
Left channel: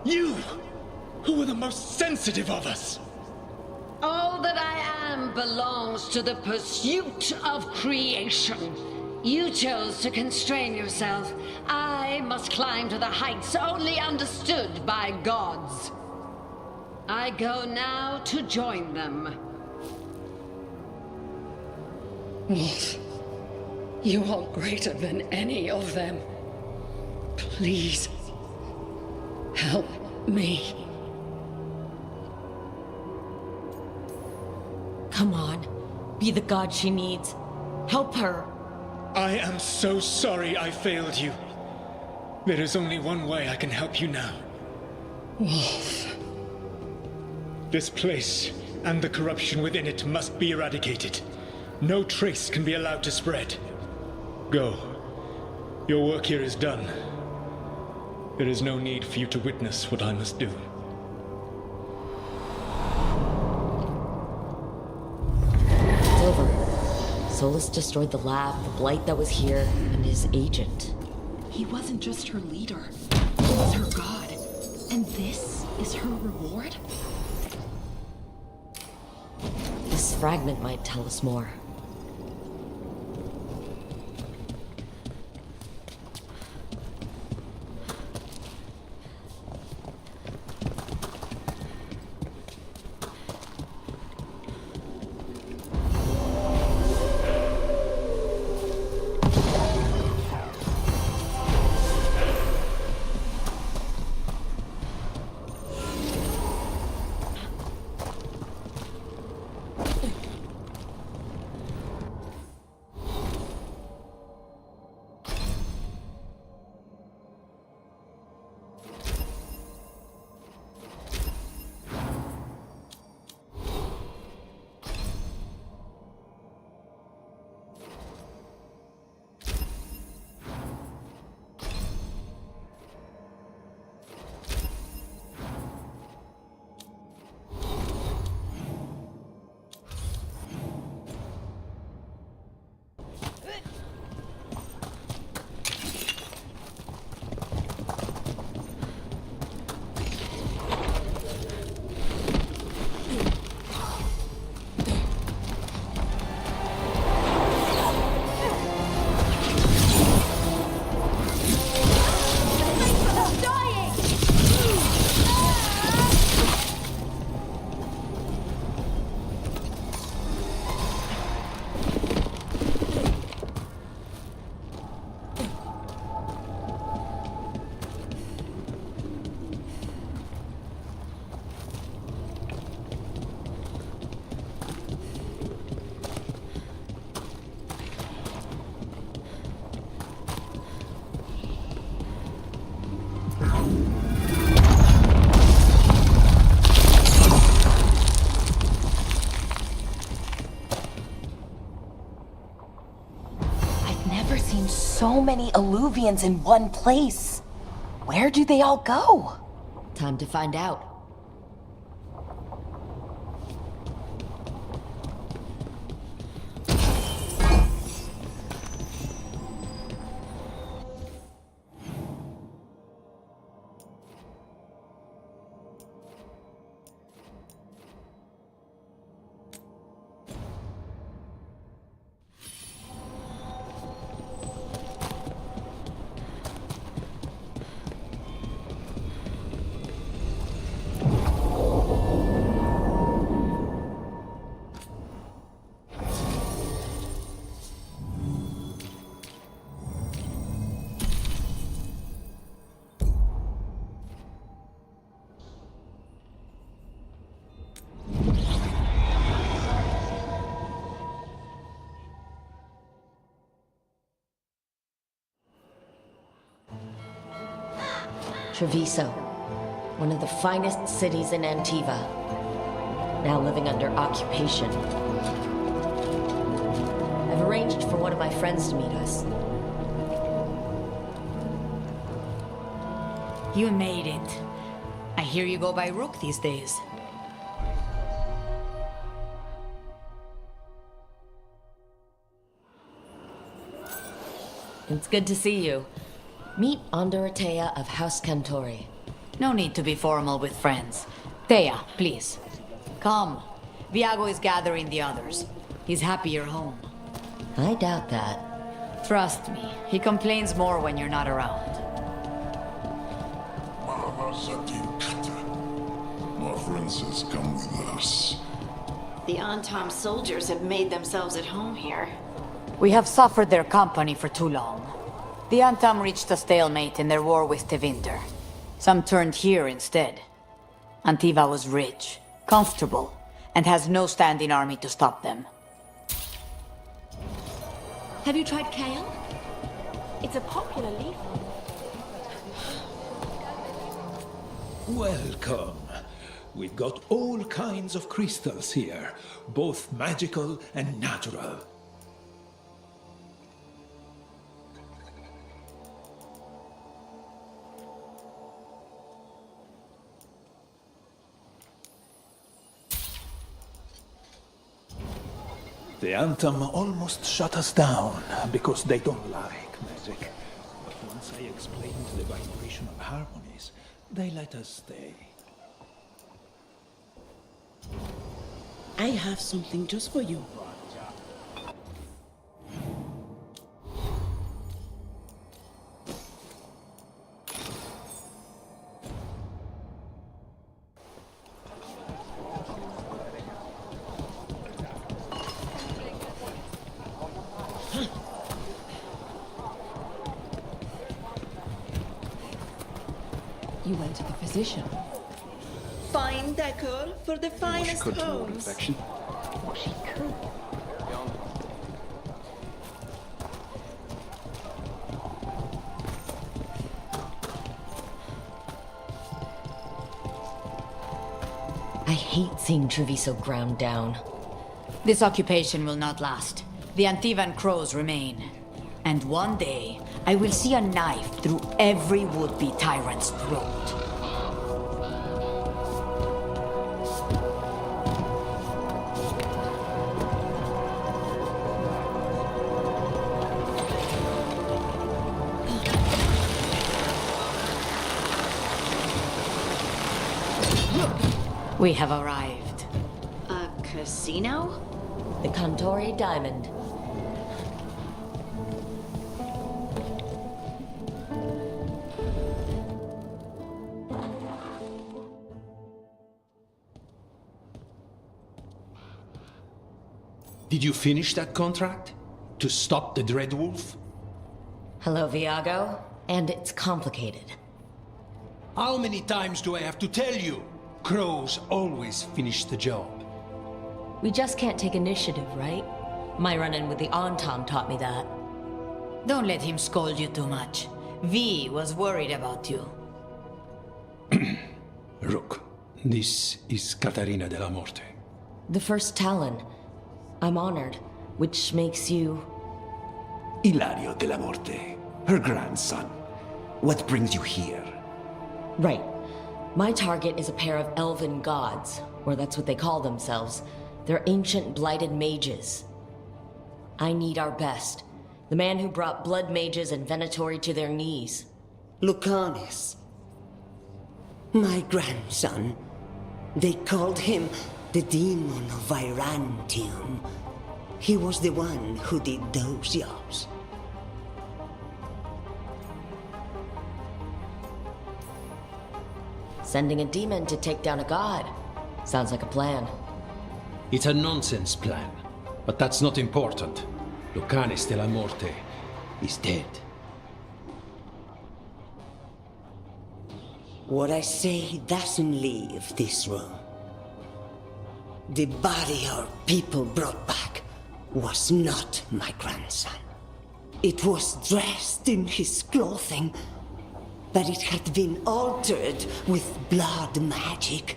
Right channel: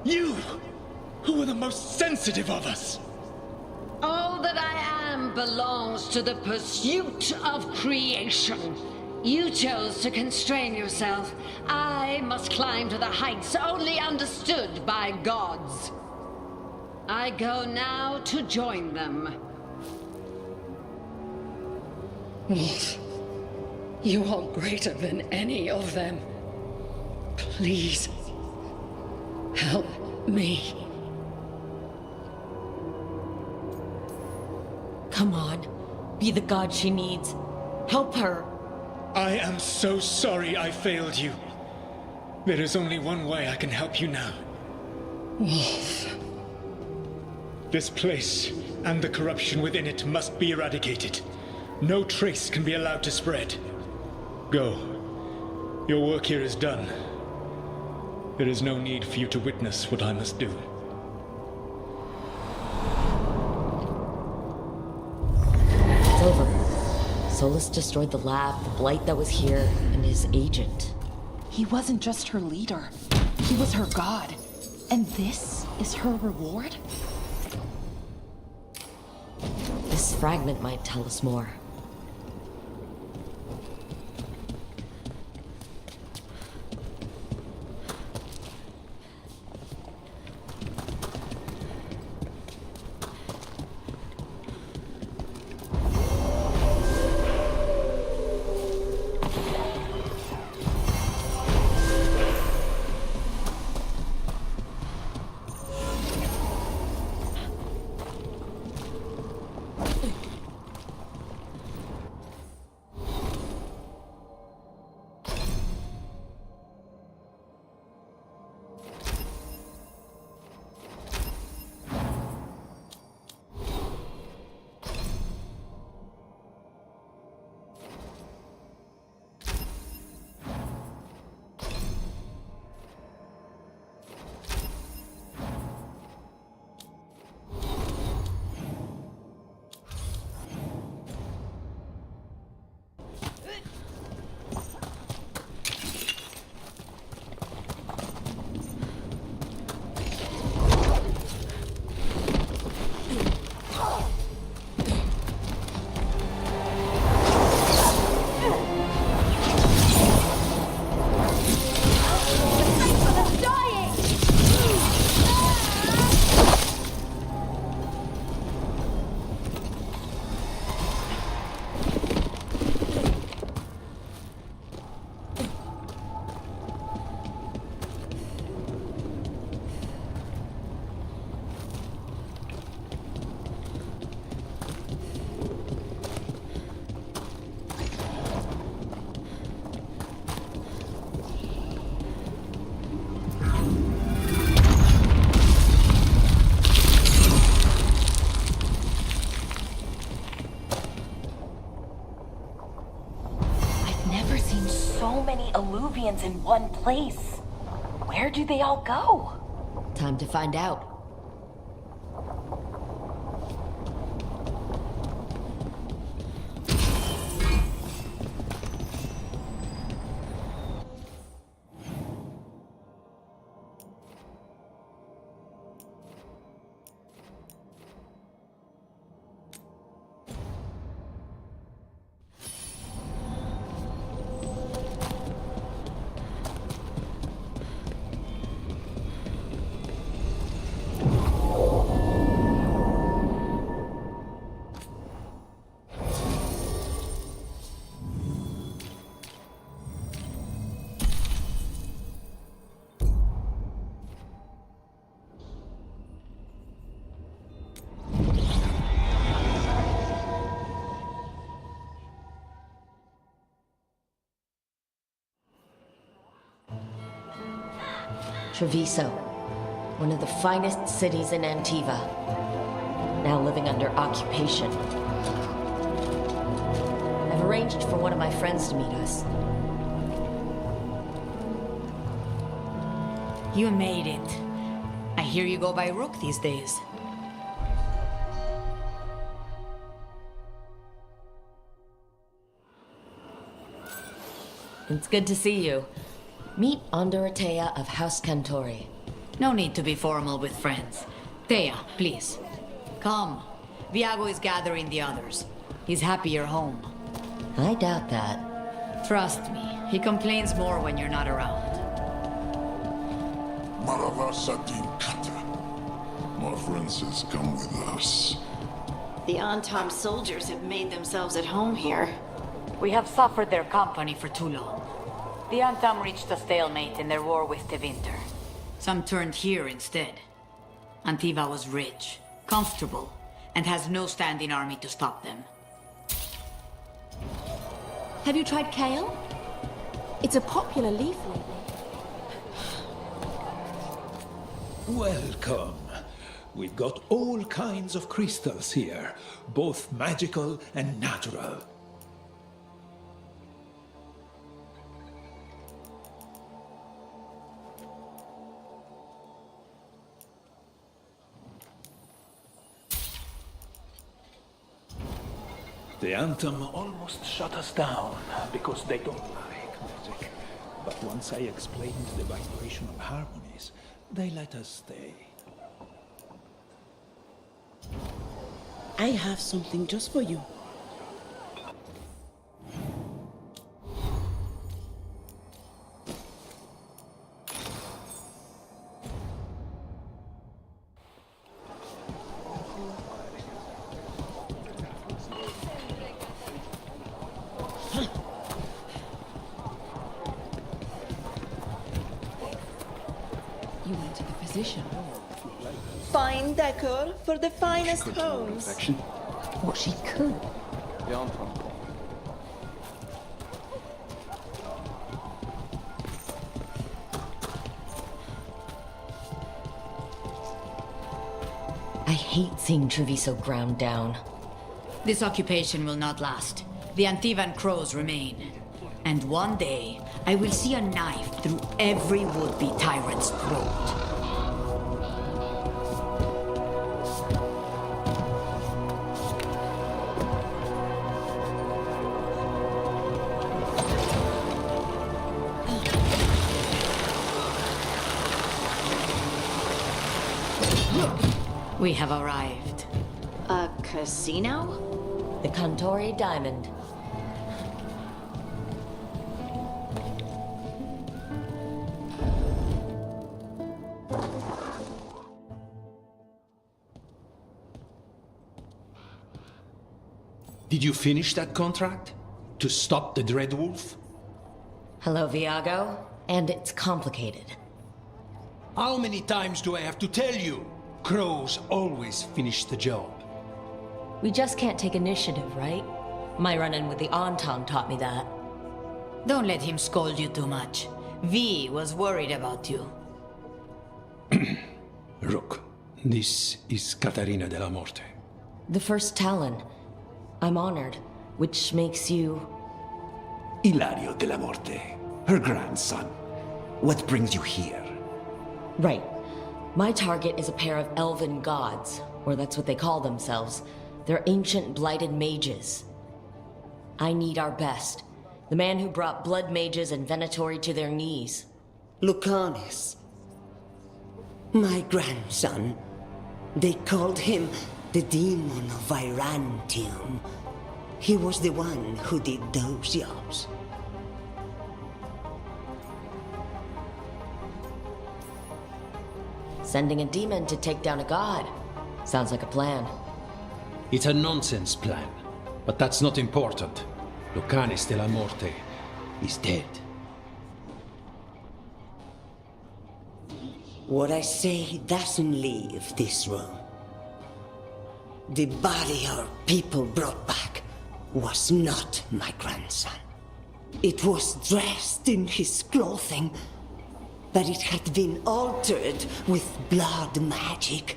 You, who are the most sensitive of us! All that I am belongs to the pursuit of creation. You chose to constrain yourself. I must climb to the heights only understood by gods. I go now to join them. Wolf, you are greater than any of them. Please, help me. Come on. Be the god she needs. Help her. I am so sorry I failed you. There is only one way I can help you now. Wolf. This place and the corruption within it must be eradicated. No trace can be allowed to spread. Go. Your work here is done. There is no need for you to witness what I must do. It's over. Solus destroyed the lab, the blight that was here, and his agent. He wasn't just her leader. He was her god. And this is her reward? This fragment might tell us more. So many Alluvians in one place. Where do they all go? Time to find out. Treviso, one of the finest cities in Antiva, now living under occupation. I've arranged for one of my friends to meet us. You made it. I hear you go by Rook these days. It's good to see you. Meet Andorotea of House Cantori. No need to be formal with friends. Thea, please. Come. Viago is gathering the others. He's happy you're home. I doubt that. Trust me, he complains more when you're not around. My friends come with us. The Antom soldiers have made themselves at home here. We have suffered their company for too long. The Antom reached a stalemate in their war with Tevinter. Some turned here instead. Antiva was rich, comfortable, and has no standing army to stop them. Have you tried kale? It's a popular leaf. Welcome. We've got all kinds of crystals here, both magical and natural. The Anthem almost shut us down because they don't like magic. But once I explained the vibrational harmonies, they let us stay. I have something just for you. You went to the physician. Fine decor for the finest homes. What she could. I hate seeing Treviso ground down. This occupation will not last. The Antivan crows remain. And one day, I will see a knife through every would-be tyrant's throat. We have arrived. A casino? The Cantori Diamond. Did you finish that contract? To stop the Dreadwolf? Hello, Viago. And it's complicated. How many times do I have to tell you? Crows always finish the job. We just can't take initiative, right? My run-in with the Anton taught me that. Don't let him scold you too much. V was worried about you. Rook, this is Catarina de la Morte. The first Talon. I'm honored, which makes you... Ilario de la Morte, her grandson. What brings you here? Right. My target is a pair of elven gods, or that's what they call themselves. They're ancient blighted mages. I need our best. The man who brought blood mages and Venatori to their knees. Lucanis. My grandson. They called him the Demon of Virantium. He was the one who did those jobs. Sending a demon to take down a god. Sounds like a plan. It's a nonsense plan, but that's not important. Lucanis de la Morte is dead. What I say doesn't leave this room. The body our people brought back was not my grandson. It was dressed in his clothing, but it had been altered with blood magic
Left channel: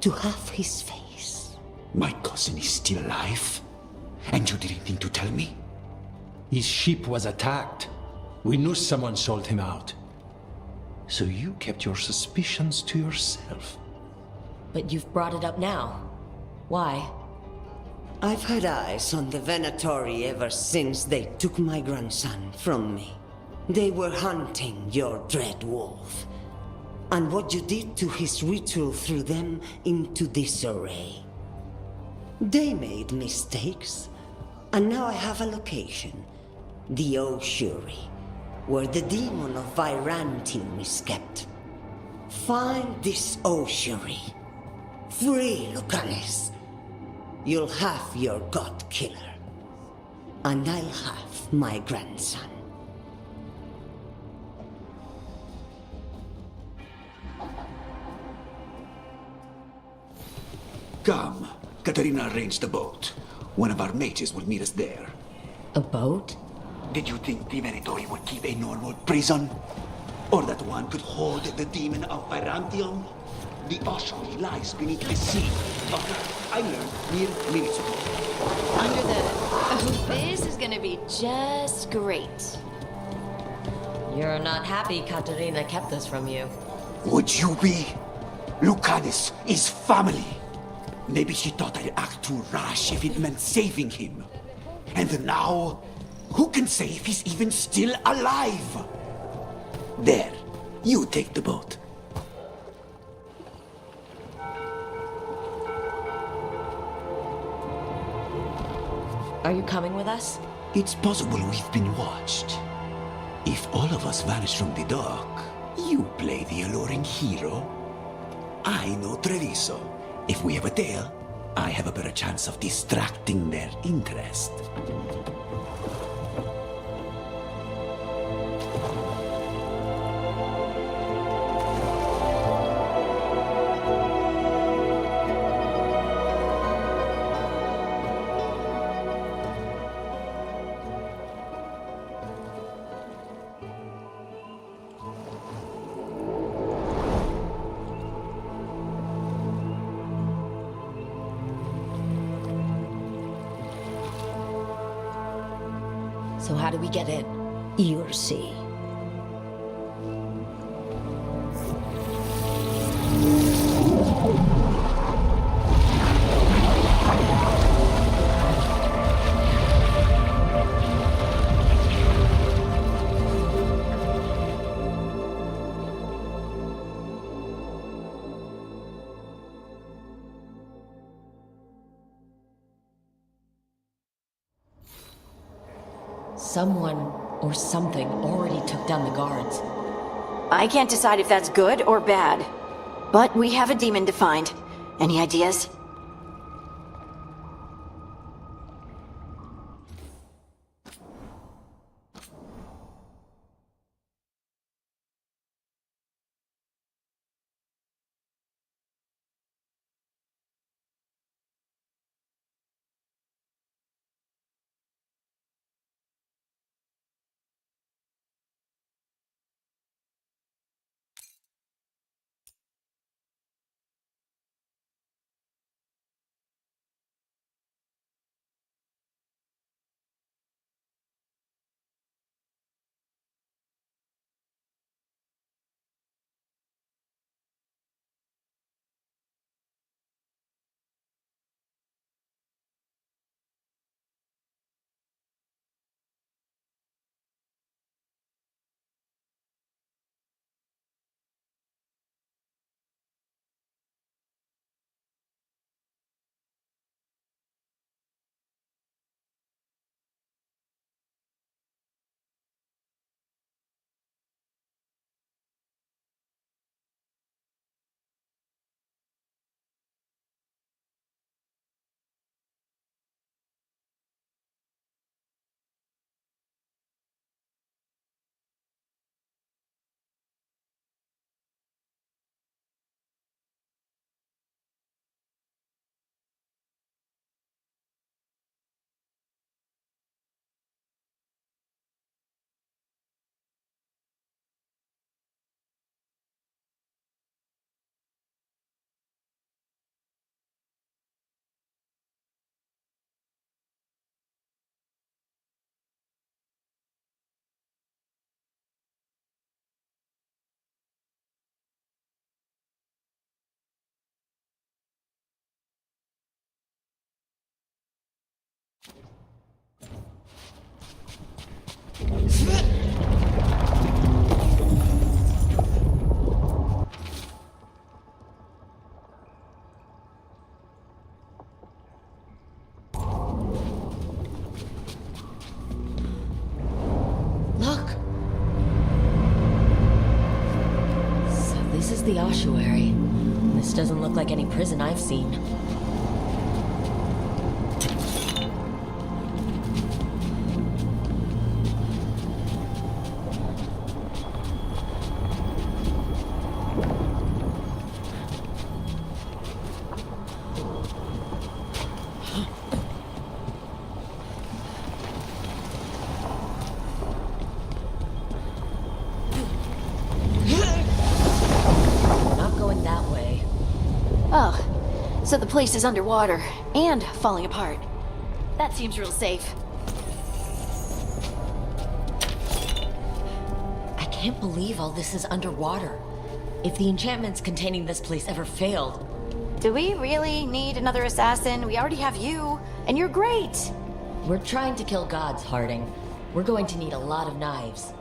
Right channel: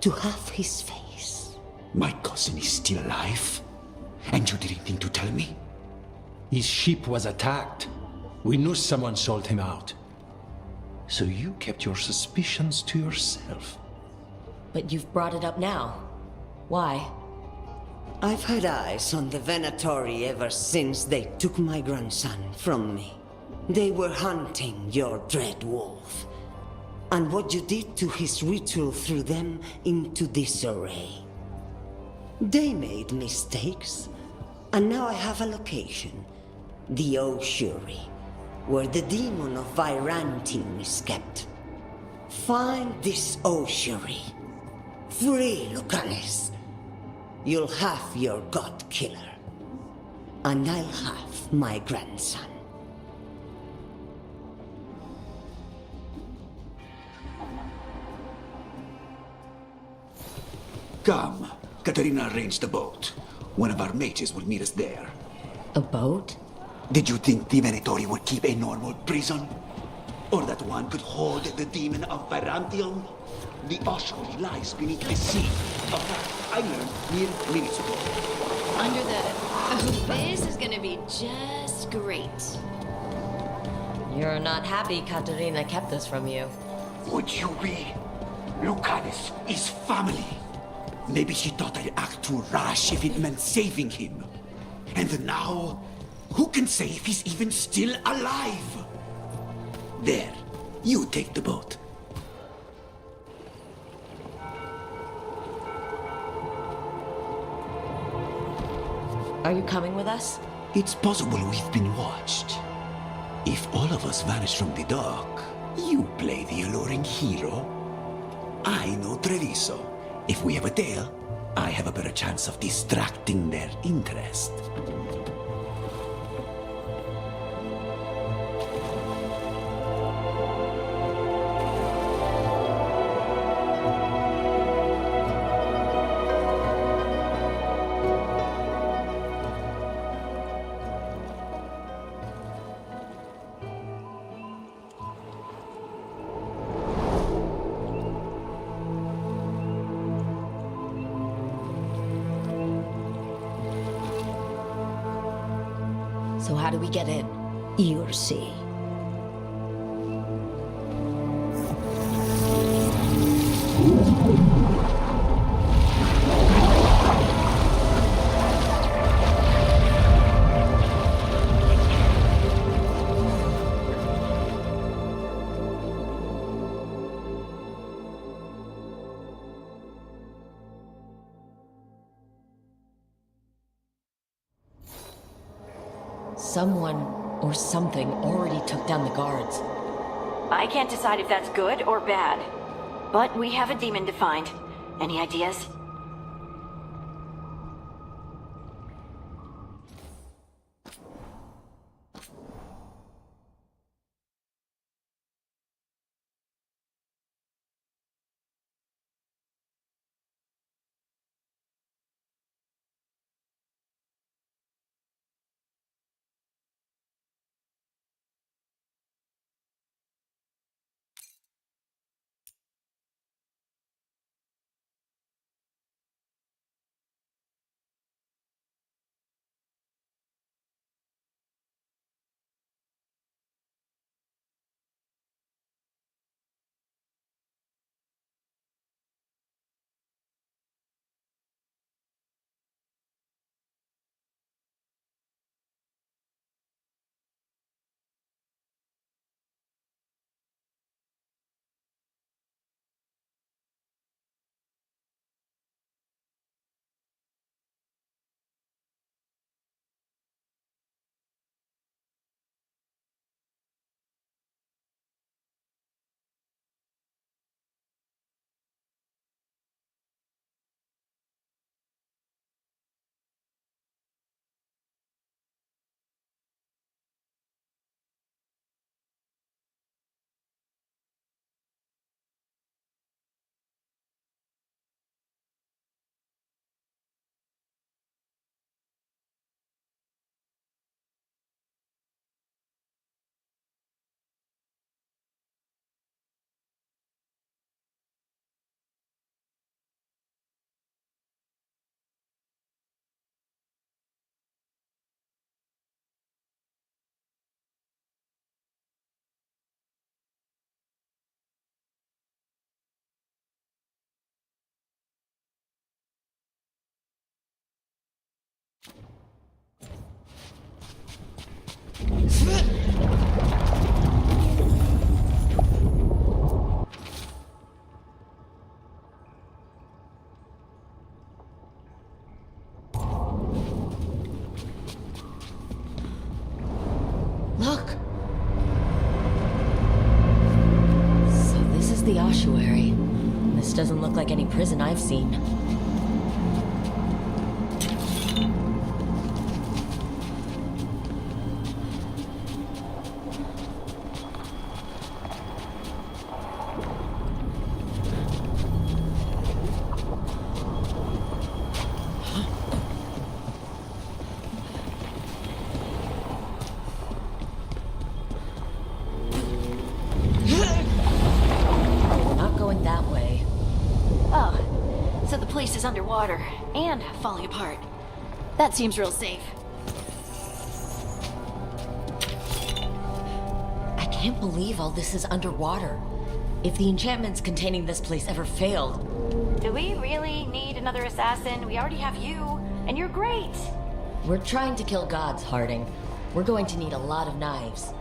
to have his face. My cousin is still alive? And you didn't think to tell me? His ship was attacked. We knew someone sold him out. So you kept your suspicions to yourself. But you've brought it up now. Why? I've had eyes on the Venatori ever since they took my grandson from me. They were hunting your dread wolf. And what you did to his ritual threw them into disarray. They made mistakes, and now I have a location. The Ossuary, where the demon of Virantium is kept. Find this Ossuary. Free Lucanus. You'll have your god killer. And I'll have my grandson. Come. Katarina arranged a boat. One of our mages will meet us there. A boat? Did you think the Venatori would keep a normal prison? Or that one could hold the demon of Virantium? The ossuary lies beneath the sea. Of that I learned mere minutes ago. Under the... Oh, this is gonna be just great. You're not happy Katarina kept this from you. Would you be? Lucanus is family. Maybe she thought I'd act too rash if it meant saving him. And now, who can say if he's even still alive? There, you take the boat. Are you coming with us? It's possible we've been watched. If all of us vanish from the dock, you play the alluring hero. I know Treviso. If we have a tail, I have a better chance of distracting their interest. So how do we get in? You'll see. Someone or something already took down the guards. I can't decide if that's good or bad. But we have a demon to find. Any ideas? the ossuary. This doesn't look like any prison I've seen. We're not going that way. Oh, so the place is underwater and falling apart. That seems real safe. I can't believe all this is underwater. If the enchantments containing this place ever failed... Do we really need another assassin? We already have you, and you're great. We're trying to kill gods, Harding. We're going to need a lot of knives.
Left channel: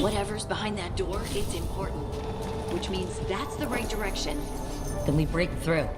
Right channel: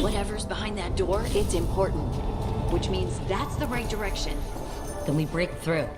Whatever's behind that door, it's important. Which means that's the right direction. Then we break through.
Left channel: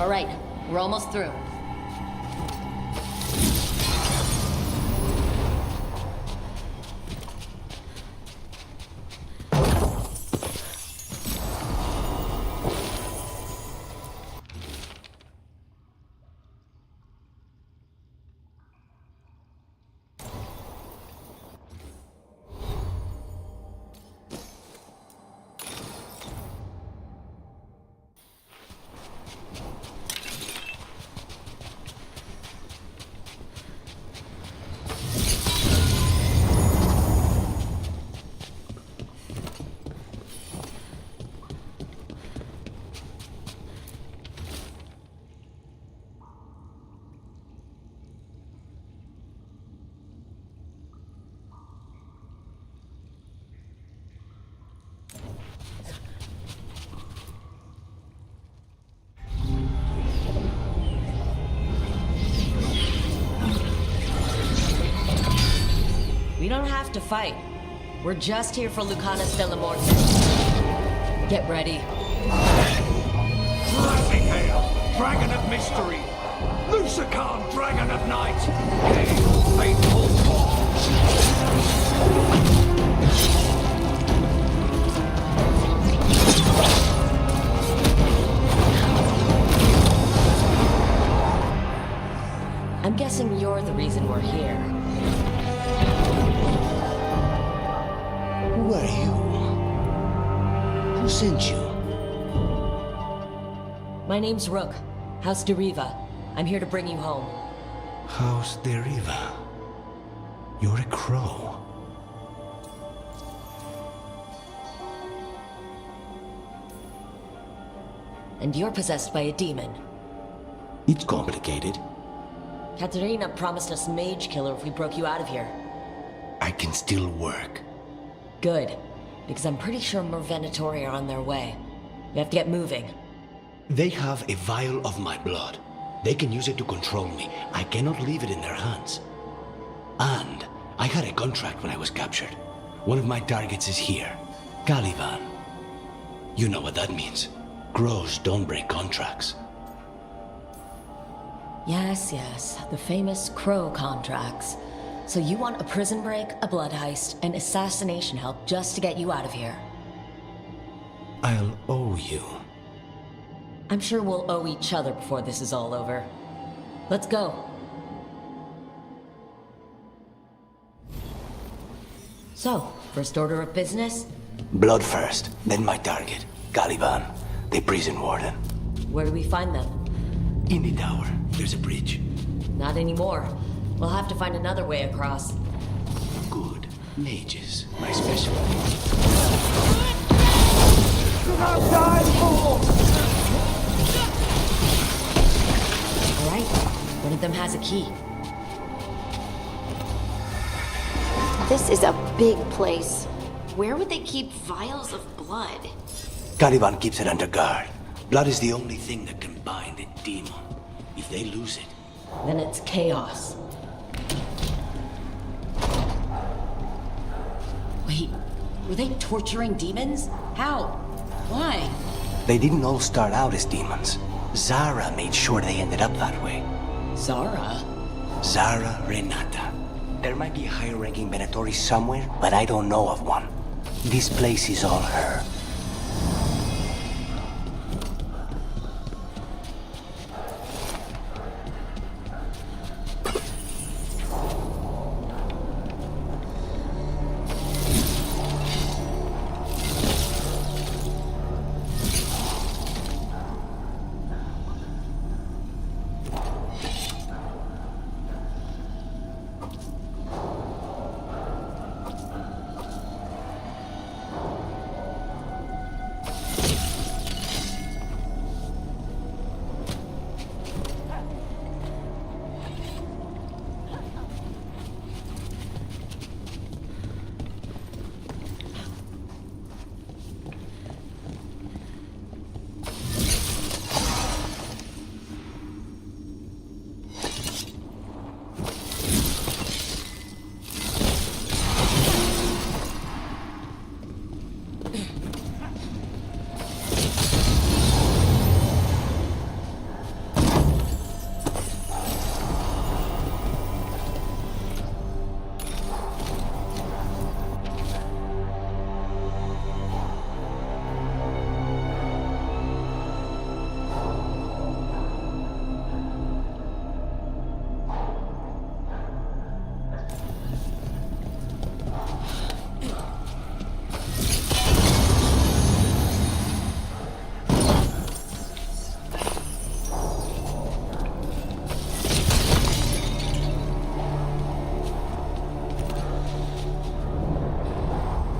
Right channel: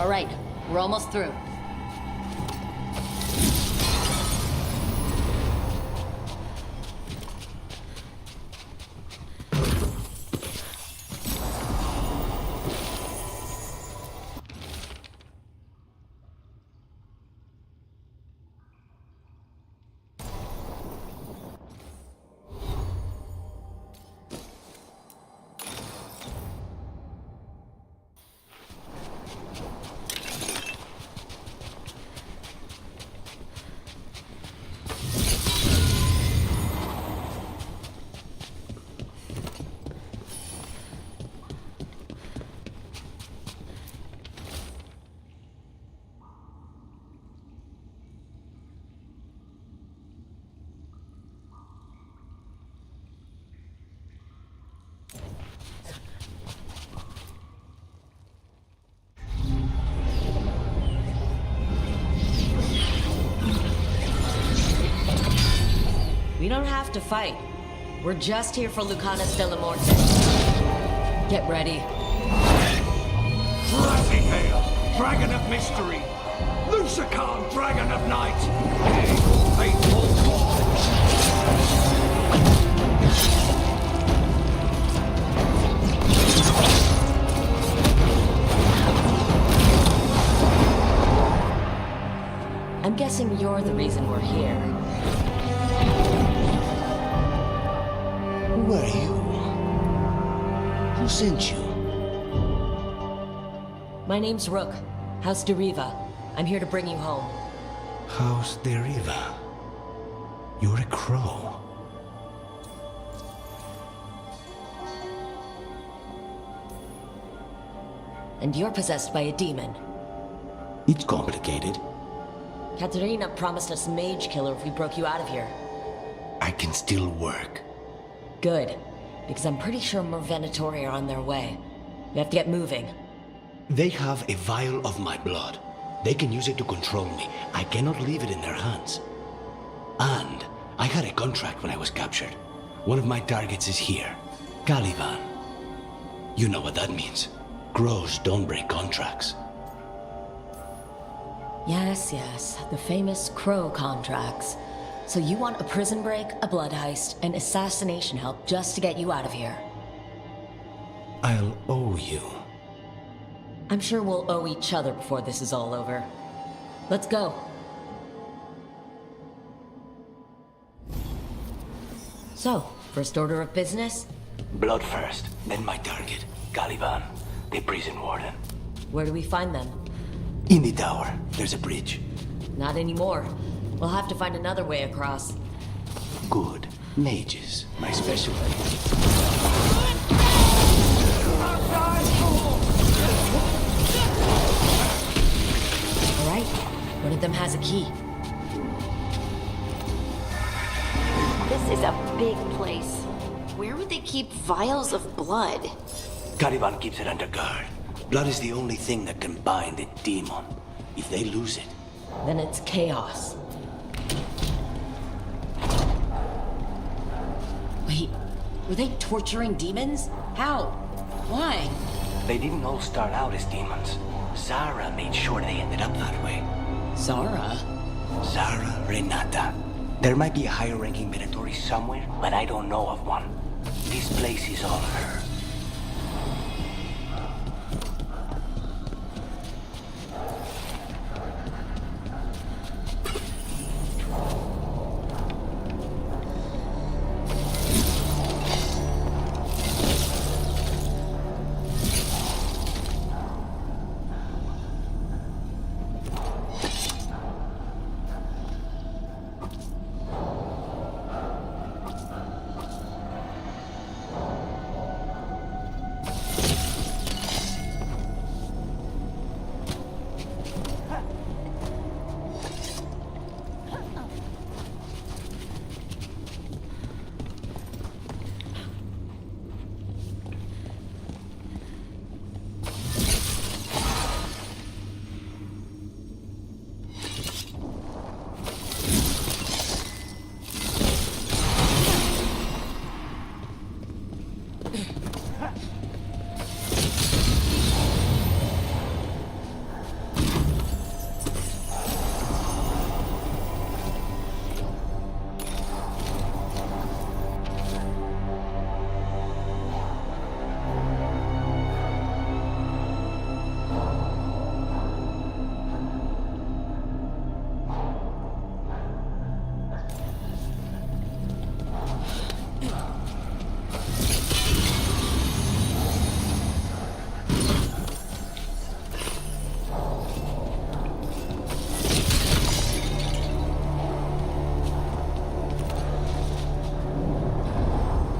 All right, we're almost through. We don't have to fight. We're just here for Lucanus de la Morte. Get ready. Rising Hail, Dragon of Mystery! Lucican, Dragon of Night! Hail your faithful forms! I'm guessing you're the reason we're here. Who are you? Who sent you? My name's Rook, House de Riva. I'm here to bring you home. House de Riva. You're a crow. And you're possessed by a demon. It's complicated. Katerina promised us Mage Killer if we broke you out of here. I can still work. Good, because I'm pretty sure more Venatori are on their way. We have to get moving. They have a vial of my blood. They can use it to control me. I cannot leave it in their hands. And I had a contract when I was captured. One of my targets is here, Caliban. You know what that means. Crows don't break contracts. Yes, the famous crow contracts. So you want a prison break, a blood heist, and assassination help just to get you out of here? I'll owe you. I'm sure we'll owe each other before this is all over. Let's go. So, first order of business? Blood first, then my target, Caliban, the prison warden. Where do we find them? In the tower, there's a bridge. Not anymore. We'll have to find another way across. Good. Mages, my specialty. All right, one of them has a key. This is a big place. Where would they keep vials of blood? Caliban keeps it under guard. Blood is the only thing that can bind a demon. If they lose it... Then it's chaos. Wait, were they torturing demons? How? Why? They didn't all start out as demons. Zara made sure they ended up that way. Zara? Zara Renata. There might be a higher-ranking Venatori somewhere, but I don't know of one. This place is all her.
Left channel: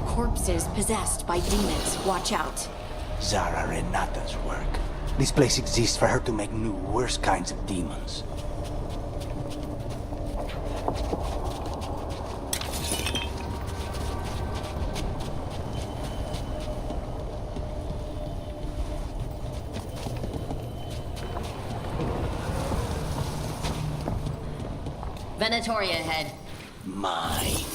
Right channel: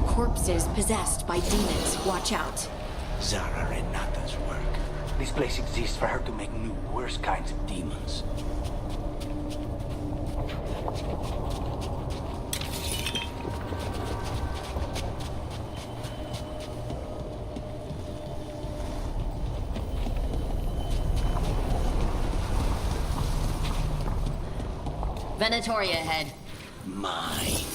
Corpses possessed by demons. Watch out. Zara Renata's work. This place exists for her to make new, worse kinds of demons. Venatoria ahead. Mine.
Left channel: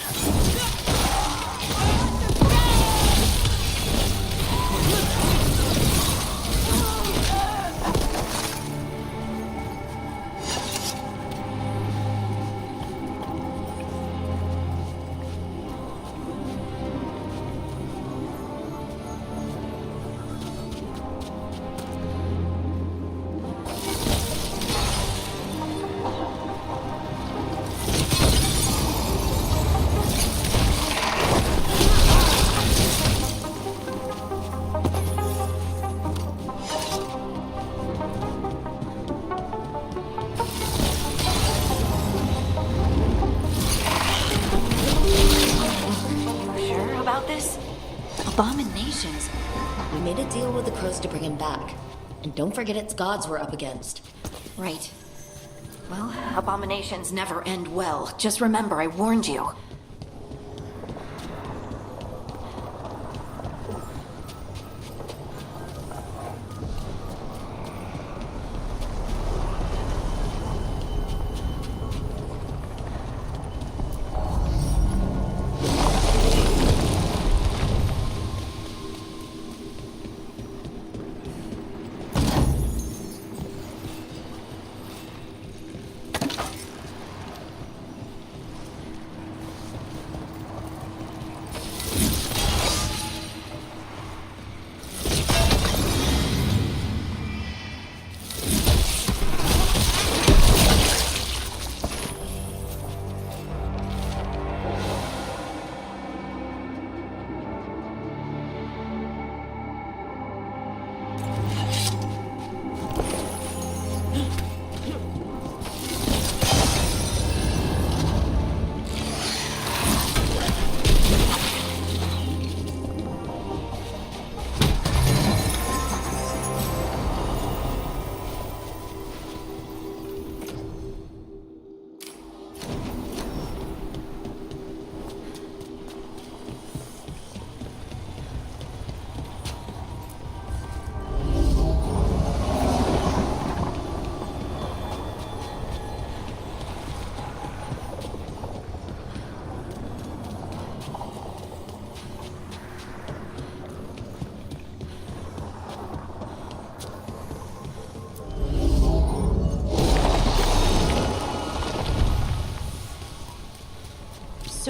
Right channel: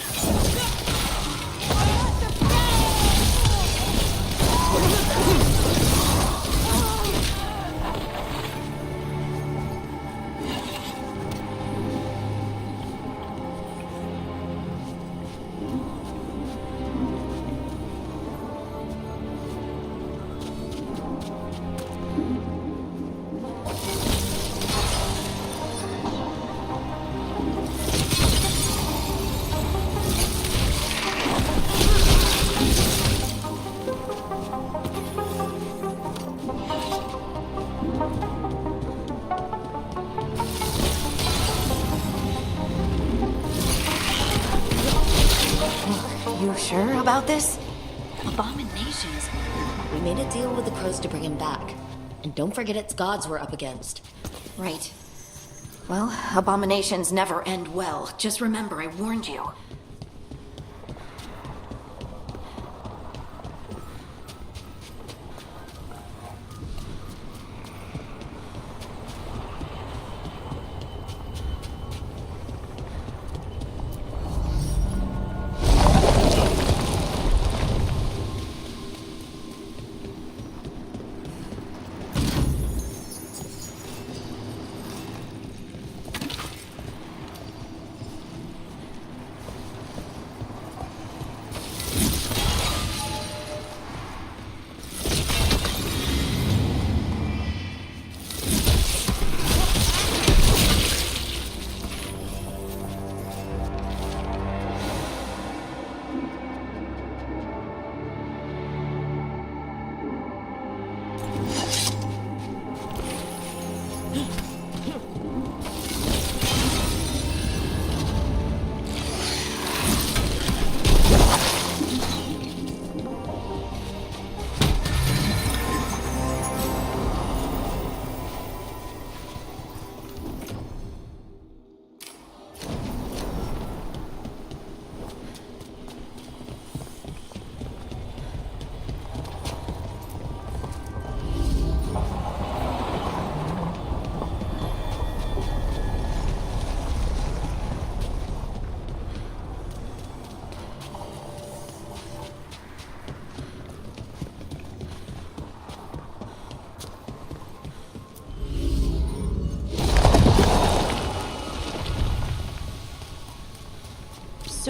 Abominations. We made a deal with the crows to bring him back. And don't forget it's gods we're up against. Right. Well, abominations never end well. Just remember, I warned you.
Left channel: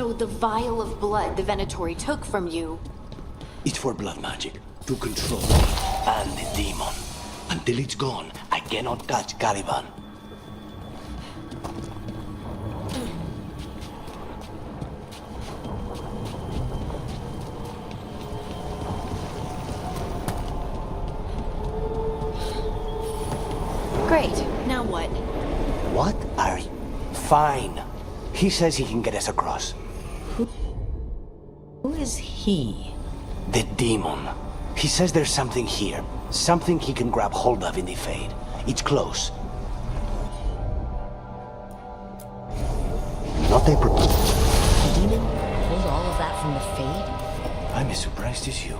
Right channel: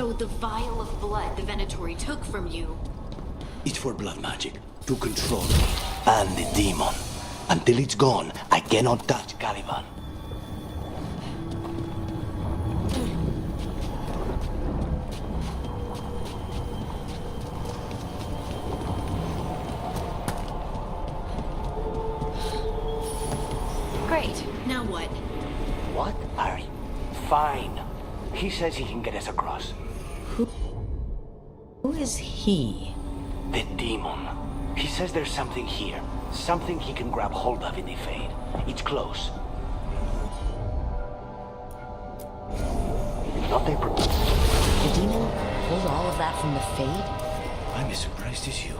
So the vial of blood the Venatori took from you. It's for blood magic, to control me and the demon. Until it's gone, I cannot touch Caliban. Great. Now what? What? Ari? Fine. He says he can get us across. Who is he? The demon. He says there's something here. Something he can grab hold of in the Fade. It's close. Not a proposal. The demon pulled all of that from the Fade? I'm as surprised as you.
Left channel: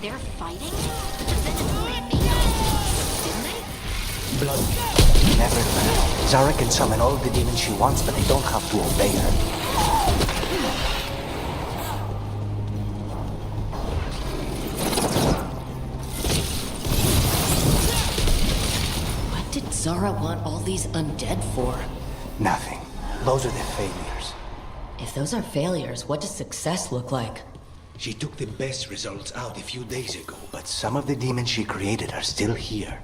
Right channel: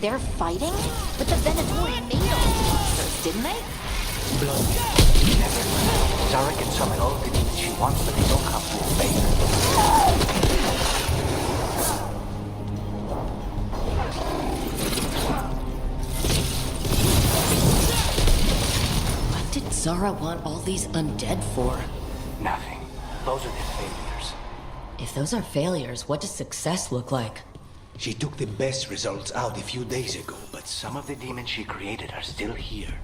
They're fighting? But the Venatori made those monsters, didn't they? Blood. Never. Zara can summon all the demons she wants, but they don't have to obey her. What did Zara want all these undead for? Nothing. Those are the failures. If those are failures, what does success look like? She took the best results out a few days ago, but some of the demons she created are still here.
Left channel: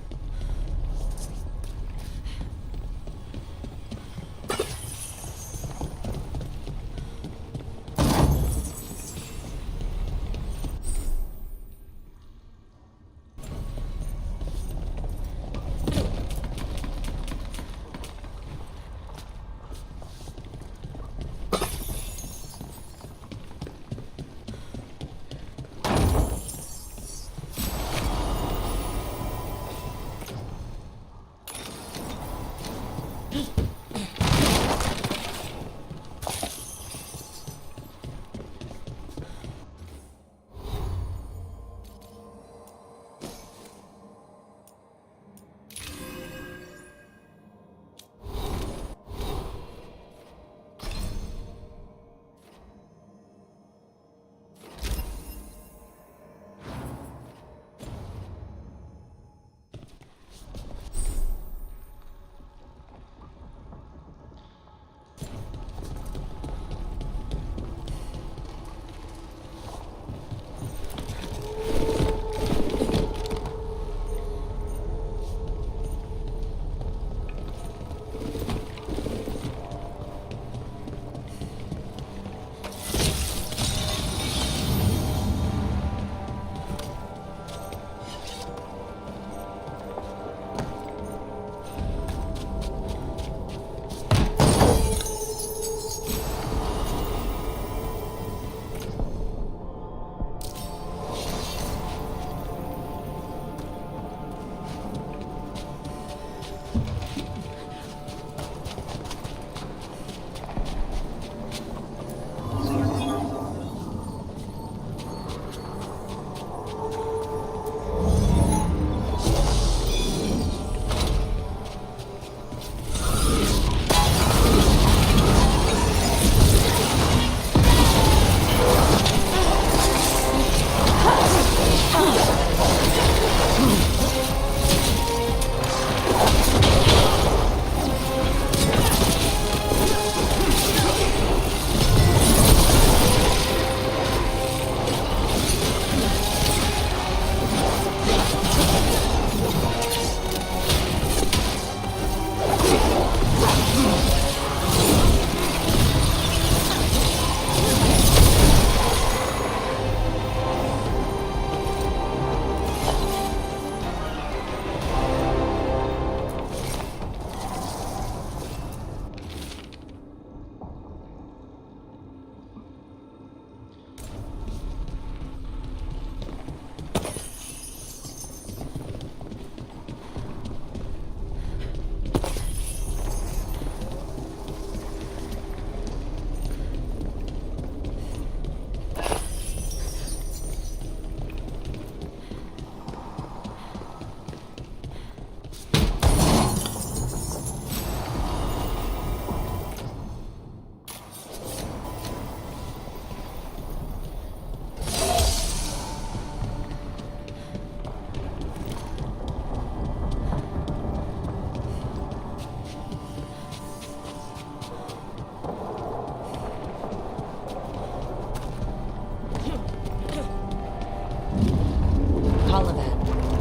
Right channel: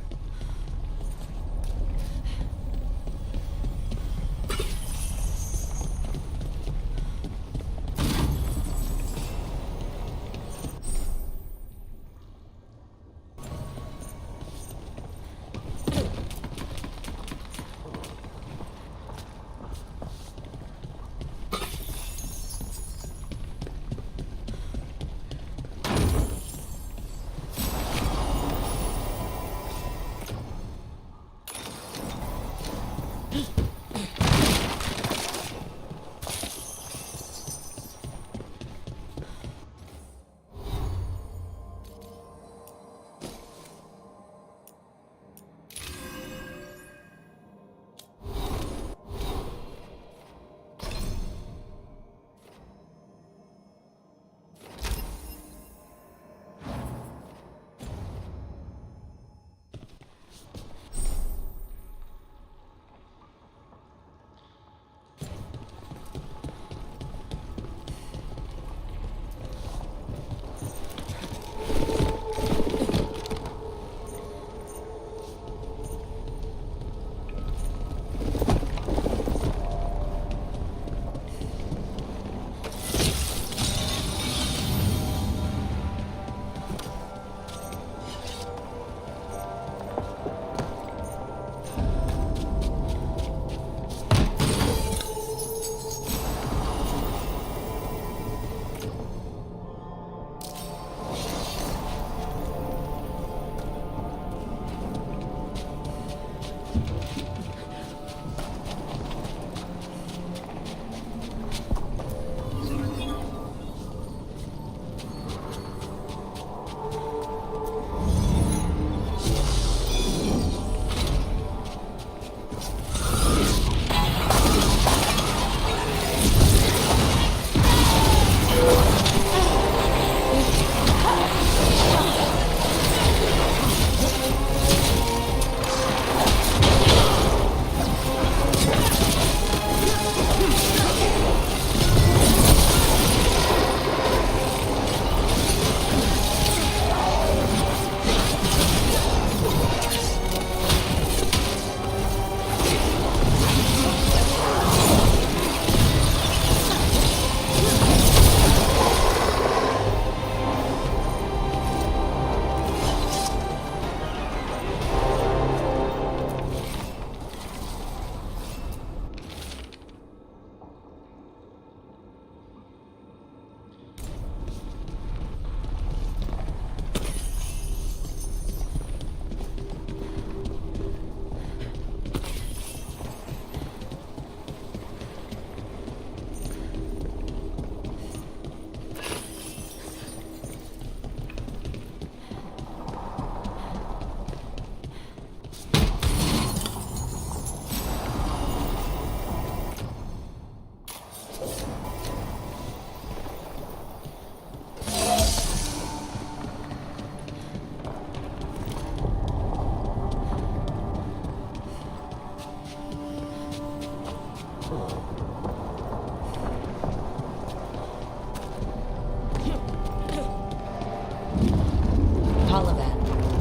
Colivan.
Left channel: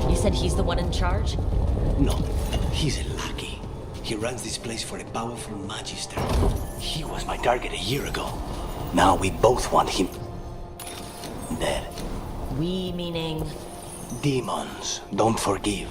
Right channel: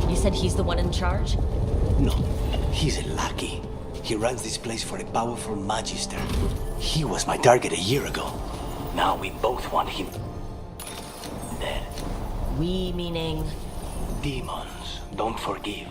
You said he's the one in charge? No, he's a lackey. He runs this place for a powerful magister. He was my target a year ago. Now we both want him dead. We meaning? Demons don't forgive.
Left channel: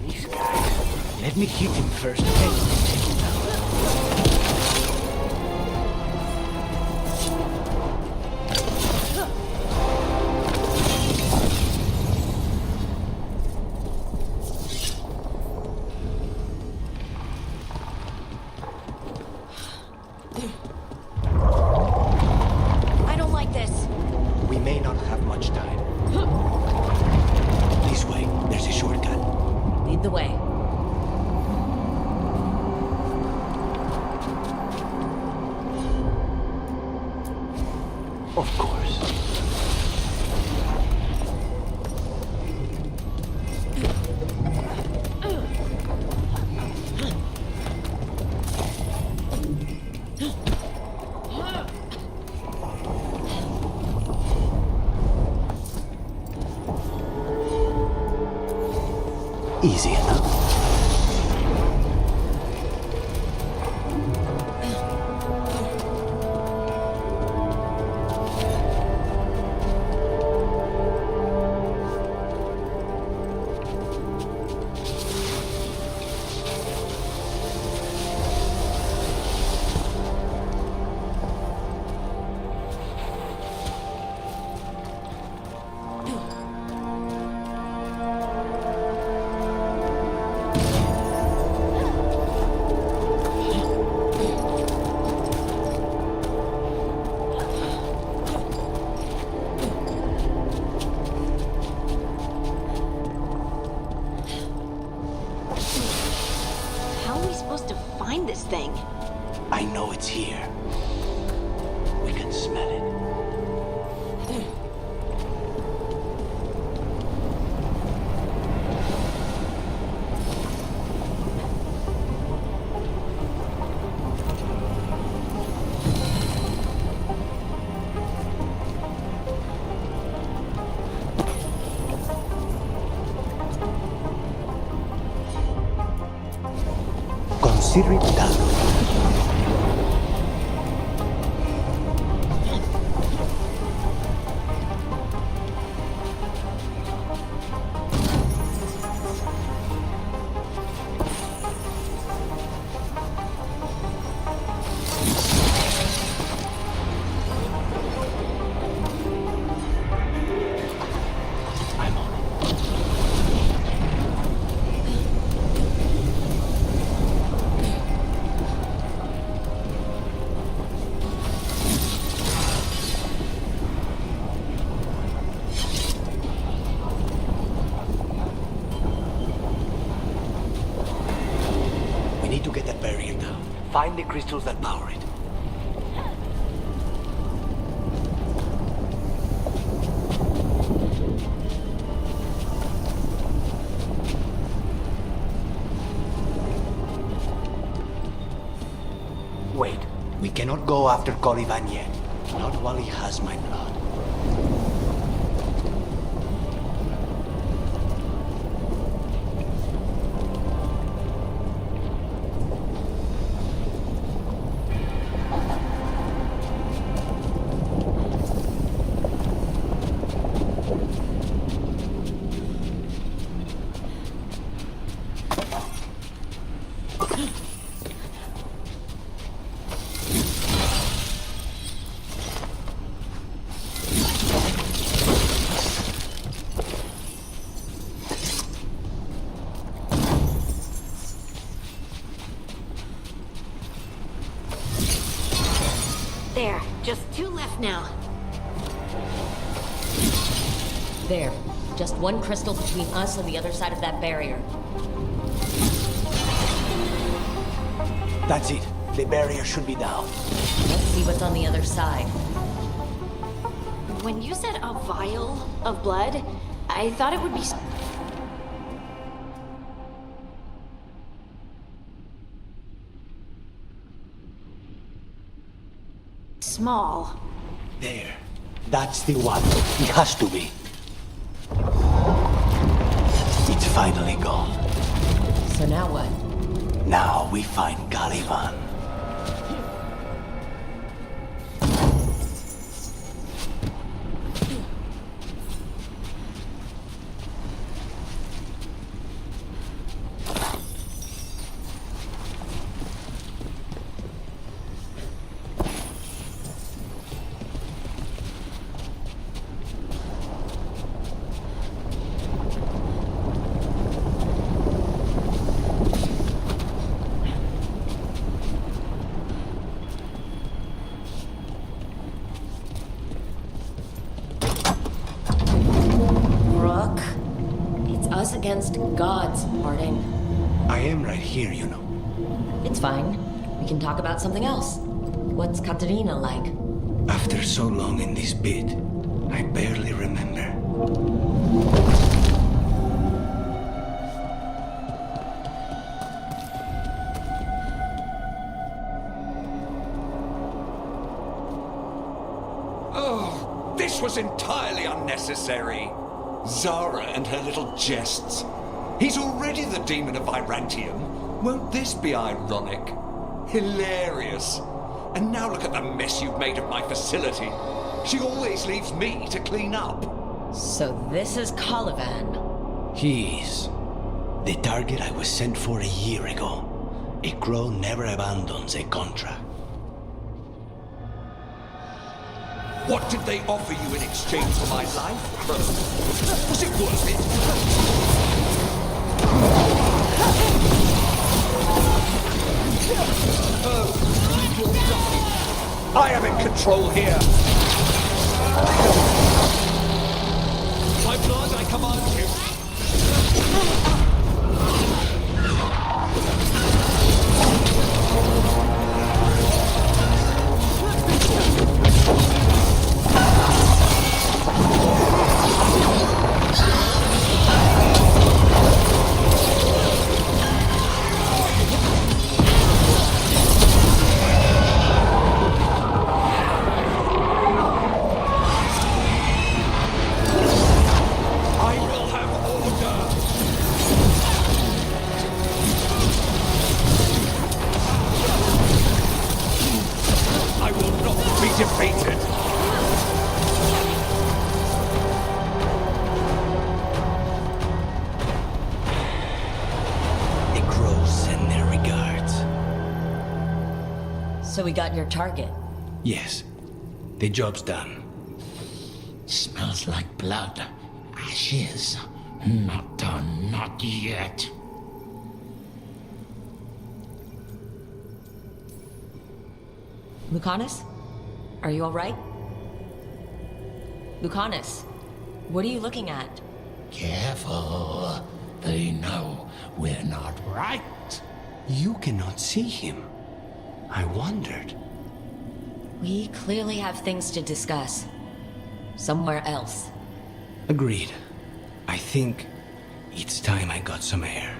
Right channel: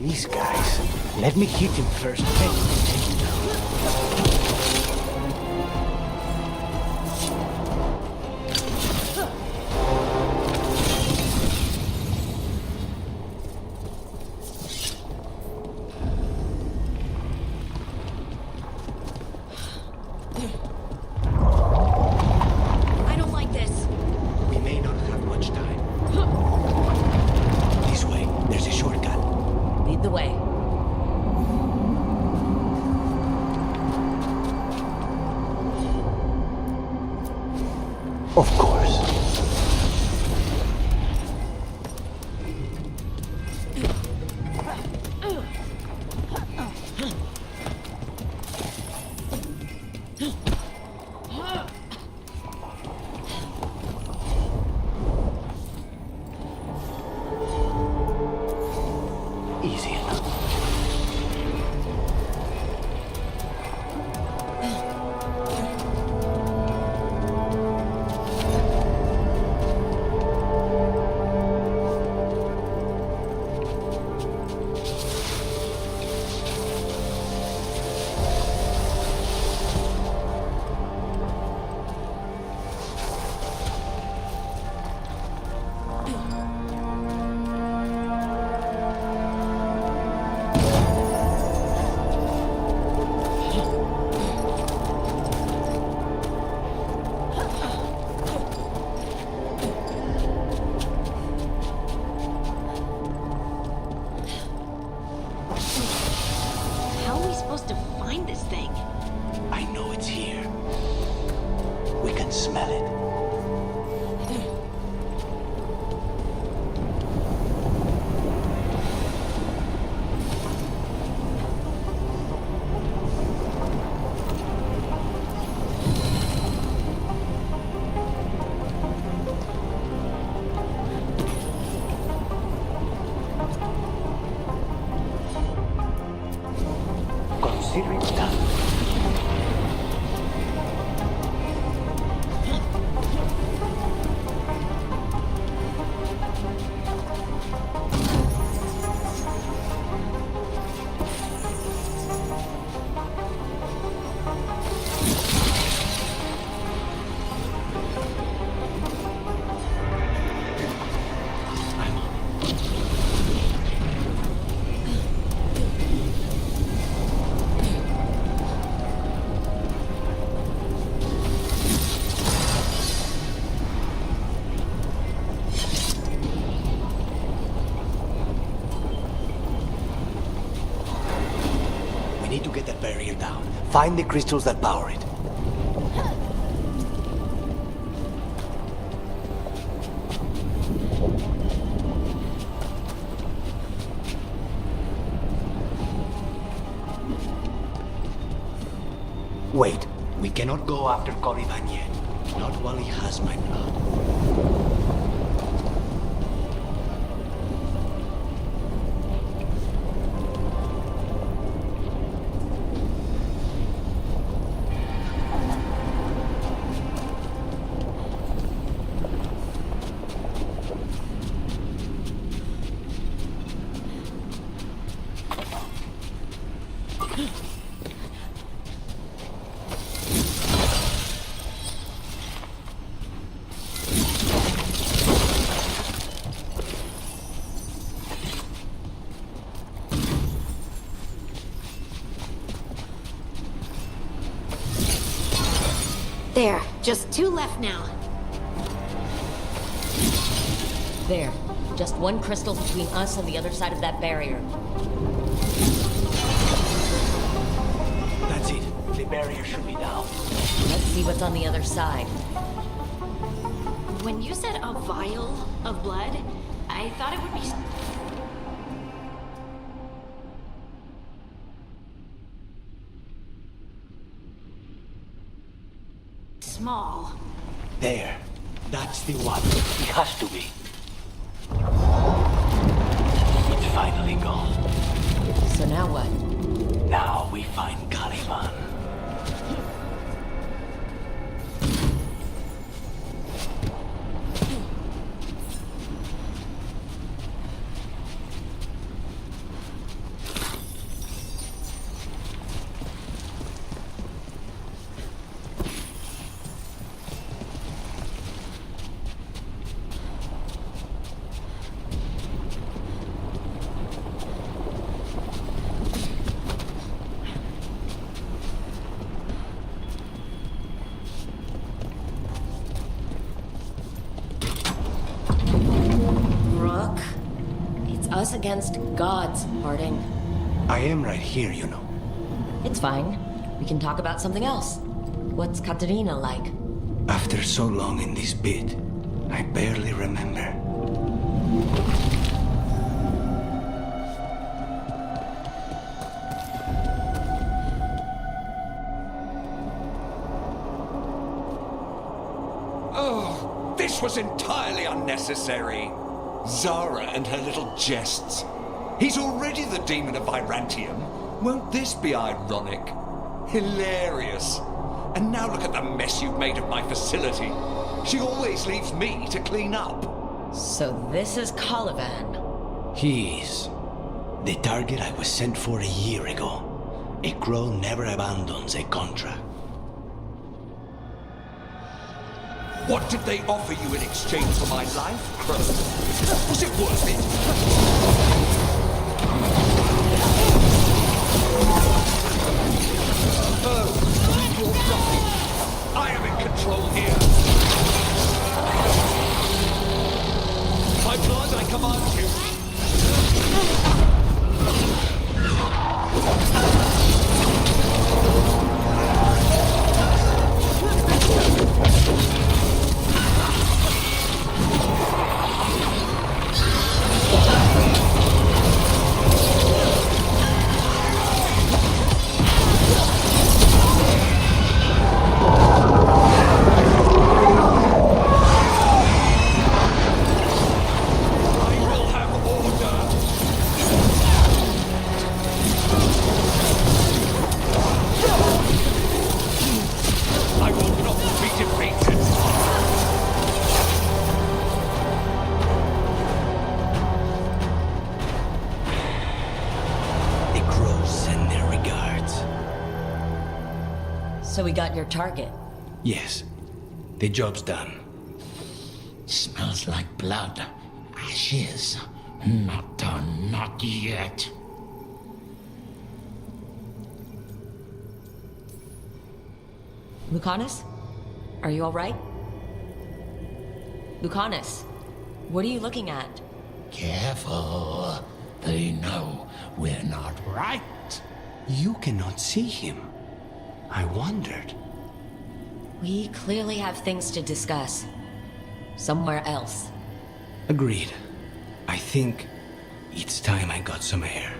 These guys. Let me hit him first, then take him down. I don't like this. We may not have much time. This way. There's a shortcut. Lead the way. Of course. Easy enough. thing. I know it's here. We can smell it. Consider it done. I'm on it. We need to get that barrier down. Find the crystals that power it. Wait, we cannot go after Coliban yet. Not while he has my blood. There, just 2 left now. There. Just one crystal between us and the other side of that barrier. That's it. The barrier should be down. Let's see what's on the other side. When you said a vial of blood, I thought it would be... small. There. That's the one. It has to be. It's finally gone. So now what? Now we find Caliban. Rook, it's us against gods, Harding. I am right here, you know. It's fine. We can talk about something else. What's Katerina like? After so long in this pit, I barely remember. Oh, this was entirely unnecessary. Zara and her little jests. He's already the demon of Virantium. Won't this be ironic? Hilarious. And now look at the mess you've made of my facility. She always leaves me to clean up. So this is Caliban. He is. The target I was sent for a year ago. A crow never abandons a contract. What did they offer you in exchange for my life, Crow? Was it worth it? Oh, you're nothing. I am in control here. By blood, I command you. I will not be defeated. The crows send their regards. So we got your target. Yes. The job's done. Smells like blood. Ashes. Not done, not yet. Lucanus? Are you alright? Lucanus, what are you looking at? Careful. They know we're not right. You cannot see him. I wondered. We clearly have things to discuss. Somewhere else. Agreed. I think it's time I got some air.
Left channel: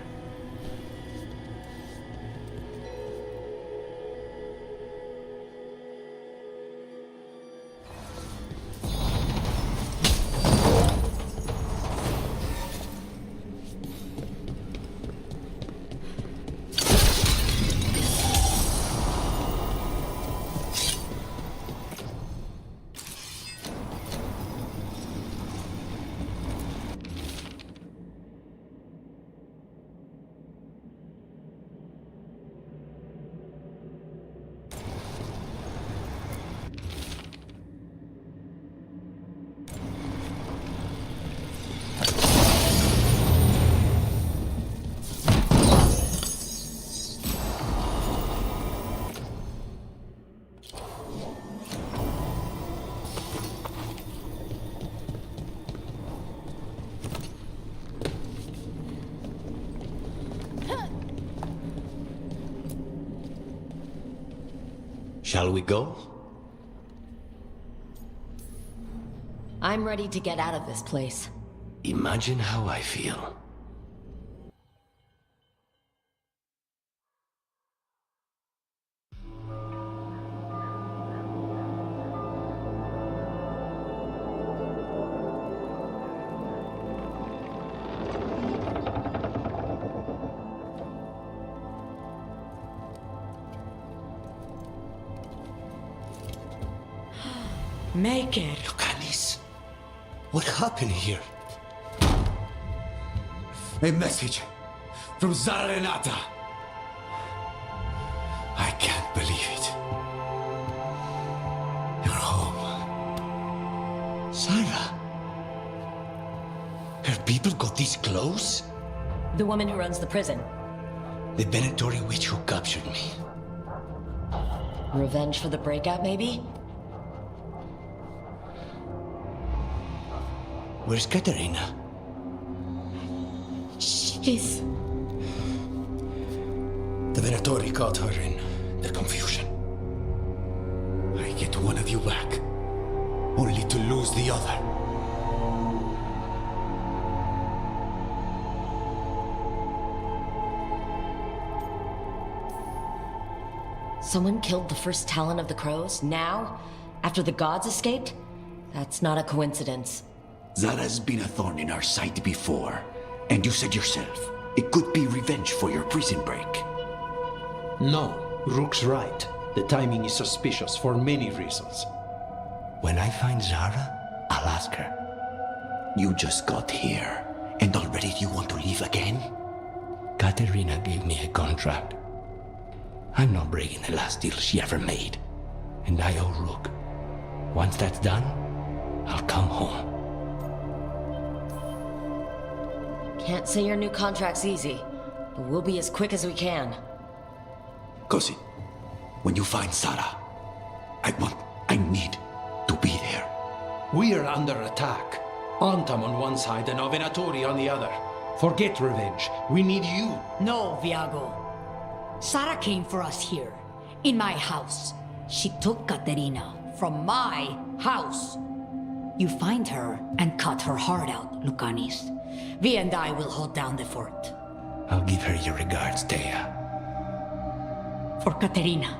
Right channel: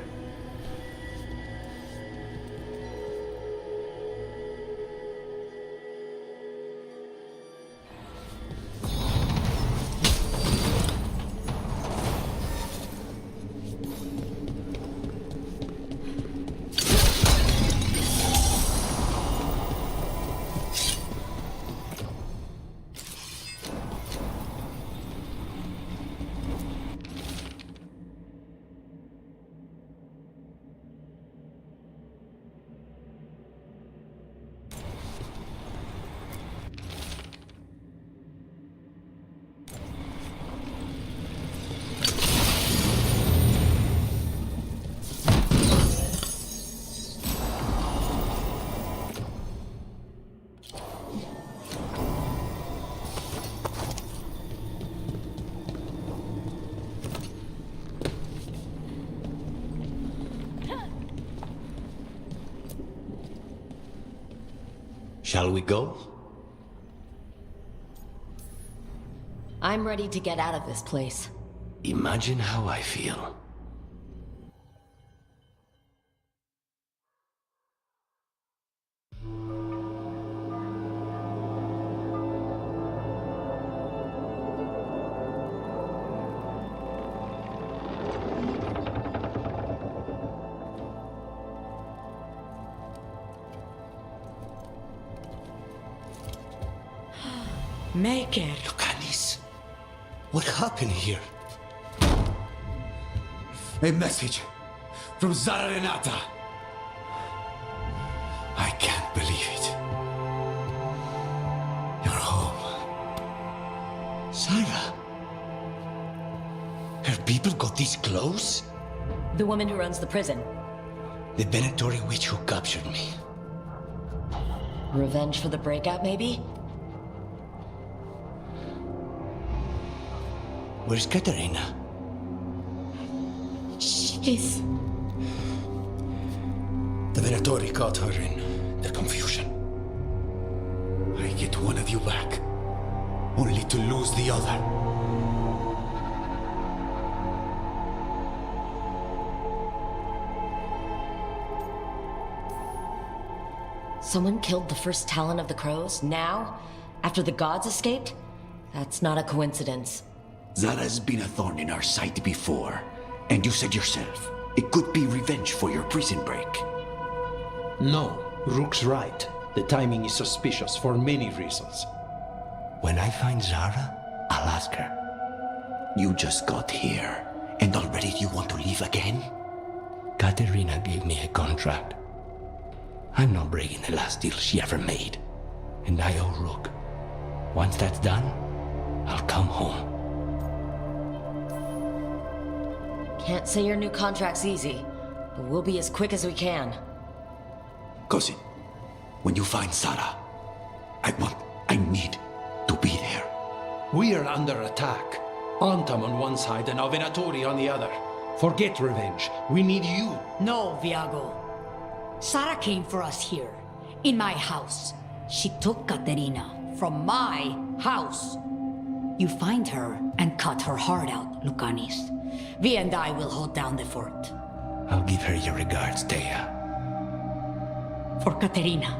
Shall we go? I'm ready to get out of this place. Imagine how I feel. Make it. Lucanus, what happened here? A message from Zara Renata. I can't believe it. You're home. Sarah? Her people got this close? The woman who runs the prison. The Venatori witch who captured me. Revenge for the breakout, maybe? Where's Katerina? She's... The Venatori caught her in their confusion. I get one of you back, only to lose the other. Someone killed the first Talon of the Crows, now? After the gods escaped? That's not a coincidence. Zara's been a thorn in our side before, and you said yourself, it could be revenge for your prison break. No, Rook's right. The timing is suspicious for many reasons. When I find Zara, I'll ask her. You just got here, and already you want to leave again? Katerina gave me a contract. I'm not breaking the last deal she ever made. And I owe Rook. Once that's done, I'll come home. Can't say your new contract's easy, but we'll be as quick as we can. Cousin, when you find Zara, I need to be there. We are under attack. Antam on one side and Venatori on the other. Forget revenge. We need you. No, Viago. Sara came for us here, in my house. She took Katerina from my house. You find her and cut her heart out, Lucanus. Vi and I will hold down the fort. I'll give her your regards, Thea. For Katerina.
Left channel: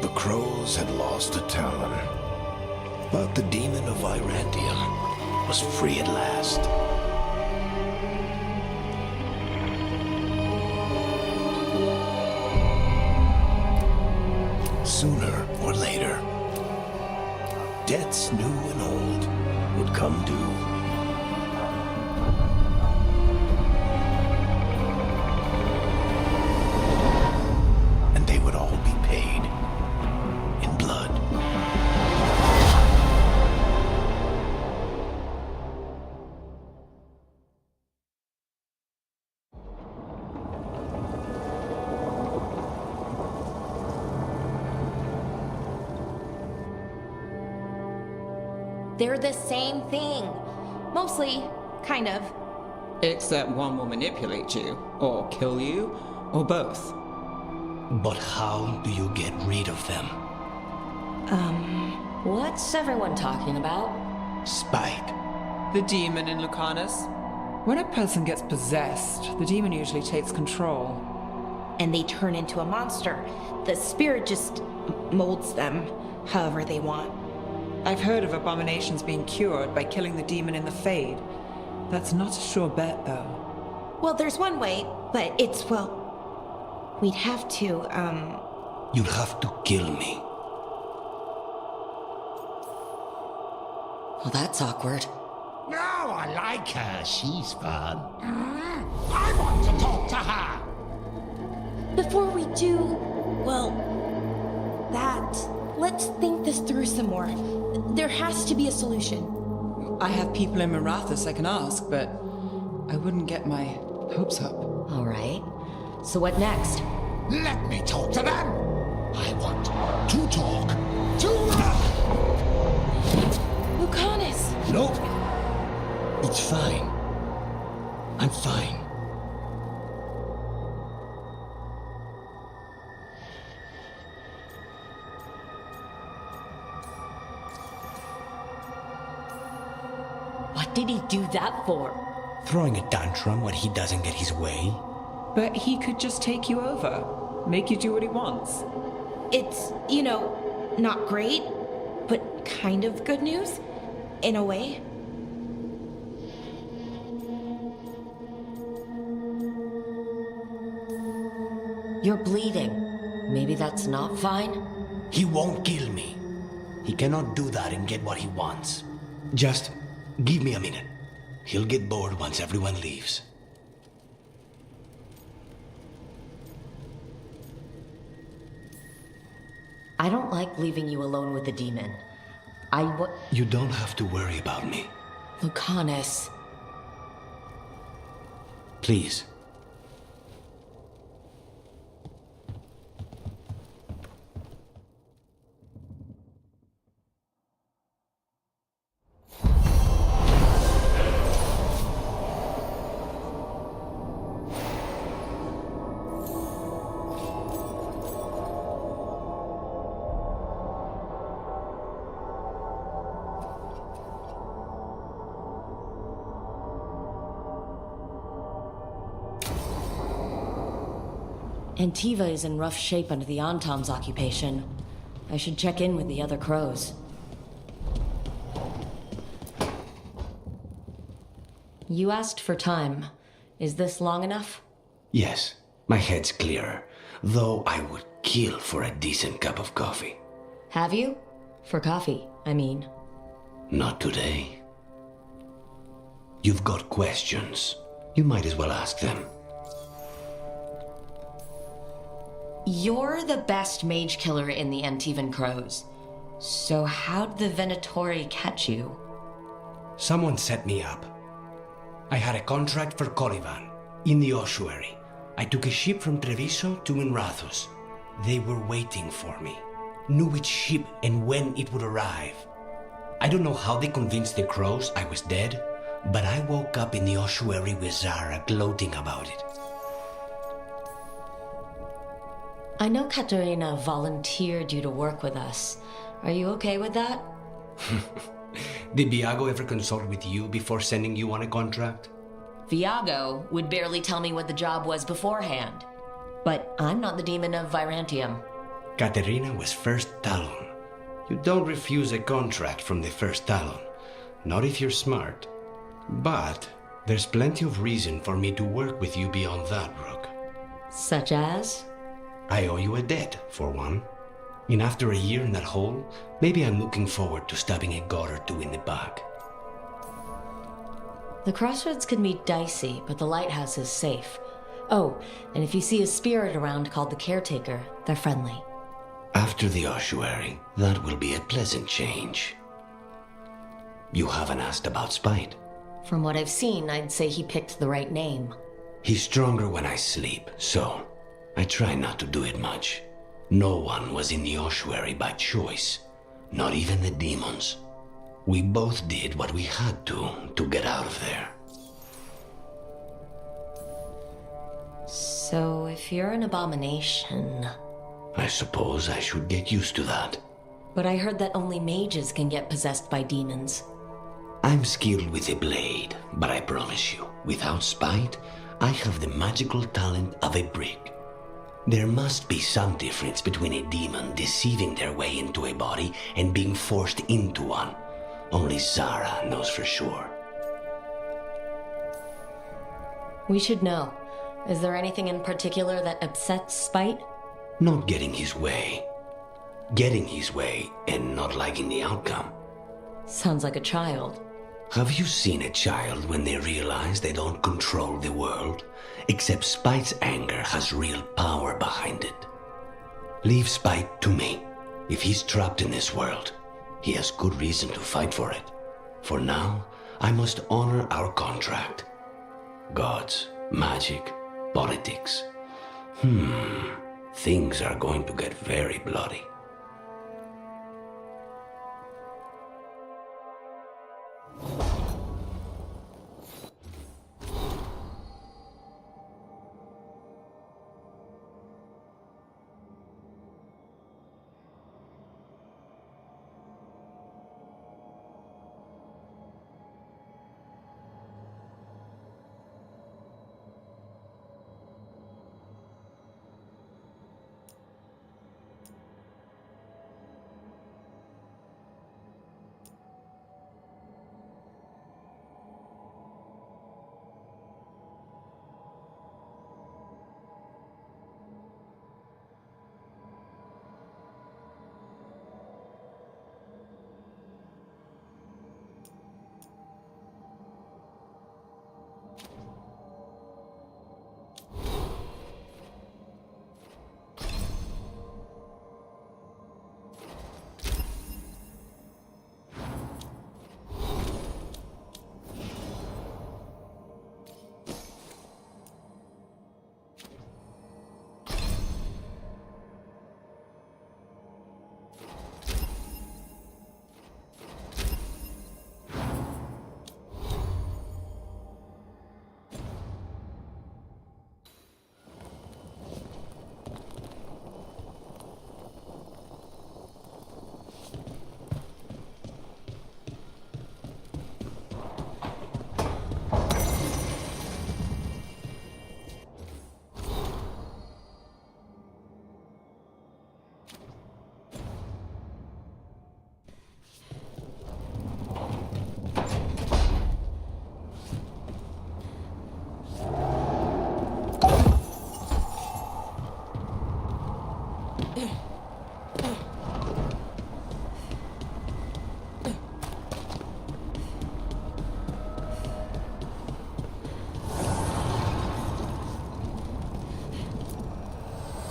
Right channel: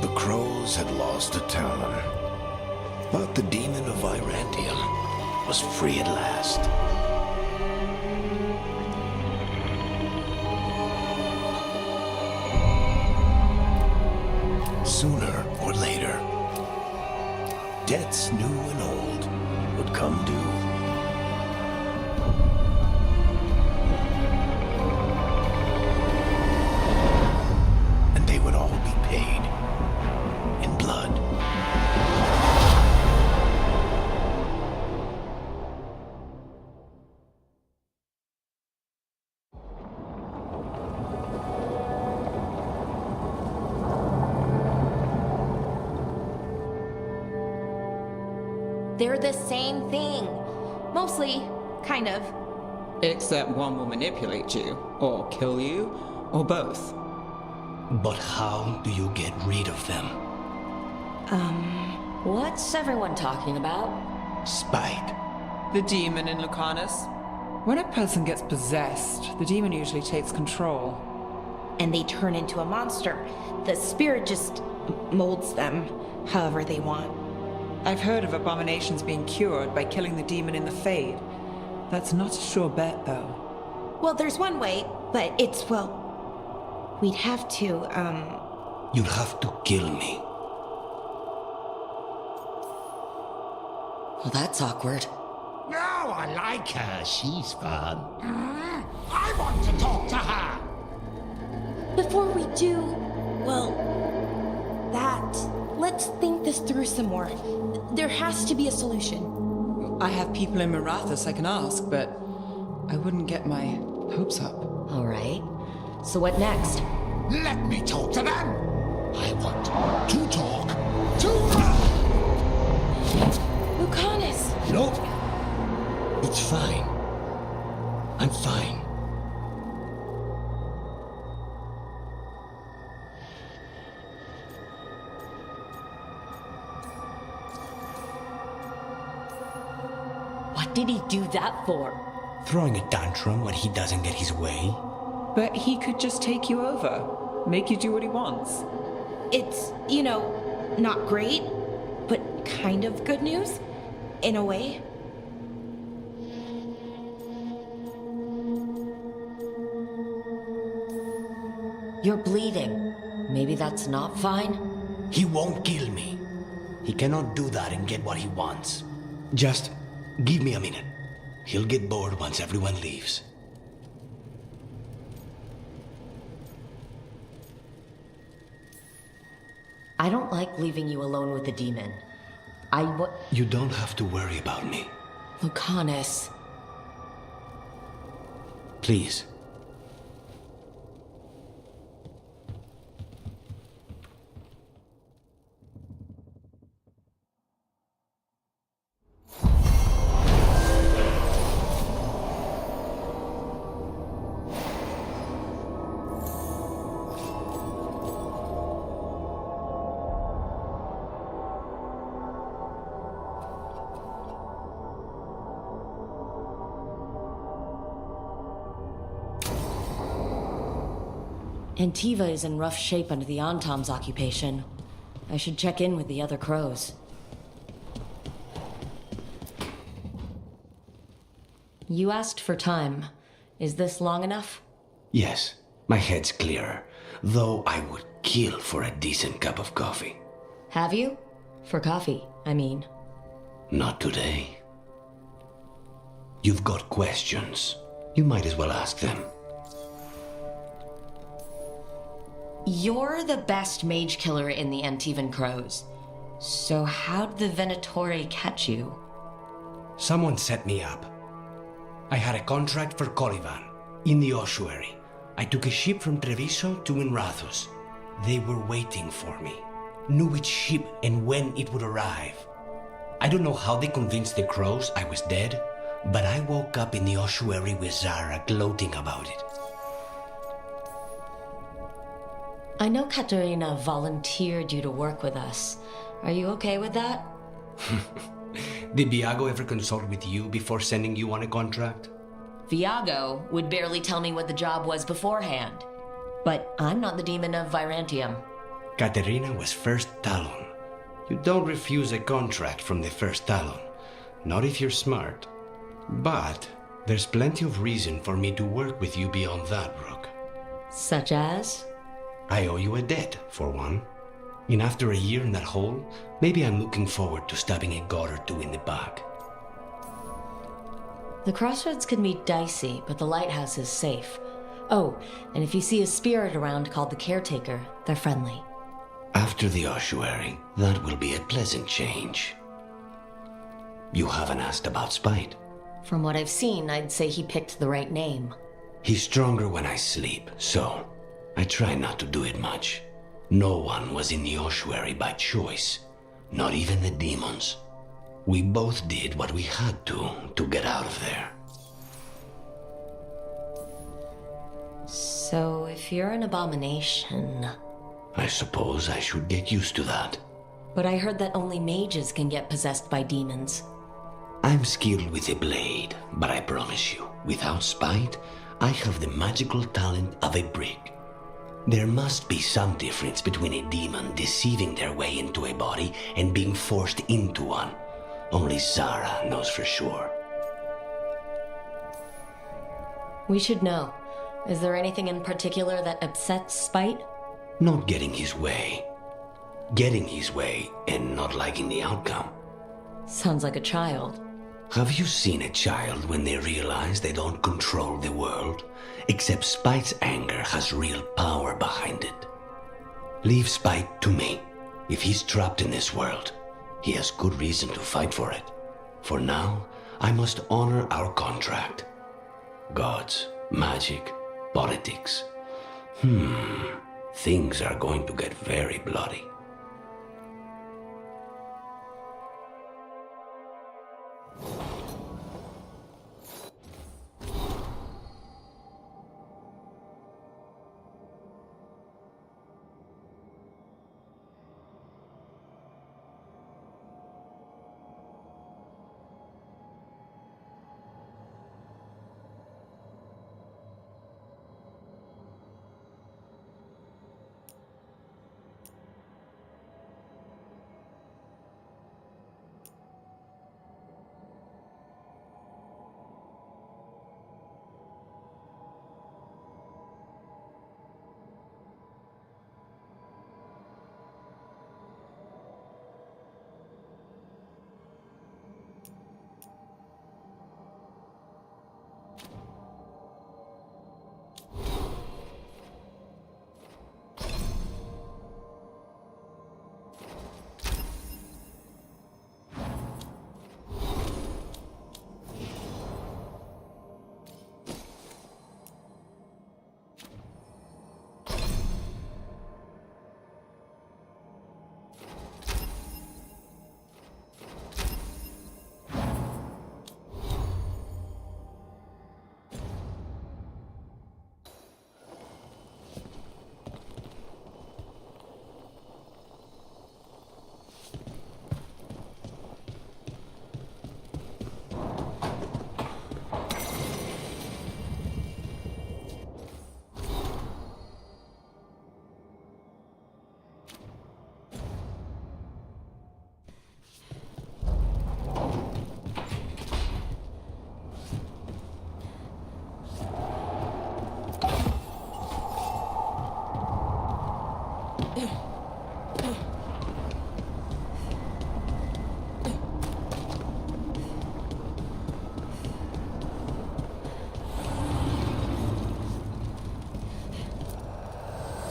The crows had lost a Talon, but the demon of Virantium was free at last. sooner or later, debts new and old would come due. And they would all be paid in blood. They're the same thing. Mostly, kind of. Except one will manipulate you, or kill you, or both. But how do you get rid of them? What's everyone talking about? Spite. The demon in Lucanus. When a person gets possessed, the demon usually takes control. And they turn into a monster. The spirit just molds them however they want. I've heard of abominations being cured by killing the demon in the Fade. That's not a sure bet, though. Well, there's one way, but it's, well... We'd have to, You'd have to kill me. Well, that's awkward. No, I like her. She's fun. I want to talk to her. Before we do, well, that... Let's think this through some more. There has to be a solution. I have people in Marathus I can ask, but I wouldn't get my hopes up. All right. So what next? Let me talk to them. I want to talk to... Lucanus! No. It's fine. I'm fine. What did he do that for? Throwing a tantrum when he doesn't get his way? But he could just take you over. Make you do what he wants. It's, you know, not great, but kind of good news, in a way. You're bleeding. Maybe that's not fine? He won't kill me. He cannot do that and get what he wants. Just give me a minute. He'll get bored once everyone leaves. I don't like leaving you alone with the demon. You don't have to worry about me. Lucanus. Please. Antiva is in rough shape under the Antom's occupation. I should check in with the other crows. You asked for time. Is this long enough? Yes, my head's clearer. Though I would kill for a decent cup of coffee. Have you? For coffee, I mean. Not today. You've got questions. You might as well ask them. You're the best mage killer in the Antivan Crows. So how'd the Venatori catch you? Someone set me up. I had a contract for Colivan, in the ossuary. I took a ship from Treviso to Minrathus. They were waiting for me. Knew which ship and when it would arrive. I don't know how they convinced the crows I was dead, but I woke up in the ossuary with Zara gloating about it. I know Katerina volunteered you to work with us. Are you okay with that? Did Viago ever consult with you before sending you on a contract? Viago would barely tell me what the job was beforehand. But I'm not the demon of Virantium. Katerina was first Talon. You don't refuse a contract from the first Talon. Not if you're smart. But there's plenty of reason for me to work with you beyond that, Rook. Such as? I owe you a debt, for one. And after a year in that hole, maybe I'm looking forward to stabbing a god or two in the back. The crossroads can be dicey, but the lighthouse is safe. Oh, and if you see a spirit around called the Caretaker, they're friendly. After the ossuary, that will be a pleasant change. You haven't asked about Spite. From what I've seen, I'd say he picked the right name. He's stronger when I sleep, so I try not to do it much. No one was in the ossuary by choice, not even the demons. We both did what we had to get out of there. So if you're an abomination... I suppose I should get used to that. But I heard that only mages can get possessed by demons. I'm skilled with a blade, but I promise you, without Spite, I have the magical talent of a brick. There must be some difference between a demon deceiving their way into a body and being forced into one. Only Zara knows for sure. We should know. Is there anything in particular that upsets Spite? Not getting his way. Getting his way and not liking the outcome. Sounds like a child. Have you seen a child when they realize they don't control the world? Except Spite's anger has real power behind it. Leave Spite to me. If he's trapped in this world, he has good reason to fight for it. For now, I must honor our contract. Gods, magic, politics. Things are going to get very bloody.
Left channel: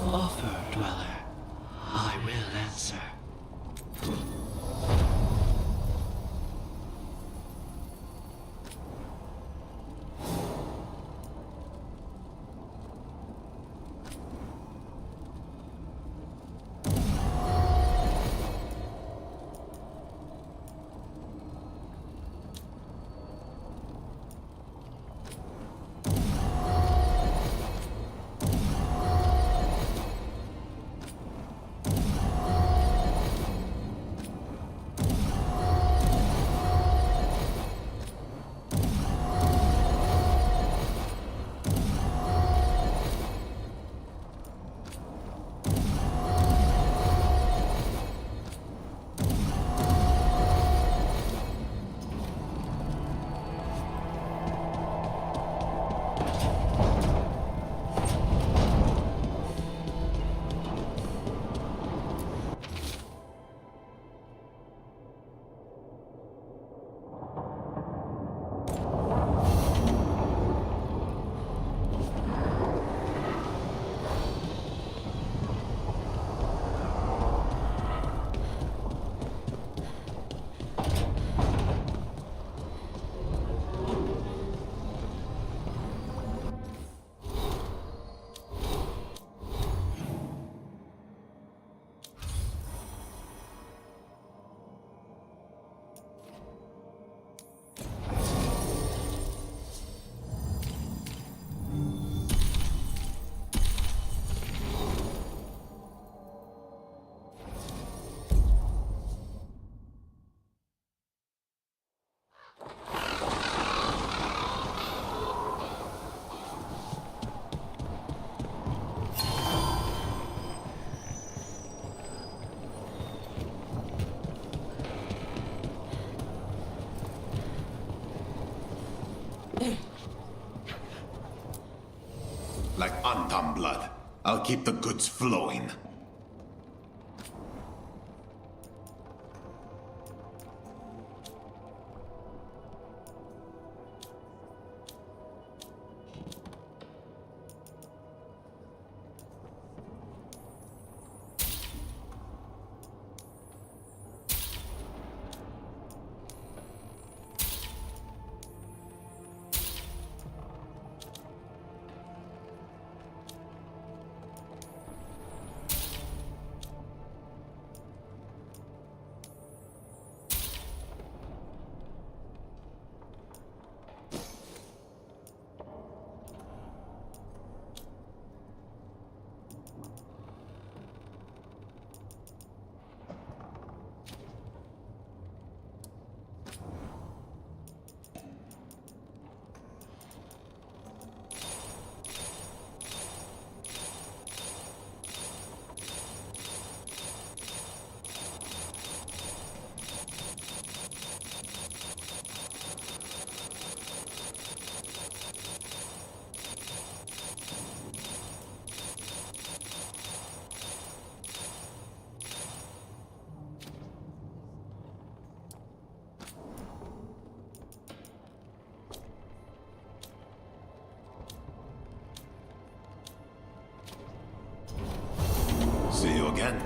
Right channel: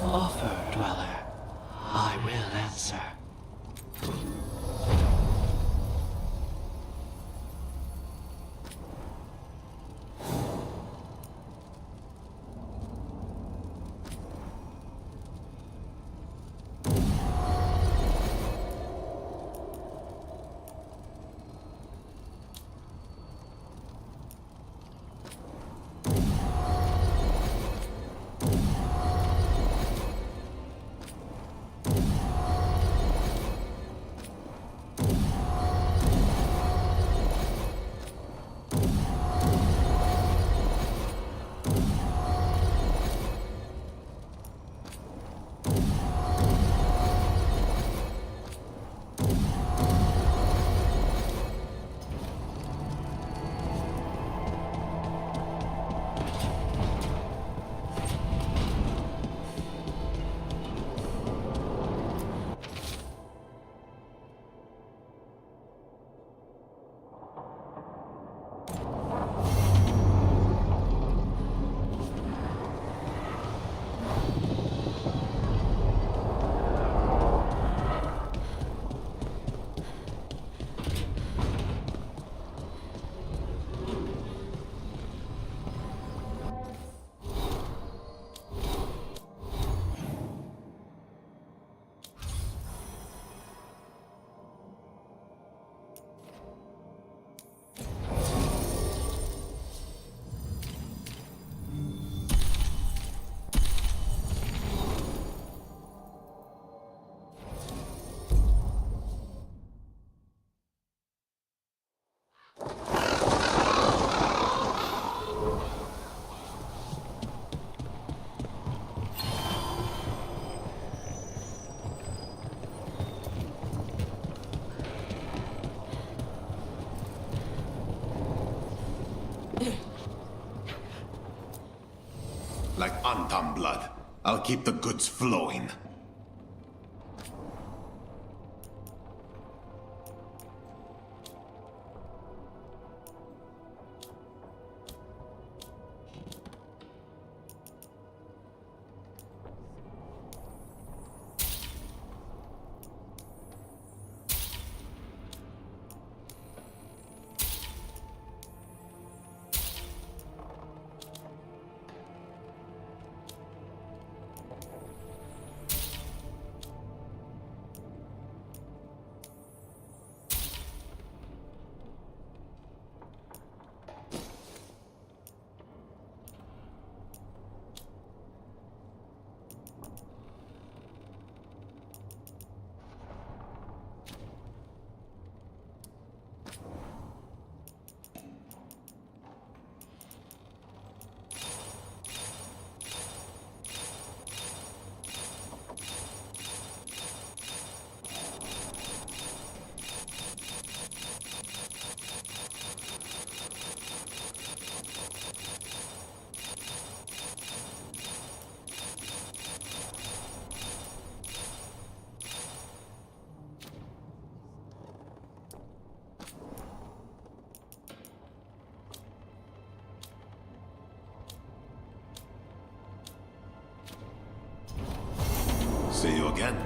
Offer, Dweller. I will answer. like Antam blood. I'll keep the goods flowing. See you again.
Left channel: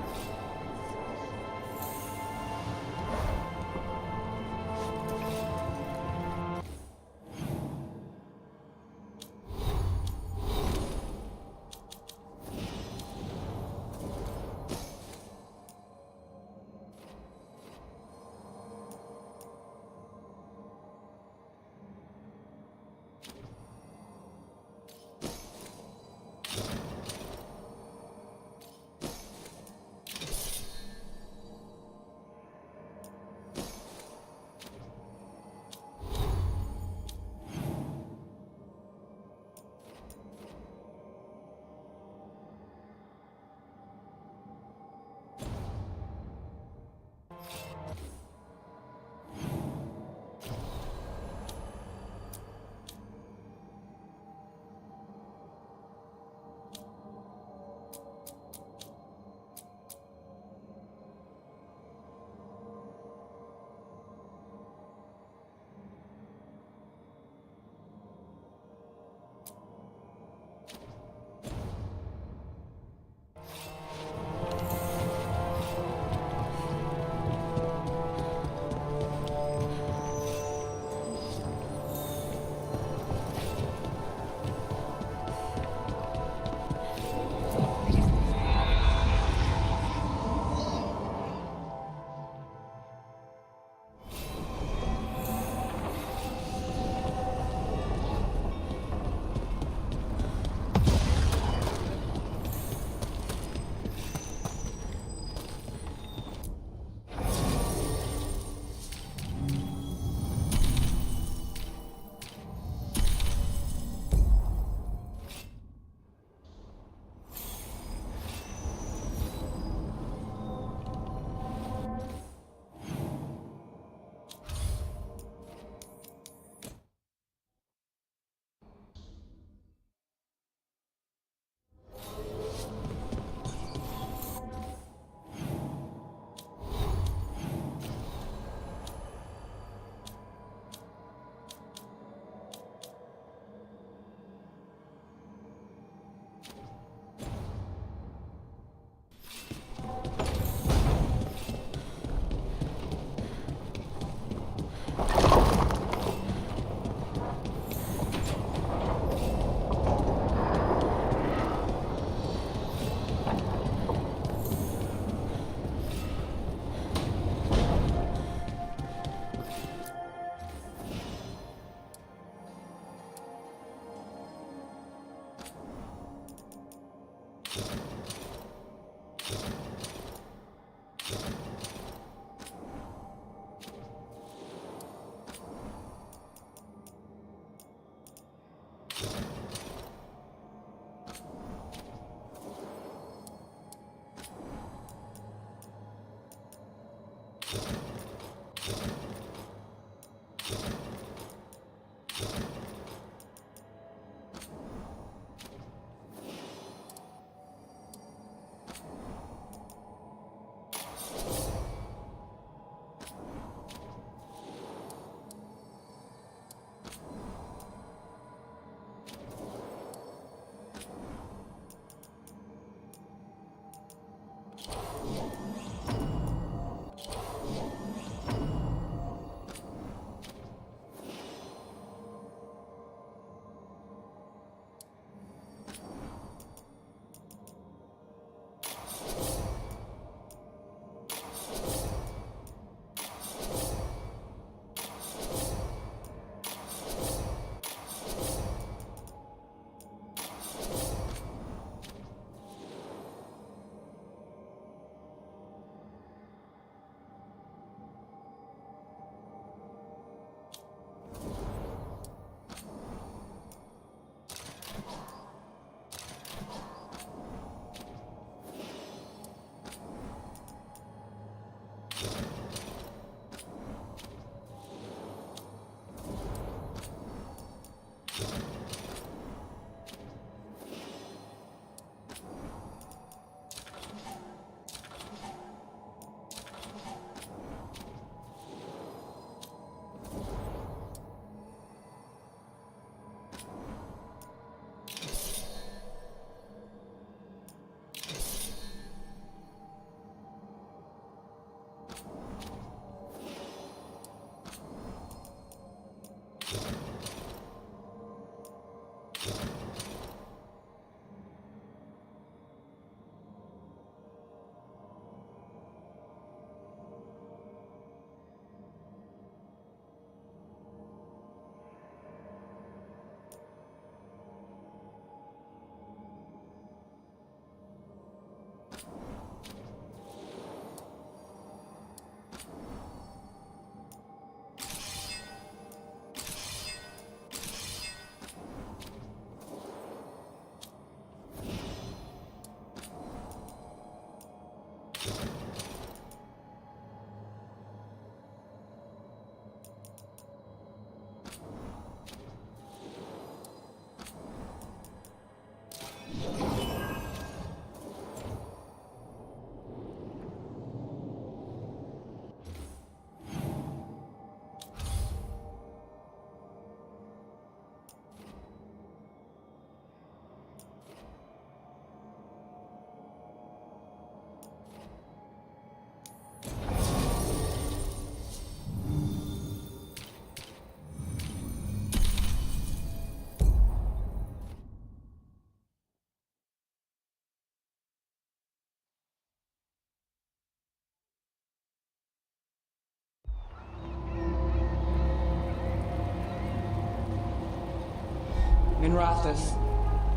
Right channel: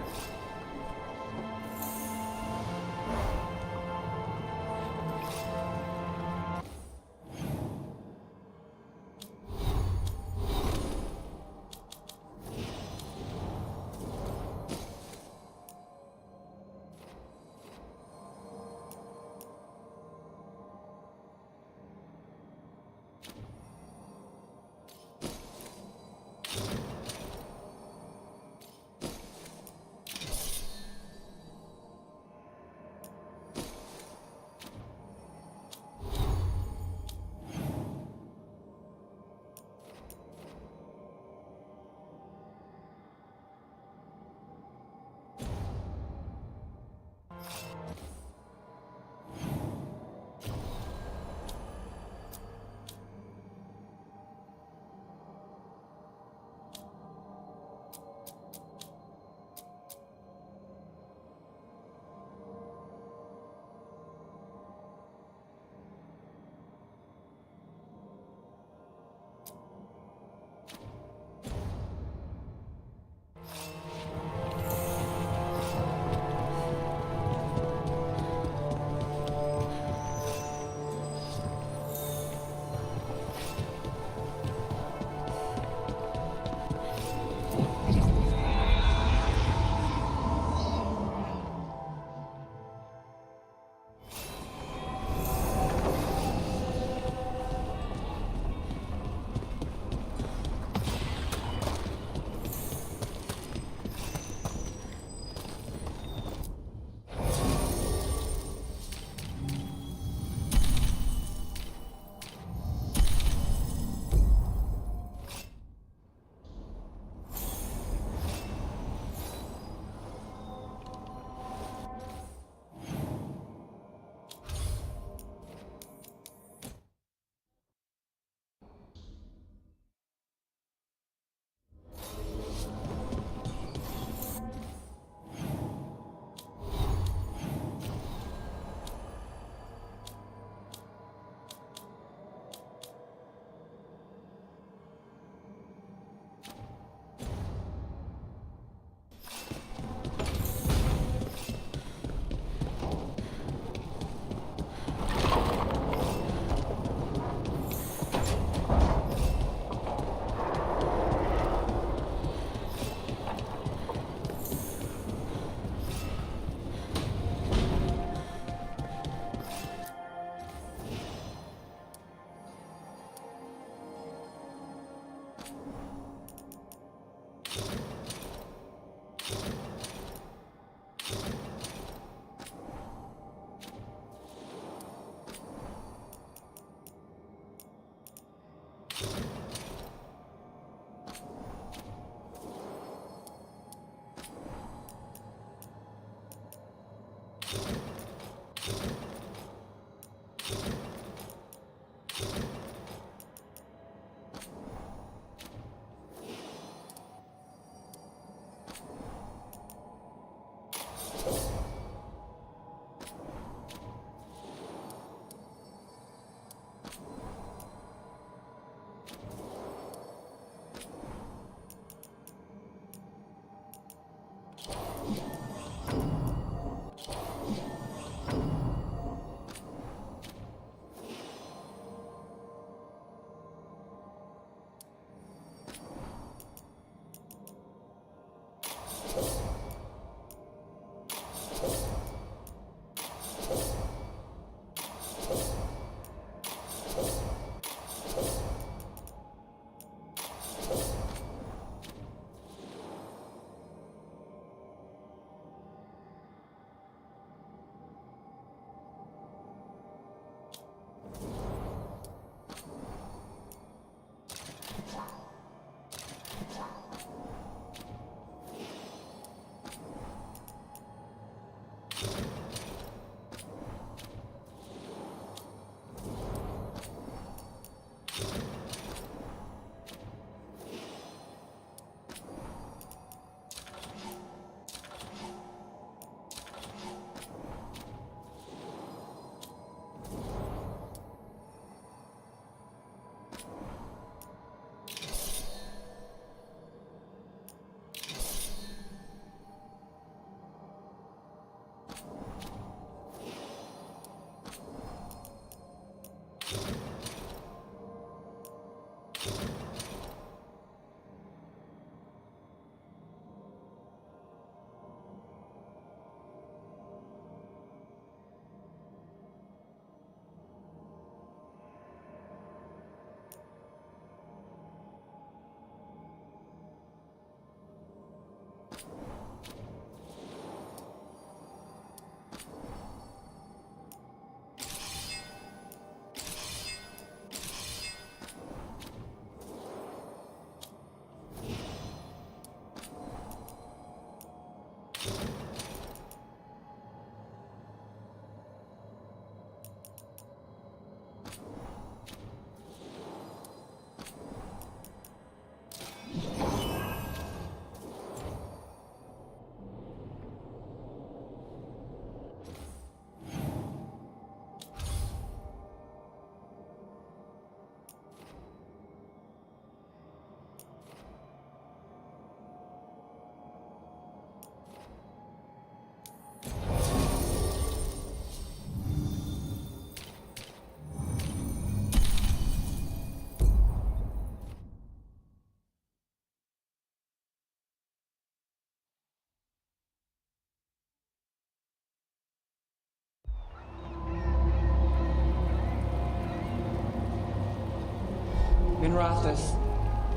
Minrathous,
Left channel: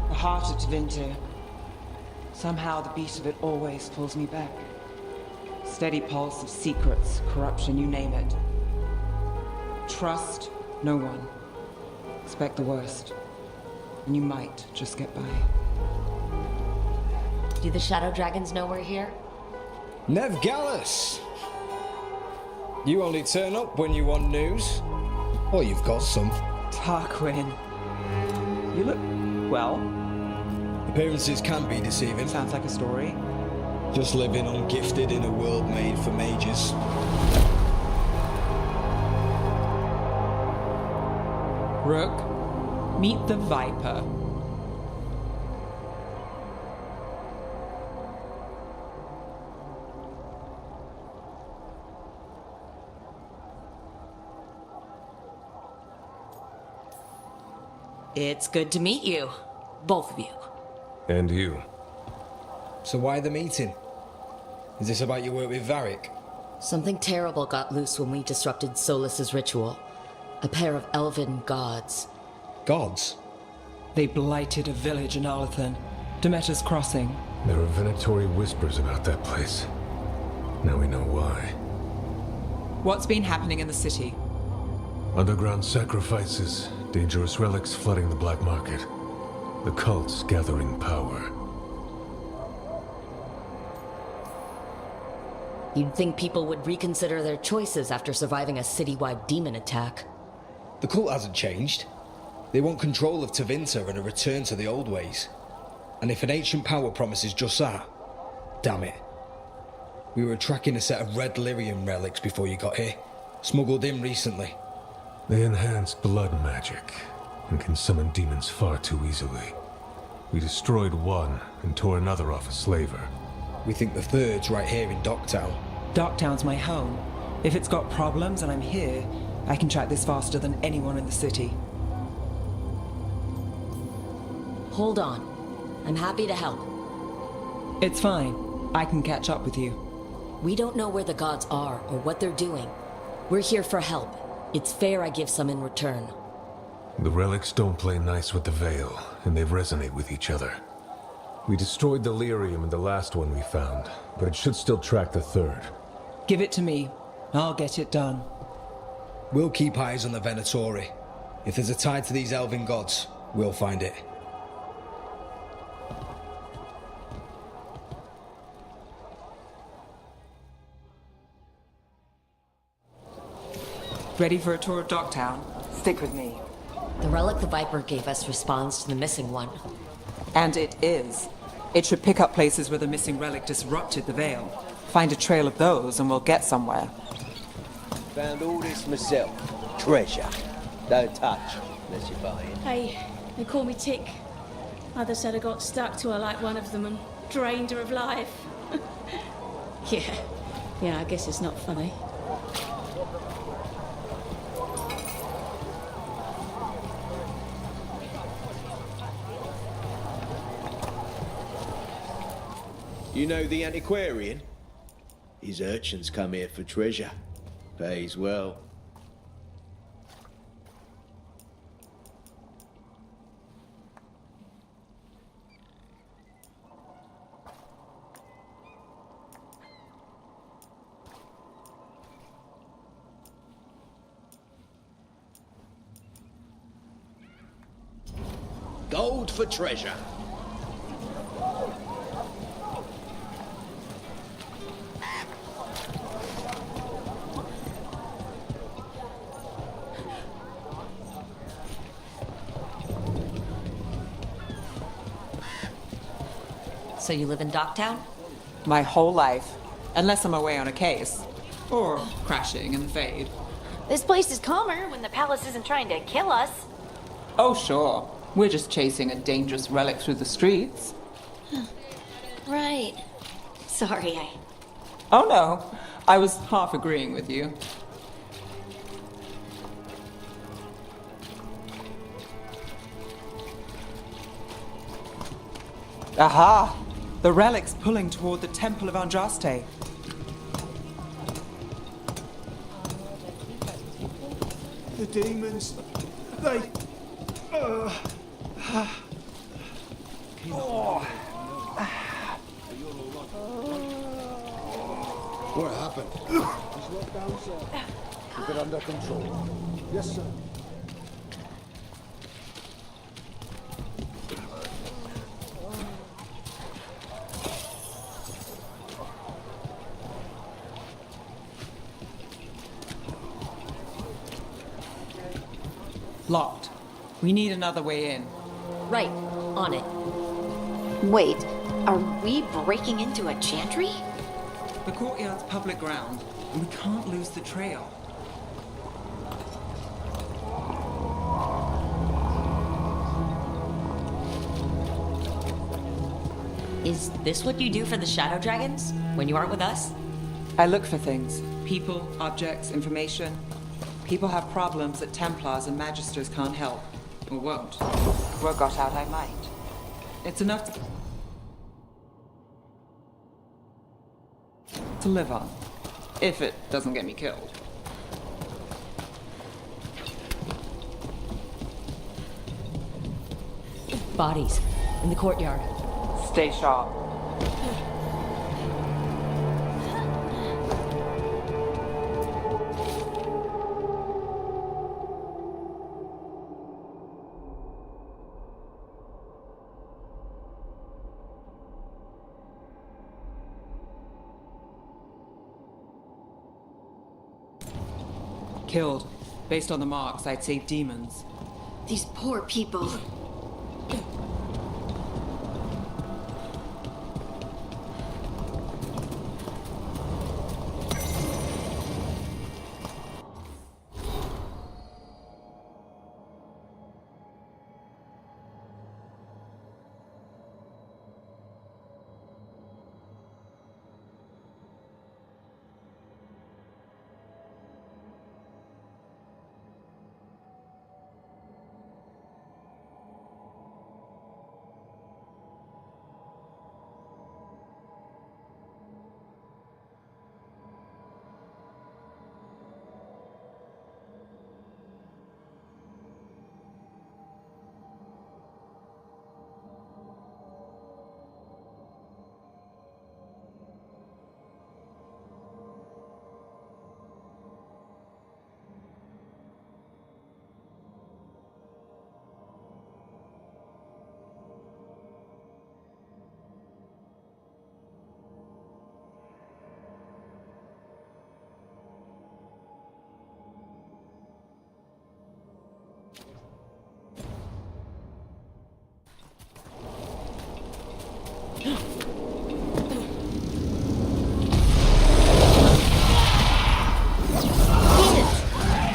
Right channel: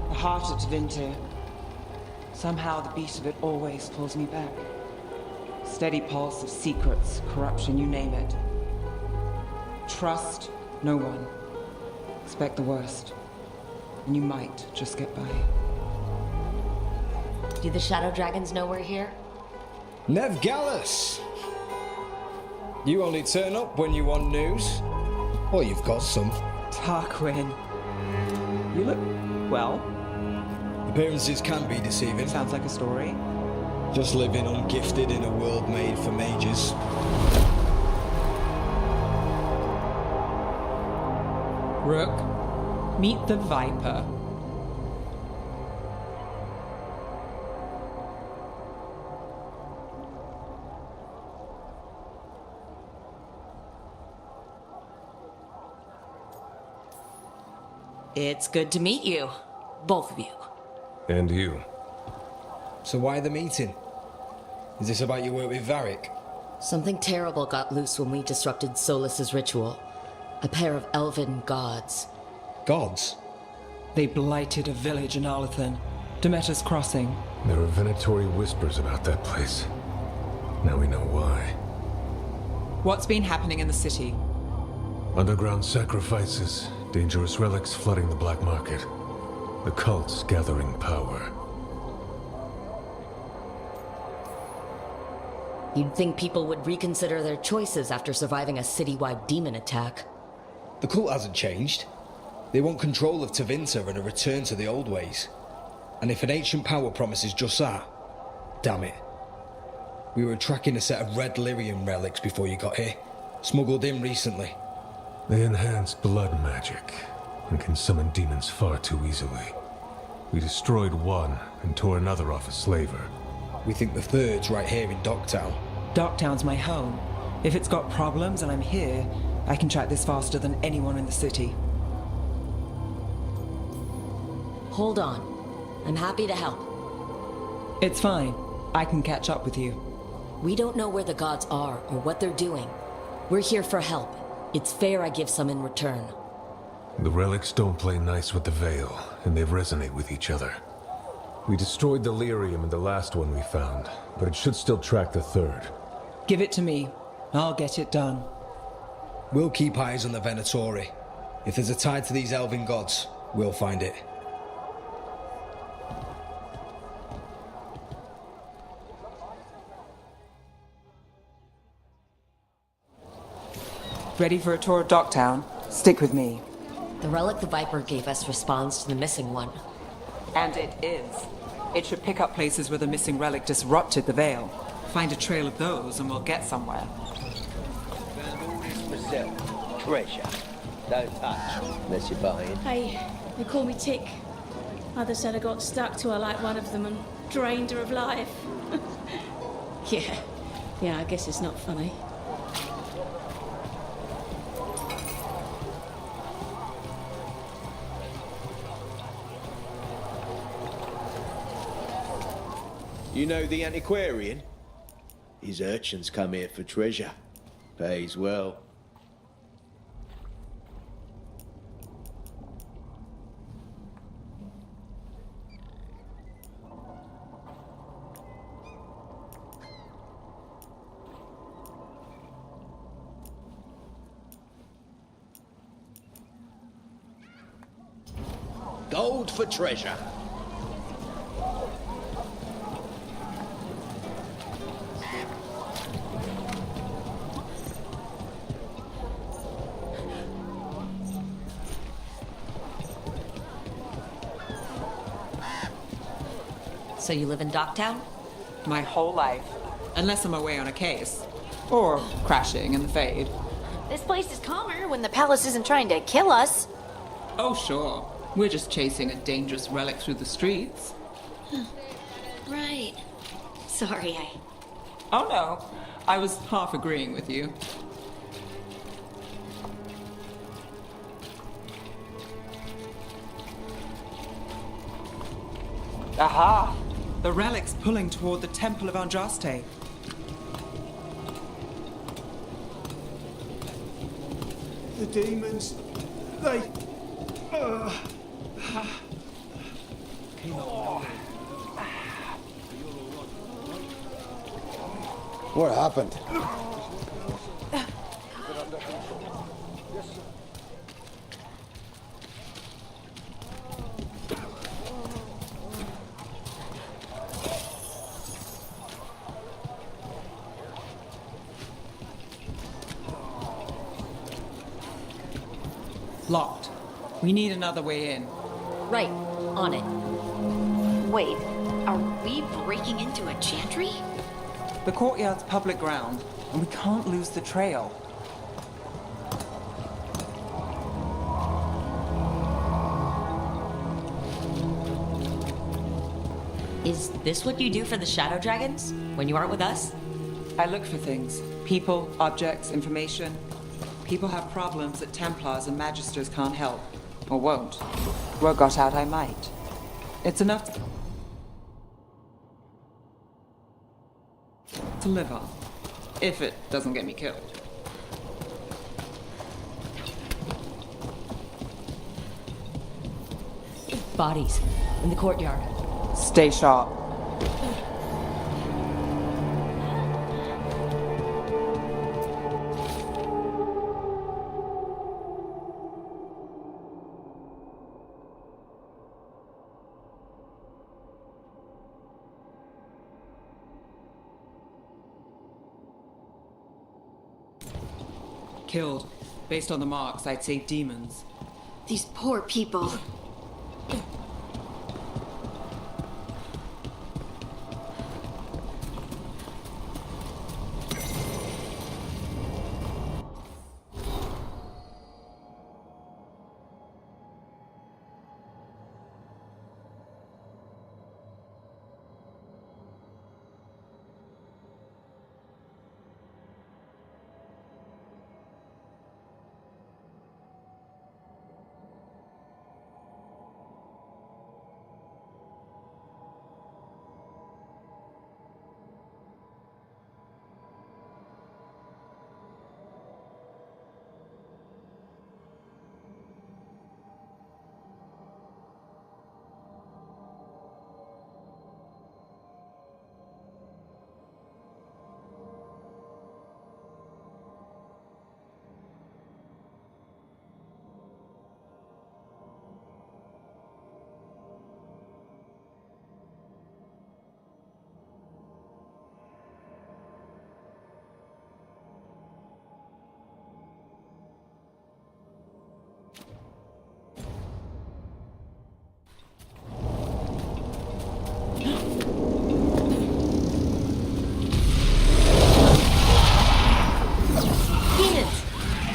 the heart of Tevinter. Somehow the beat of it always pulls me back. Steady pulse of secrets, corruption, you name it. Trust no one. Expect the worst. And you might just get by. Do the Shadow Dragons know we're here? Nev Gallus! You only turn up when you want news. Or you've got some. Tarquin. You look well. Appearances can be deceiving. Sounds like a story. Just living ungifted in a world made for mages. Rook, meet the Viper. It's good to meet you. Both of you. And you. So why the meeting? Is this about your work with Varric? Something terrible got loose when we disrupted Solus's ritual. A pair of elven gods. Gods? They blighted a village in Arlathan. Demeter's Crossing. There are venatory whispers about that place. Now we know why. What's been happening in the city? Underground sacrifices, dangerous relics flooding the black market. The cults gathering power. You'd think people would reconsider their choices after surviving a citywide demon attack. The cult hasn't changed. They want control of Tevinter and a return to the old ways. And if an ancient power promises just that, damn it. We were tracking a set of red lyrium relics before you got here. Smuggled in recently. They enhance blood magic and can summon demons far too easily. We destroyed one and tore another off a slaver. We think the third's right here in Docktown. Docktown's my home. If it's got problems and I'm here, I can track this faster than anyone in the city. Hold on. I'm happy to help. It's fine. I can catch up with you. We don't know where the gods are or what they're doing. We're here for help. It's fair I give some in return. The relics don't play nice with the Veil, and they resonate with each other. We destroyed the lyrium in the last one we found, but it should still track the third. Give it to me. I'll get it done. We'll keep eyes on the Venatori. If there's a tie to these elven gods, we'll find it. Ready for a tour of Docktown? Stick with me. The relic the Viper gave us responds to the missing one. And it is. It should pick up places where the missing relic disrupted the Veil. Find a trail of those and we'll get somewhere. Found all this myself. Treasure. Don't touch, unless you're buying. Hey, they call me Tick. Mother said I got stuck to her like one of them and drained her of life. Yeah, I guess it's not funny. You know the antiquarian? His urchins come here for treasure. Pays well. Gold for treasure. So you live in Docktown? My whole life. Unless I'm away on a case. Or crashing in the Fade. This place is calmer when the palace isn't trying to kill us. Oh, sure. We're just chasing a dangerous relic through the streets. Right. Sorry, Oh, no. I was half agreeing with you. Aha! The relic's pulling toward the Temple of Andraste. The demons, came out of nowhere. You're all right. What happened? Just walk down, sir. Keep it under control. Yes, sir. Locked. We need another way in. Right. On it. Wait, are we breaking into a chantry? The courtyard's public ground, and we can't lose the trail. Is this what you do for the Shadow Dragons when you aren't with us? I look for things. People, objects, information. People have problems that Templars and Magisters can't help. Or won't. Word got out I might. It's enough to live on. If it doesn't get me killed. Bodies. In the courtyard. Stay sharp. Killed. Based on the marks, I'd say demons. These poor people.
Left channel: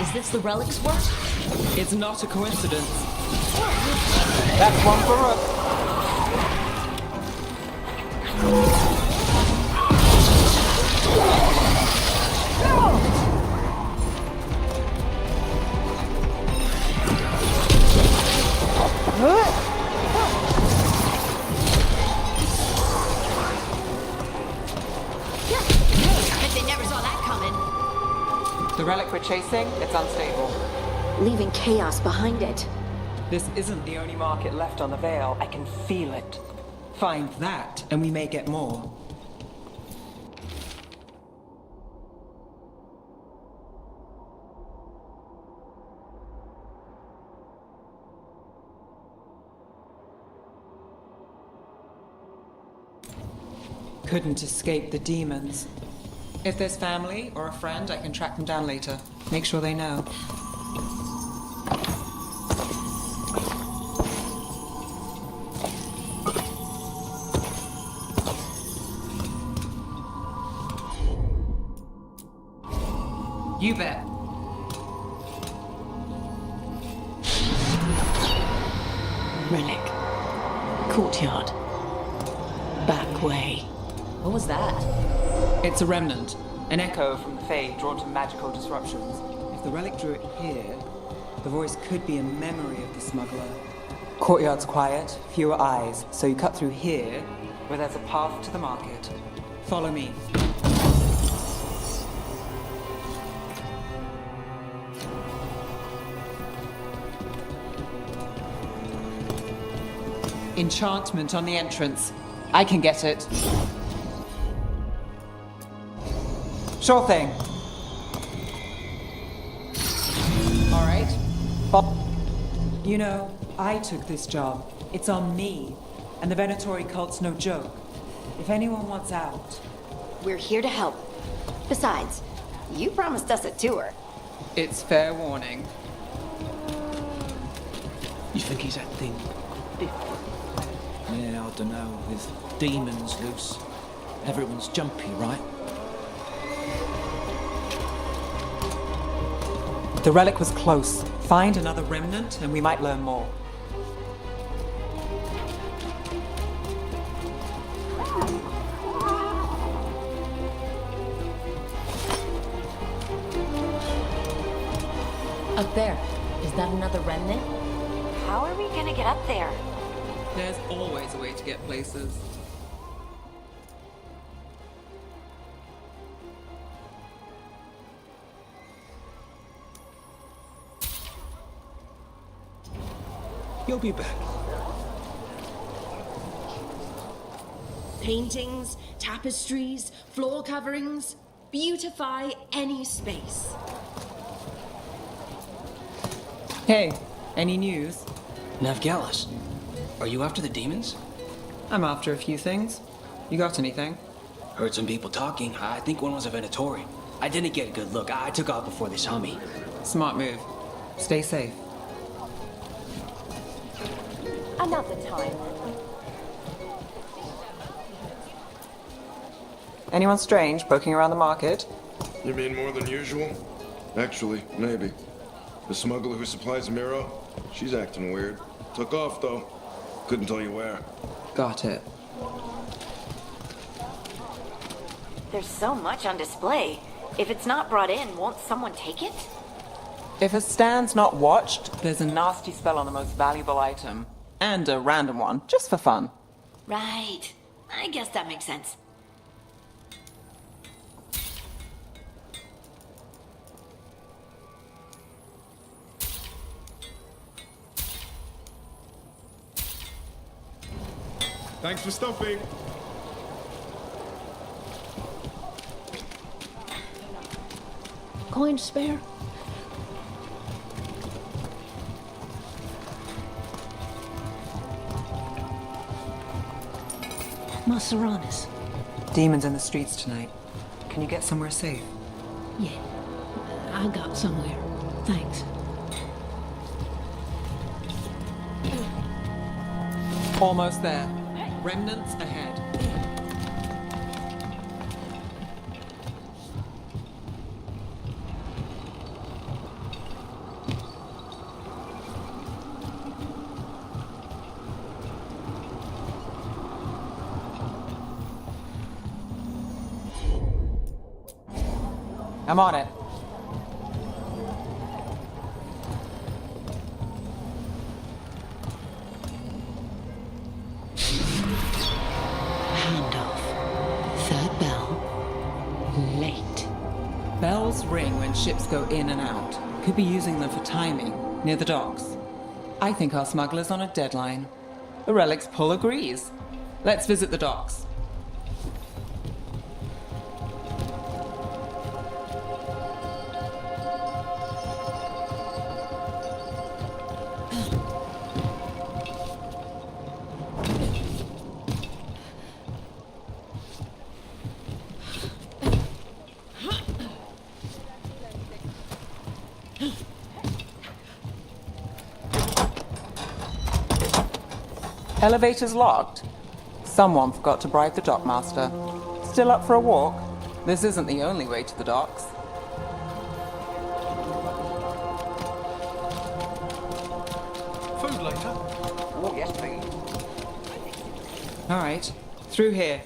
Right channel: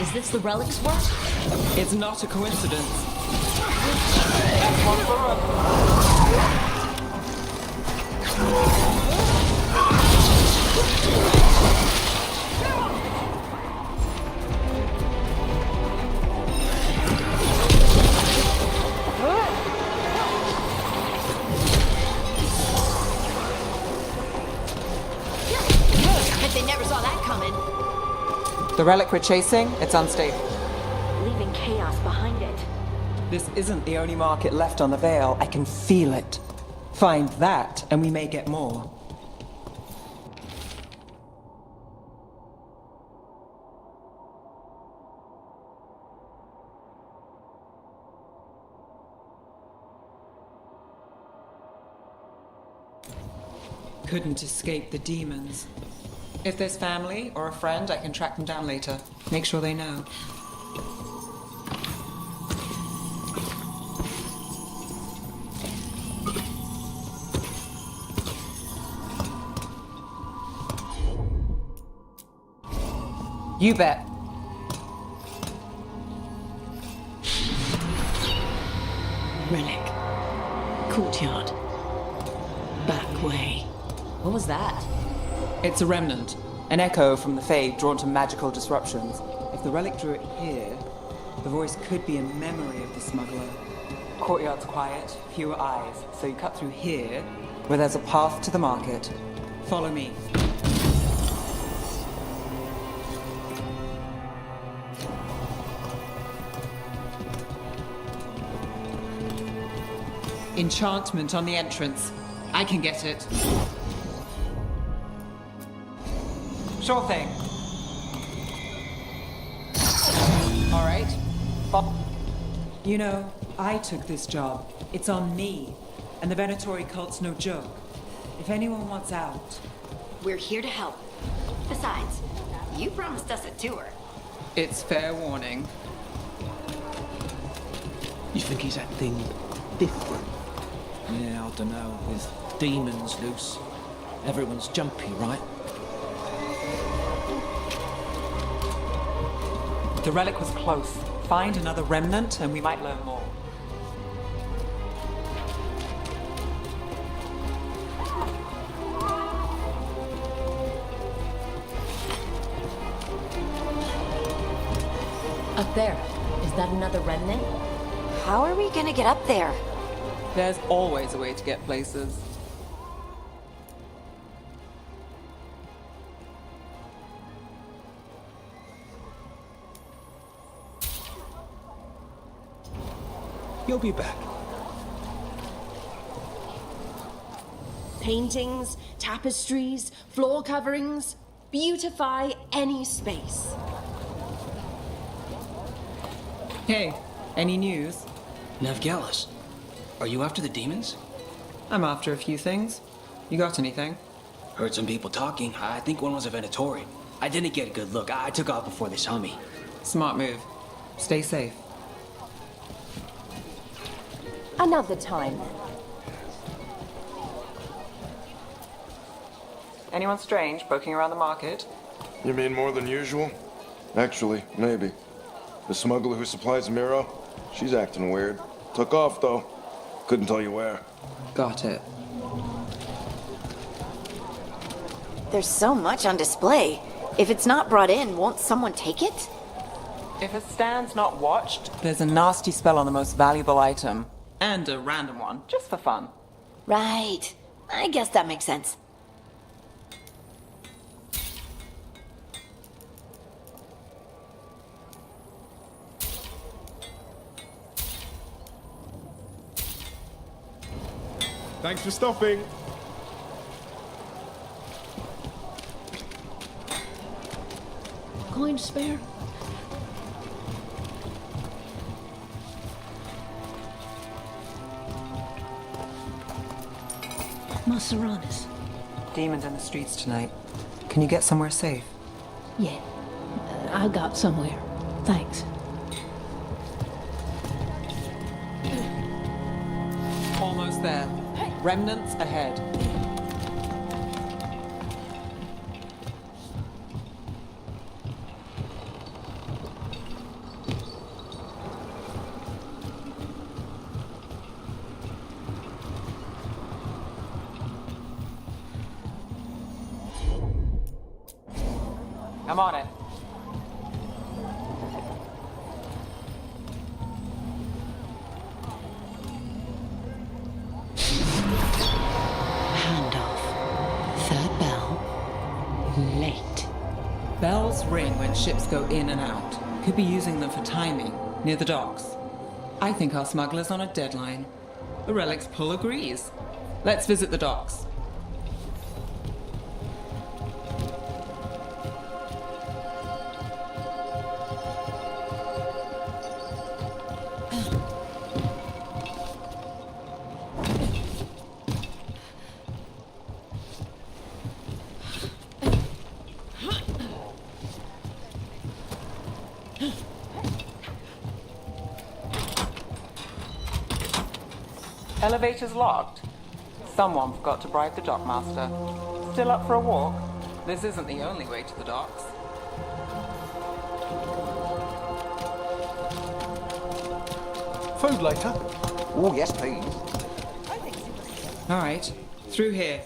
Is this the relic's work? It's not a coincidence. That's one for us. Bet they never saw that coming. The relic we're chasing, it's unstable. Leaving chaos behind it. This isn't the only market left on the Veil. I can feel it. Find that, and we may get more. Couldn't escape the demons. If there's family or a friend, I can track them down later. Make sure they know. You bet. Relic. Courtyard. Back way. What was that? It's a remnant. An echo from the Fade drawn to magical disruptions. If the relic drew it here, the voice could be a memory of the smuggler. Courtyard's quiet, fewer eyes, so you cut through here, where there's a path to the market. Follow me. Enchantment on the entrance. I can get it. Sure thing. All right. You know, I took this job. It's on me. And the Venatori cult's no joke. If anyone wants out... We're here to help. Besides, you promised us a tour. It's fair warning. You think he's acting different? Yeah, I don't know. With demons loose, everyone's jumpy, right? The relic was close. Find another remnant and we might learn more. Up there. Is that another remnant? How are we gonna get up there? There's always a way to get places. You'll be back. Paintings, tapestries, floor coverings. Beautify any space. Hey, any news? Navgalis, are you after the demons? I'm after a few things. You got anything? Heard some people talking. I think one was a Venatori. I didn't get a good look. I took off before they saw me. Smart move. Stay safe. Another time. Anyone strange poking around the market? You mean more than usual? Actually, maybe. The smuggler who supplies Miro, she's acting weird. Took off, though. Couldn't tell you where. Got it. There's so much on display. If it's not brought in, won't someone take it? If a stand's not watched, there's a nasty spell on the most valuable item. And a random one, just for fun. Right. I guess that makes sense. Thanks for stopping. Coin to spare? Maseranis. Demons in the streets tonight. Can you get somewhere safe? Yeah. I got somewhere. Thanks. Almost there. Remnants ahead. I'm on it. Handoff. Third bell. Late. Bells ring when ships go in and out. Could be using them for timing, near the docks. I think our smuggler's on a deadline. The relic's pull agrees. Let's visit the docks. Elevator's locked. Someone forgot to bribe the dockmaster. Still up for a walk? This isn't the only way to the docks. Food later? Oh, yes, please. All right, through here.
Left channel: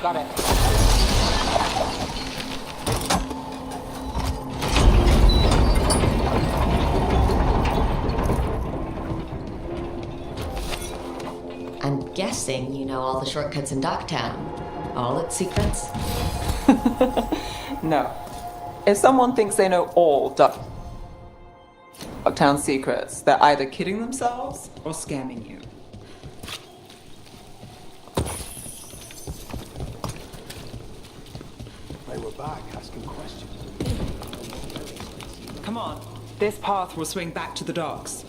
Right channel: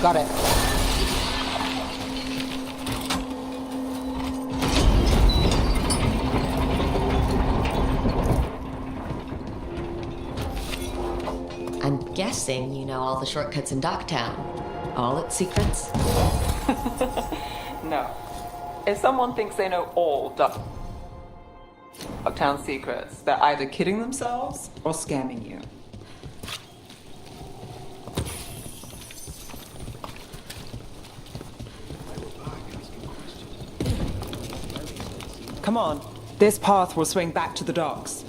Got it. I'm guessing you know all the shortcuts in Docktown. All its secrets? No. If someone thinks they know all Lockdown secrets. They're either kidding themselves or scamming you. They were back asking questions. Come on. This path will swing back to the docks.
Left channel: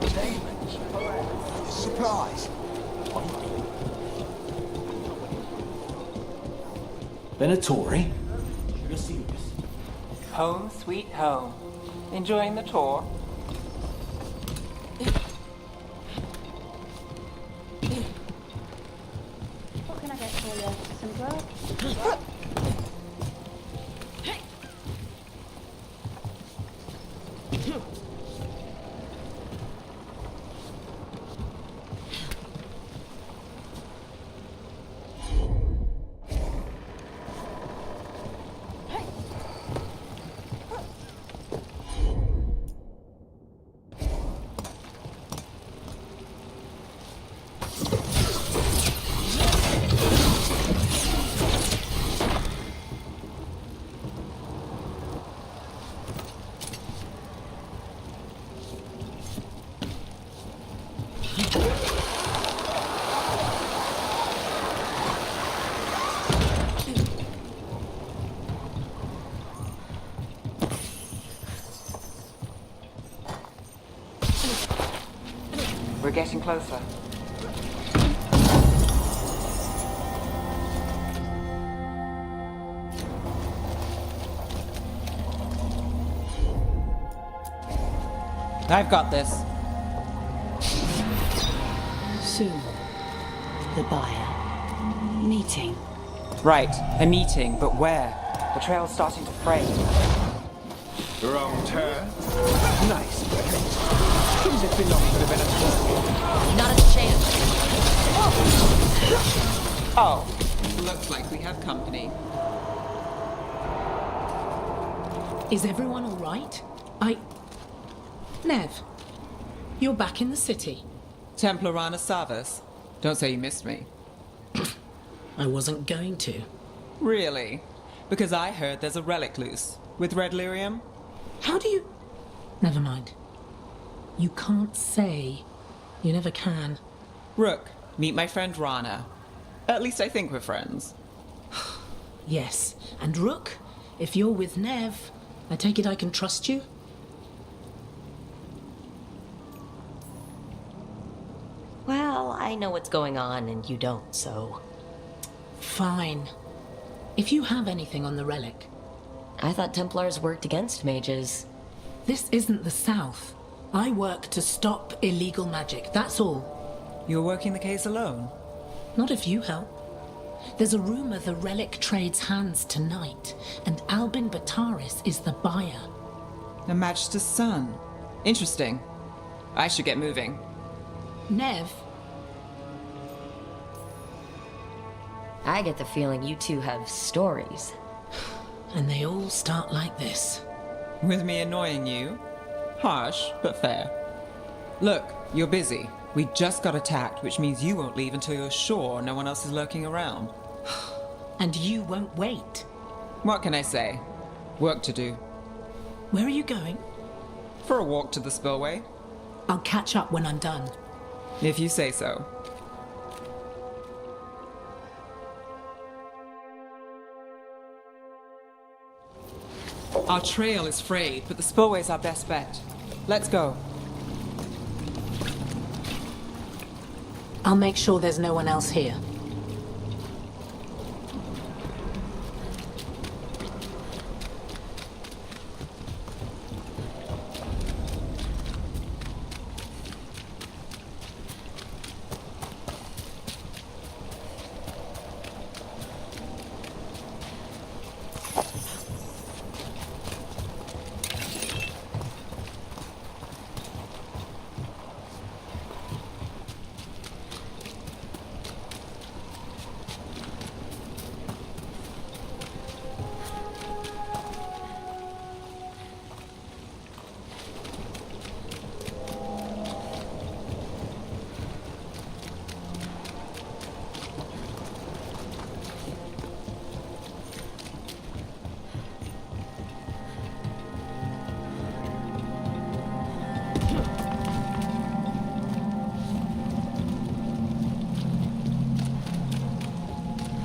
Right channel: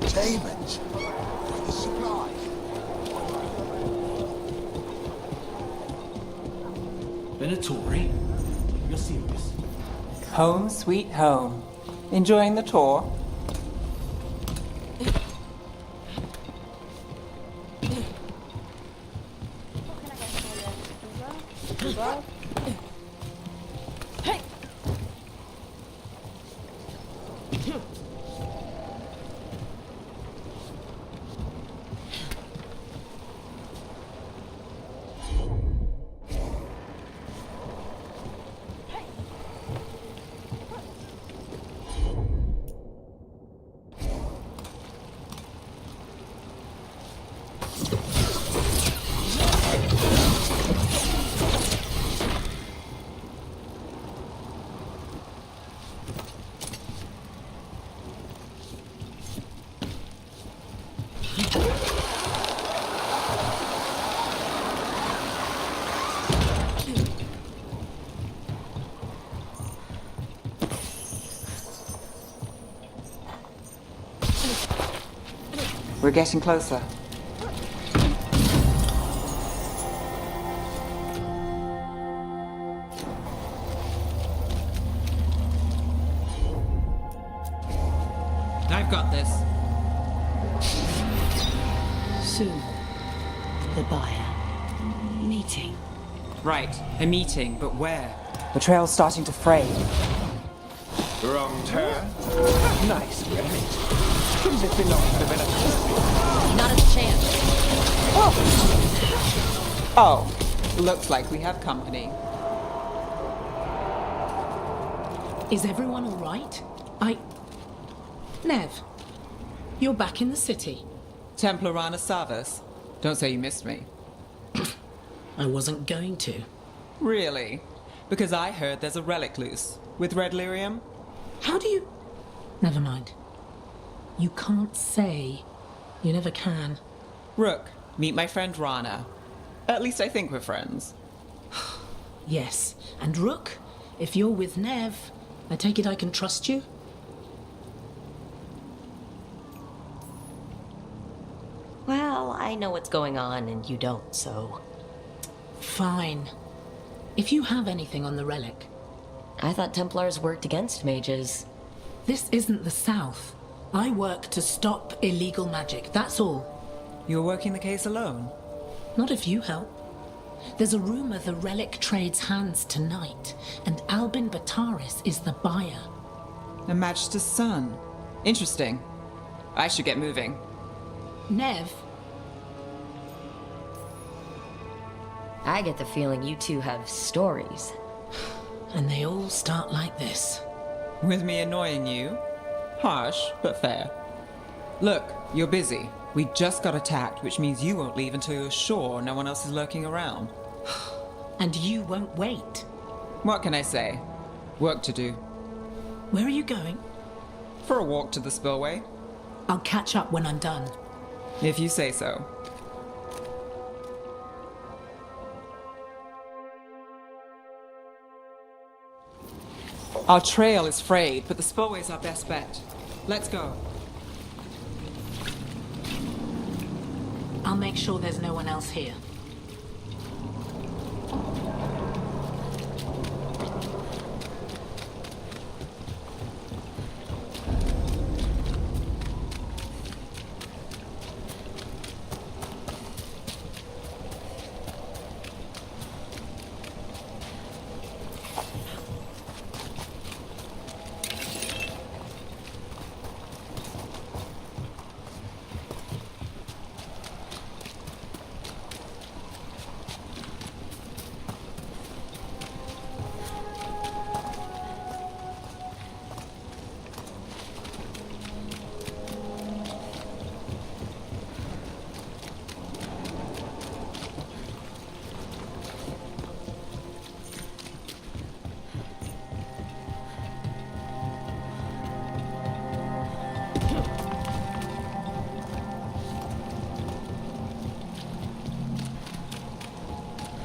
Demons. By the supplies. Venatori? You're serious? Home sweet home. Enjoying the tour? We're getting closer. I've got this. Soon, the buyer. Meeting. Right, a meeting, but where? The trail's starting to fray. Wrong turn. Nice relic. Shouldn't it belong to the Venatori? Not a chance. Oh, looks like we have company. Is everyone all right? Nev, you're back in the city. Templar Rana Savas. Don't say you missed me. I wasn't going to. Really? Because I heard there's a relic loose. With red lyrium? How do you... Never mind. You can't say. You never can. Rook, meet my friend Rana. At least I think we're friends. Yes. And Rook, if you're with Nev, I take it I can trust you? Well, I know what's going on and you don't, so... Fine. If you have anything on the relic... I thought Templars worked against mages. This isn't the South. I work to stop illegal magic, that's all. You're working the case alone? Not if you help. There's a rumor the relic trades hands tonight, and Albin Bataris is the buyer. A Magister's son. Interesting. I should get moving. Nev? I get the feeling you two have stories. And they all start like this. With me annoying you? Harsh, but fair. Look, you're busy. We just got attacked, which means you won't leave until you're sure no one else is lurking around. And you won't wait. What can I say? Work to do. Where are you going? For a walk to the spillway. I'll catch up when I'm done. If you say so. Our trail is frayed, but the spillway's our best bet. Let's go. I'll make sure there's no one else here.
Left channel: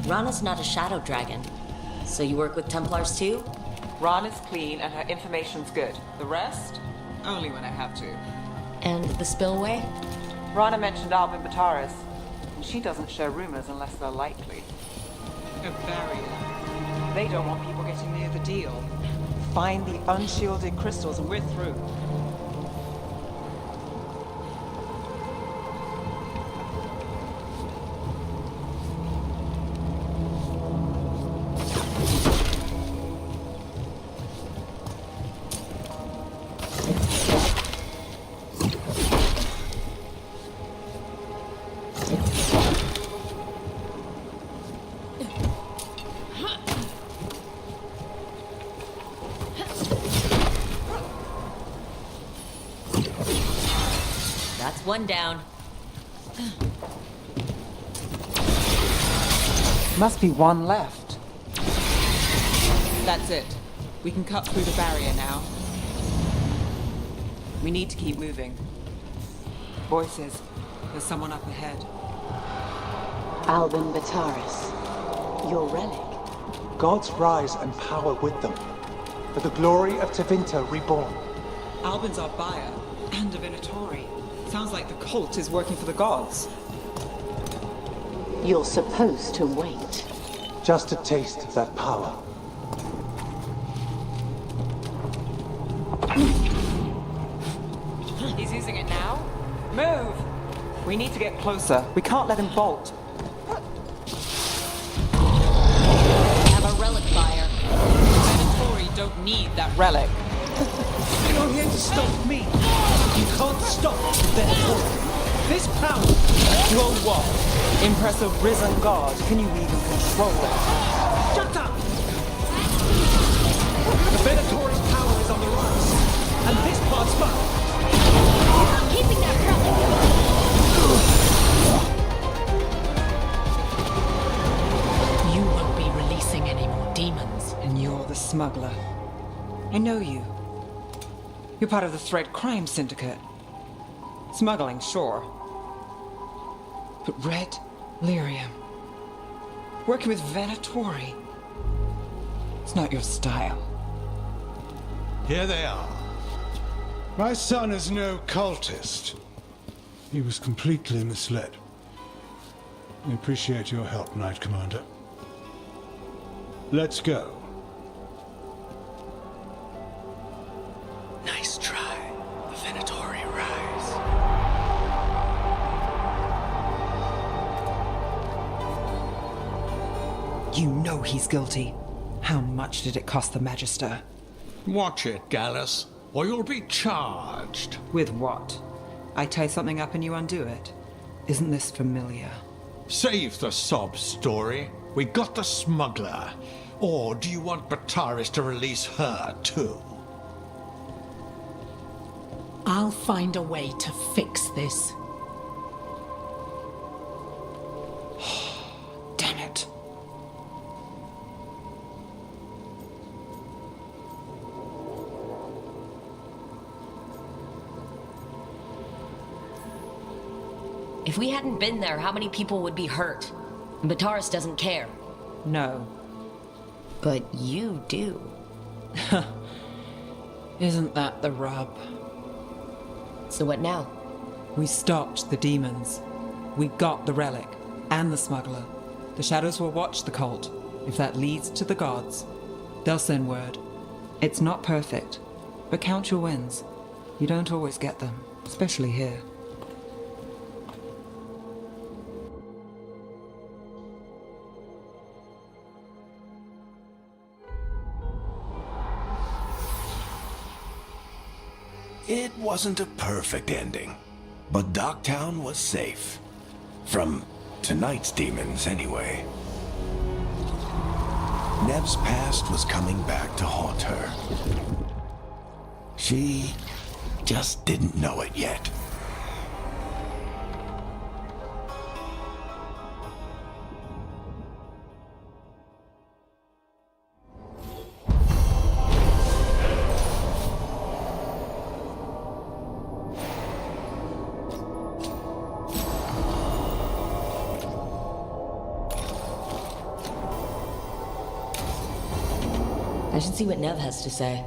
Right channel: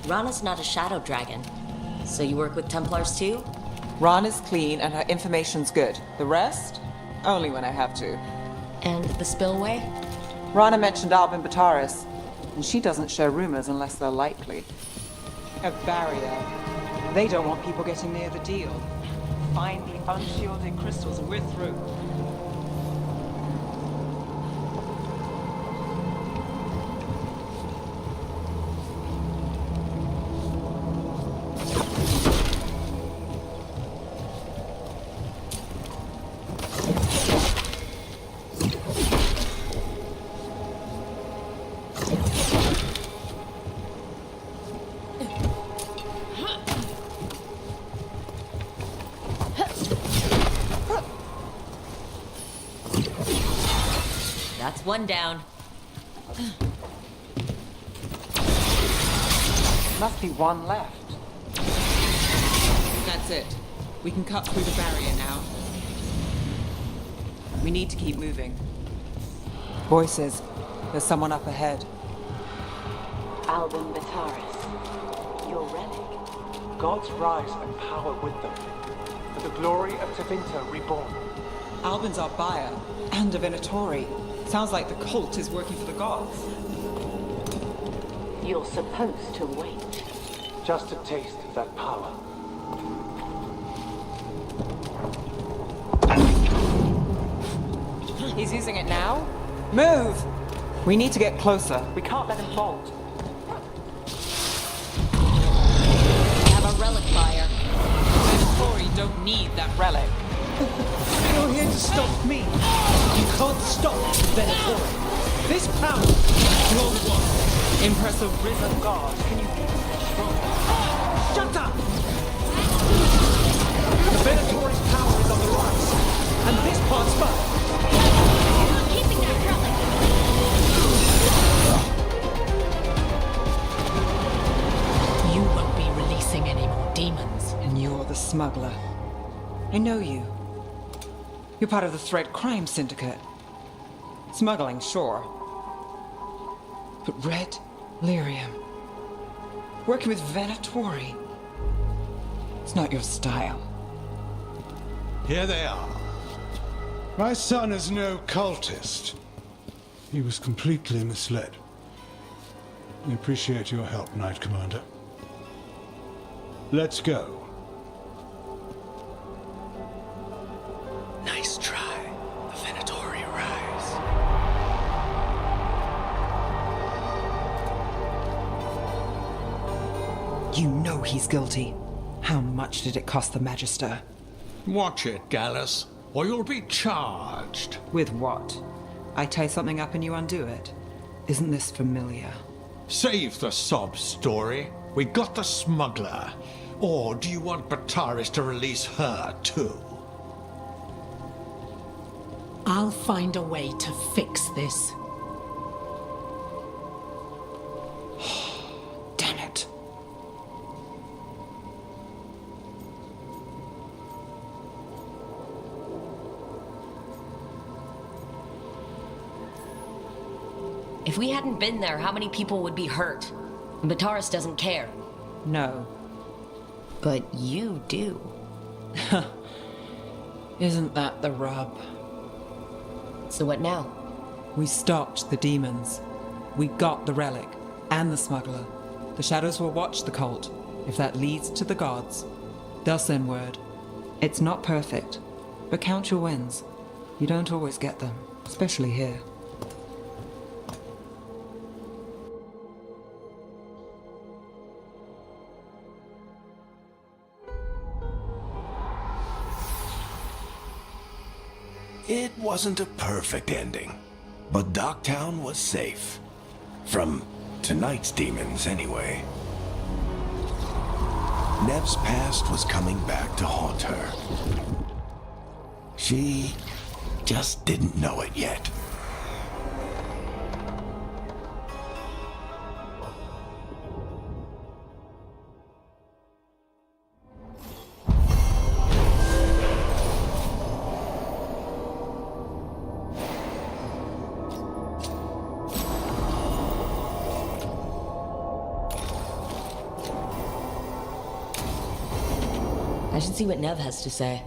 Rana's not a shadow dragon. So you work with Templars too? Rana's clean and her information's good. The rest? Only when I have to. And the spillway? Rana mentioned Albin Bataris, and she doesn't share rumors unless they're likely. A barrier. They don't want people getting near the deal. Find the unshielded crystals and we're through. That's one down. Must be one left. That's it. We can cut through the barrier now. We need to keep moving. Voices. There's someone up ahead. Albin Bataris. Your relic. Gods rise and power with them. For the glory of Tevinter reborn. Albin's our buyer, and a Venatori. Sounds like the cult is working for the gods. You're supposed to wait. Just a taste of that power. He's using it now? Move! We need to get closer. We can't let him bolt. Have a relic buyer. Venatori don't need that relic. You're here to stop me. You can't stop the Venatori. This power. Well, what? Impress a risen god. Can you even control it? Shut up! The Venatori's power is on the rise, and this part's mine. I'm keeping that relic. You won't be releasing any more demons. And you're the smuggler. I know you. You're part of the Thread Crime Syndicate. Smuggling, sure. But Red Lyrium. Working with Venatori. It's not your style. Here they are. My son is no cultist. He was completely misled. I appreciate your help, Knight Commander. Let's go. Nice try. The Venatori rise. You know he's guilty. How much did it cost the Magister? Watch it, Gallus, or you'll be charged. With what? I tie something up and you undo it. Isn't this familiar? Save the sob story. We got the smuggler. Or do you want Bataris to release her, too? I'll find a way to fix this. Damn it. If we hadn't been there, how many people would be hurt? And Bataris doesn't care. No. But you do. Isn't that the rub? So what now? We stopped the demons. We got the relic and the smuggler. The shadows will watch the cult. If that leads to the gods, they'll send word. It's not perfect, but count your wins. You don't always get them, especially here. It wasn't a perfect ending, but Docktown was safe. From tonight's demons, anyway. Nev's past was coming back to haunt her. She just didn't know it yet. I should see what Nev has to say.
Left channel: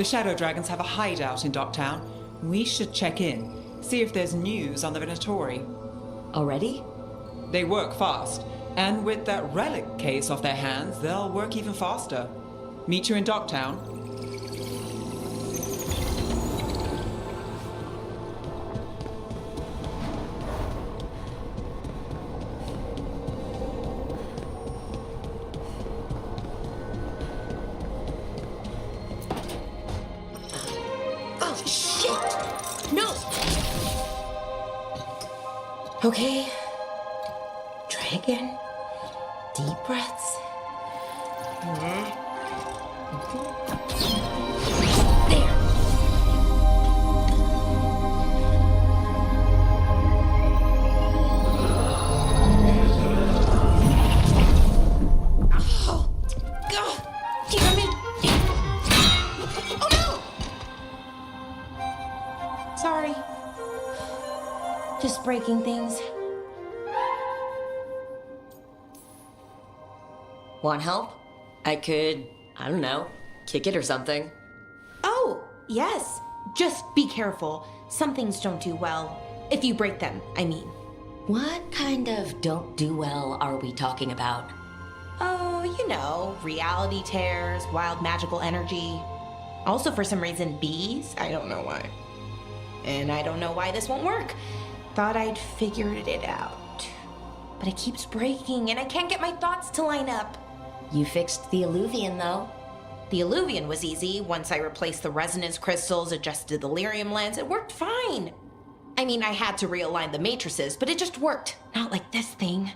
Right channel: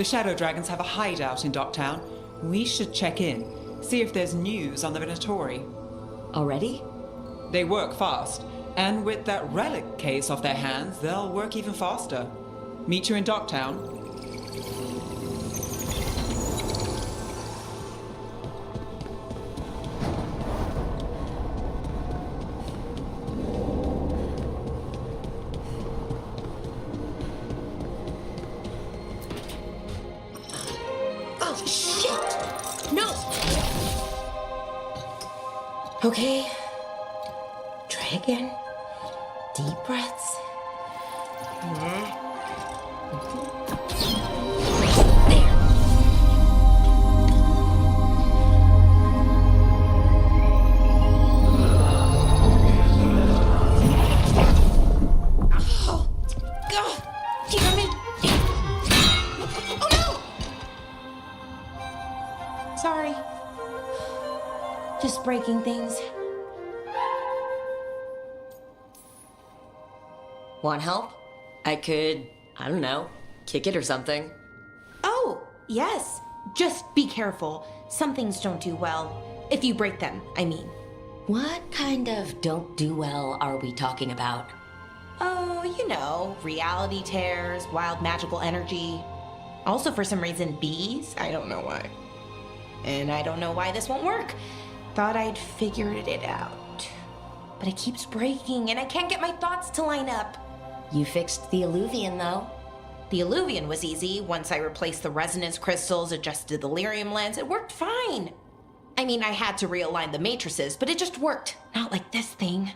The Shadow Dragons have a hideout in Docktown. We should check in, see if there's news on the Venatori. Already? They work fast, and with that relic case off their hands, they'll work even faster. Meet you in Docktown. Oh, shit! No! Okay. Try again. Deep breaths. There. Oh, God! Damn it! Oh no! Sorry. Just breaking things. Want help? I could, I don't know, kick it or something. Oh, yes. Just be careful. Some things don't do well. If you break them, I mean. What kind of don't do well are we talking about? Oh, you know, reality tears, wild magical energy. Also, for some reason, bees. I don't know why. And I don't know why this won't work. Thought I'd figured it out. But it keeps breaking, and I can't get my thoughts to line up. You fixed the Illuvian, though. The Illuvian was easy. Once I replaced the resonance crystals, adjusted the lyrium lens, it worked fine. I mean, I had to realign the matrices, but it just worked. Not like this thing.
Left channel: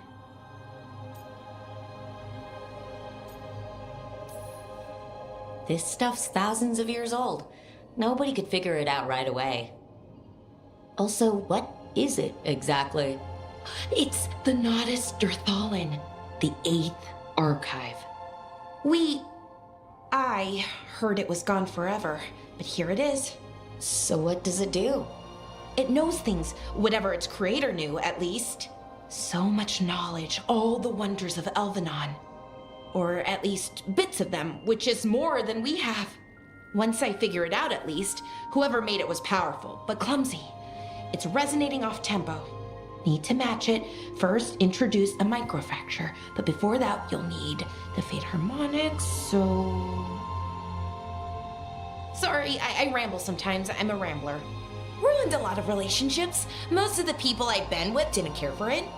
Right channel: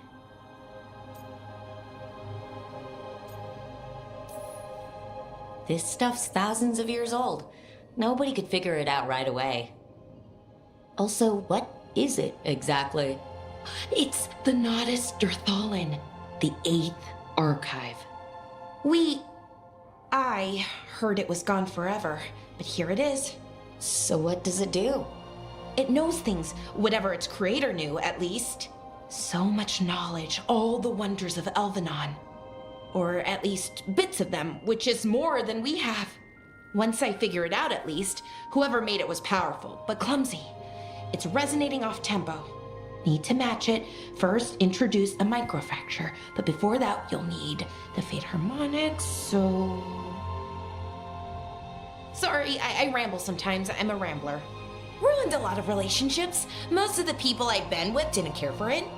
This stuff's thousands of years old. Nobody could figure it out right away. Also, what is it exactly? It's the Nodus Dirthalin, the 8th archive. I heard it was gone forever, but here it is. So what does it do? It knows things, whatever its creator knew, at least. So much knowledge, all the wonders of Elvenon. Or at least bits of them, which is more than we have. Once I figure it out, at least, whoever made it was powerful, but clumsy. It's resonating off tempo. Need to match it. First, introduce a microfracture, but before that, you'll need the Fate harmonics, so... Sorry, I ramble sometimes. I'm a rambler. Ruined a lot of relationships. Most of the people I've been with didn't care for it.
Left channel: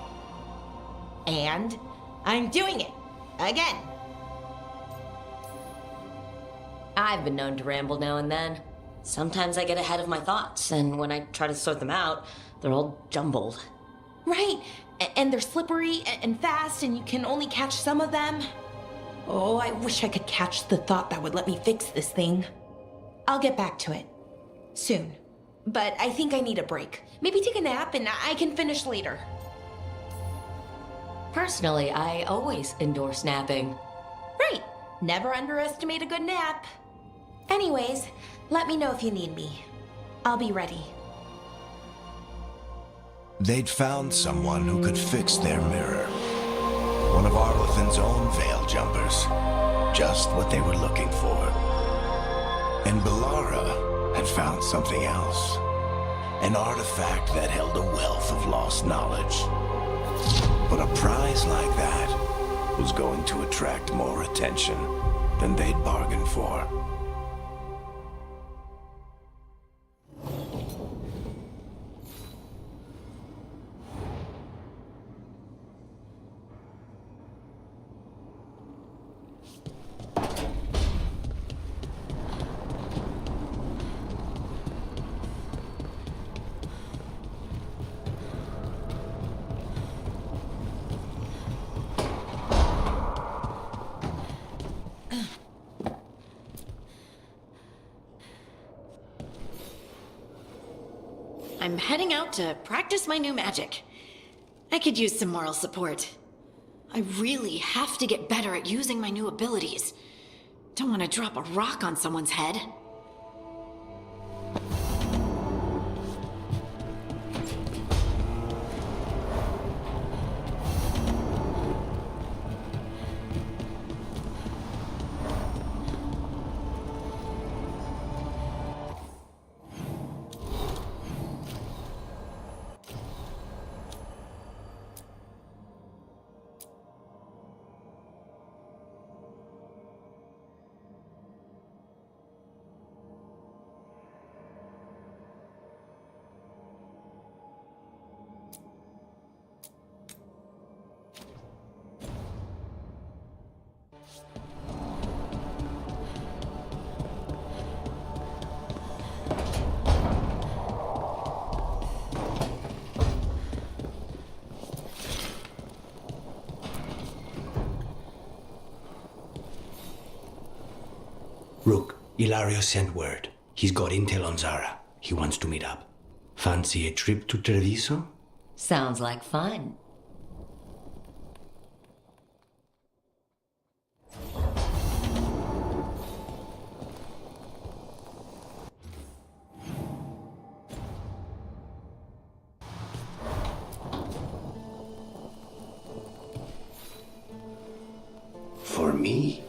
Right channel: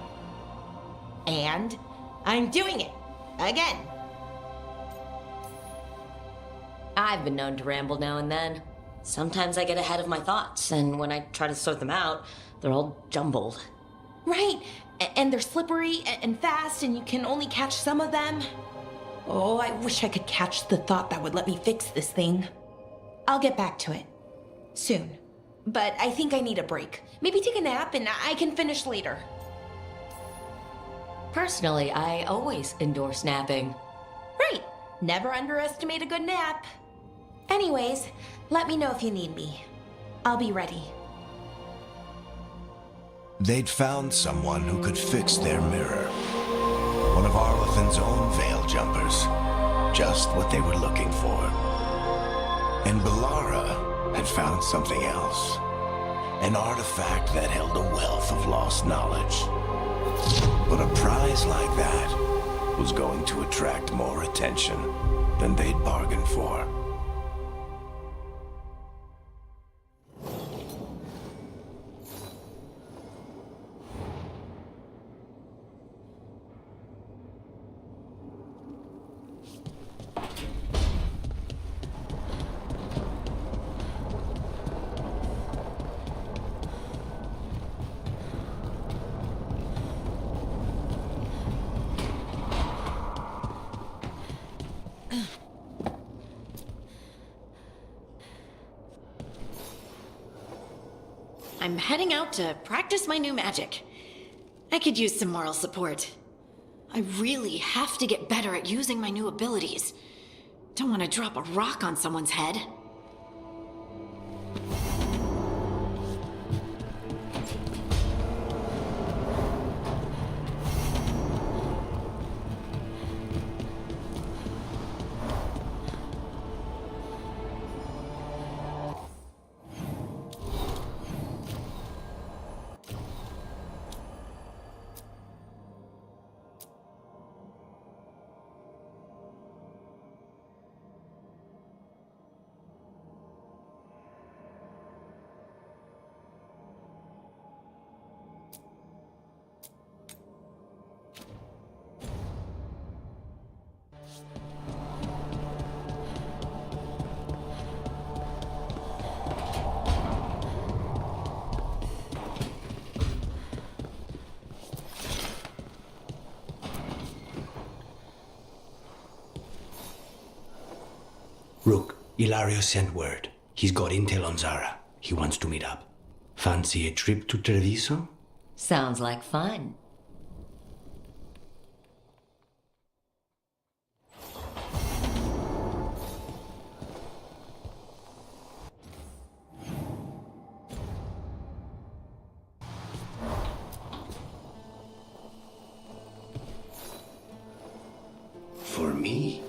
And I'm doing it. Again. I've been known to ramble now and then. Sometimes I get ahead of my thoughts, and when I try to sort them out, they're all jumbled. Right, and they're slippery and fast, and you can only catch some of them. Oh, I wish I could catch the thought that would let me fix this thing. I'll get back to it. Soon. But I think I need a break. Maybe take a nap and I can finish later. Personally, I always endorse napping. Right. Never underestimate a good nap. Anyways, let me know if you need me. I'll be ready. They'd found someone who could fix their mirror. One of Arlathan's own Veil Jumpers. Just what they were looking for. And Bellara had found something else. An artifact that held a wealth of lost knowledge. But a prize like that was going to attract more attention than they'd bargained for. I'm heading out to practice my new magic. I could use some moral support. I really have to get better at using my new abilities. Don't want to drop a rock on someone's head. Rook, Ilario sent word. He's got intel on Zara. He wants to meet up. Fancy a trip to Treviso? Sounds like fun. For me?